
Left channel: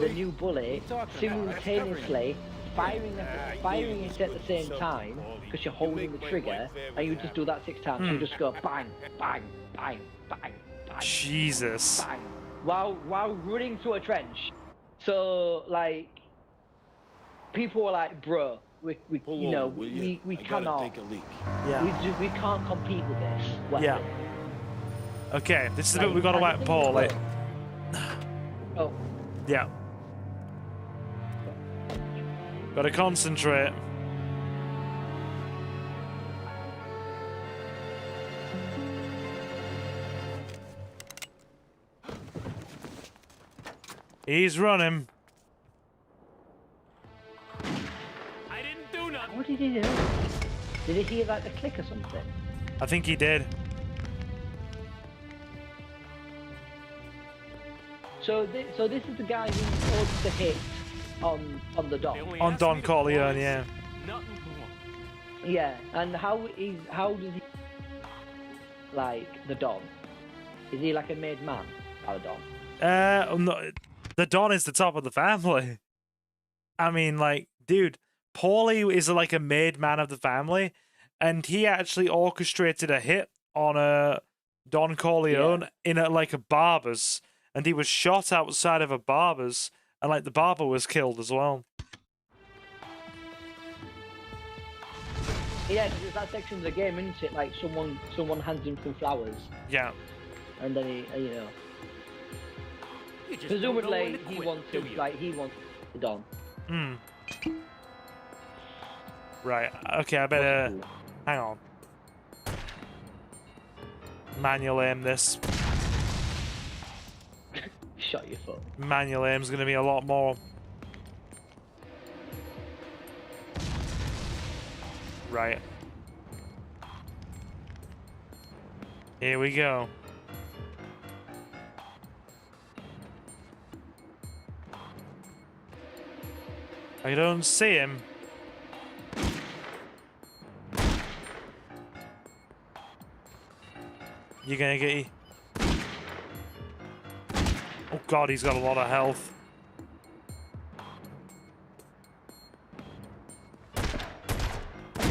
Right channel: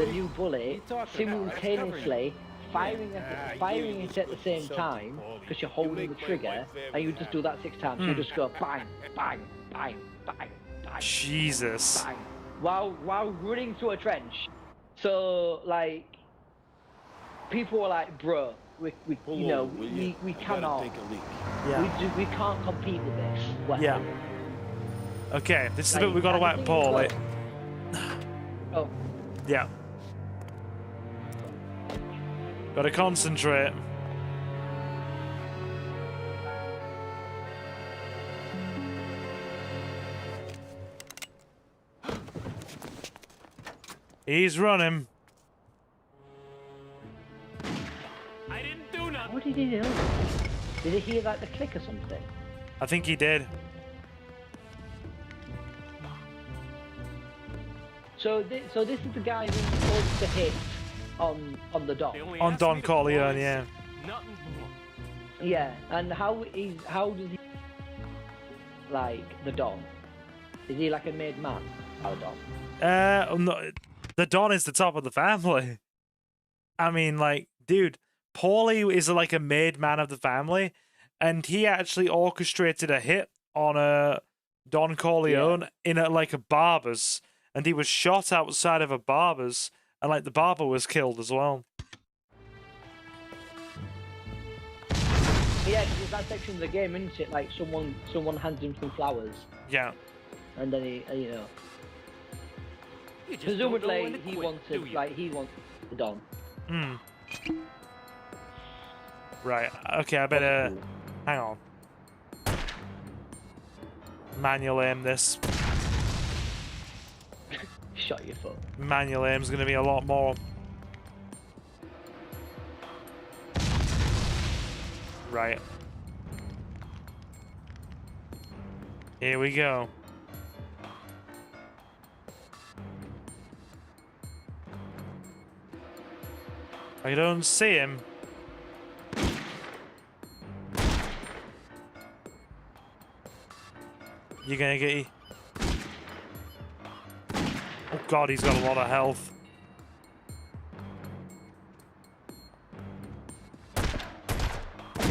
the new bullet, simultaneously firing it at the same time, because you're holding the trigger, and you just do that 6 times, and just go bang, bang, bang, bang, bang. Jesus. Bang, while running through a trench. So, like, people were like, bro, we cannot take a leak. Yeah. We can't compete with this. Like, Yeah. Okay, this is the bit we gotta whack Paul, like. Oh. Yeah. Gotta concentrate. He's running. I didn't do nothing. What did he do? Did he hear like the click or something? I think he did. So this is the guy who's supposed to hit on the Don. On Don Corleone, yeah. Nothing more. Yeah, and how did he like the Don? Is he like a made man? Our Don? No, the Don is the top of the family. I mean, like, dude, Paulie is like a made man of the family, and he actually orchestrated a hit on Don Corleone in like a barber's, and he was shot outside of a barber's, and like the barber was killed as well. Yeah, that section of the game, isn't it? Like someone hands him some flowers. Yeah. And then he, you know. You just don't know when to quit, do you? Like he wants the Don. Hmm. Right. Okay, I better hang on. Manual aim this. Shut your foot. Manual aim's gonna be a lot more. Right. Here we go. I don't see him. You're gonna get... Oh god, he's got a lot of health.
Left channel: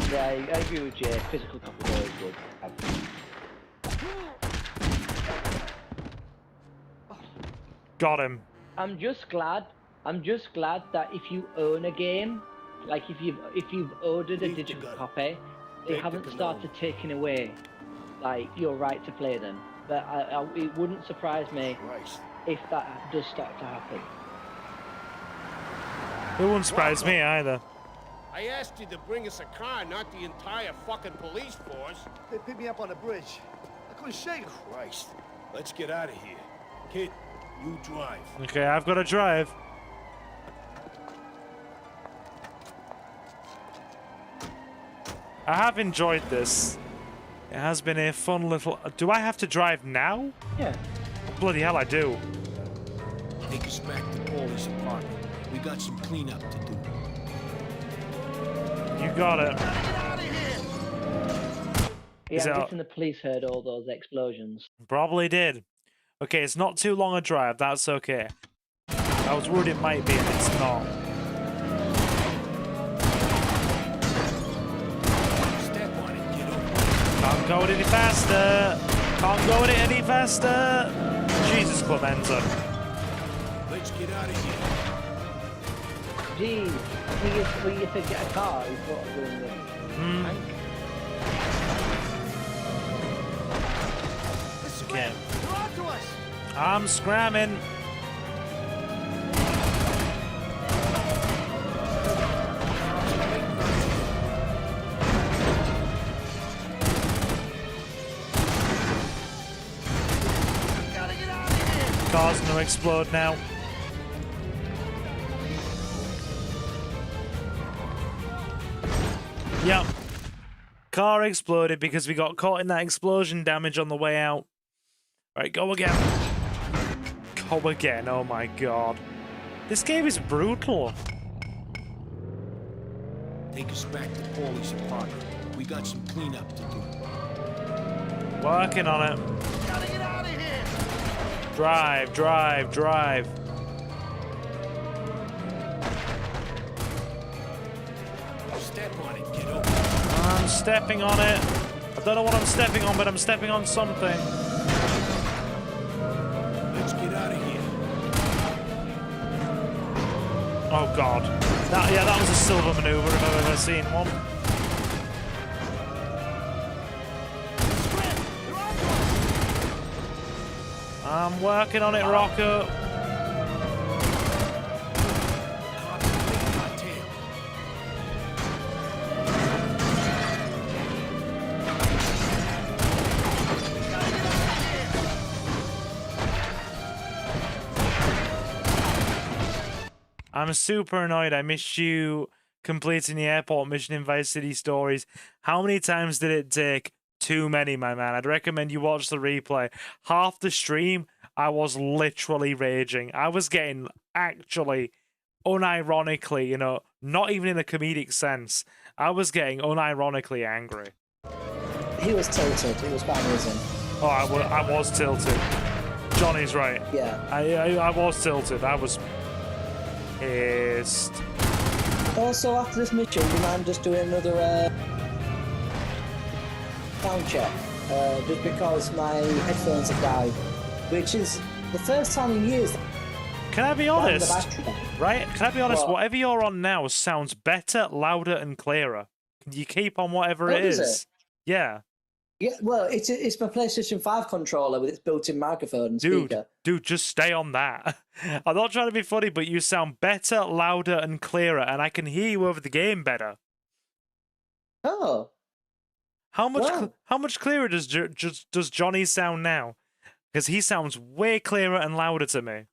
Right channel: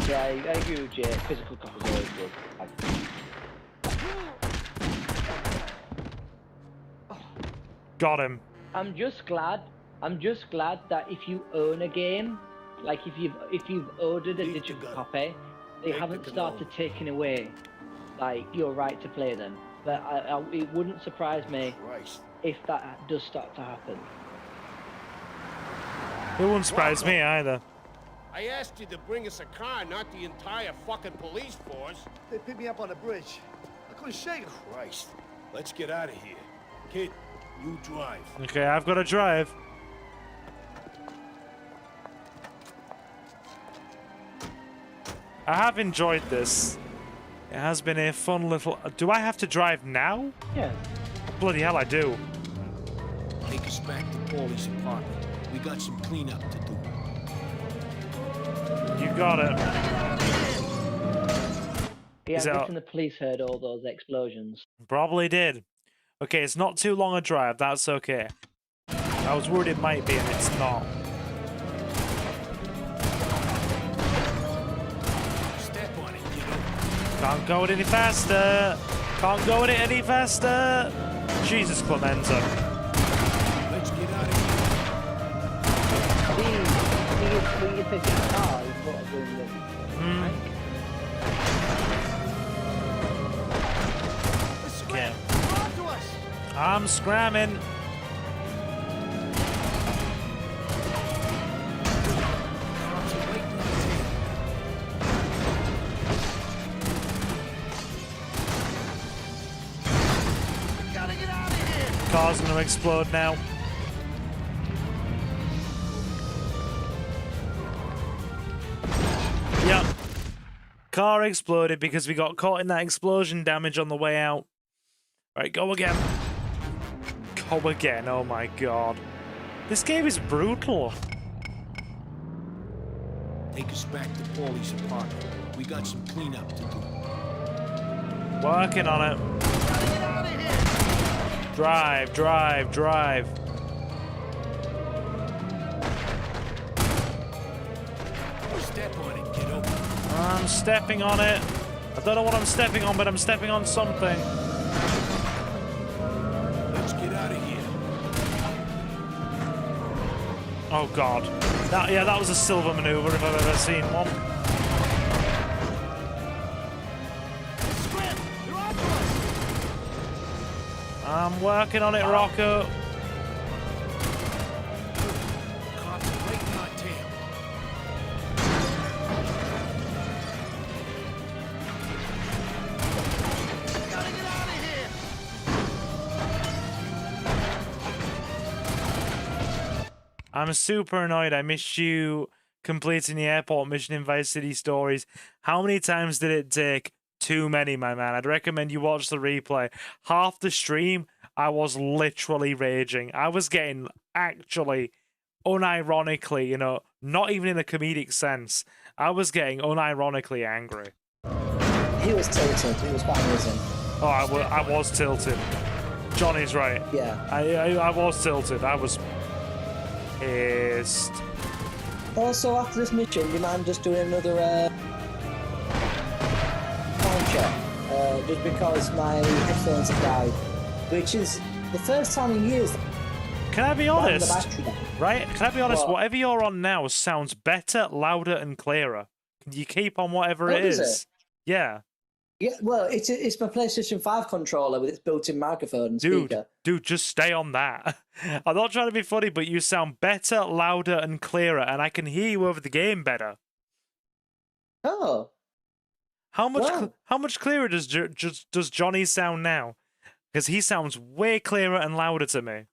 Yeah, I agree with you. Physical control is good. Got him. I'm just glad that if you own a game, like if you've ordered a digital copy, they haven't started taking away like your right to play them. But it wouldn't surprise me if that does start to happen. It wouldn't surprise me either. I asked you to bring us a car, not the entire fucking police force. They picked me up on the bridge. I couldn't shake them. Christ. Let's get out of here. Kid, you drive. Okay, I've got to drive. I have enjoyed this. It has been a fun little... Do I have to drive now? Yeah. Bloody hell, I do. Take us back to Paulie's apartment. We got some cleanup to do. You got it. Gotta get out of here! Yeah, I'm guessing the police heard all those explosions. Probably did. Okay, it's not too long a drive. That's okay. I was worried it might be, and it's not. Step on it, kiddo. Can't go it any faster. Can't go it any faster. Jesus, Clemenza. Let's get out of here. Okay. Talk to us! I'm scramming. Cops waiting on tail. Gotta get out of here! Car's gonna explode now. Yep. Car exploded because we got caught in that explosion damage on the way out. Right, go again. Go again, oh my god. This game is brutal. Take us back to Paulie's apartment. We got some cleanup to do. Working on it. Gotta get out of here! Drive, drive, drive. Step on it, kiddo. I'm stepping on it. I don't know what I'm stepping on, but I'm stepping on something. Let's get out of here. Oh god. That was a silver maneuver if I've ever seen one. Scram! They're onto us! I'm working on it, Rocco. Cops waiting on tail. Gotta get out of here! I'm super annoyed. I missed you completing the airport mission in Vice City Stories. How many times did it take? Too many, my man. I'd recommend you watch the replay. Half the stream, I was literally raging. I was getting actually, unironically, you know, not even in a comedic sense, I was getting unironically angry. He was tilted. It was quite amusing. Oh, I was tilted. Johnny's right. Yeah. I was tilted. I was pissed. Also, after this mission, do you mind just doing another sound check? Just because my headphones have died, which is the first time in years. Can I be honest? Right? Can I be honest? Whatever you're on now sounds better, louder, and clearer. You keep on whatever it is. Yeah. Yeah, well, it's my PlayStation 5 controller with its built-in microphone and speaker. Dude, just stay on that. I'm not trying to be funny, but you sound better, louder, and clearer, and I can hear you over the game better. Oh. How much clearer does Johnny sound now? Because he sounds way clearer and louder to me.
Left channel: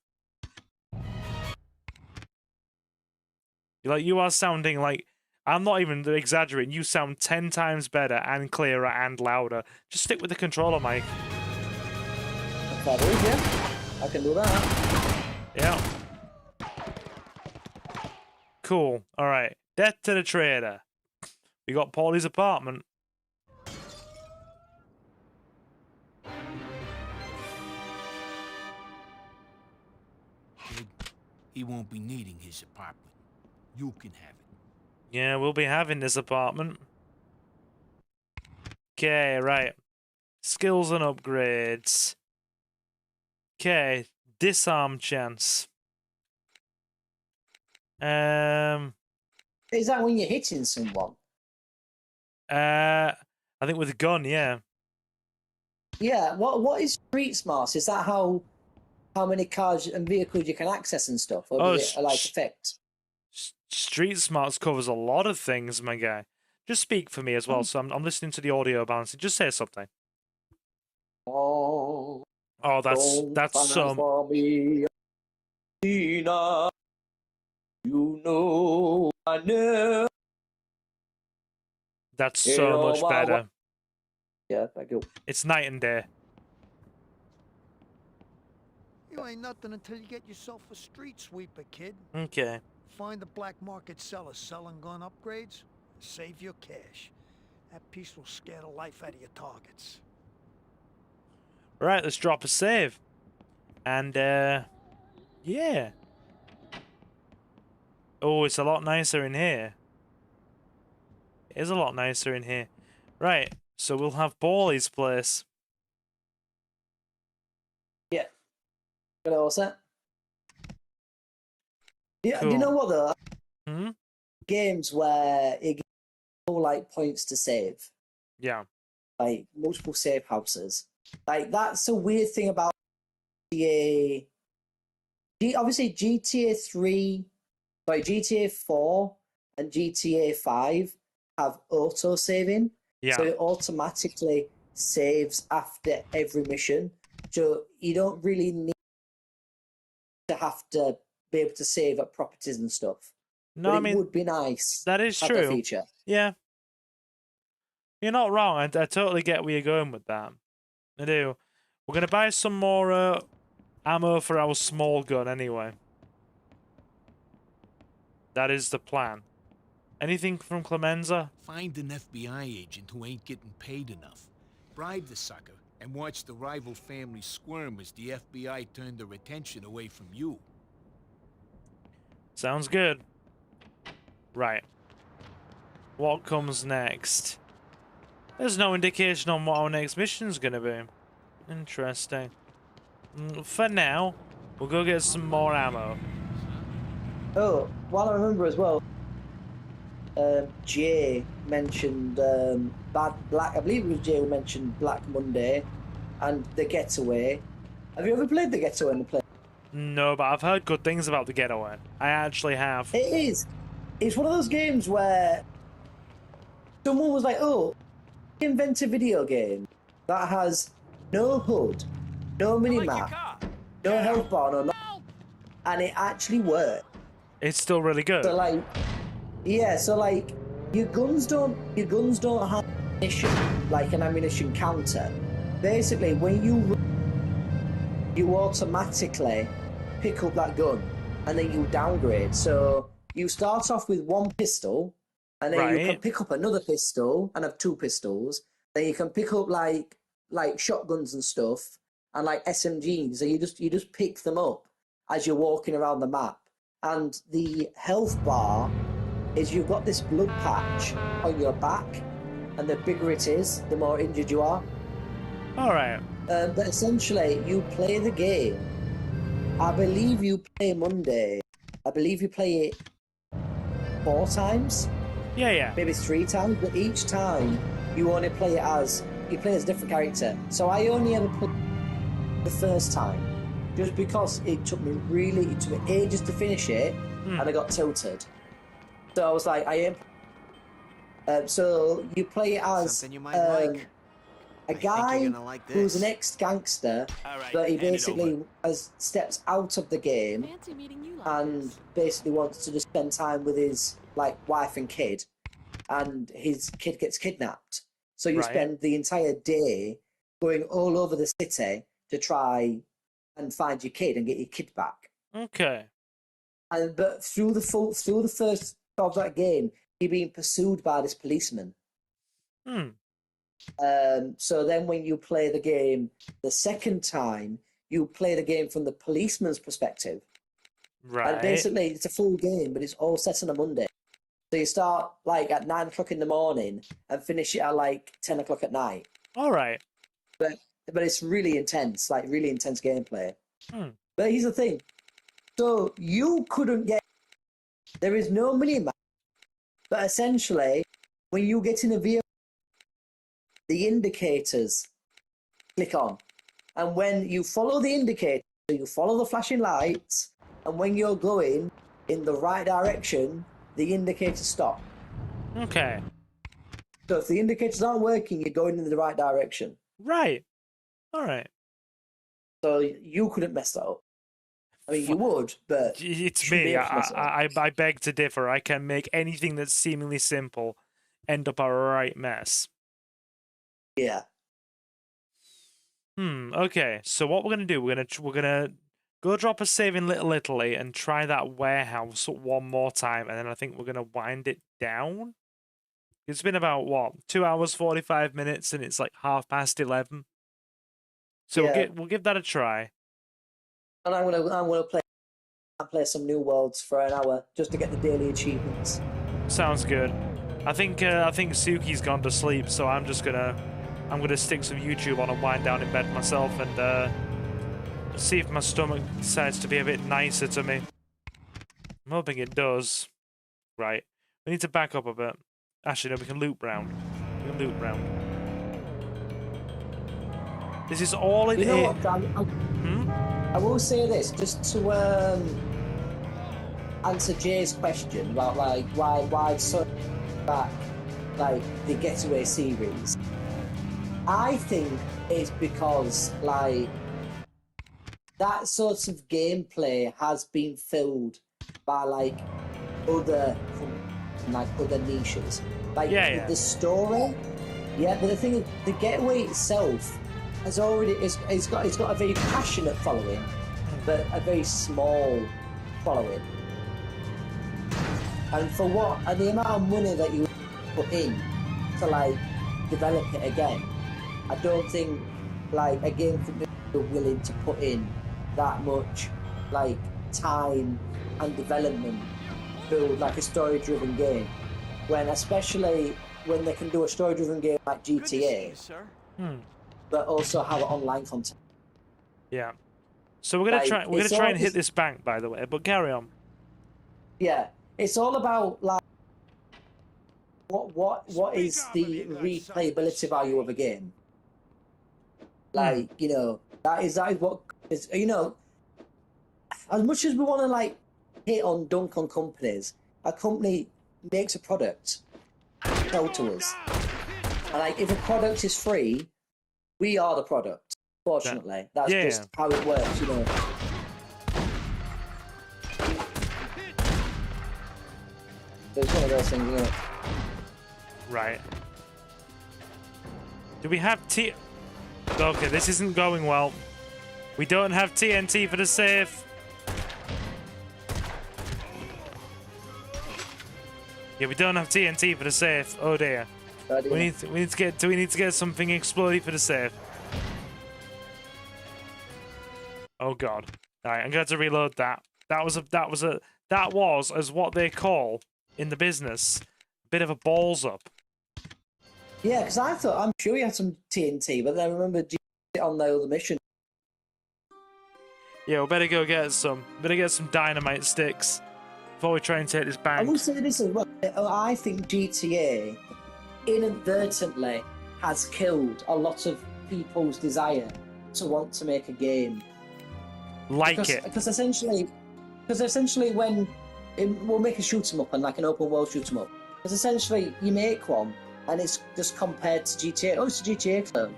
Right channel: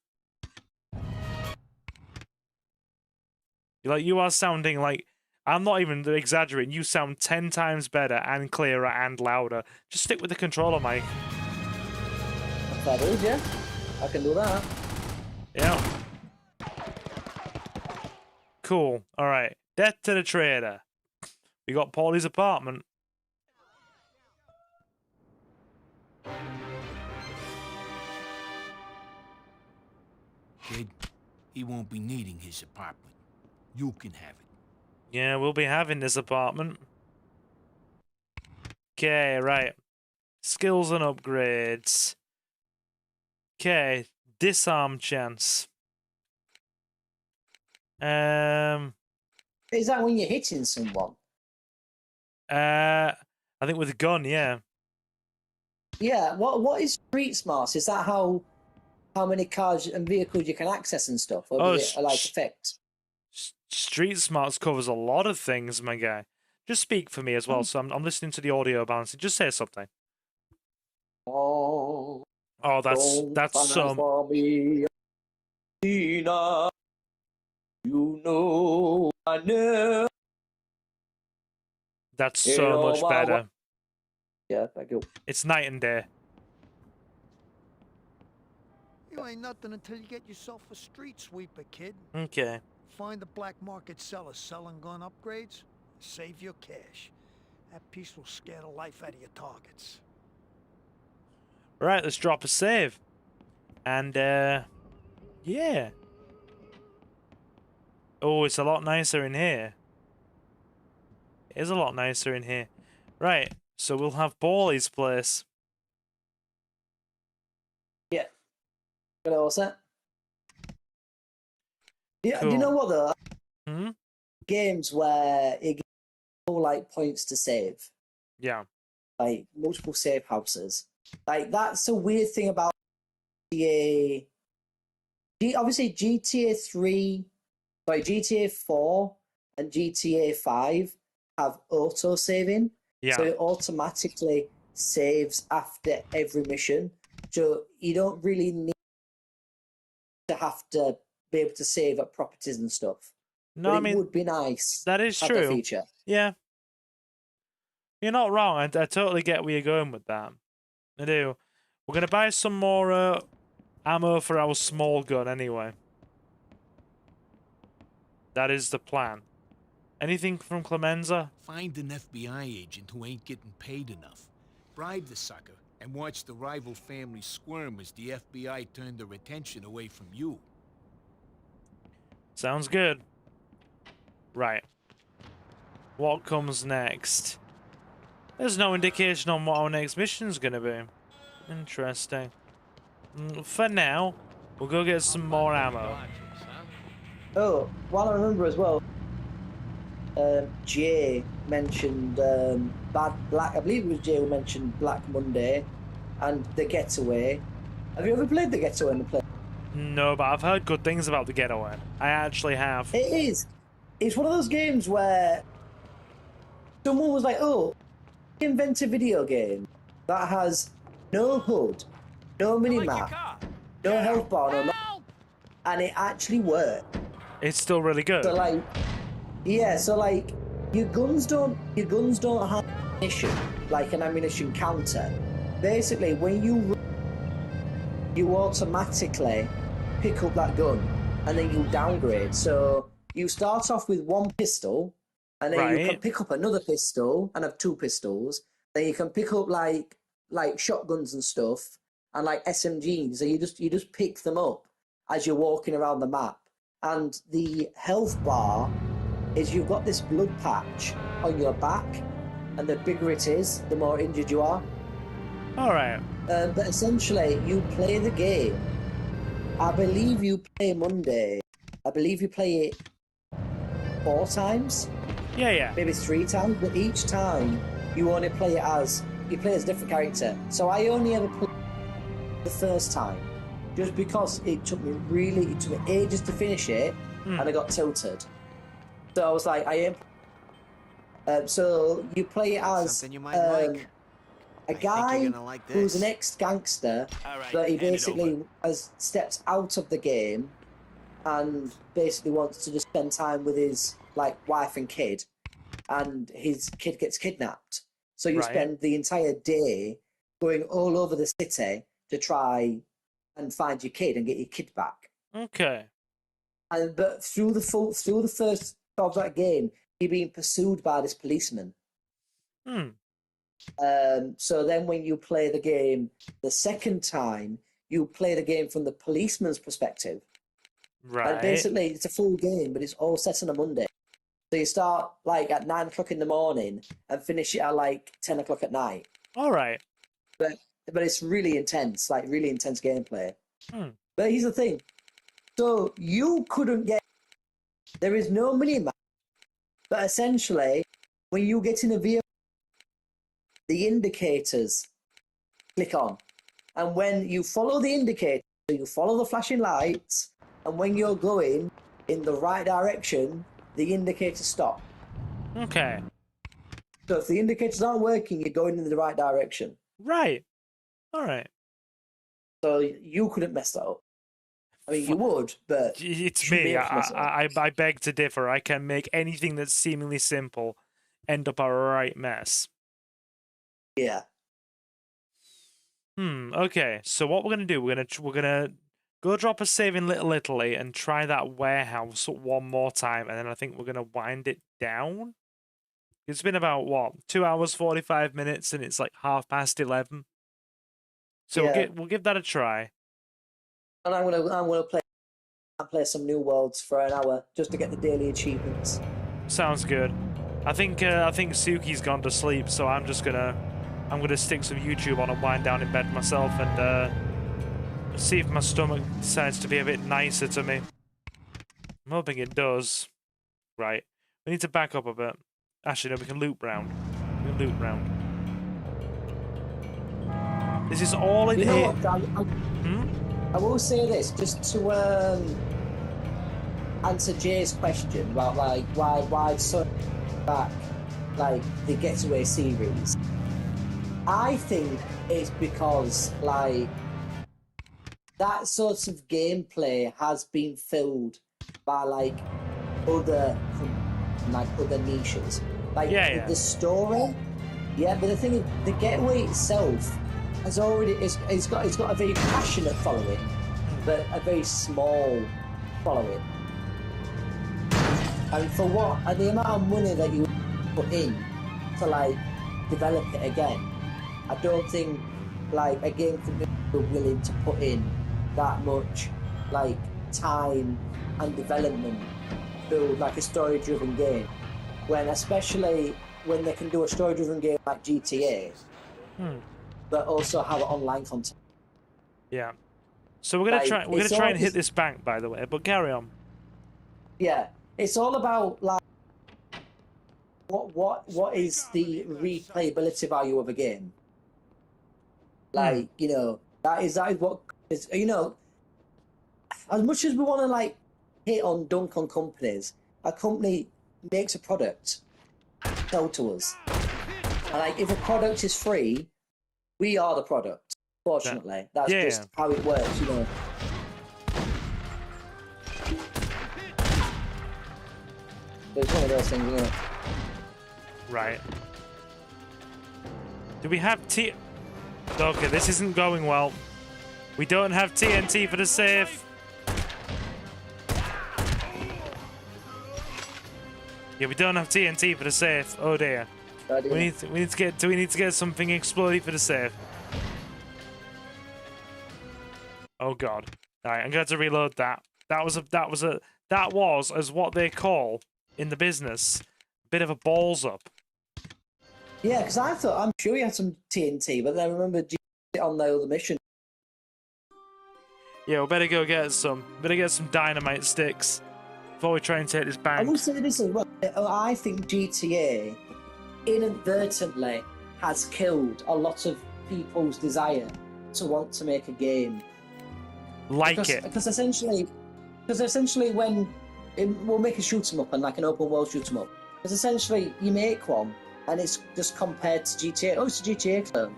Like, you are sounding like... I'm not even exaggerating. You sound 10 times better and clearer and louder. Just stick with the controller, Mike. That is, yeah. I can do that. Yeah. Cool. All right. Death to the trader. We got Paulie's apartment. Kid, he won't be needing his apartment. You can have it. Yeah, we'll be having this apartment. Okay, right. Skills and upgrades. Okay, disarm chance. Is that when you're hitting someone? I think with a gun, yeah. Yeah. What is street smarts? Is that how many cars and vehicles you can access and stuff, or does it like affect? Street smarts covers a lot of things, my guy. Just speak for me as well, so I'm listening to the audio balancing. Just say something. Oh, that's some. You know I know. That's so much better. Yeah, thank you. It's night and day. You ain't nothing until you get yourself a street sweeper, kid. Okay. Find a black market seller selling gun upgrades. Save your cash. That piece will scare the life out of your targets. Right, let's drop a save. And, yeah. Oh, it's a lot nicer in here. It is a lot nicer in here. Right, so we'll have Ballie's place. Yeah. What else? Yeah, Cool. do you know what though? Hmm? Games where it gives you like points to save. Yeah. Like multiple save houses. Like that's a weird thing about GTA. Obviously GTA 3, sorry, GTA 4 and GTA 5 have auto saving. Yeah. So it automatically saves after every mission. So you don't really need to have to be able to save at properties and stuff. No, but I mean, it would be nice. That is to have true. that feature. Yeah. You're not wrong. I totally get where you're going with that. I do. We're going to buy some more ammo for our small gun anyway. That is the plan. Anything from Clemenza? Find an FBI agent who ain't getting paid enough. Bribe the sucker and watch the rival family squirm as the FBI turn their attention away from you. Sounds good. Right. What comes next? There's no indication on what our next mission's gonna be. Interesting. For now, we'll go get some more ammo. Oh, while I remember as well, Jay mentioned Black. I believe it was Jay who mentioned Black Monday and The Getaway. Have you ever played The Getaway in the play? No, but I've heard good things about The Getaway. I actually have. It is. It's one of those games where someone was like, "Oh, invent a video game that has no HUD, no mini-map, no health bar, no and it actually worked." It's still really good. So like, yeah, so like your guns don't have ammunition, like an ammunition counter. Basically, when you automatically pick up that gun and then you downgrade. So you start off with one pistol, and then you can pick up another pistol and have two pistols. Then you can pick up like shotguns and stuff and like SMGs. So you just pick them up as you're walking around the map. And the health bar is you've got this blood patch on your back, and the bigger it is, the more injured you are. Alright. But essentially, you play the game. I believe you play Monday. I believe you play it 4 times. Yeah. Maybe 3 times, but each time you only play it as a different character. So I only ever played the first time, just because it took me ages to finish it, and I got tilted. So I was like, so you play it as something you might like. A guy think you're gonna like who's this. an ex-gangster, All right, but he hand it basically steps out of the game and basically wants to just spend time with his wife and kid, and his kid gets kidnapped. So you spend the entire day going all over the city to try and find your kid and get your kid back. Okay. But through the first of that game, you're being pursued by this policeman. So then when you play the game the second time, you play the game from the policeman's perspective. Right. And basically, it's a full game, but it's all set on a Monday. So you start like at 9 o'clock in the morning and finish it at like 10 o'clock at night. All right. But it's really intense, like really intense gameplay. Hmm. But here's the thing. So you couldn't get... There is no minimap. But essentially, when you get in a vehicle, the indicators click on. And when you follow the indicator, you follow the flashing lights, and when you're going in the right direction, the indicators stop. Okay. So if the indicators aren't working, you're going in the right direction. Right. All right. So you couldn't mess that up. I mean, you would, but... It's me. I beg to differ. I can make anything that's seemingly simple end up a right mess. Yeah. Okay. So what we're gonna do? We're gonna go drop a save in Little Italy and try that warehouse one more time, and then I think we're gonna wind it down. It's been about what 2 hours 45 minutes, and it's like 11:30. So Yeah. we'll give that a try. And I'm gonna play some New Worlds for an hour just to get the daily achievements. Sounds good. I think Suki's gone to sleep, so I'm gonna stick some YouTube on and wind down in bed myself and see if my stomach decides to be a bit nicer to me. I'm hoping it does. Right. We need to back up a bit. Actually, no, we can loop round. This is all in it. I will say this just to answer Jay's question about like why so back like the Getaway series. I think it's because like that sort of gameplay has been filled by like other niches. Like the story. Yeah, but the thing is, the Getaway itself has already it's got a very passionate following, but a very small following. And for the amount of money that you put in to like develop it again, I don't think like a game company are willing to put in that much like time and development to build like a story-driven game. Especially when they can do a story-driven game like GTA, but also have online content. Yeah. So we're gonna try and hit this bank, by the way. But carry on. Yeah, it's all about like what is the replayability value of a game. Like that is what is as much as we want to like hit on dunk on companies, a company makes a product, sell to us. And like if a product is free, we are the product. Fortunately, that's just how it works, Right. Do we have Okay, this isn't going well. We don't have TNT for the safe. Yeah, we don't have TNT for the safe. Oh dear. We need to get something explodey for the safe. Oh god. Alright, I'm going to reload that. That was as what they call in the business a bit of a balls up. Yeah, because I'm sure we had some TNT, but then I remembered it on the other mission. Yeah, we better go get some. Better get some dynamite sticks before we try and take this bank. I will say this as well. I think GTA inadvertently has killed a lot of people's desire to want to make a game. Because essentially when we'll make a shoot 'em up and like an open world shoot 'em up. Because essentially you make one and it's just compared to GTA. Oh, it's a GTA clone.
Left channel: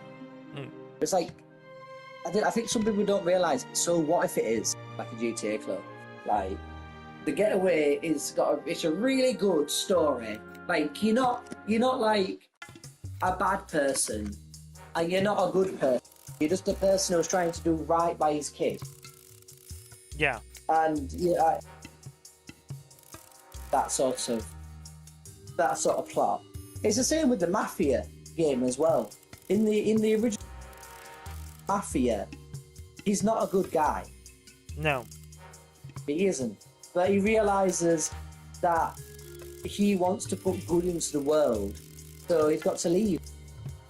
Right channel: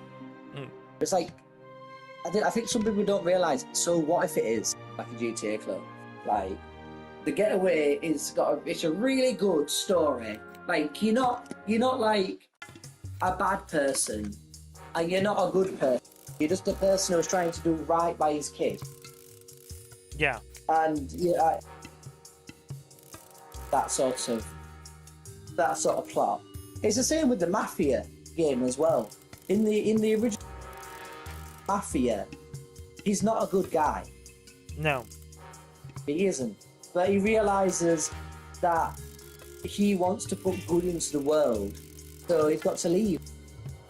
It's like I think some people don't realise. So what if it is like a GTA clone? Like the Getaway it's a really good story. Like you're not like a bad person, and you're not a good person. You're just a person who's trying to do right by his kid. Yeah. And that sort of plot. It's the same with the Mafia game as well. In the original Mafia, he's not a good guy. No. He isn't. But he realizes that he wants to put good into the world, so he's got to leave.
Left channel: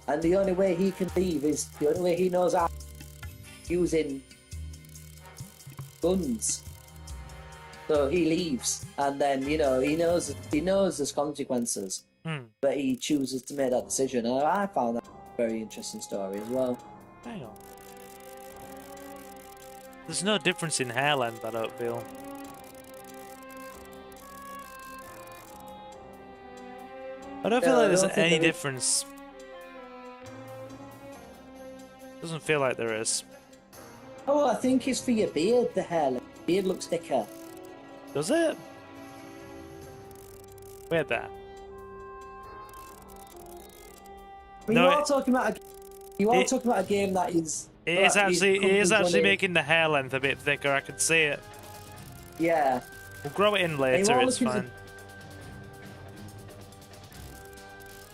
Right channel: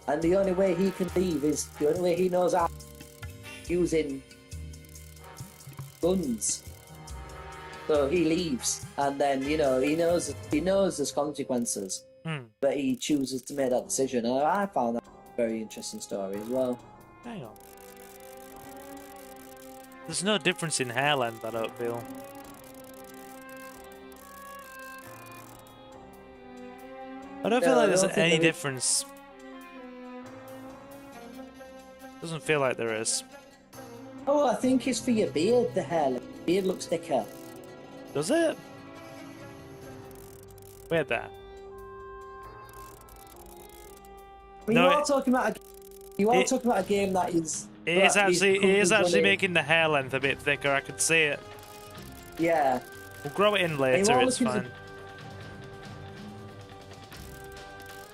And the only way he can leave is the only way he knows how, using guns. So he leaves, and then he knows there's consequences, but he chooses to make that decision. And I found that a very interesting story as well. Hang on. There's no difference in hair length, I don't feel. I don't feel like there's any difference. Doesn't feel like there is. Oh, well, I think it's for your beard, the hair. The beard looks thicker. Does it? Wait there. You are talking about a game that is... It is actually making the hair length a bit thicker, I can see it. Yeah. We'll grow it in later, it's fine.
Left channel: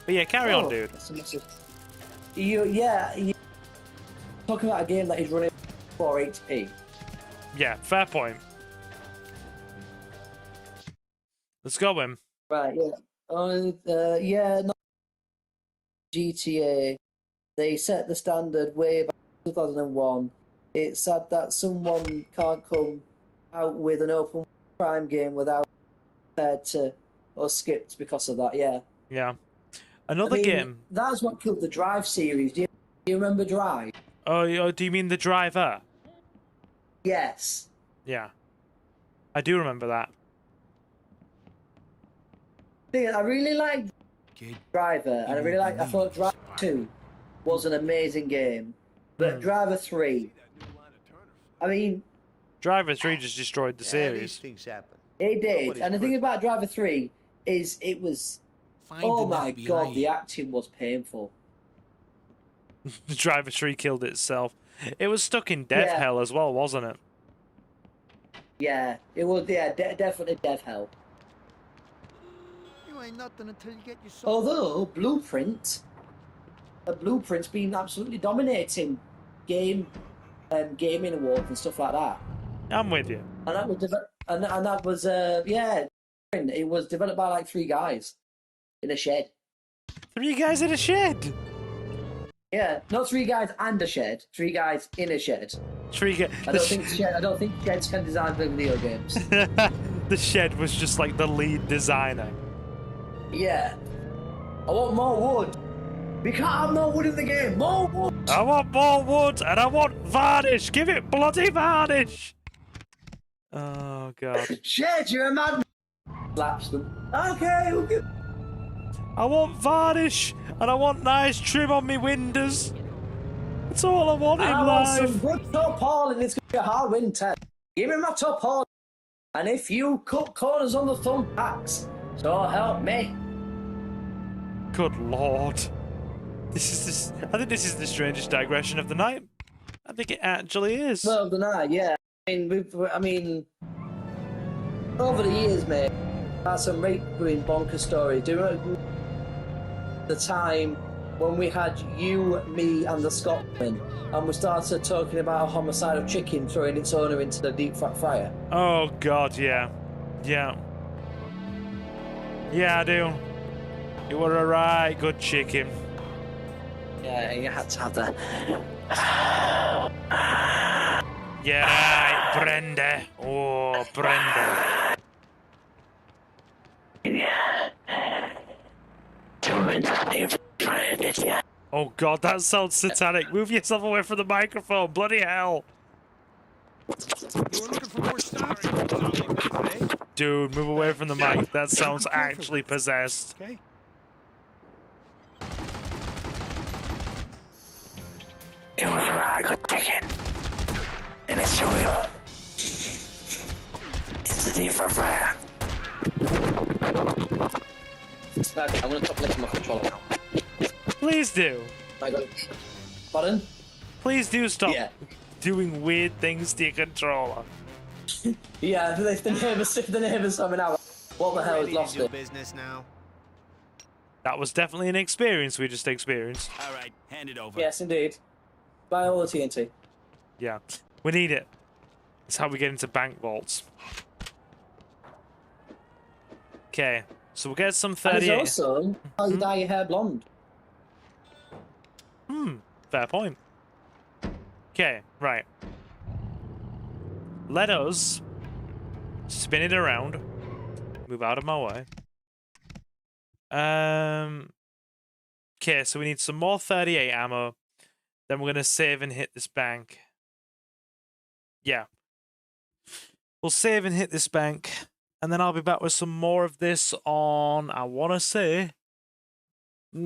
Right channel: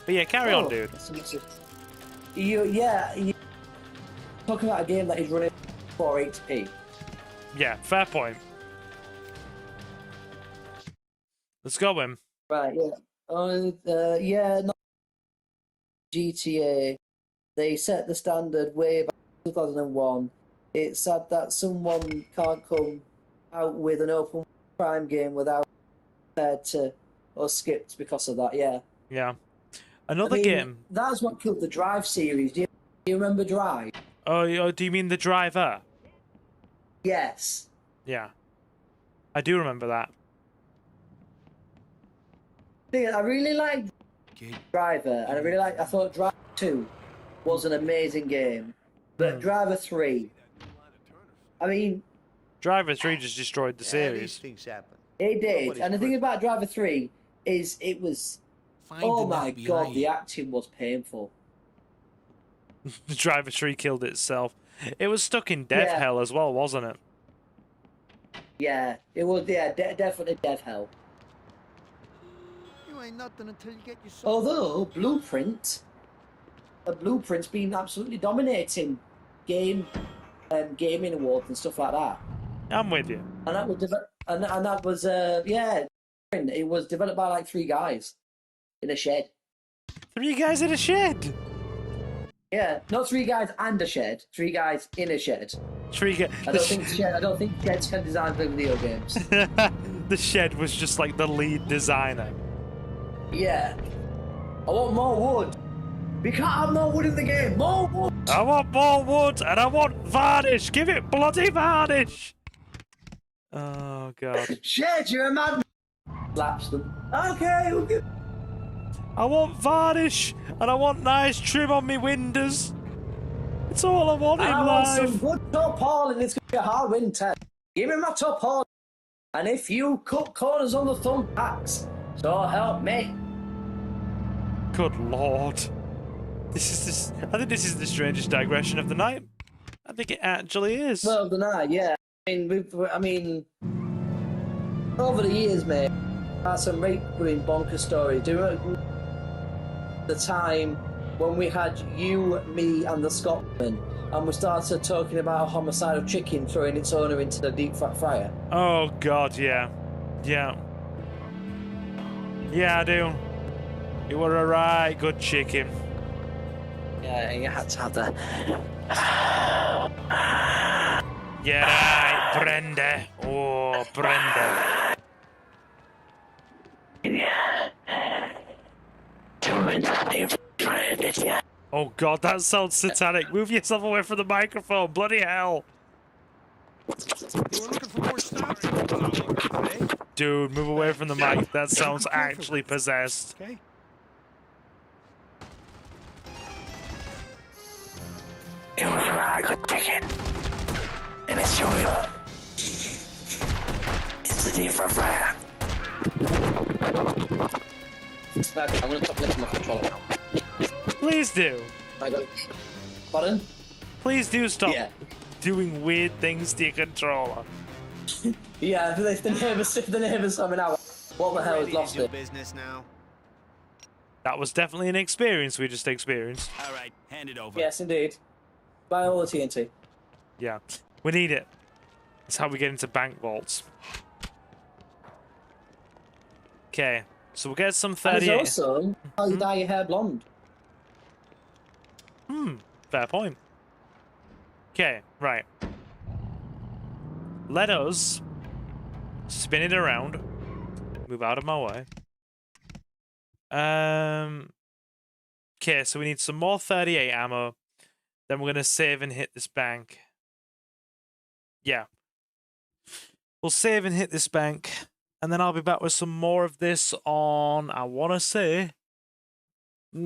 But yeah, carry on, dude. You're talking about a game that is running 480p. Yeah, fair point. Let's go, him. Right, yeah. GTA, they set the standard way back in 2001. It's sad that someone can't come out with an open crime game without compared to or skipped because of that, yeah. Yeah. Another game. That's what killed the Drive series. Do you remember Drive? Oh, do you mean the Driver? Yes. Yeah. I do remember that. I really liked Driver, and I thought Driver 2 was an amazing game. But Driver 3, I mean... Driver 3 just destroyed the series. These things happen. It did, and the thing about Driver 3 is it was... Oh my god, the acting was painful. The Driver 3 killed itself. It was stuck in dev hell as well, wasn't it? Yeah, it was, definitely dev hell. You ain't nothing until you get yourself... Although, Blueprint's been absolutely dominating gaming awards and stuff like that. I'm with you. And that was, it was developed by like 3 guys in a shed. 3 guys in a shed? Yeah, not 3 guys and a shed. 3 guys in a shed. 3 guys. I don't think sheds can design video games. The shed was just like the lead designer. Yeah. I want more wood. We can't have more wood in the game. More wood. I want more wood and I want varnish. Give it bloody varnish. Oh god. Shed, you're a madman. Slaps them. Okay. I want varnish and I want nice trim on me windows. It's all I want in life. Some good tarpaulin. It's going to be a hard winter. Give me my tarpaulin. And if you cut corners on the thumbtacks, so help me. Good lord. I think this is the strangest digression of the night. I think it actually is. Well, the night, yeah. I mean, over the years, mate, that's some really bonkers story. Do you remember the time when we had you, me, and the Scotsman, and we started talking about a homicidal chicken throwing its owner into the deep fat fryer? Oh god, yeah. Yeah. Yeah, I do. You were a right good chicken. Yeah, you had to have that. Yeah, right, Brenda. Oh, Brenda. Oh god, that sounds satanic. Move yourself away from the microphone. Bloody hell. You were looking for more stopping power, eh? Dude, move away from the mic. That sounds actually possessed. Okay. You were a good chicken. And it's showing up. It's the deep fat fryer. I'm gonna top this on my controller now. Please do. Pardon? Please do stop doing weird things to your controller. Yeah, if the neighbours coming out. What the hell is ready to do business now? That was definitely an experience we just experienced. All right, hand it over. Yes, indeed. Buy all the TNT. Yeah, we need it. That's how we get into bank vaults. Okay, so we'll get some 38. And also, how you dye your hair blonde. Fair point. Okay, right. Let us spin it around. Move out of my way. Okay, so we need some more 38 ammo. Then we're gonna save and hit this bank. Yeah. We'll save and hit this bank. And then I'll be back with some more of this on, I wanna say. Wait.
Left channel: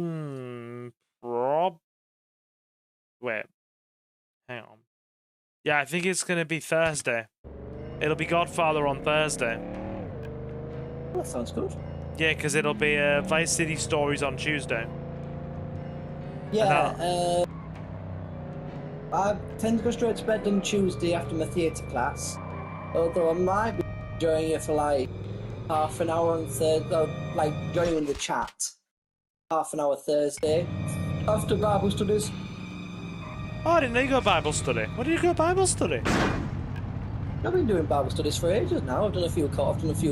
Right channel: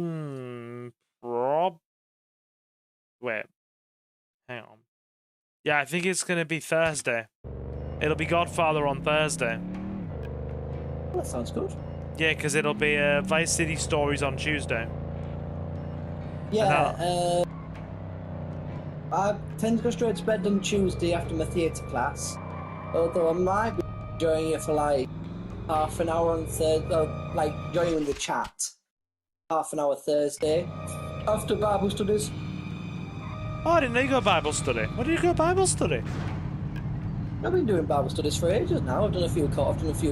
Hang on. Yeah, I think it's gonna be Thursday. It'll be Godfather on Thursday. That sounds good. Yeah, because it'll be Vice City Stories on Tuesday. Yeah, I tend to go straight to bed on Tuesday after my theatre class. Although I might be joining you for like half an hour on Thursday, like joining in the chat. Half an hour Thursday after Bible studies. Oh, I didn't know you got Bible study. When did you go Bible study? I've been doing Bible studies for ages now. I've done a few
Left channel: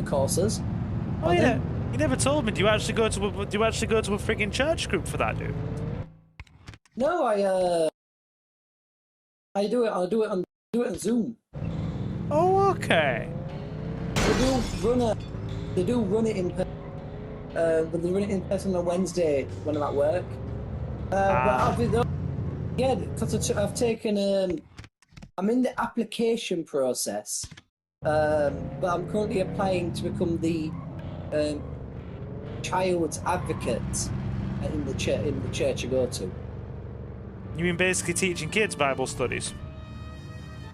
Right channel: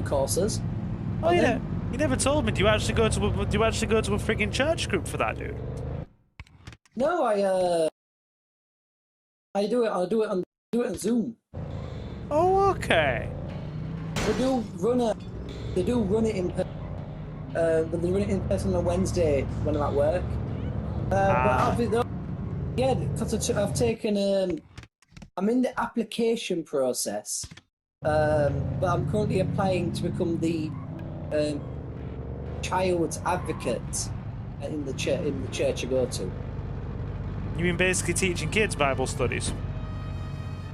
courses. Oh, you never told me. Do you actually go to a freaking church group for that, dude? No, I do it on Zoom. Oh, okay. They do run it in person. But they run it in person on Wednesday when I'm at work. Yeah, because I've taken I'm in the application process, but I'm currently applying to become the child advocate in the church I go to. You mean basically teaching kids Bible studies?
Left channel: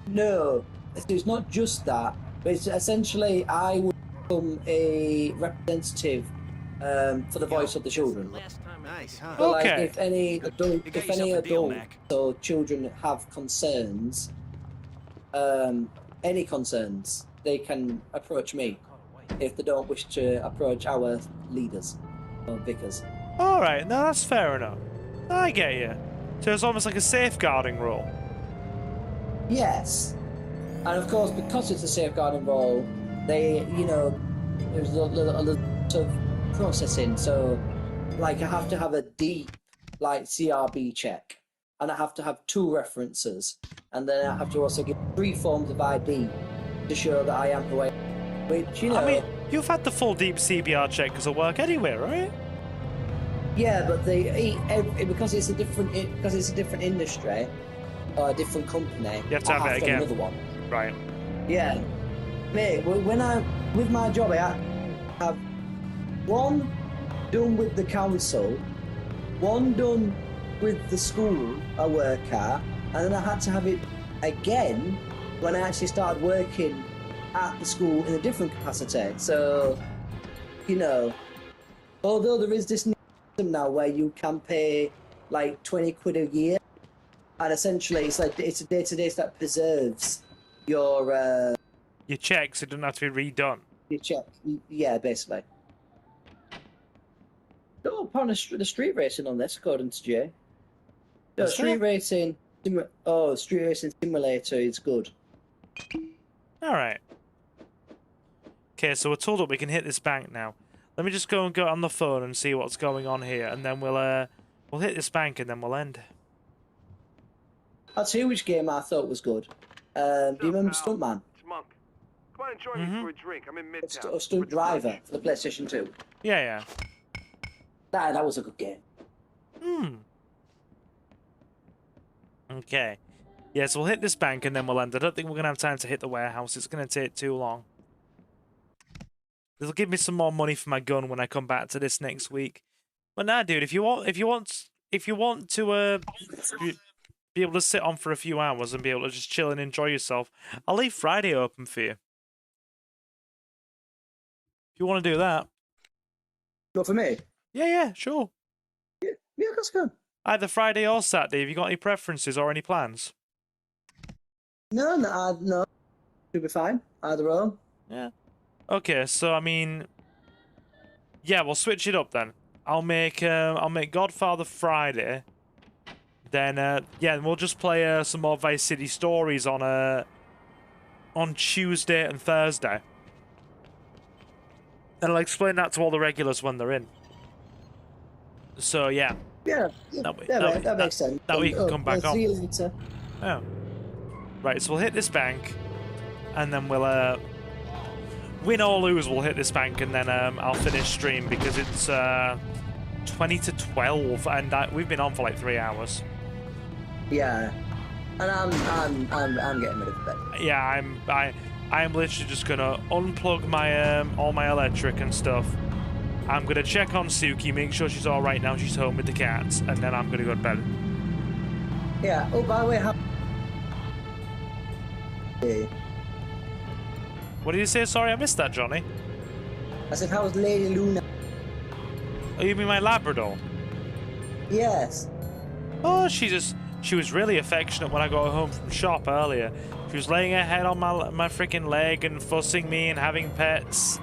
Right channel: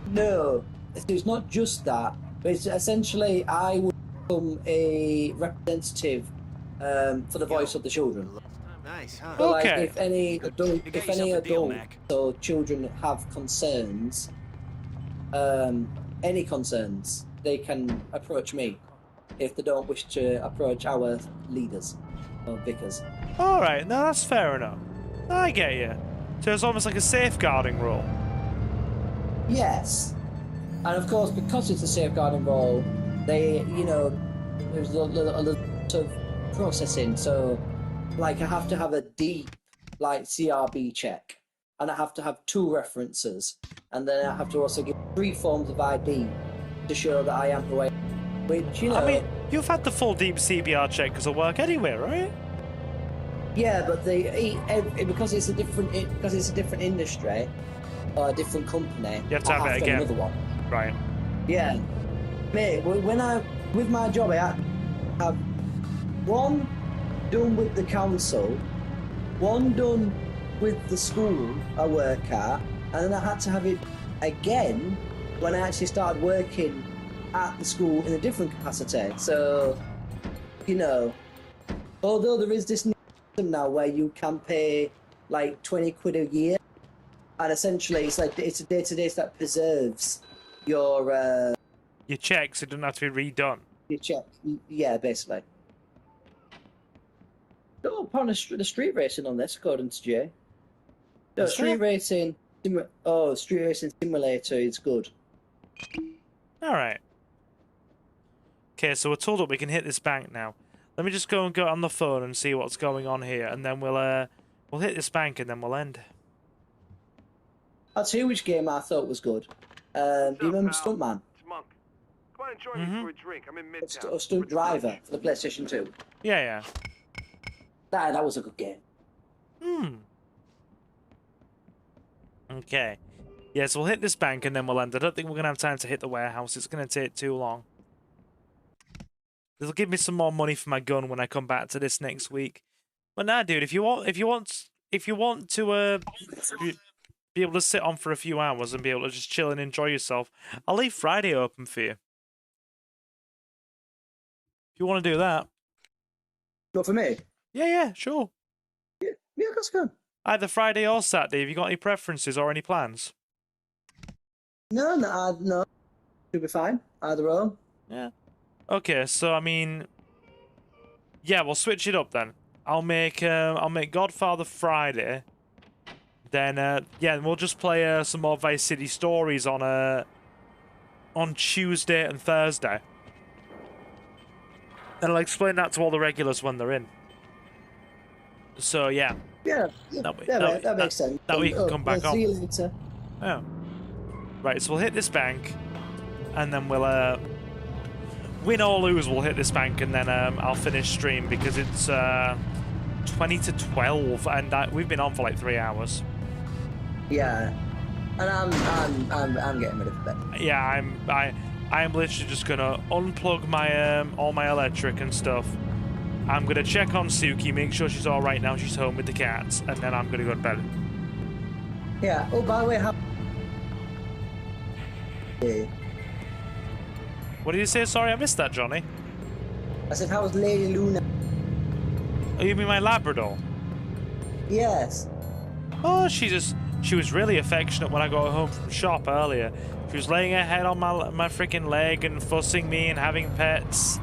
No, it's not just that. But it's essentially I will become a representative for the voice of the children. Nice, huh? So, Okay. like, if any adult deal, Mac. or children have concerns, any concerns, they can approach me if they don't wish to approach our leaders or vicars. All right, no, that's fair enough. I get you. So it's almost like a safeguarding role. Yes, and of course because it's a safeguarding role, they, there's a lot of processing. So, like, I have to have a deep, like, CRB check, and I have to have 2 references, and then I have to also give 3 forms of ID to show that I am the way. Which, I mean, you've had the full deep CBR check because of work anyway, right? Yeah, but because it's a different industry, or a different company. You have to have it again. Another one. Right. Yeah, mate. With my job, I have 1 done with the council, 1 done with the school I work at, and then I had to have it again when I actually started working at the school in a different capacity. So, although there is this system now where you can pay like 20 quid a year, and essentially it's a database that preserves your checks. It doesn't have to be redone. Your check, yeah, basically. Oh, apparently the street racing on this, according to Jay. No, street racing simulator is good. All right. Okay, so we're told that we can hit this bank now. Let me just go on the phone and see what's going on here, and then we'll hit this bank and then we'll end. I'll tell you which game I thought was good. Do you remember Stuntman? It's Monk. Come on and join me for a drink. I'm in Midtown. Or Stunt Driver for the PlayStation 2. Yeah. That was a good game. Okay. Yes, we'll hit this bank and then we'll end. I don't think we're going to have time to hit the warehouse. It's going to take too long. It'll give me some more money for my gun when I come back to this next week. But nah, dude, if you want to be able to sit on for a few hours and be able to just chill and enjoy yourself, I'll leave Friday open for you. If you want to do that. Not for me? Yeah, sure. Yeah, let's go. Either Friday or Saturday. Have you got any preferences or any plans? No. You'll be fine. Either or. Yeah. Okay, so I mean, yeah, we'll switch it up then. I'll make Godfather Friday. Then we'll just play some more Vice City Stories on on Tuesday and Thursday. And I'll explain that to all the regulars when they're in. So, yeah. Yeah, That way, that makes sense. That way you can come back on. See you later. Yeah. Right, so we'll hit this bank, and then we'll, win or lose, we'll hit this bank, and then I'll finish stream, because it's 20 to 12, and we've been on for like 3 hours. Yeah. And I'm getting rid of it. Yeah, I'm literally just gonna unplug my all my electric and stuff. I'm gonna check on Suki, make sure she's all right now. She's home with the cats, and then I'm gonna go to bed. Yeah. Oh, by the way, What did you say? Sorry, I missed that, Johnny. I said, how was Lady Luna? Oh, you mean my Labrador? Yes. Oh, she was really affectionate when I got home from shop earlier. She was laying her head on my freaking leg and fussing me and having pets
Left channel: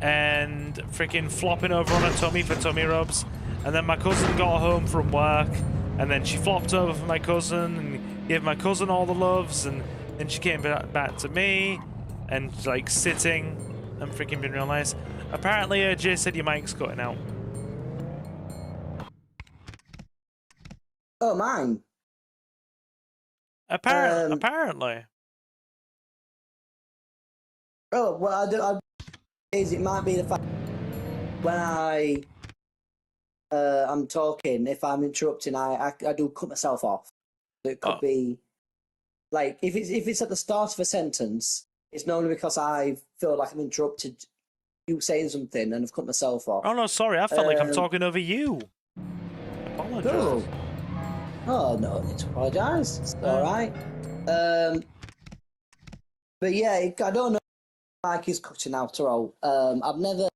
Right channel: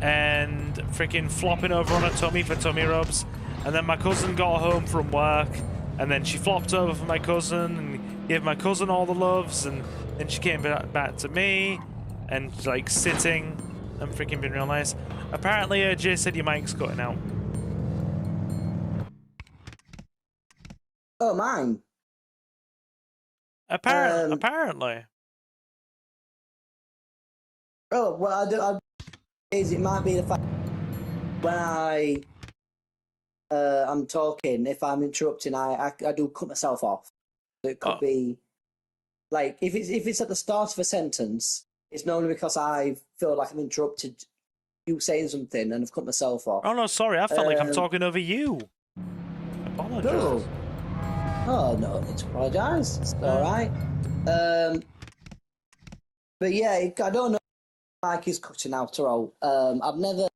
and freaking flopping over on her tummy for tummy rubs. And then my cousin got home from work and then she flopped over for my cousin and gave my cousin all the loves, and then she came back to me and like sitting and freaking being real nice. Apparently, Jay said your mic's cutting out. Oh, mine. Apparently. Oh, well, it might be the fact when I'm talking, if I'm interrupting, I do cut myself off. So it could be like if it's at the start of a sentence, it's normally because I feel like I'm interrupted you saying something and I've cut myself off. Oh no, sorry, I felt like I'm talking over you. Apologize. Oh no, need to apologise. It's alright. But yeah, I don't know if the mic is cutting out or all. I've never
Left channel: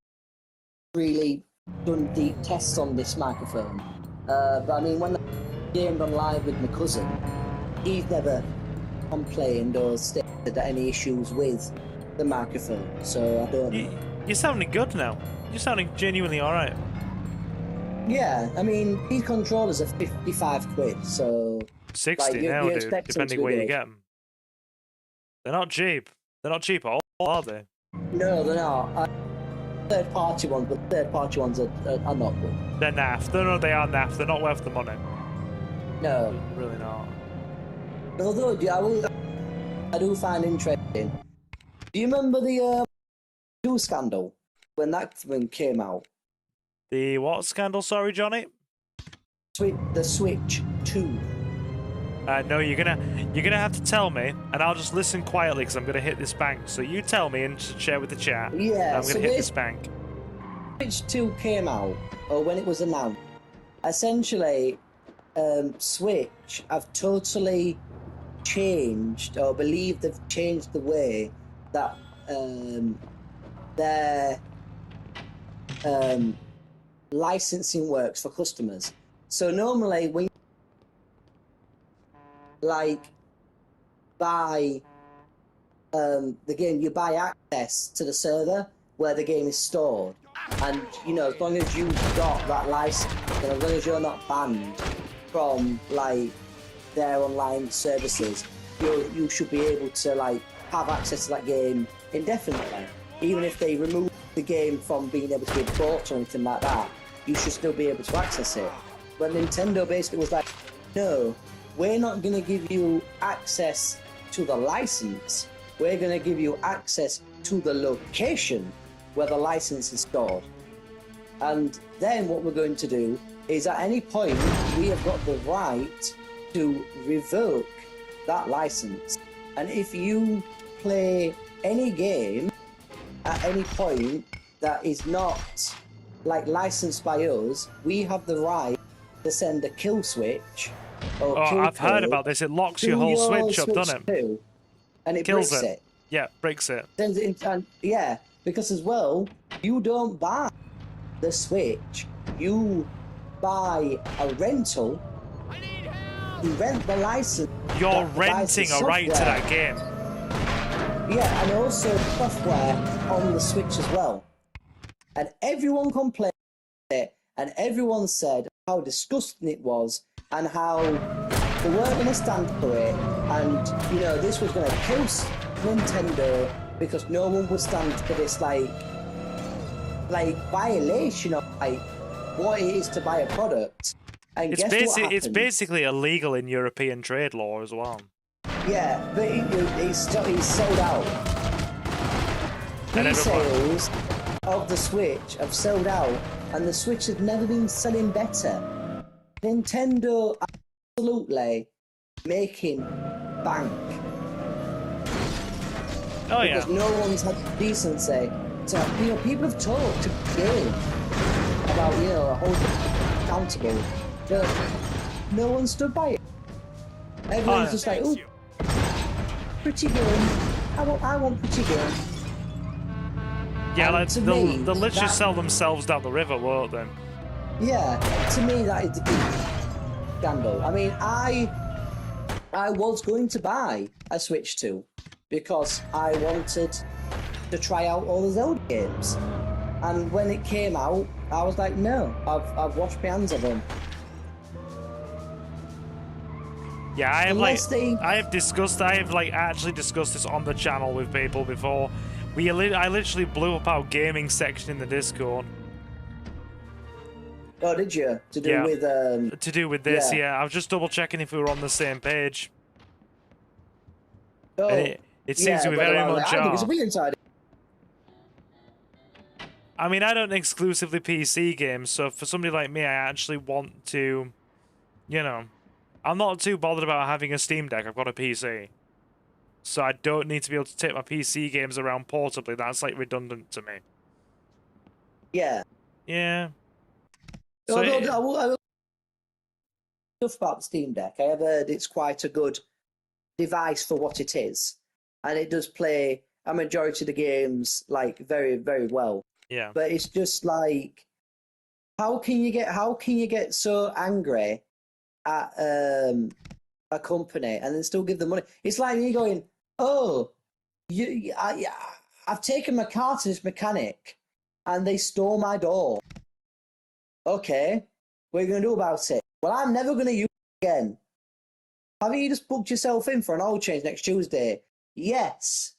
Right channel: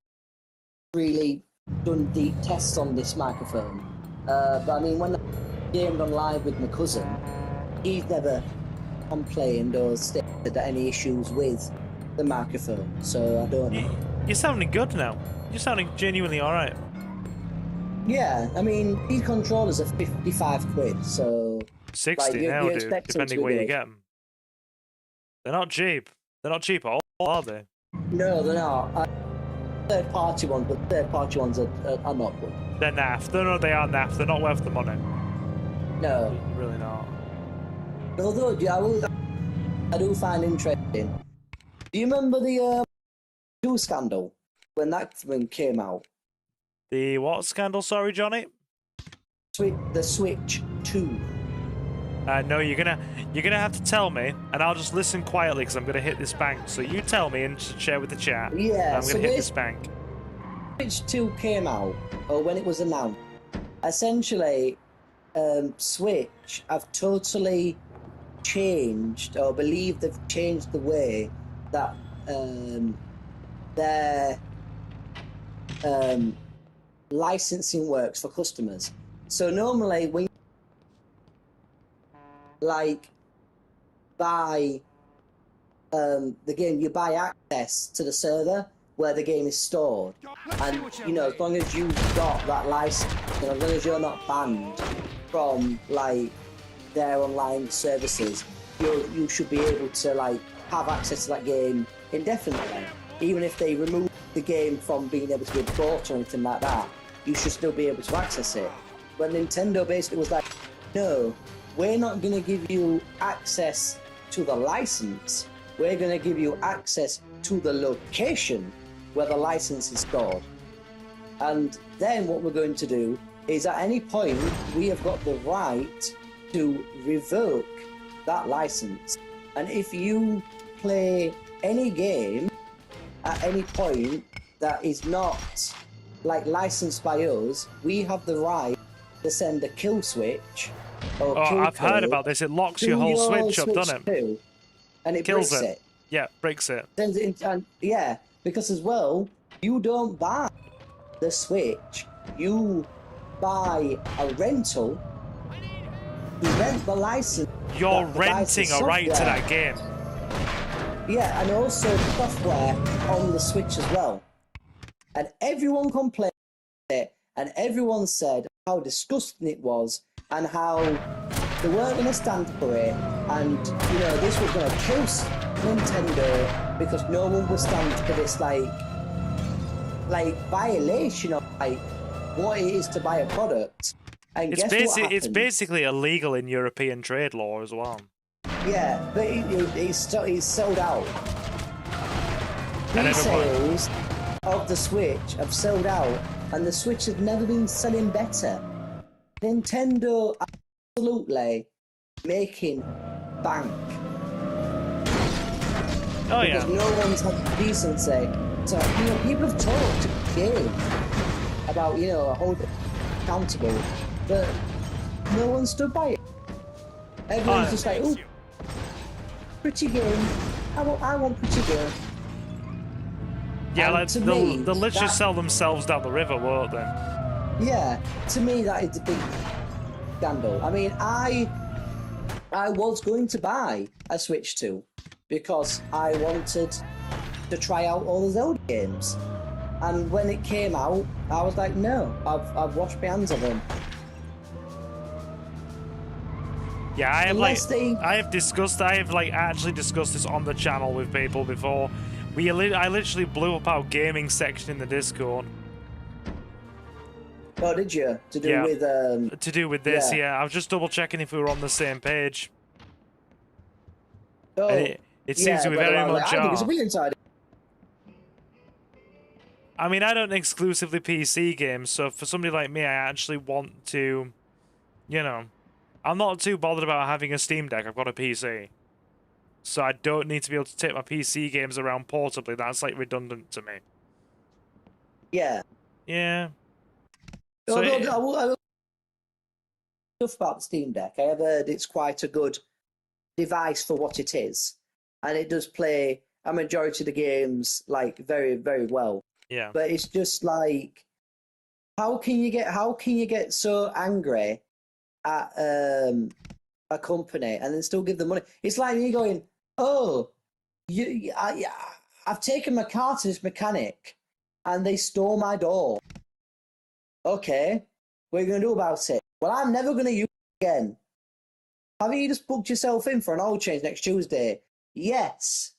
really done deep tests on this microphone. But I mean, when I came on live with my cousin, he's never complained or stated any issues with the microphone. So I don't. You're sounding good now. You're sounding genuinely alright. Yeah, I mean, these controllers are 55 quid, so... 60 like, now, dude, depending where you get them. They're not cheap. They're not cheap at all, are they? No, they're not. Third-party ones, but third-party ones are not good. They're naff. No, they are naff. They're not worth the money. No. They're really not. Although, yeah, I do find interesting. Do you remember the scandal? When that one came out? The what scandal, sorry, Johnny? The Switch 2. No, you're gonna have to tell me, and I'll just listen quietly because I'm gonna hit this bank. So you tell me and share with the chat. Yeah, I'm gonna hit this bank. Switch 2 came out, or when it was announced. Essentially, Switch have totally changed, or believe they've changed the way that their licensing works for customers. So normally when you buy the game, you buy access to the server where the game is stored, and you know, as long as you've got that license, and as long as you're not banned from their online services, you should be able to have access to that game indefinitely. Even if they remove the game from being able to be bought or anything like that, you should still be able to access it. But Nintendo basically was like, no, we're not going to give you access to the license. We're going to give you access to the location where the license is stored. And then what we're going to do is at any point, we have got the right to revoke that license. And if you play any game at any point that is not licensed by us, we have the right to send a kill switch. Oh, I've heard about this. It locks your whole Switch up, doesn't it? And it kills breaks it. Yeah, breaks it. Yeah, because as well, you don't buy the Switch. You buy a rental. You rent the license. You're renting a right to that game. Yeah, and also software on the Switch as well. And everyone complained about it, and everyone said how disgusting it was, and how they weren't going to stand for it, And, you know, this was going to kill Nintendo because no one will stand for this, like violation of, like, what it is to buy a product. And It's basically illegal in European trade law as well. Yeah, but he's sold out. And These everyone... sales of the Switch have sold out, and the Switch has never been selling better. Nintendo absolutely making bank. Oh, because yeah. no one's had decency. So, you know, people have talked to kill about, you know, holding accountable, but no one stood by it. Everyone's just like, oh, pretty game. I want pretty game. Yeah, And like, to they'll me, literally sell themselves down the river, won't they? Yeah, to me that is the big scandal. I mean, I was going to buy a Switch 2 because I wanted to try out all the Zelda games. And when it came out, I was like, no, I've washed my hands of them. Yeah, I have Unless actually discussed this on the channel with people before. I literally blew up our gaming section in the Discord. Oh, did you? To do with this, yeah. I was just double checking if we were on the same page. Oh, and it seems to be very much are. I mean, I don't exclusively PC games, so for somebody like me, I actually want to, you know, I'm not too bothered about having a Steam Deck. I've got a PC. So I don't need to be able to take my PC games around portably. That's, like, redundant to me. Yeah. Yeah. So So I stuff about the Steam Deck. I have heard it's quite a good device for what it is, and it does play a majority of the games like very, very well. Yeah. But it's just like, how can you get so angry at a company and then still give them money? It's like me going, oh, I've taken my car to this mechanic and they stole my door. Okay, what are you going to do about it? Well, I'm never going to use it again. Haven't you just booked yourself in for an oil change next Tuesday? Yes.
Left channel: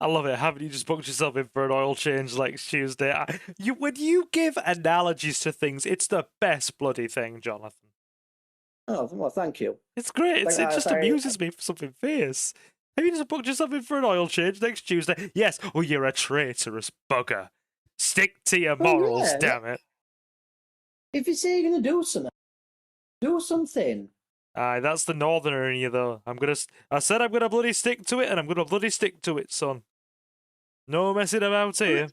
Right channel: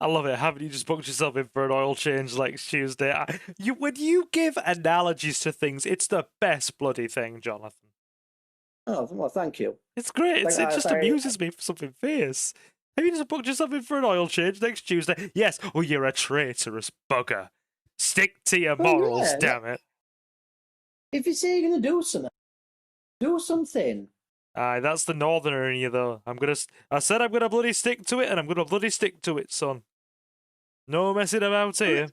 I love it. Haven't you just booked yourself in for an oil change next Tuesday? When you give analogies to things, it's the best bloody thing, Jonathan. Oh, well, thank you. It's great. It just amuses me for something fierce. Have you just booked yourself in for an oil change next Tuesday? Yes. Oh, you're a traitorous bugger. Stick to your morals, damn it. If you say you're going to do something, do something. Aye, that's the northerner in you, though. I said I'm gonna bloody stick to it, and I'm gonna bloody stick to it, son. No messing about here.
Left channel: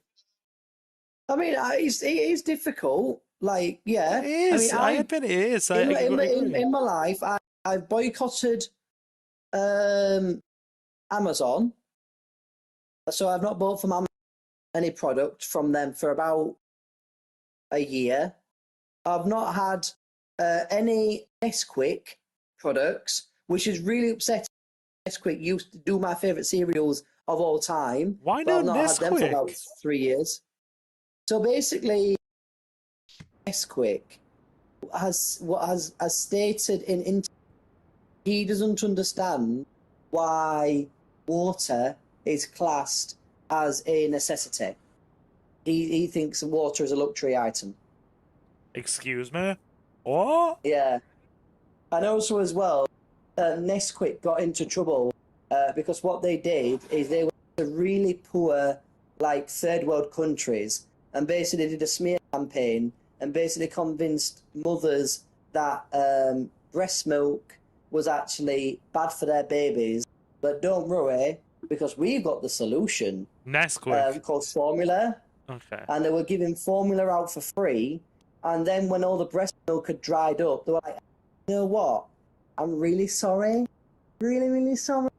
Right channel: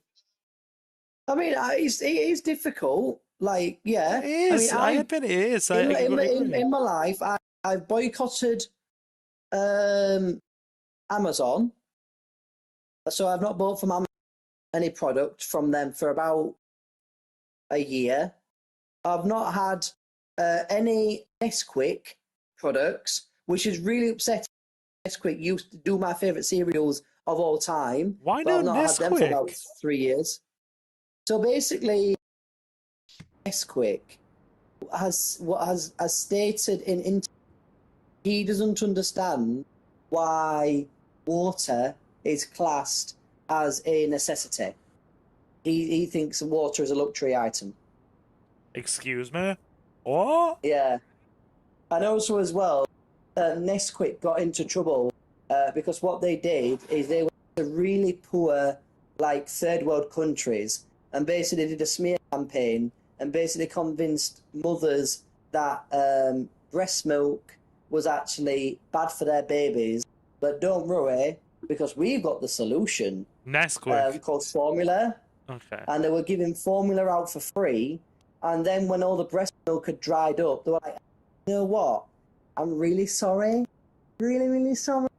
I mean, it is difficult. Like, yeah. It is. I admit it is. In my life, I've boycotted Amazon. So I've not bought from Amazon any product from them for about a year. I've not had any Nesquik products, which is really upsetting. Nesquik used to do my favourite cereals of all time. Why no Nesquik? For about Nesquik? 3 years. So basically, Nesquik has stated in he doesn't understand why water is classed as a necessity. He thinks water is a luxury item. Excuse me? What? Yeah. And also as well, Nesquik got into trouble because what they did is they went to really poor, like, third world countries and basically did a smear campaign and basically convinced mothers that breast milk was actually bad for their babies. But don't worry, because we've got the solution. Nesquik. Called formula. Okay. And they were giving formula out for free. And then when all the breast milk had dried up, they were like, you know what? I'm really sorry. Really, really sorry.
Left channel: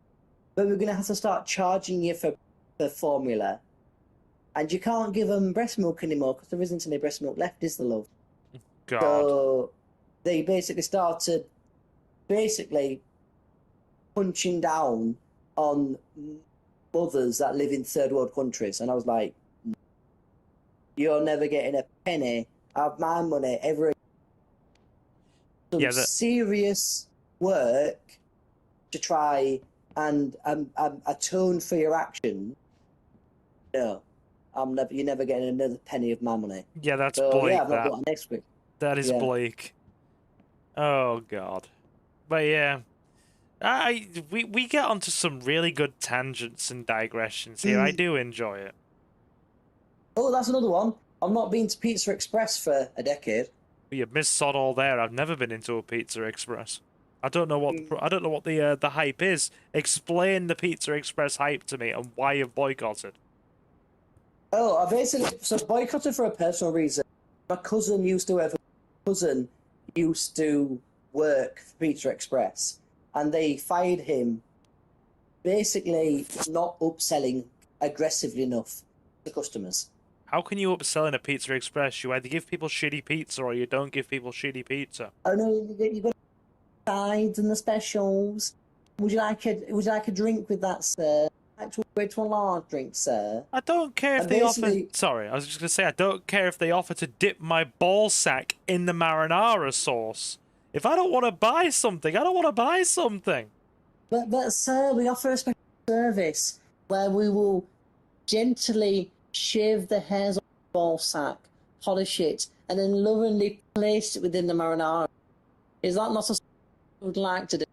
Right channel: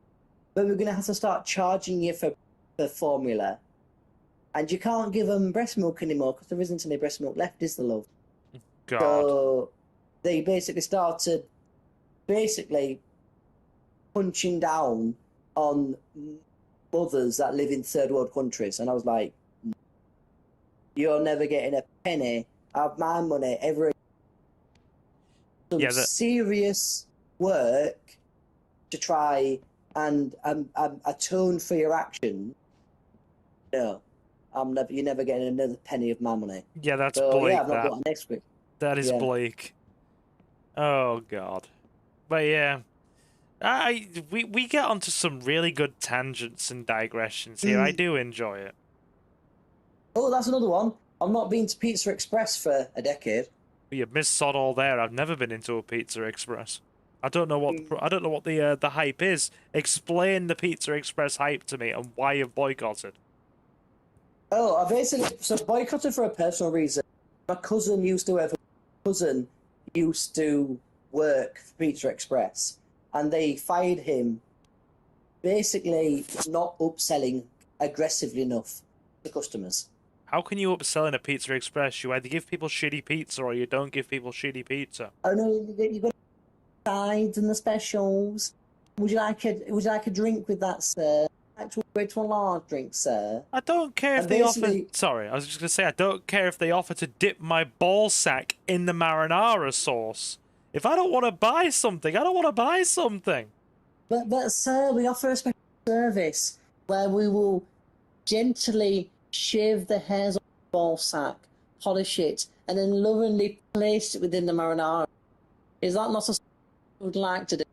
But we're going to have to start charging you for the formula. And you can't give them breast milk anymore because there isn't any breast milk left, is the love? God. So they basically started punching down on mothers that live in third world countries. And I was like, you're never getting a penny of my money ever. Some serious work to try and atone for your action, no, you're never getting another penny of my money. Yeah, that's so, bleak. Yeah, I'm not going next week. That is bleak. Oh God. But yeah, we get onto some really good tangents and digressions here. I do enjoy it. Oh, that's another one. I've not been to Pizza Express for a decade. But you missed sod all there. I've never been into a Pizza Express. I don't know what the hype is. Explain the Pizza Express hype to me and why you've boycotted. Oh, I basically boycotted for a personal reason. My cousin used to work for Pizza Express, and they fired him. Basically, not upselling aggressively enough to customers. How can you upsell in a Pizza Express? You either give people shitty pizza or you don't give people shitty pizza. I know you've got the sides and the specials. Would you like a drink with that, sir? Actual way to a large drink, sir. I don't care if they offer. Sorry, I was just gonna say I don't care if they offer to dip my ball sack in the marinara sauce. If I don't want to buy something, I don't want to buy something. But sir, we offer a special service where we will gently shave the hairs off the ball sack, polish it, and then lovingly place it within the marinara. Is that not something you would like to do?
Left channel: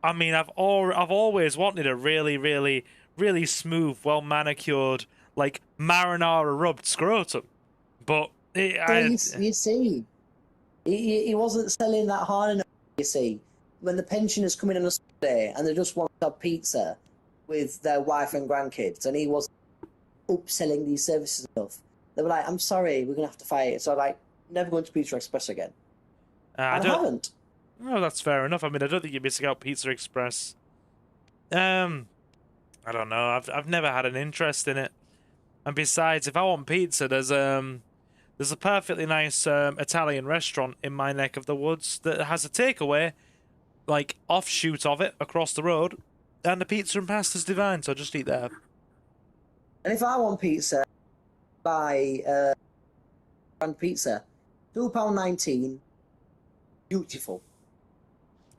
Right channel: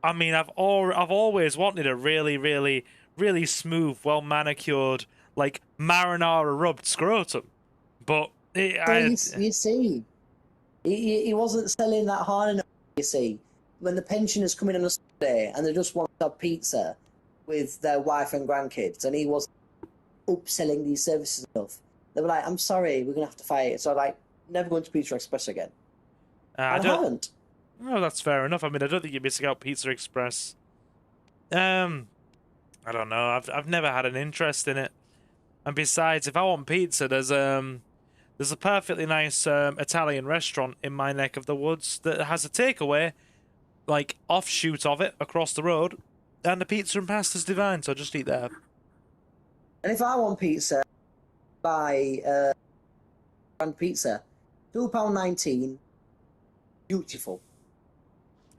I mean, I've always wanted a really, really, really smooth, well manicured, like marinara rubbed scrotum, but you see, he wasn't selling that hard enough. You see, when the pensioners come in on a Sunday and they just want to have pizza with their wife and grandkids, and he wasn't upselling these services enough, they were like, "I'm sorry, we're gonna have to fight it." So like, never going to Pizza Express again. I haven't. No, that's fair enough. I mean, I don't think you're missing out Pizza Express. I don't know. I've never had an interest in it. And besides, if I want pizza, there's a perfectly nice Italian restaurant in my neck of the woods that has a takeaway, like offshoot of it across the road, and the pizza and pasta's divine. So I just eat there. And if I want pizza, buy grand pizza, £2.19. Beautiful.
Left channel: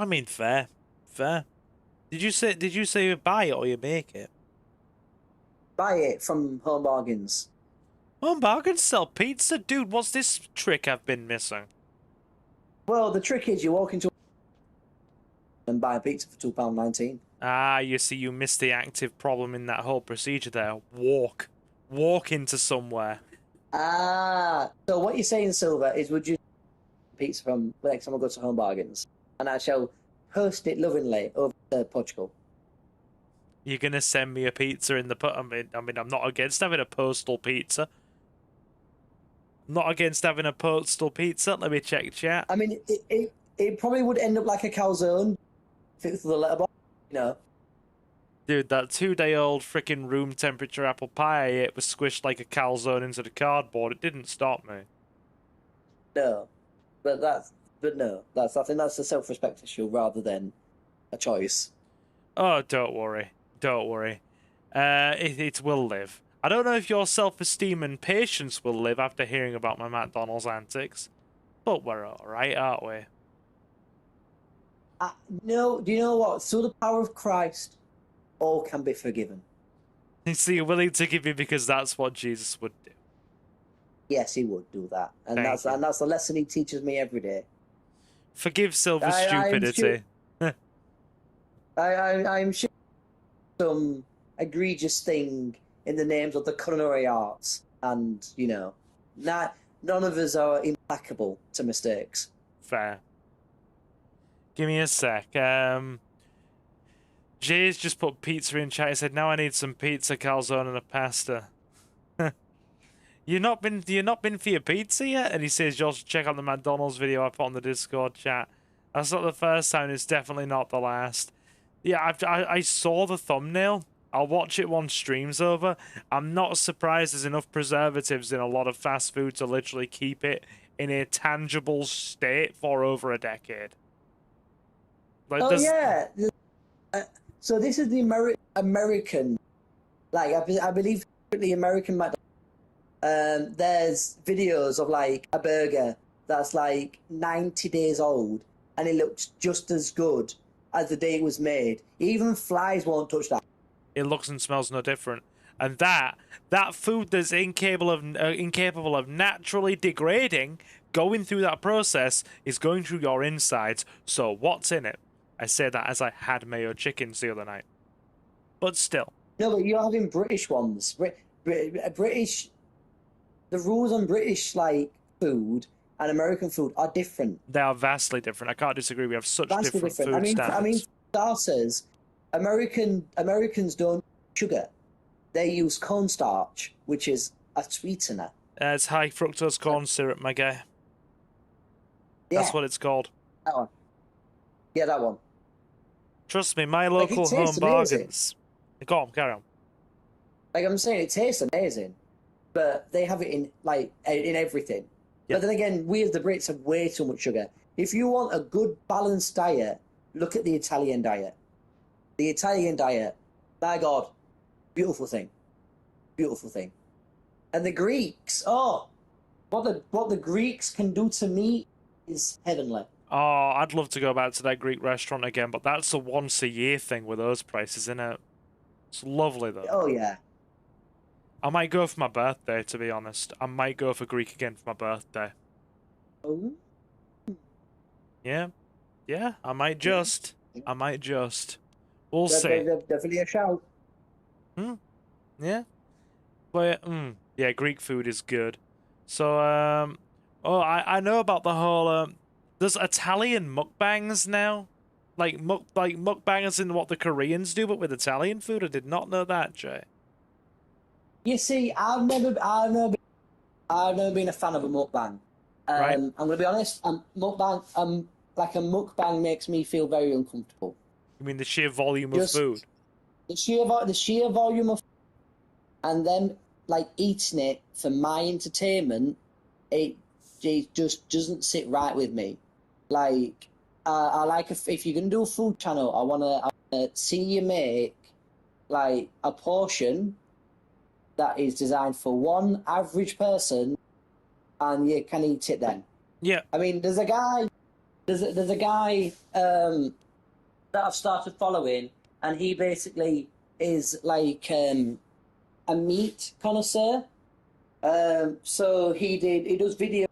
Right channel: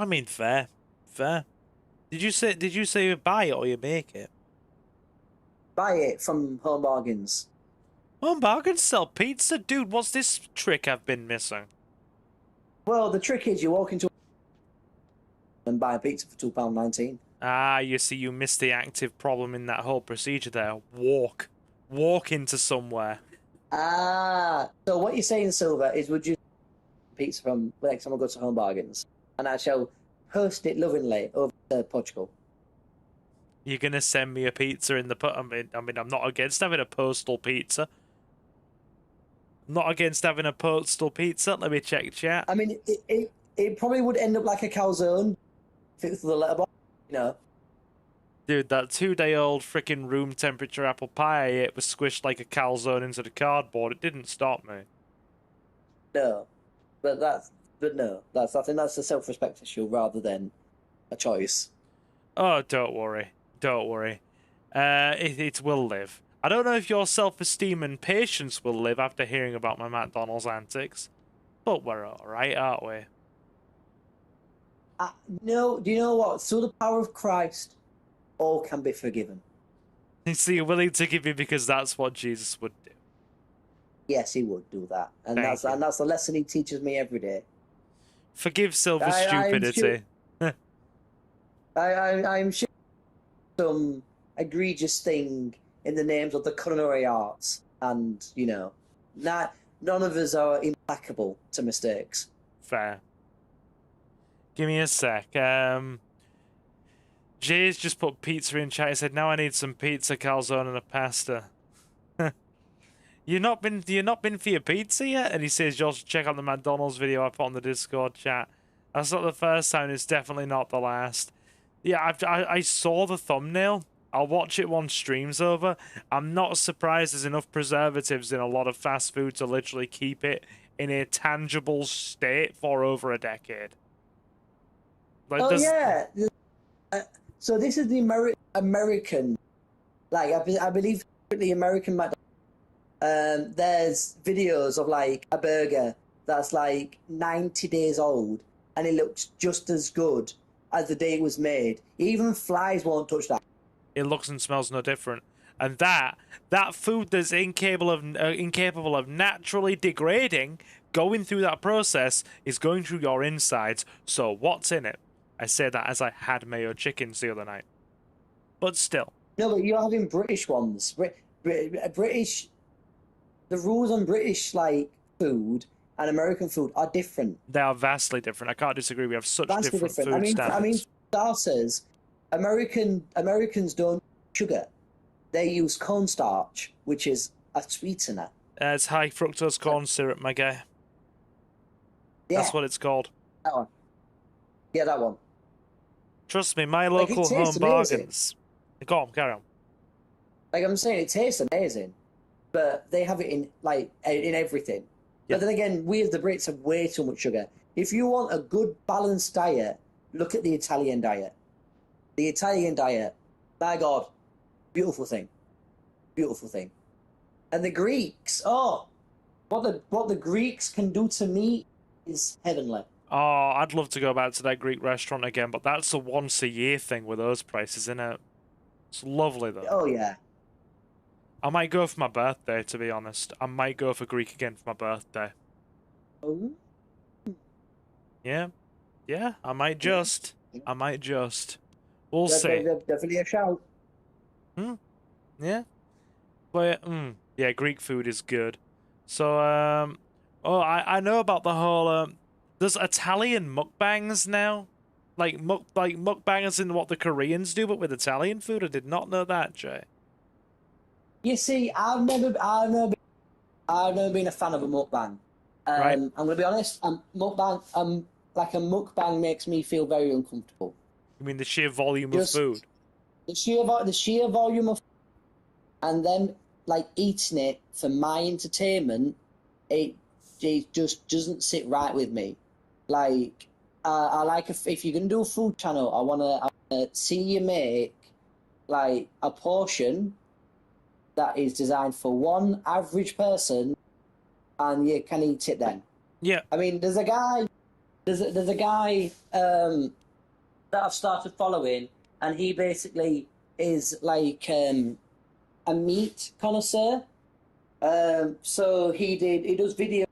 I mean, fair. Did you say you buy it or you make it? Buy it from Home Bargains. Home Bargains sell pizza? Dude, what's this trick I've been missing? Well, the trick is you walk into and buy a pizza for £2.19. Ah, you see, you missed the active problem in that whole procedure there. Walk into somewhere. Ah, so what you're saying, Silver, is would you pizza from the next time I go to Home Bargains, and I shall post it lovingly over to Portugal. You're gonna send me a pizza in the I mean, I'm not against having a postal pizza. I'm not against having a postal pizza. Let me check chat. I mean, it probably would end up like a calzone, fixed with a letterbox, you know. Dude, that 2-day-old freaking room temperature apple pie I ate was squished like a calzone into the cardboard. It didn't stop me. No. I think that's a self-respect issue rather than a choice. Oh, don't worry. It will live. I don't know if your self-esteem and patience will live after hearing about my McDonald's antics, but we're alright, aren't we? No, do you know what? Through the power of Christ, all can be forgiven. So you're willing to give me because that's what Jesus would do? Yes, he would do that. And that's the lesson he teaches me every day. Forgive Silver's stupidity. I'm sure some egregious thing in the names of the culinary arts, and, you know, none of us are implacable to mistakes. Fair. Give me a sec. Jay's just put pizza in chat. He said, "Now I need some pizza, calzone, and a pasta." You not been for your pizza yet? And he says, "You also check out the McDonald's video I put on the Discord chat." That's not the first time. It's definitely not the last. Yeah, I saw the thumbnail. I'll watch it once stream's over. I'm not surprised there's enough preservatives in a lot of fast food to literally keep it in a tangible state for over a decade. Like, yeah. So this is the American, like I believe the American McDonald's. There's videos of like a burger that's like 90 days old and it looks just as good as the day it was made. Even flies won't touch that. It looks and smells no different. And that food that's incapable of naturally degrading, going through that process, is going through your insides. So what's in it? I say that as I had mayo chickens the other night. But still. No, but you're having British ones. British. The rules on British like food and American food are different. They are vastly different. I can't disagree. We have such different food standards. Sauces. Americans don't sugar. They use cornstarch, which is a sweetener. It's high fructose corn syrup, my guy. Yeah. That's what it's called. That one. Yeah, that one. Trust me, my local home bargains. Go on, carry on. Like I'm saying, it tastes amazing, but they have it in everything. Yeah. But then again, we as the Brits have way too much sugar. If you want a good balanced diet, look at the Italian diet. The Italian diet, my God, beautiful thing, beautiful thing. And the Greeks, what the Greeks can do to me is heavenly. Oh, I'd love to go back to that Greek restaurant again, but that's a once-a-year thing with those prices, isn't it? It's lovely, though. Oh, yeah. I might go for my birthday, to be honest. I might go for Greek again for my birthday. Oh. Yeah. Yeah, I might just. We'll see. Definitely a shout. Yeah. But, yeah, Greek food is good. So, I know about the whole, there's Italian mukbangs now. Like mukbangers in what the Koreans do, but with Italian food. I did not know that, Jay. You see, I've never been a fan of a mukbang. Right. I'm gonna be honest. A mukbang makes me feel very uncomfortable. You mean the sheer volume of food? The sheer volume of, and then like eating it for my entertainment, it just doesn't sit right with me. Like I like if you're gonna do a food channel, I wanna see you make like a portion that is designed for one average person, and you can eat it then. Yeah. I mean, there's a guy that I've started following, and he basically is like a meat connoisseur. So he does videos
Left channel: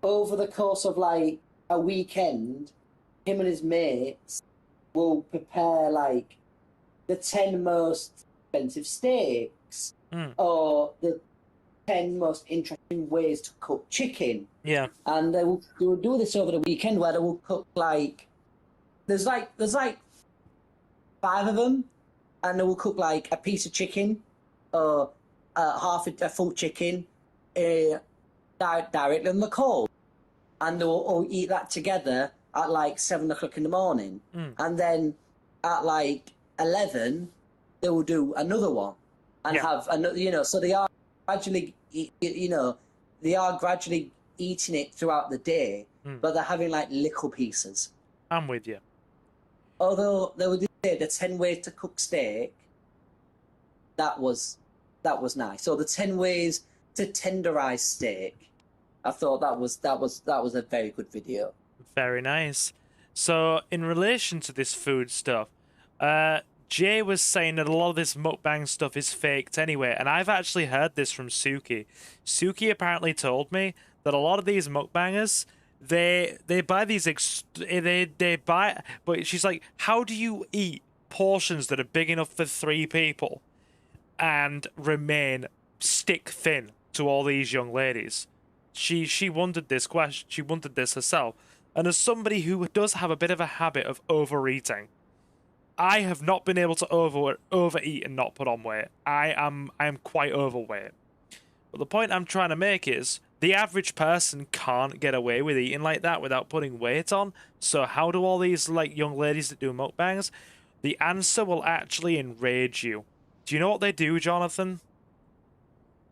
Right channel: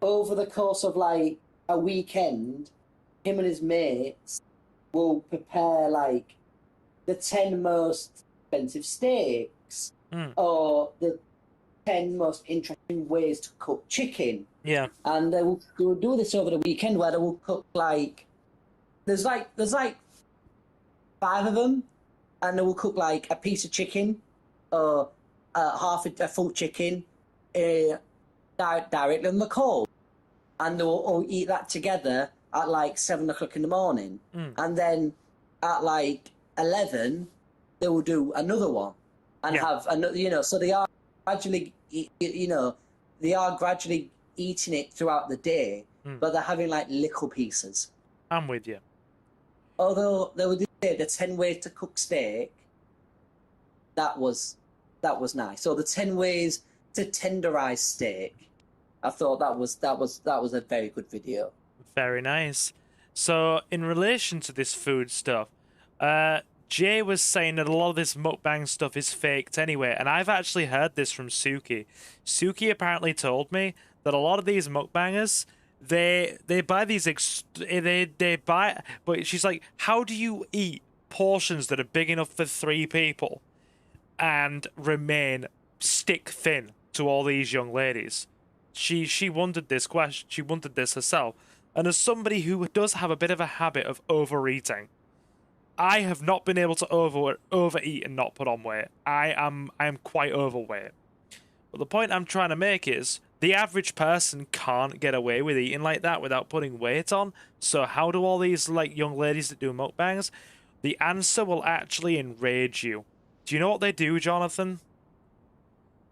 over the course of like a weekend. Him and his mates will prepare like the 10 most expensive steaks, or the 10 most interesting ways to cook chicken. Yeah. And they will do this over the weekend, where they will cook like there's like 5 of them, and they will cook like a piece of chicken, or a full chicken, directly on the coal, and they'll all eat that together at like 7 o'clock in the morning, and then at like 11 they will do another one, and have another. So they are gradually, eating it throughout the day, but they're having like little pieces. I'm with you. Although they would do the 10 ways to cook steak, that was nice. So the 10 ways to tenderize steak, I thought that was a very good video. Very nice. So in relation to this food stuff, Jay was saying that a lot of this mukbang stuff is faked anyway, and I've actually heard this from Suki. Suki apparently told me that a lot of these mukbangers, they buy these but she's like, how do you eat portions that are big enough for 3 people and remain stick thin to all these young ladies? She wondered this question. She wondered this herself. And as somebody who does have a bit of a habit of overeating, I have not been able to overeat and not put on weight. I am quite overweight. But the point I'm trying to make is the average person can't get away with eating like that without putting weight on. So how do all these like young ladies that do mukbangs? The answer will actually enrage you. Do you know what they do, Jonathan?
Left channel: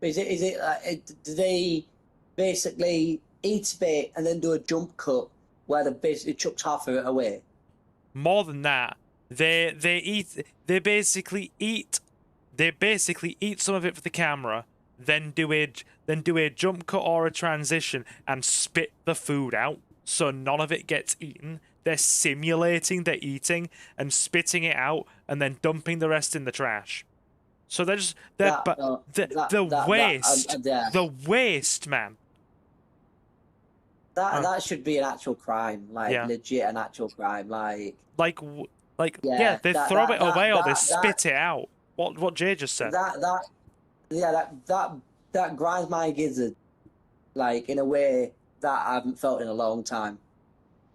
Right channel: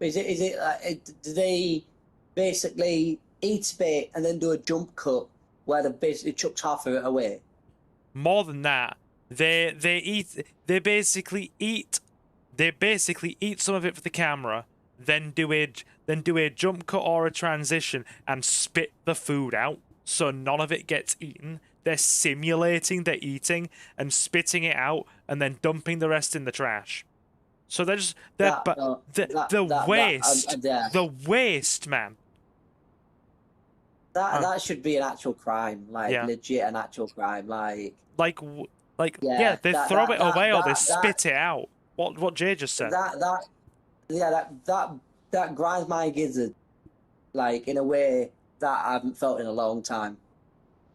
Do they basically eat a bit and then do a jump cut where they basically chucks half of it away? More than that, they basically eat some of it for the camera, then do a jump cut or a transition and spit the food out, so none of it gets eaten. they're simulating they're eating and spitting it out and then dumping the rest in the trash. So they're just the waste, man. That should be an actual crime, like legit an actual crime, they throw it away or they spit it out. What Jay just said. That grinds my gizzard, like in a way that I haven't felt in a long time.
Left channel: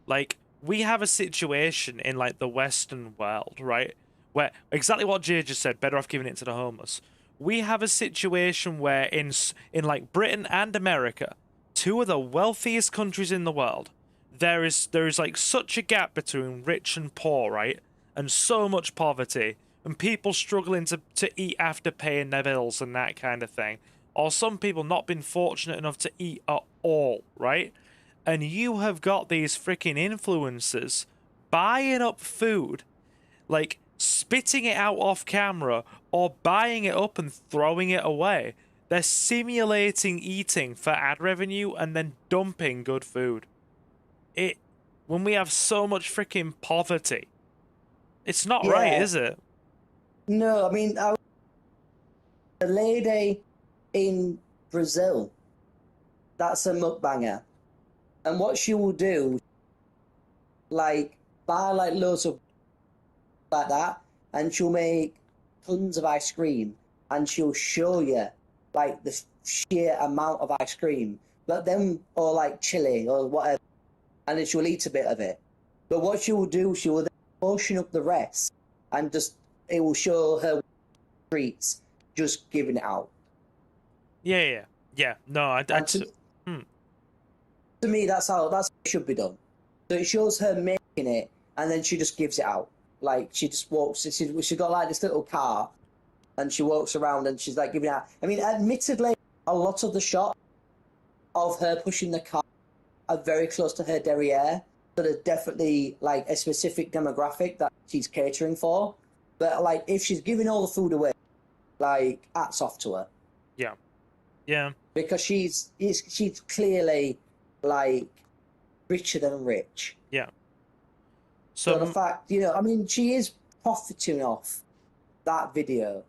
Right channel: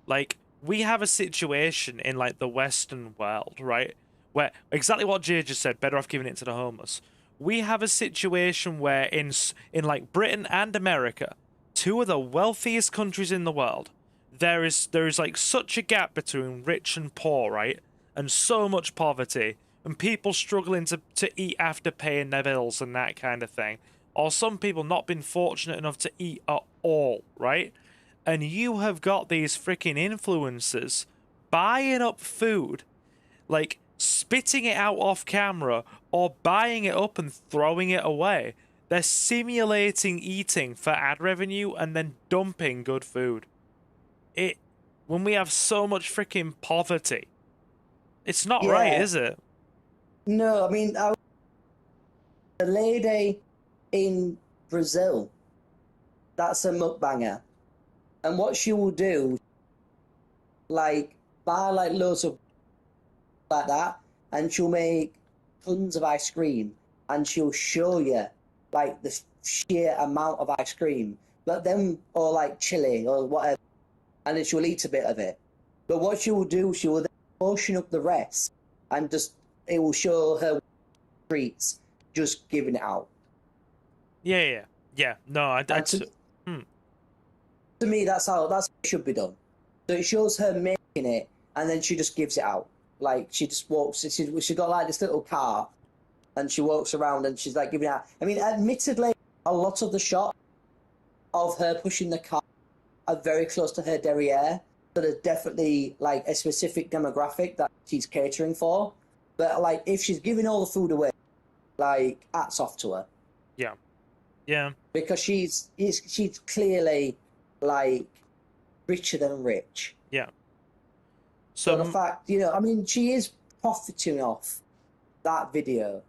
Like, we have a situation in like the Western world, right, where exactly what Jay just said. Better off giving it to the homeless. We have a situation where in like Britain and America, two of the wealthiest countries in the world, there is like such a gap between rich and poor, right? And so much poverty and people struggling to eat after paying their bills and that kind of thing. Or some people not been fortunate enough to eat at all, right? And you have got these freaking influencers buying up food, like spitting it out off camera or buying it up and throwing it away. They're simulating eating for ad revenue and then dumping good food. When we have so much freaking poverty, it's not right, is it? No, I mean, the lady in Brazil, that's a mukbanger. And what she will do, like, buy like loads of like that, and she'll make tons of ice cream, and she'll show you like the sheer amount of ice cream, but then, or like chili or whatever, and then she'll eat a bit of it. But what she will do, she will then portion up the rest, and it will show her treats, just giving it out. Yeah. No, to me, that's how it should be done. So it shows her making it, and then she just gives it out. Like, she just walks, she got like this little car, and she walks around and she's like giving it out. I mean, admittedly, a lot of the shots of her pushing the car are very close to her derriere. So there's definitely like a specific demographic that she's catering for. But like, if she's giving all the food away, like, hats off to her. Yeah. Because she's clearly like richer than rich. Yeah. So the fact, I mean, she is profiting off that video,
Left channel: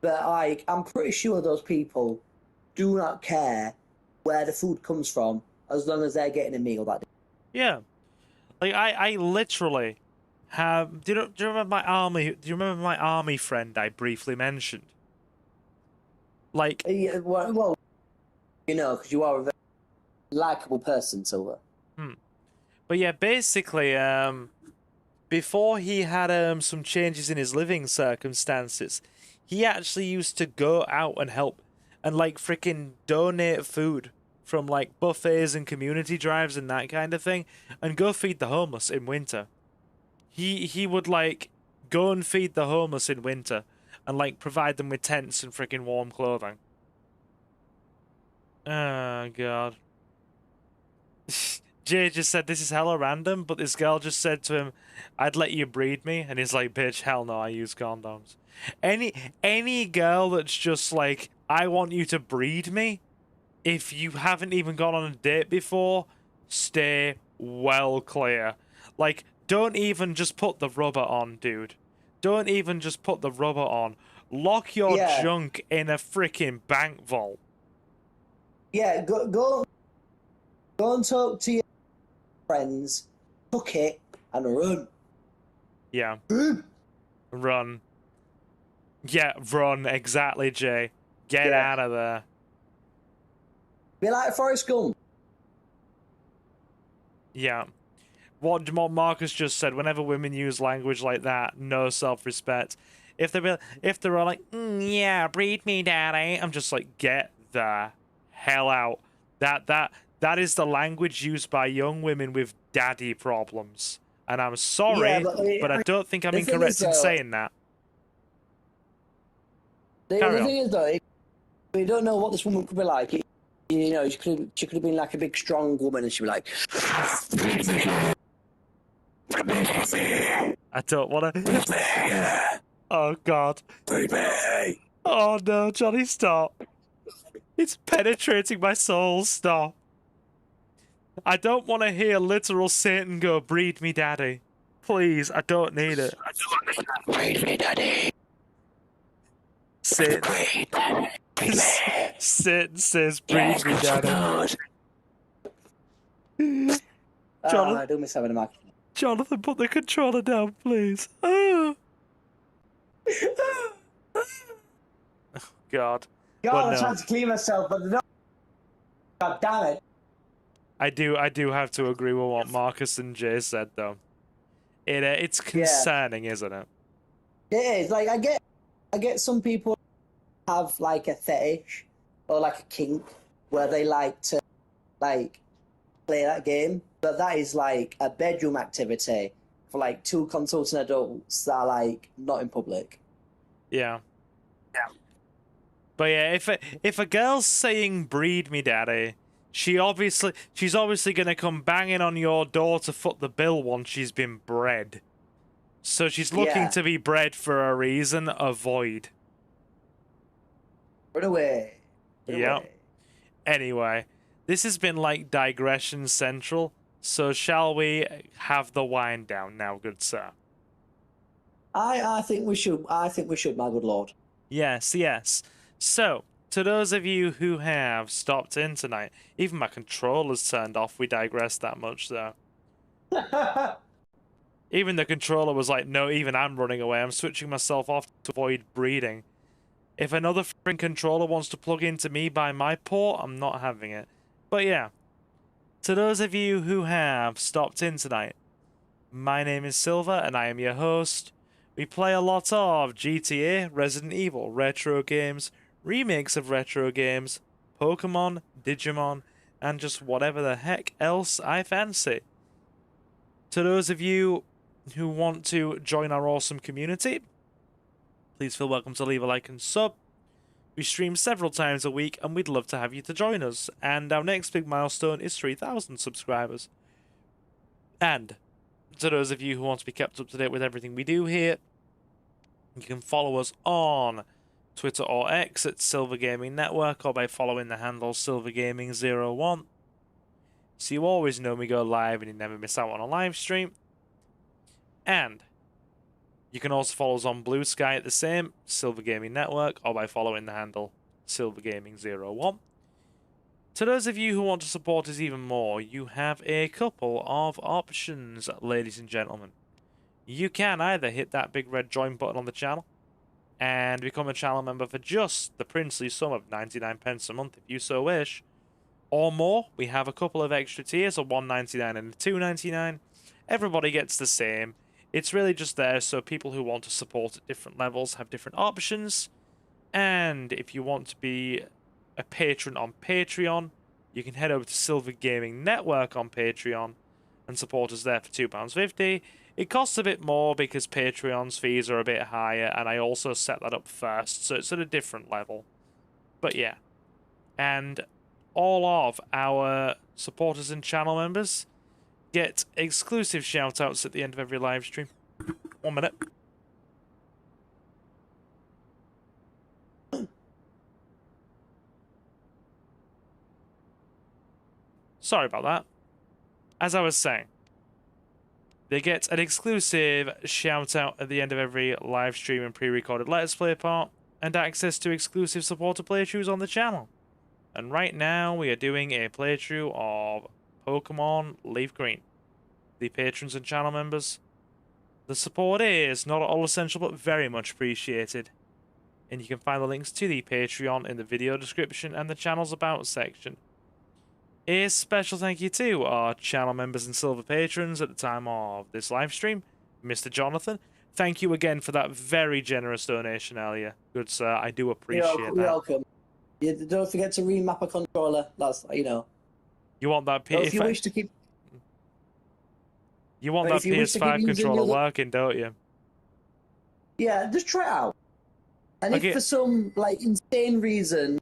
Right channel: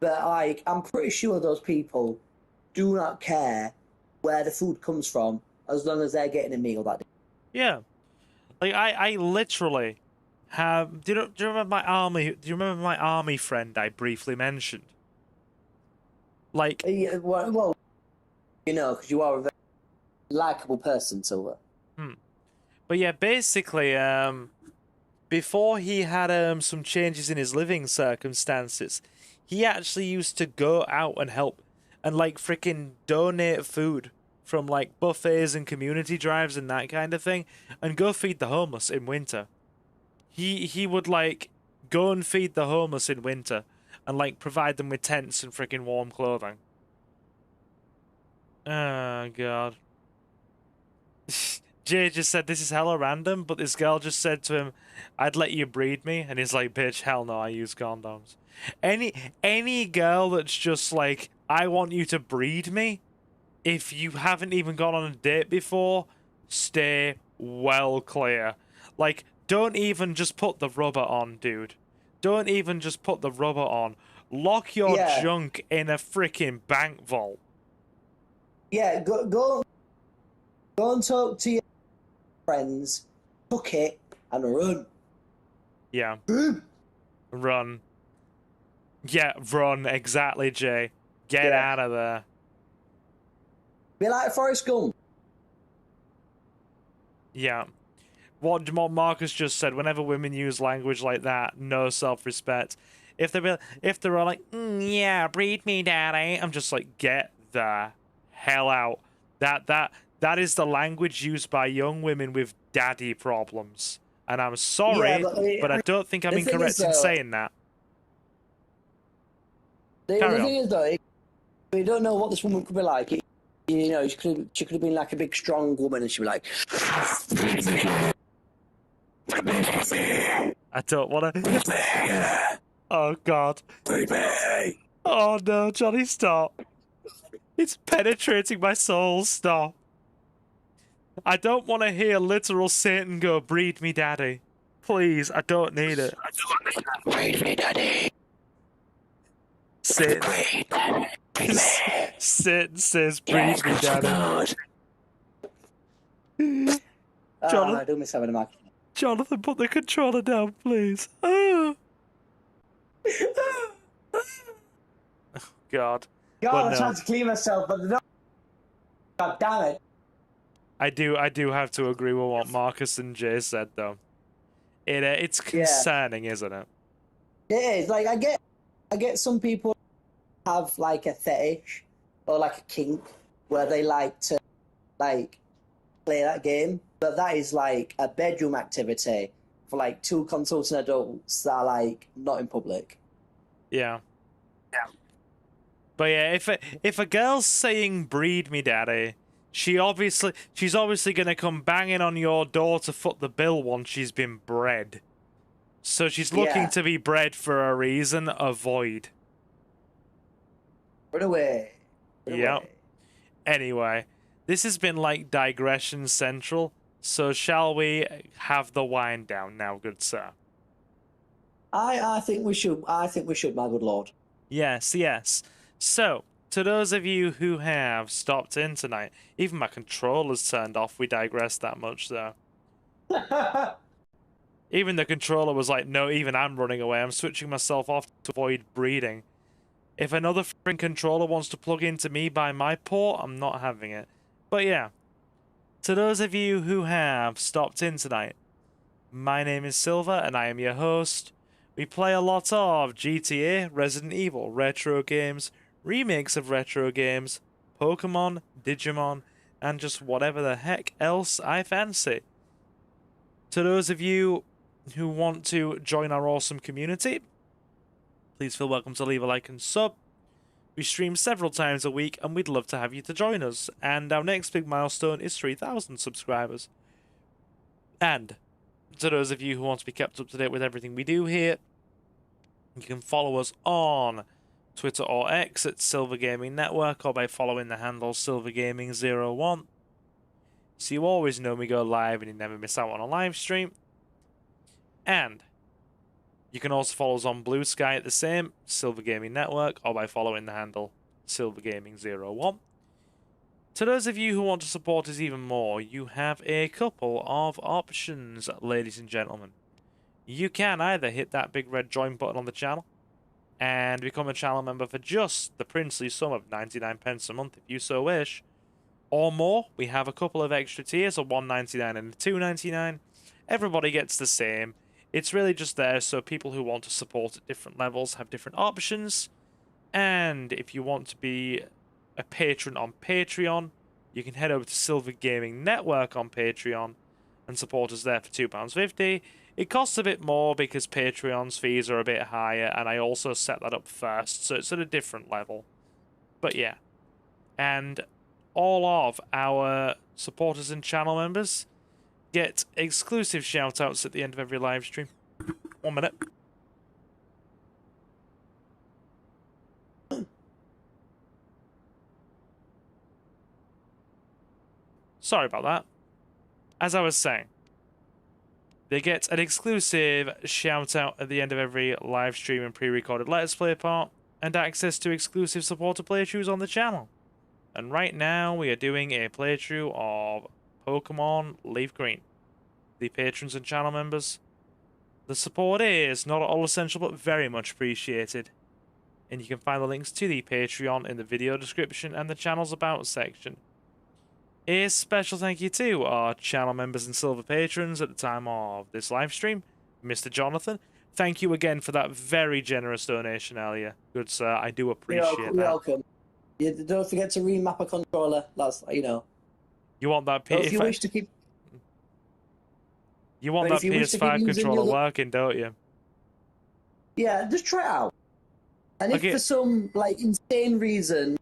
but like, I'm pretty sure those people do not care where the food comes from as long as they're getting a meal that day. Yeah. Like, I literally have. Do you remember my army? Do you remember my army friend I briefly mentioned? Like, well, because you are a very likable person, Silver. But yeah, basically, before he had some changes in his living circumstances, he actually used to go out and help and like freaking donate food from like buffets and community drives and that kind of thing, and go feed the homeless in winter. He would like go and feed the homeless in winter and like provide them with tents and freaking warm clothing. Oh god. Jay just said this is hella random, but this girl just said to him, "I'd let you breed me," and he's like, "Bitch, hell no, I use condoms." Any girl that's just like, "I want you to breed me," if you haven't even gone on a date before, stay well clear. Like, don't even just put the rubber on, dude. Don't even just put the rubber on. Lock your junk in a freaking bank vault. Yeah, go and talk to your friends, book it, and run. Yeah. Run. Yeah, run, exactly, Jay. Get out of there. Be like Forrest Gump. Yeah. What Marcus just said, whenever women use language like that, no self-respect. If they're all like, yeah, breed me, daddy, I'm just like, get the hell out. That is the language used by young women with daddy problems. And I'm sorry, but I don't think I'm incorrect in saying that. Carry on. The thing is, though, we don't know what this woman could be like. She could have been like a big, strong woman, and she'd be like, I don't want to. Oh, God. Oh, no, Johnny, stop. It's penetrating my soul. Stop. I don't want to hear literal Satan go, breed me daddy. Please, I don't need it. Breed me, daddy. Satan. Satan says, breed me daddy. Jonathan, I don't miss having a mic. Jonathan, put the controller down, please. Oh, God. God, But I'm no. trying to clean myself, but no. God damn it. I do have to agree with what Marcus and Jay said, though. It's concerning, isn't it? Yeah, it's like I get some people have like a fetish or like a kink where they like to like play that game, but that is like a bedroom activity for like two consultant adults that are like not in public. Yeah. But yeah, if a girl's saying breed me daddy, she's obviously gonna come banging on your door to foot the bill once she's been bred. So she's looking to be bred for a reason. Avoid. Run away. Yep. Anyway, this has been like digression central, so shall we have the wind down now, good sir? I think we should, my good lord. Yes. So, to those of you who have stopped in tonight, even my controller's turned off, we digress that much, though. Even the controller was like, no, even I'm running away. I'm switching myself off to avoid breeding. If another freaking controller wants to plug into me by my port, I'm not having it. But yeah, to those of you who have stopped in tonight, my name is Silver, and I am your host. We play a lot of GTA, Resident Evil, retro games, remakes of retro games, Pokemon, Digimon, and just whatever the heck else I fancy. To those of you who want to join our awesome community, please feel welcome to leave a like and sub. We stream several times a week, and we'd love to have you to join us. And our next big milestone is 3,000 subscribers. And to those of you who want to be kept up to date with everything we do here, you can follow us on Twitter or X at Silver Gaming Network, or by following the handle SilverGaming01. So you always know we go live and you never miss out on a live stream. And you can also follow us on Blue Sky at the same, Silver Gaming Network, or by following the handle SilverGaming01. To those of you who want to support us even more, you have a couple of options, ladies and gentlemen. You can either hit that big red join button on the channel and become a channel member for just the princely sum of 99p a month if you so wish. Or more, we have a couple of extra tiers, a $1.99 and a $2.99. Everybody gets the same. It's really just there so people who want to support at different levels have different options. And if you want to be a patron on Patreon, you can head over to Silver Gaming Network on Patreon and support us there for £2.50. It costs a bit more because Patreon's fees are a bit higher, and I also set that up first, so it's at a different level. But yeah. And all of our supporters and channel members get exclusive shoutouts at the end of every live stream. 1 minute. Sorry about that. As I was saying, they get an exclusive shout-out at the end of every live stream and pre-recorded Let's Play part, and access to exclusive supporter playthroughs on the channel. And right now, we are doing a playthrough of Pokemon Leaf Green. The patrons and channel members, the support is not at all essential, but very much appreciated. And you can find the links to the Patreon in the video description and the channel's About section. A special thank you to our channel members and silver patrons at the time of this live stream. Mr. Jonathan, thank you again for that very generous donation earlier. Good sir, I do appreciate that. You're welcome. Yeah, don't forget to remap a controller. That's, you know. You want that If you wish to keep... You want that PS5 controller working, don't you? Yeah, just try it out. And if for some like insane reason,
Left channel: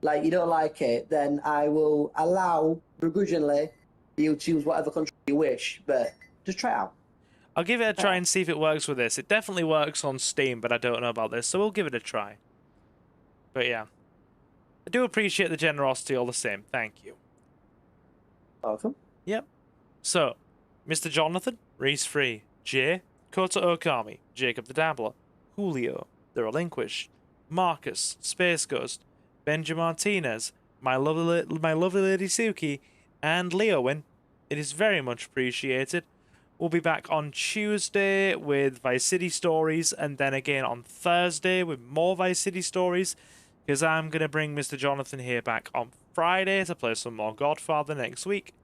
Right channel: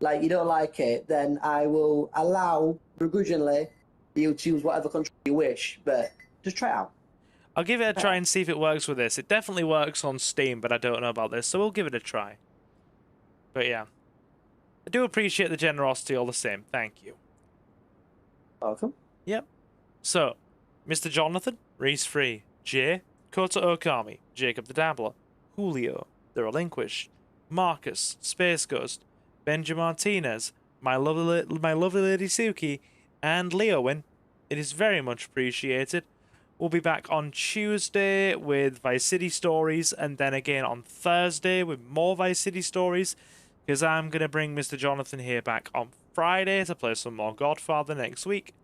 like you don't like it, then I will allow begrudgingly you choose whatever controller you wish. But just try it out. I'll give it a try and see if it works with this. It definitely works on Steam, but I don't know about this, so we'll give it a try. But yeah, I do appreciate the generosity all the same. Thank you. Welcome. Yep. So, Mr. Jonathan, Reese Free, Jay, Kota Okami, Jacob the Dabbler, Julio, The Relinquished, Marcus, Space Ghost, Benji Martinez, my lovely lady Suki, and Leowin. It is very much appreciated. We'll be back on Tuesday with Vice City Stories, and then again on Thursday with more Vice City Stories, because I'm going to bring Mr. Jonathan here back on Friday to play some more Godfather next week.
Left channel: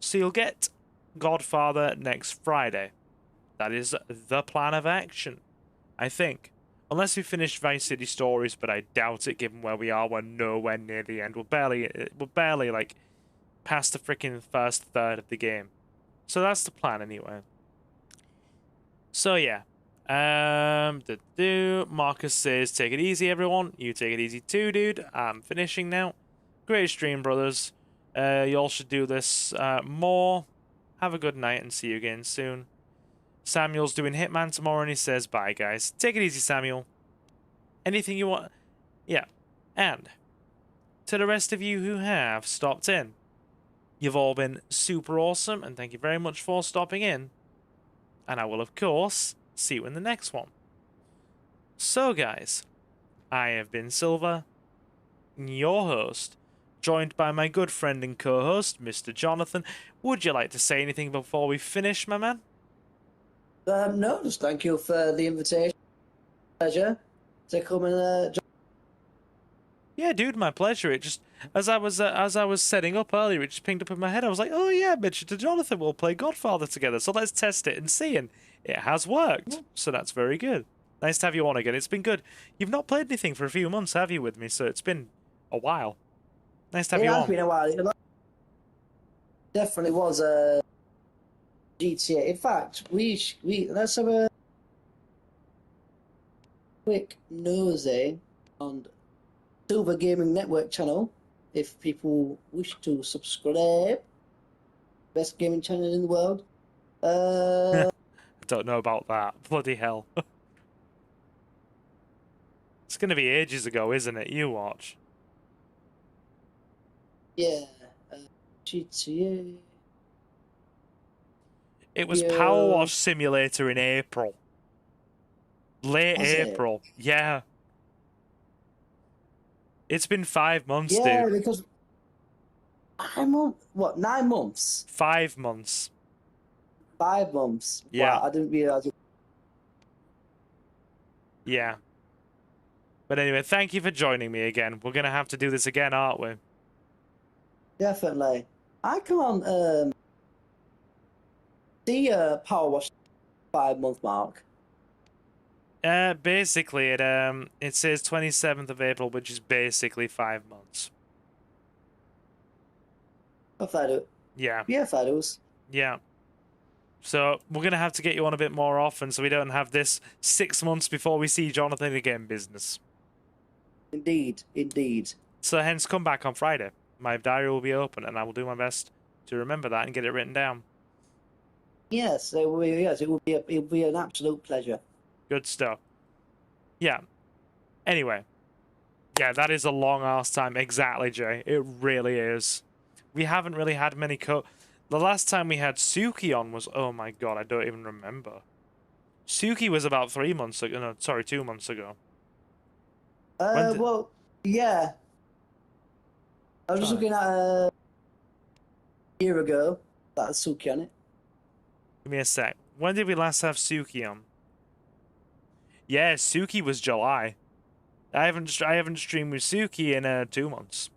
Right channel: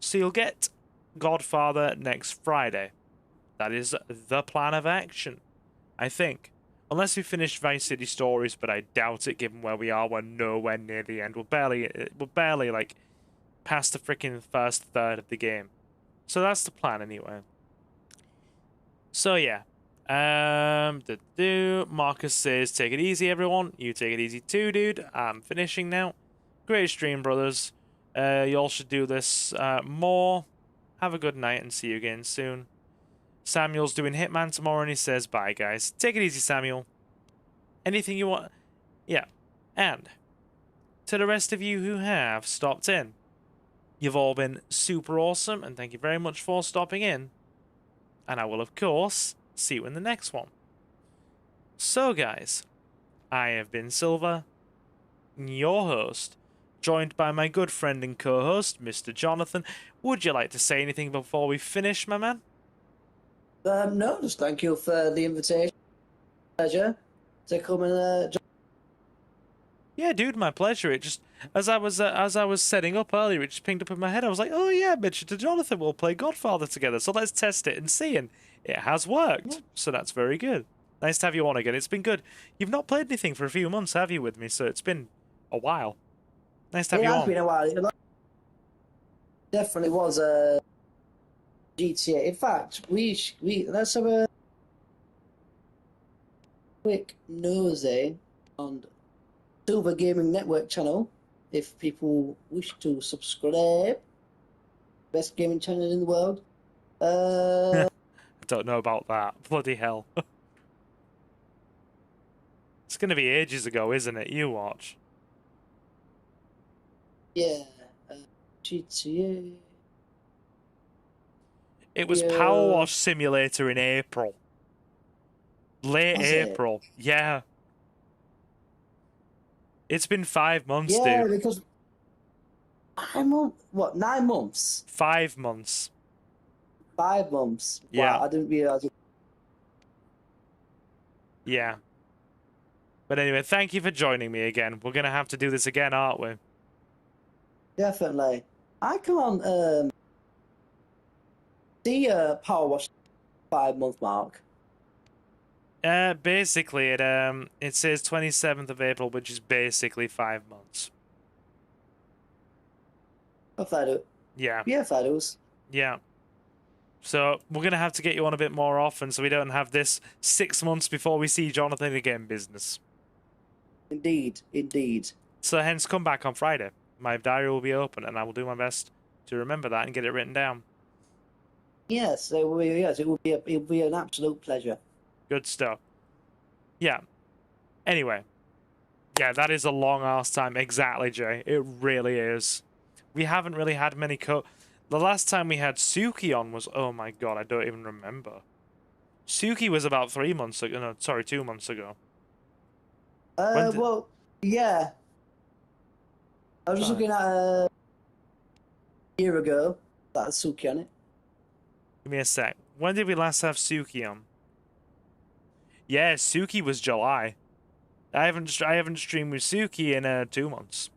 So you'll get Godfather next Friday. That is the plan of action, I think. Unless we finish Vice City Stories, but I doubt it given where we are. We're nowhere near the end. We're barely like past the freaking first third of the game. So that's the plan anyway. So yeah. Marcus says, take it easy everyone. You take it easy too, dude. I'm finishing now. Great stream, brothers. Y'all should do this more. Have a good night and see you again soon. Samuel's doing Hitman tomorrow and he says bye, guys. Take it easy, Samuel. Anything you want? Yeah. And to the rest of you who have stopped in, you've all been super awesome and thank you very much for stopping in. And I will, of course, see you in the next one. So, guys, I have been Silver, your host, joined by my good friend and co-host, Mr. Jonathan. Would you like to say anything before we finish, my man? No, just thank you for the invitation. Pleasure to come and Yeah, dude, my pleasure. It just as I was setting up earlier, it just pinged up in my head. I was like, oh yeah, Mr. Jonathan, we'll play Godfather together. So let's test it and see. And it has worked. So that's very good. Nice to have you on again. It's been good. You've not played anything for a few months, have you, with me? So it's been a while. Nice to have you on. It has been a while. Definitely was a GTA. In fact, let's have a quick nosy on Silver Gaming Network channel if people wish to subscribe. Best gaming channel in the world. I don't know about that. Bloody hell. It's going to be ages ago, isn't it? You watch. Yeah. GTA. It was Power Wash Simulator in April. Late April. Yeah. It's been 5 months, dude. Yeah, because 9 months? 5 months. 5 months. Yeah. Wow, I didn't realize it. Yeah. But anyway, thank you for joining me again. We're going to have to do this again, aren't we? Definitely. I can't see a Power Wash 5 month mark. Basically, it says 27th of April, which is basically 5 months. If I do. Yeah. Yeah, if I do. Yeah. So we're gonna have to get you on a bit more often, so we don't have this 6 months before we see Jonathan again business. Indeed, indeed. So hence, come back on Friday. My diary will be open, and I will do my best to remember that and get it written down. Yes, it will be an absolute pleasure. Good stuff. Yeah. Anyway. Yeah, that is a long ass time. Exactly, Jay. It really is. We haven't really had many The last time we had Suki on was... Oh my god, I don't even remember. Suki was about 3 months ago. No, sorry, 2 months ago. Well, yeah. I was just looking at a year ago. That had Suki on it. Give me a sec. When did we last have Suki on? Yeah, Suki was July. I haven't streamed with Suki in 2 months.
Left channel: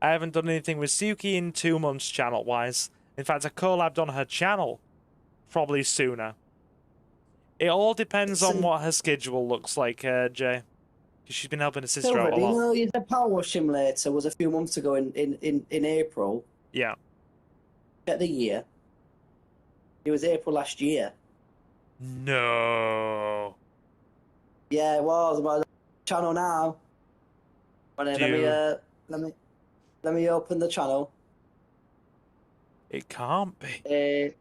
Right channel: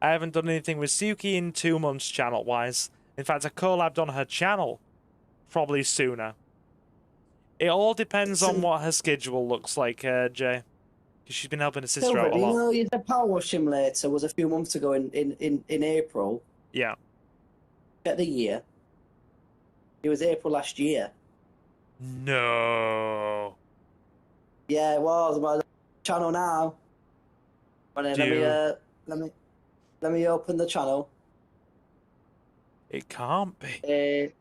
I haven't done anything with Suki in 2 months channel-wise. In fact, I collabed on her channel probably sooner. It all depends on what her schedule looks like, Jay. Because she's been helping her sister out a lot. You know, the Power Wash Simulator was a few months ago in April. Yeah. At the year. It was April last year. No. Yeah, it was. By the channel now. Let me open the channel. It can't be.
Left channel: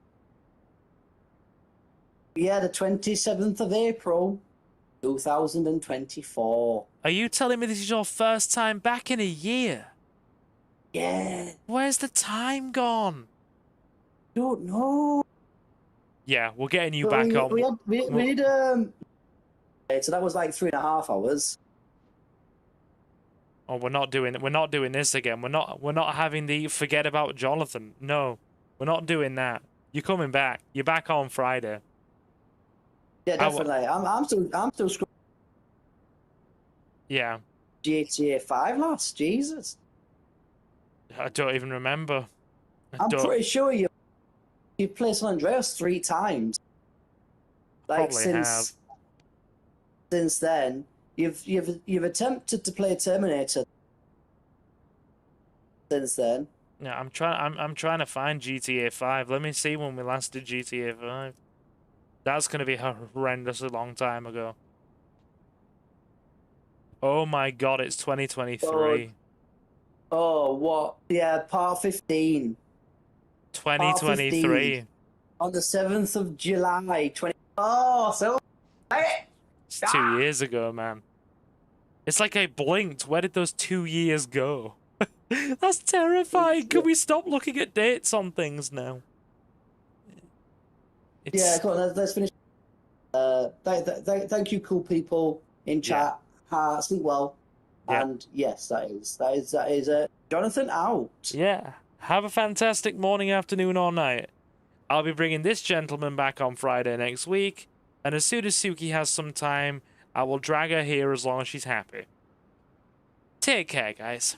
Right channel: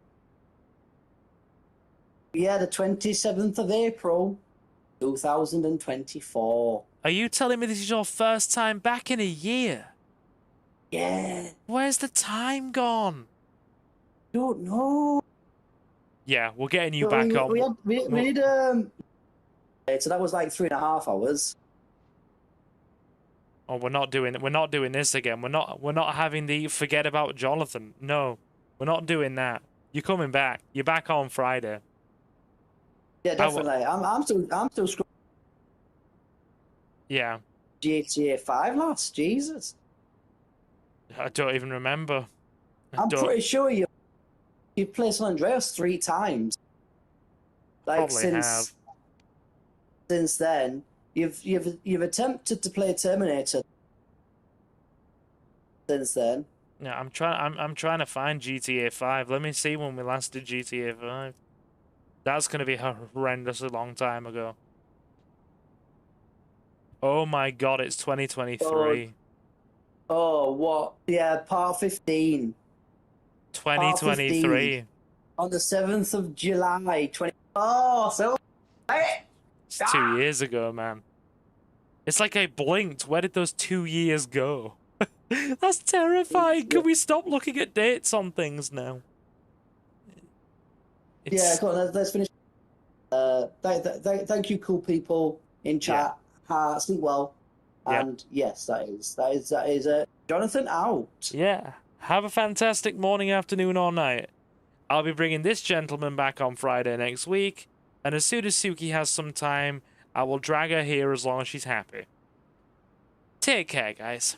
Yeah, the 27th of April, 2024. Are you telling me this is your first time back in a year? Yeah. Where's the time gone? Don't know. Yeah, we're getting you Well, back on. we did, so that was like 3.5 hours. Oh, we're not doing this again. We're not having the forget about Jonathan. No, we're not doing that. You're coming back. You're back on Friday. Yeah, definitely. I'm still scrolling. Yeah. GTA 5 last, Jesus. I don't even remember. I'm pretty sure you've played San Andreas 3 times. Like, Probably have. Since then, you've attempted to play Terminator. Since then. Yeah, I'm trying to find GTA 5. Let me see when we last did GTA 5. That's gonna be a horrendously long time ago. Oh my god, it's 2023. Oh, what? Yeah, part 15. 2023. On the 7th of July, Oh, so... It's 2 years ago, man. It's like I blinked. Where did those 2 years go? That's terrifying. Can we stop looking at dates on things now? Yeah, go on, let's finish. Thank you, cool people in chat. Hearts and well. And yes, that is Jonathan out. Yeah. Have a fantastic morning, afternoon, or night. I'll be bringing this gentleman back on Friday next week, and as soon as Suki has some time, I will drag her here as long as she's happy. Take care, guys.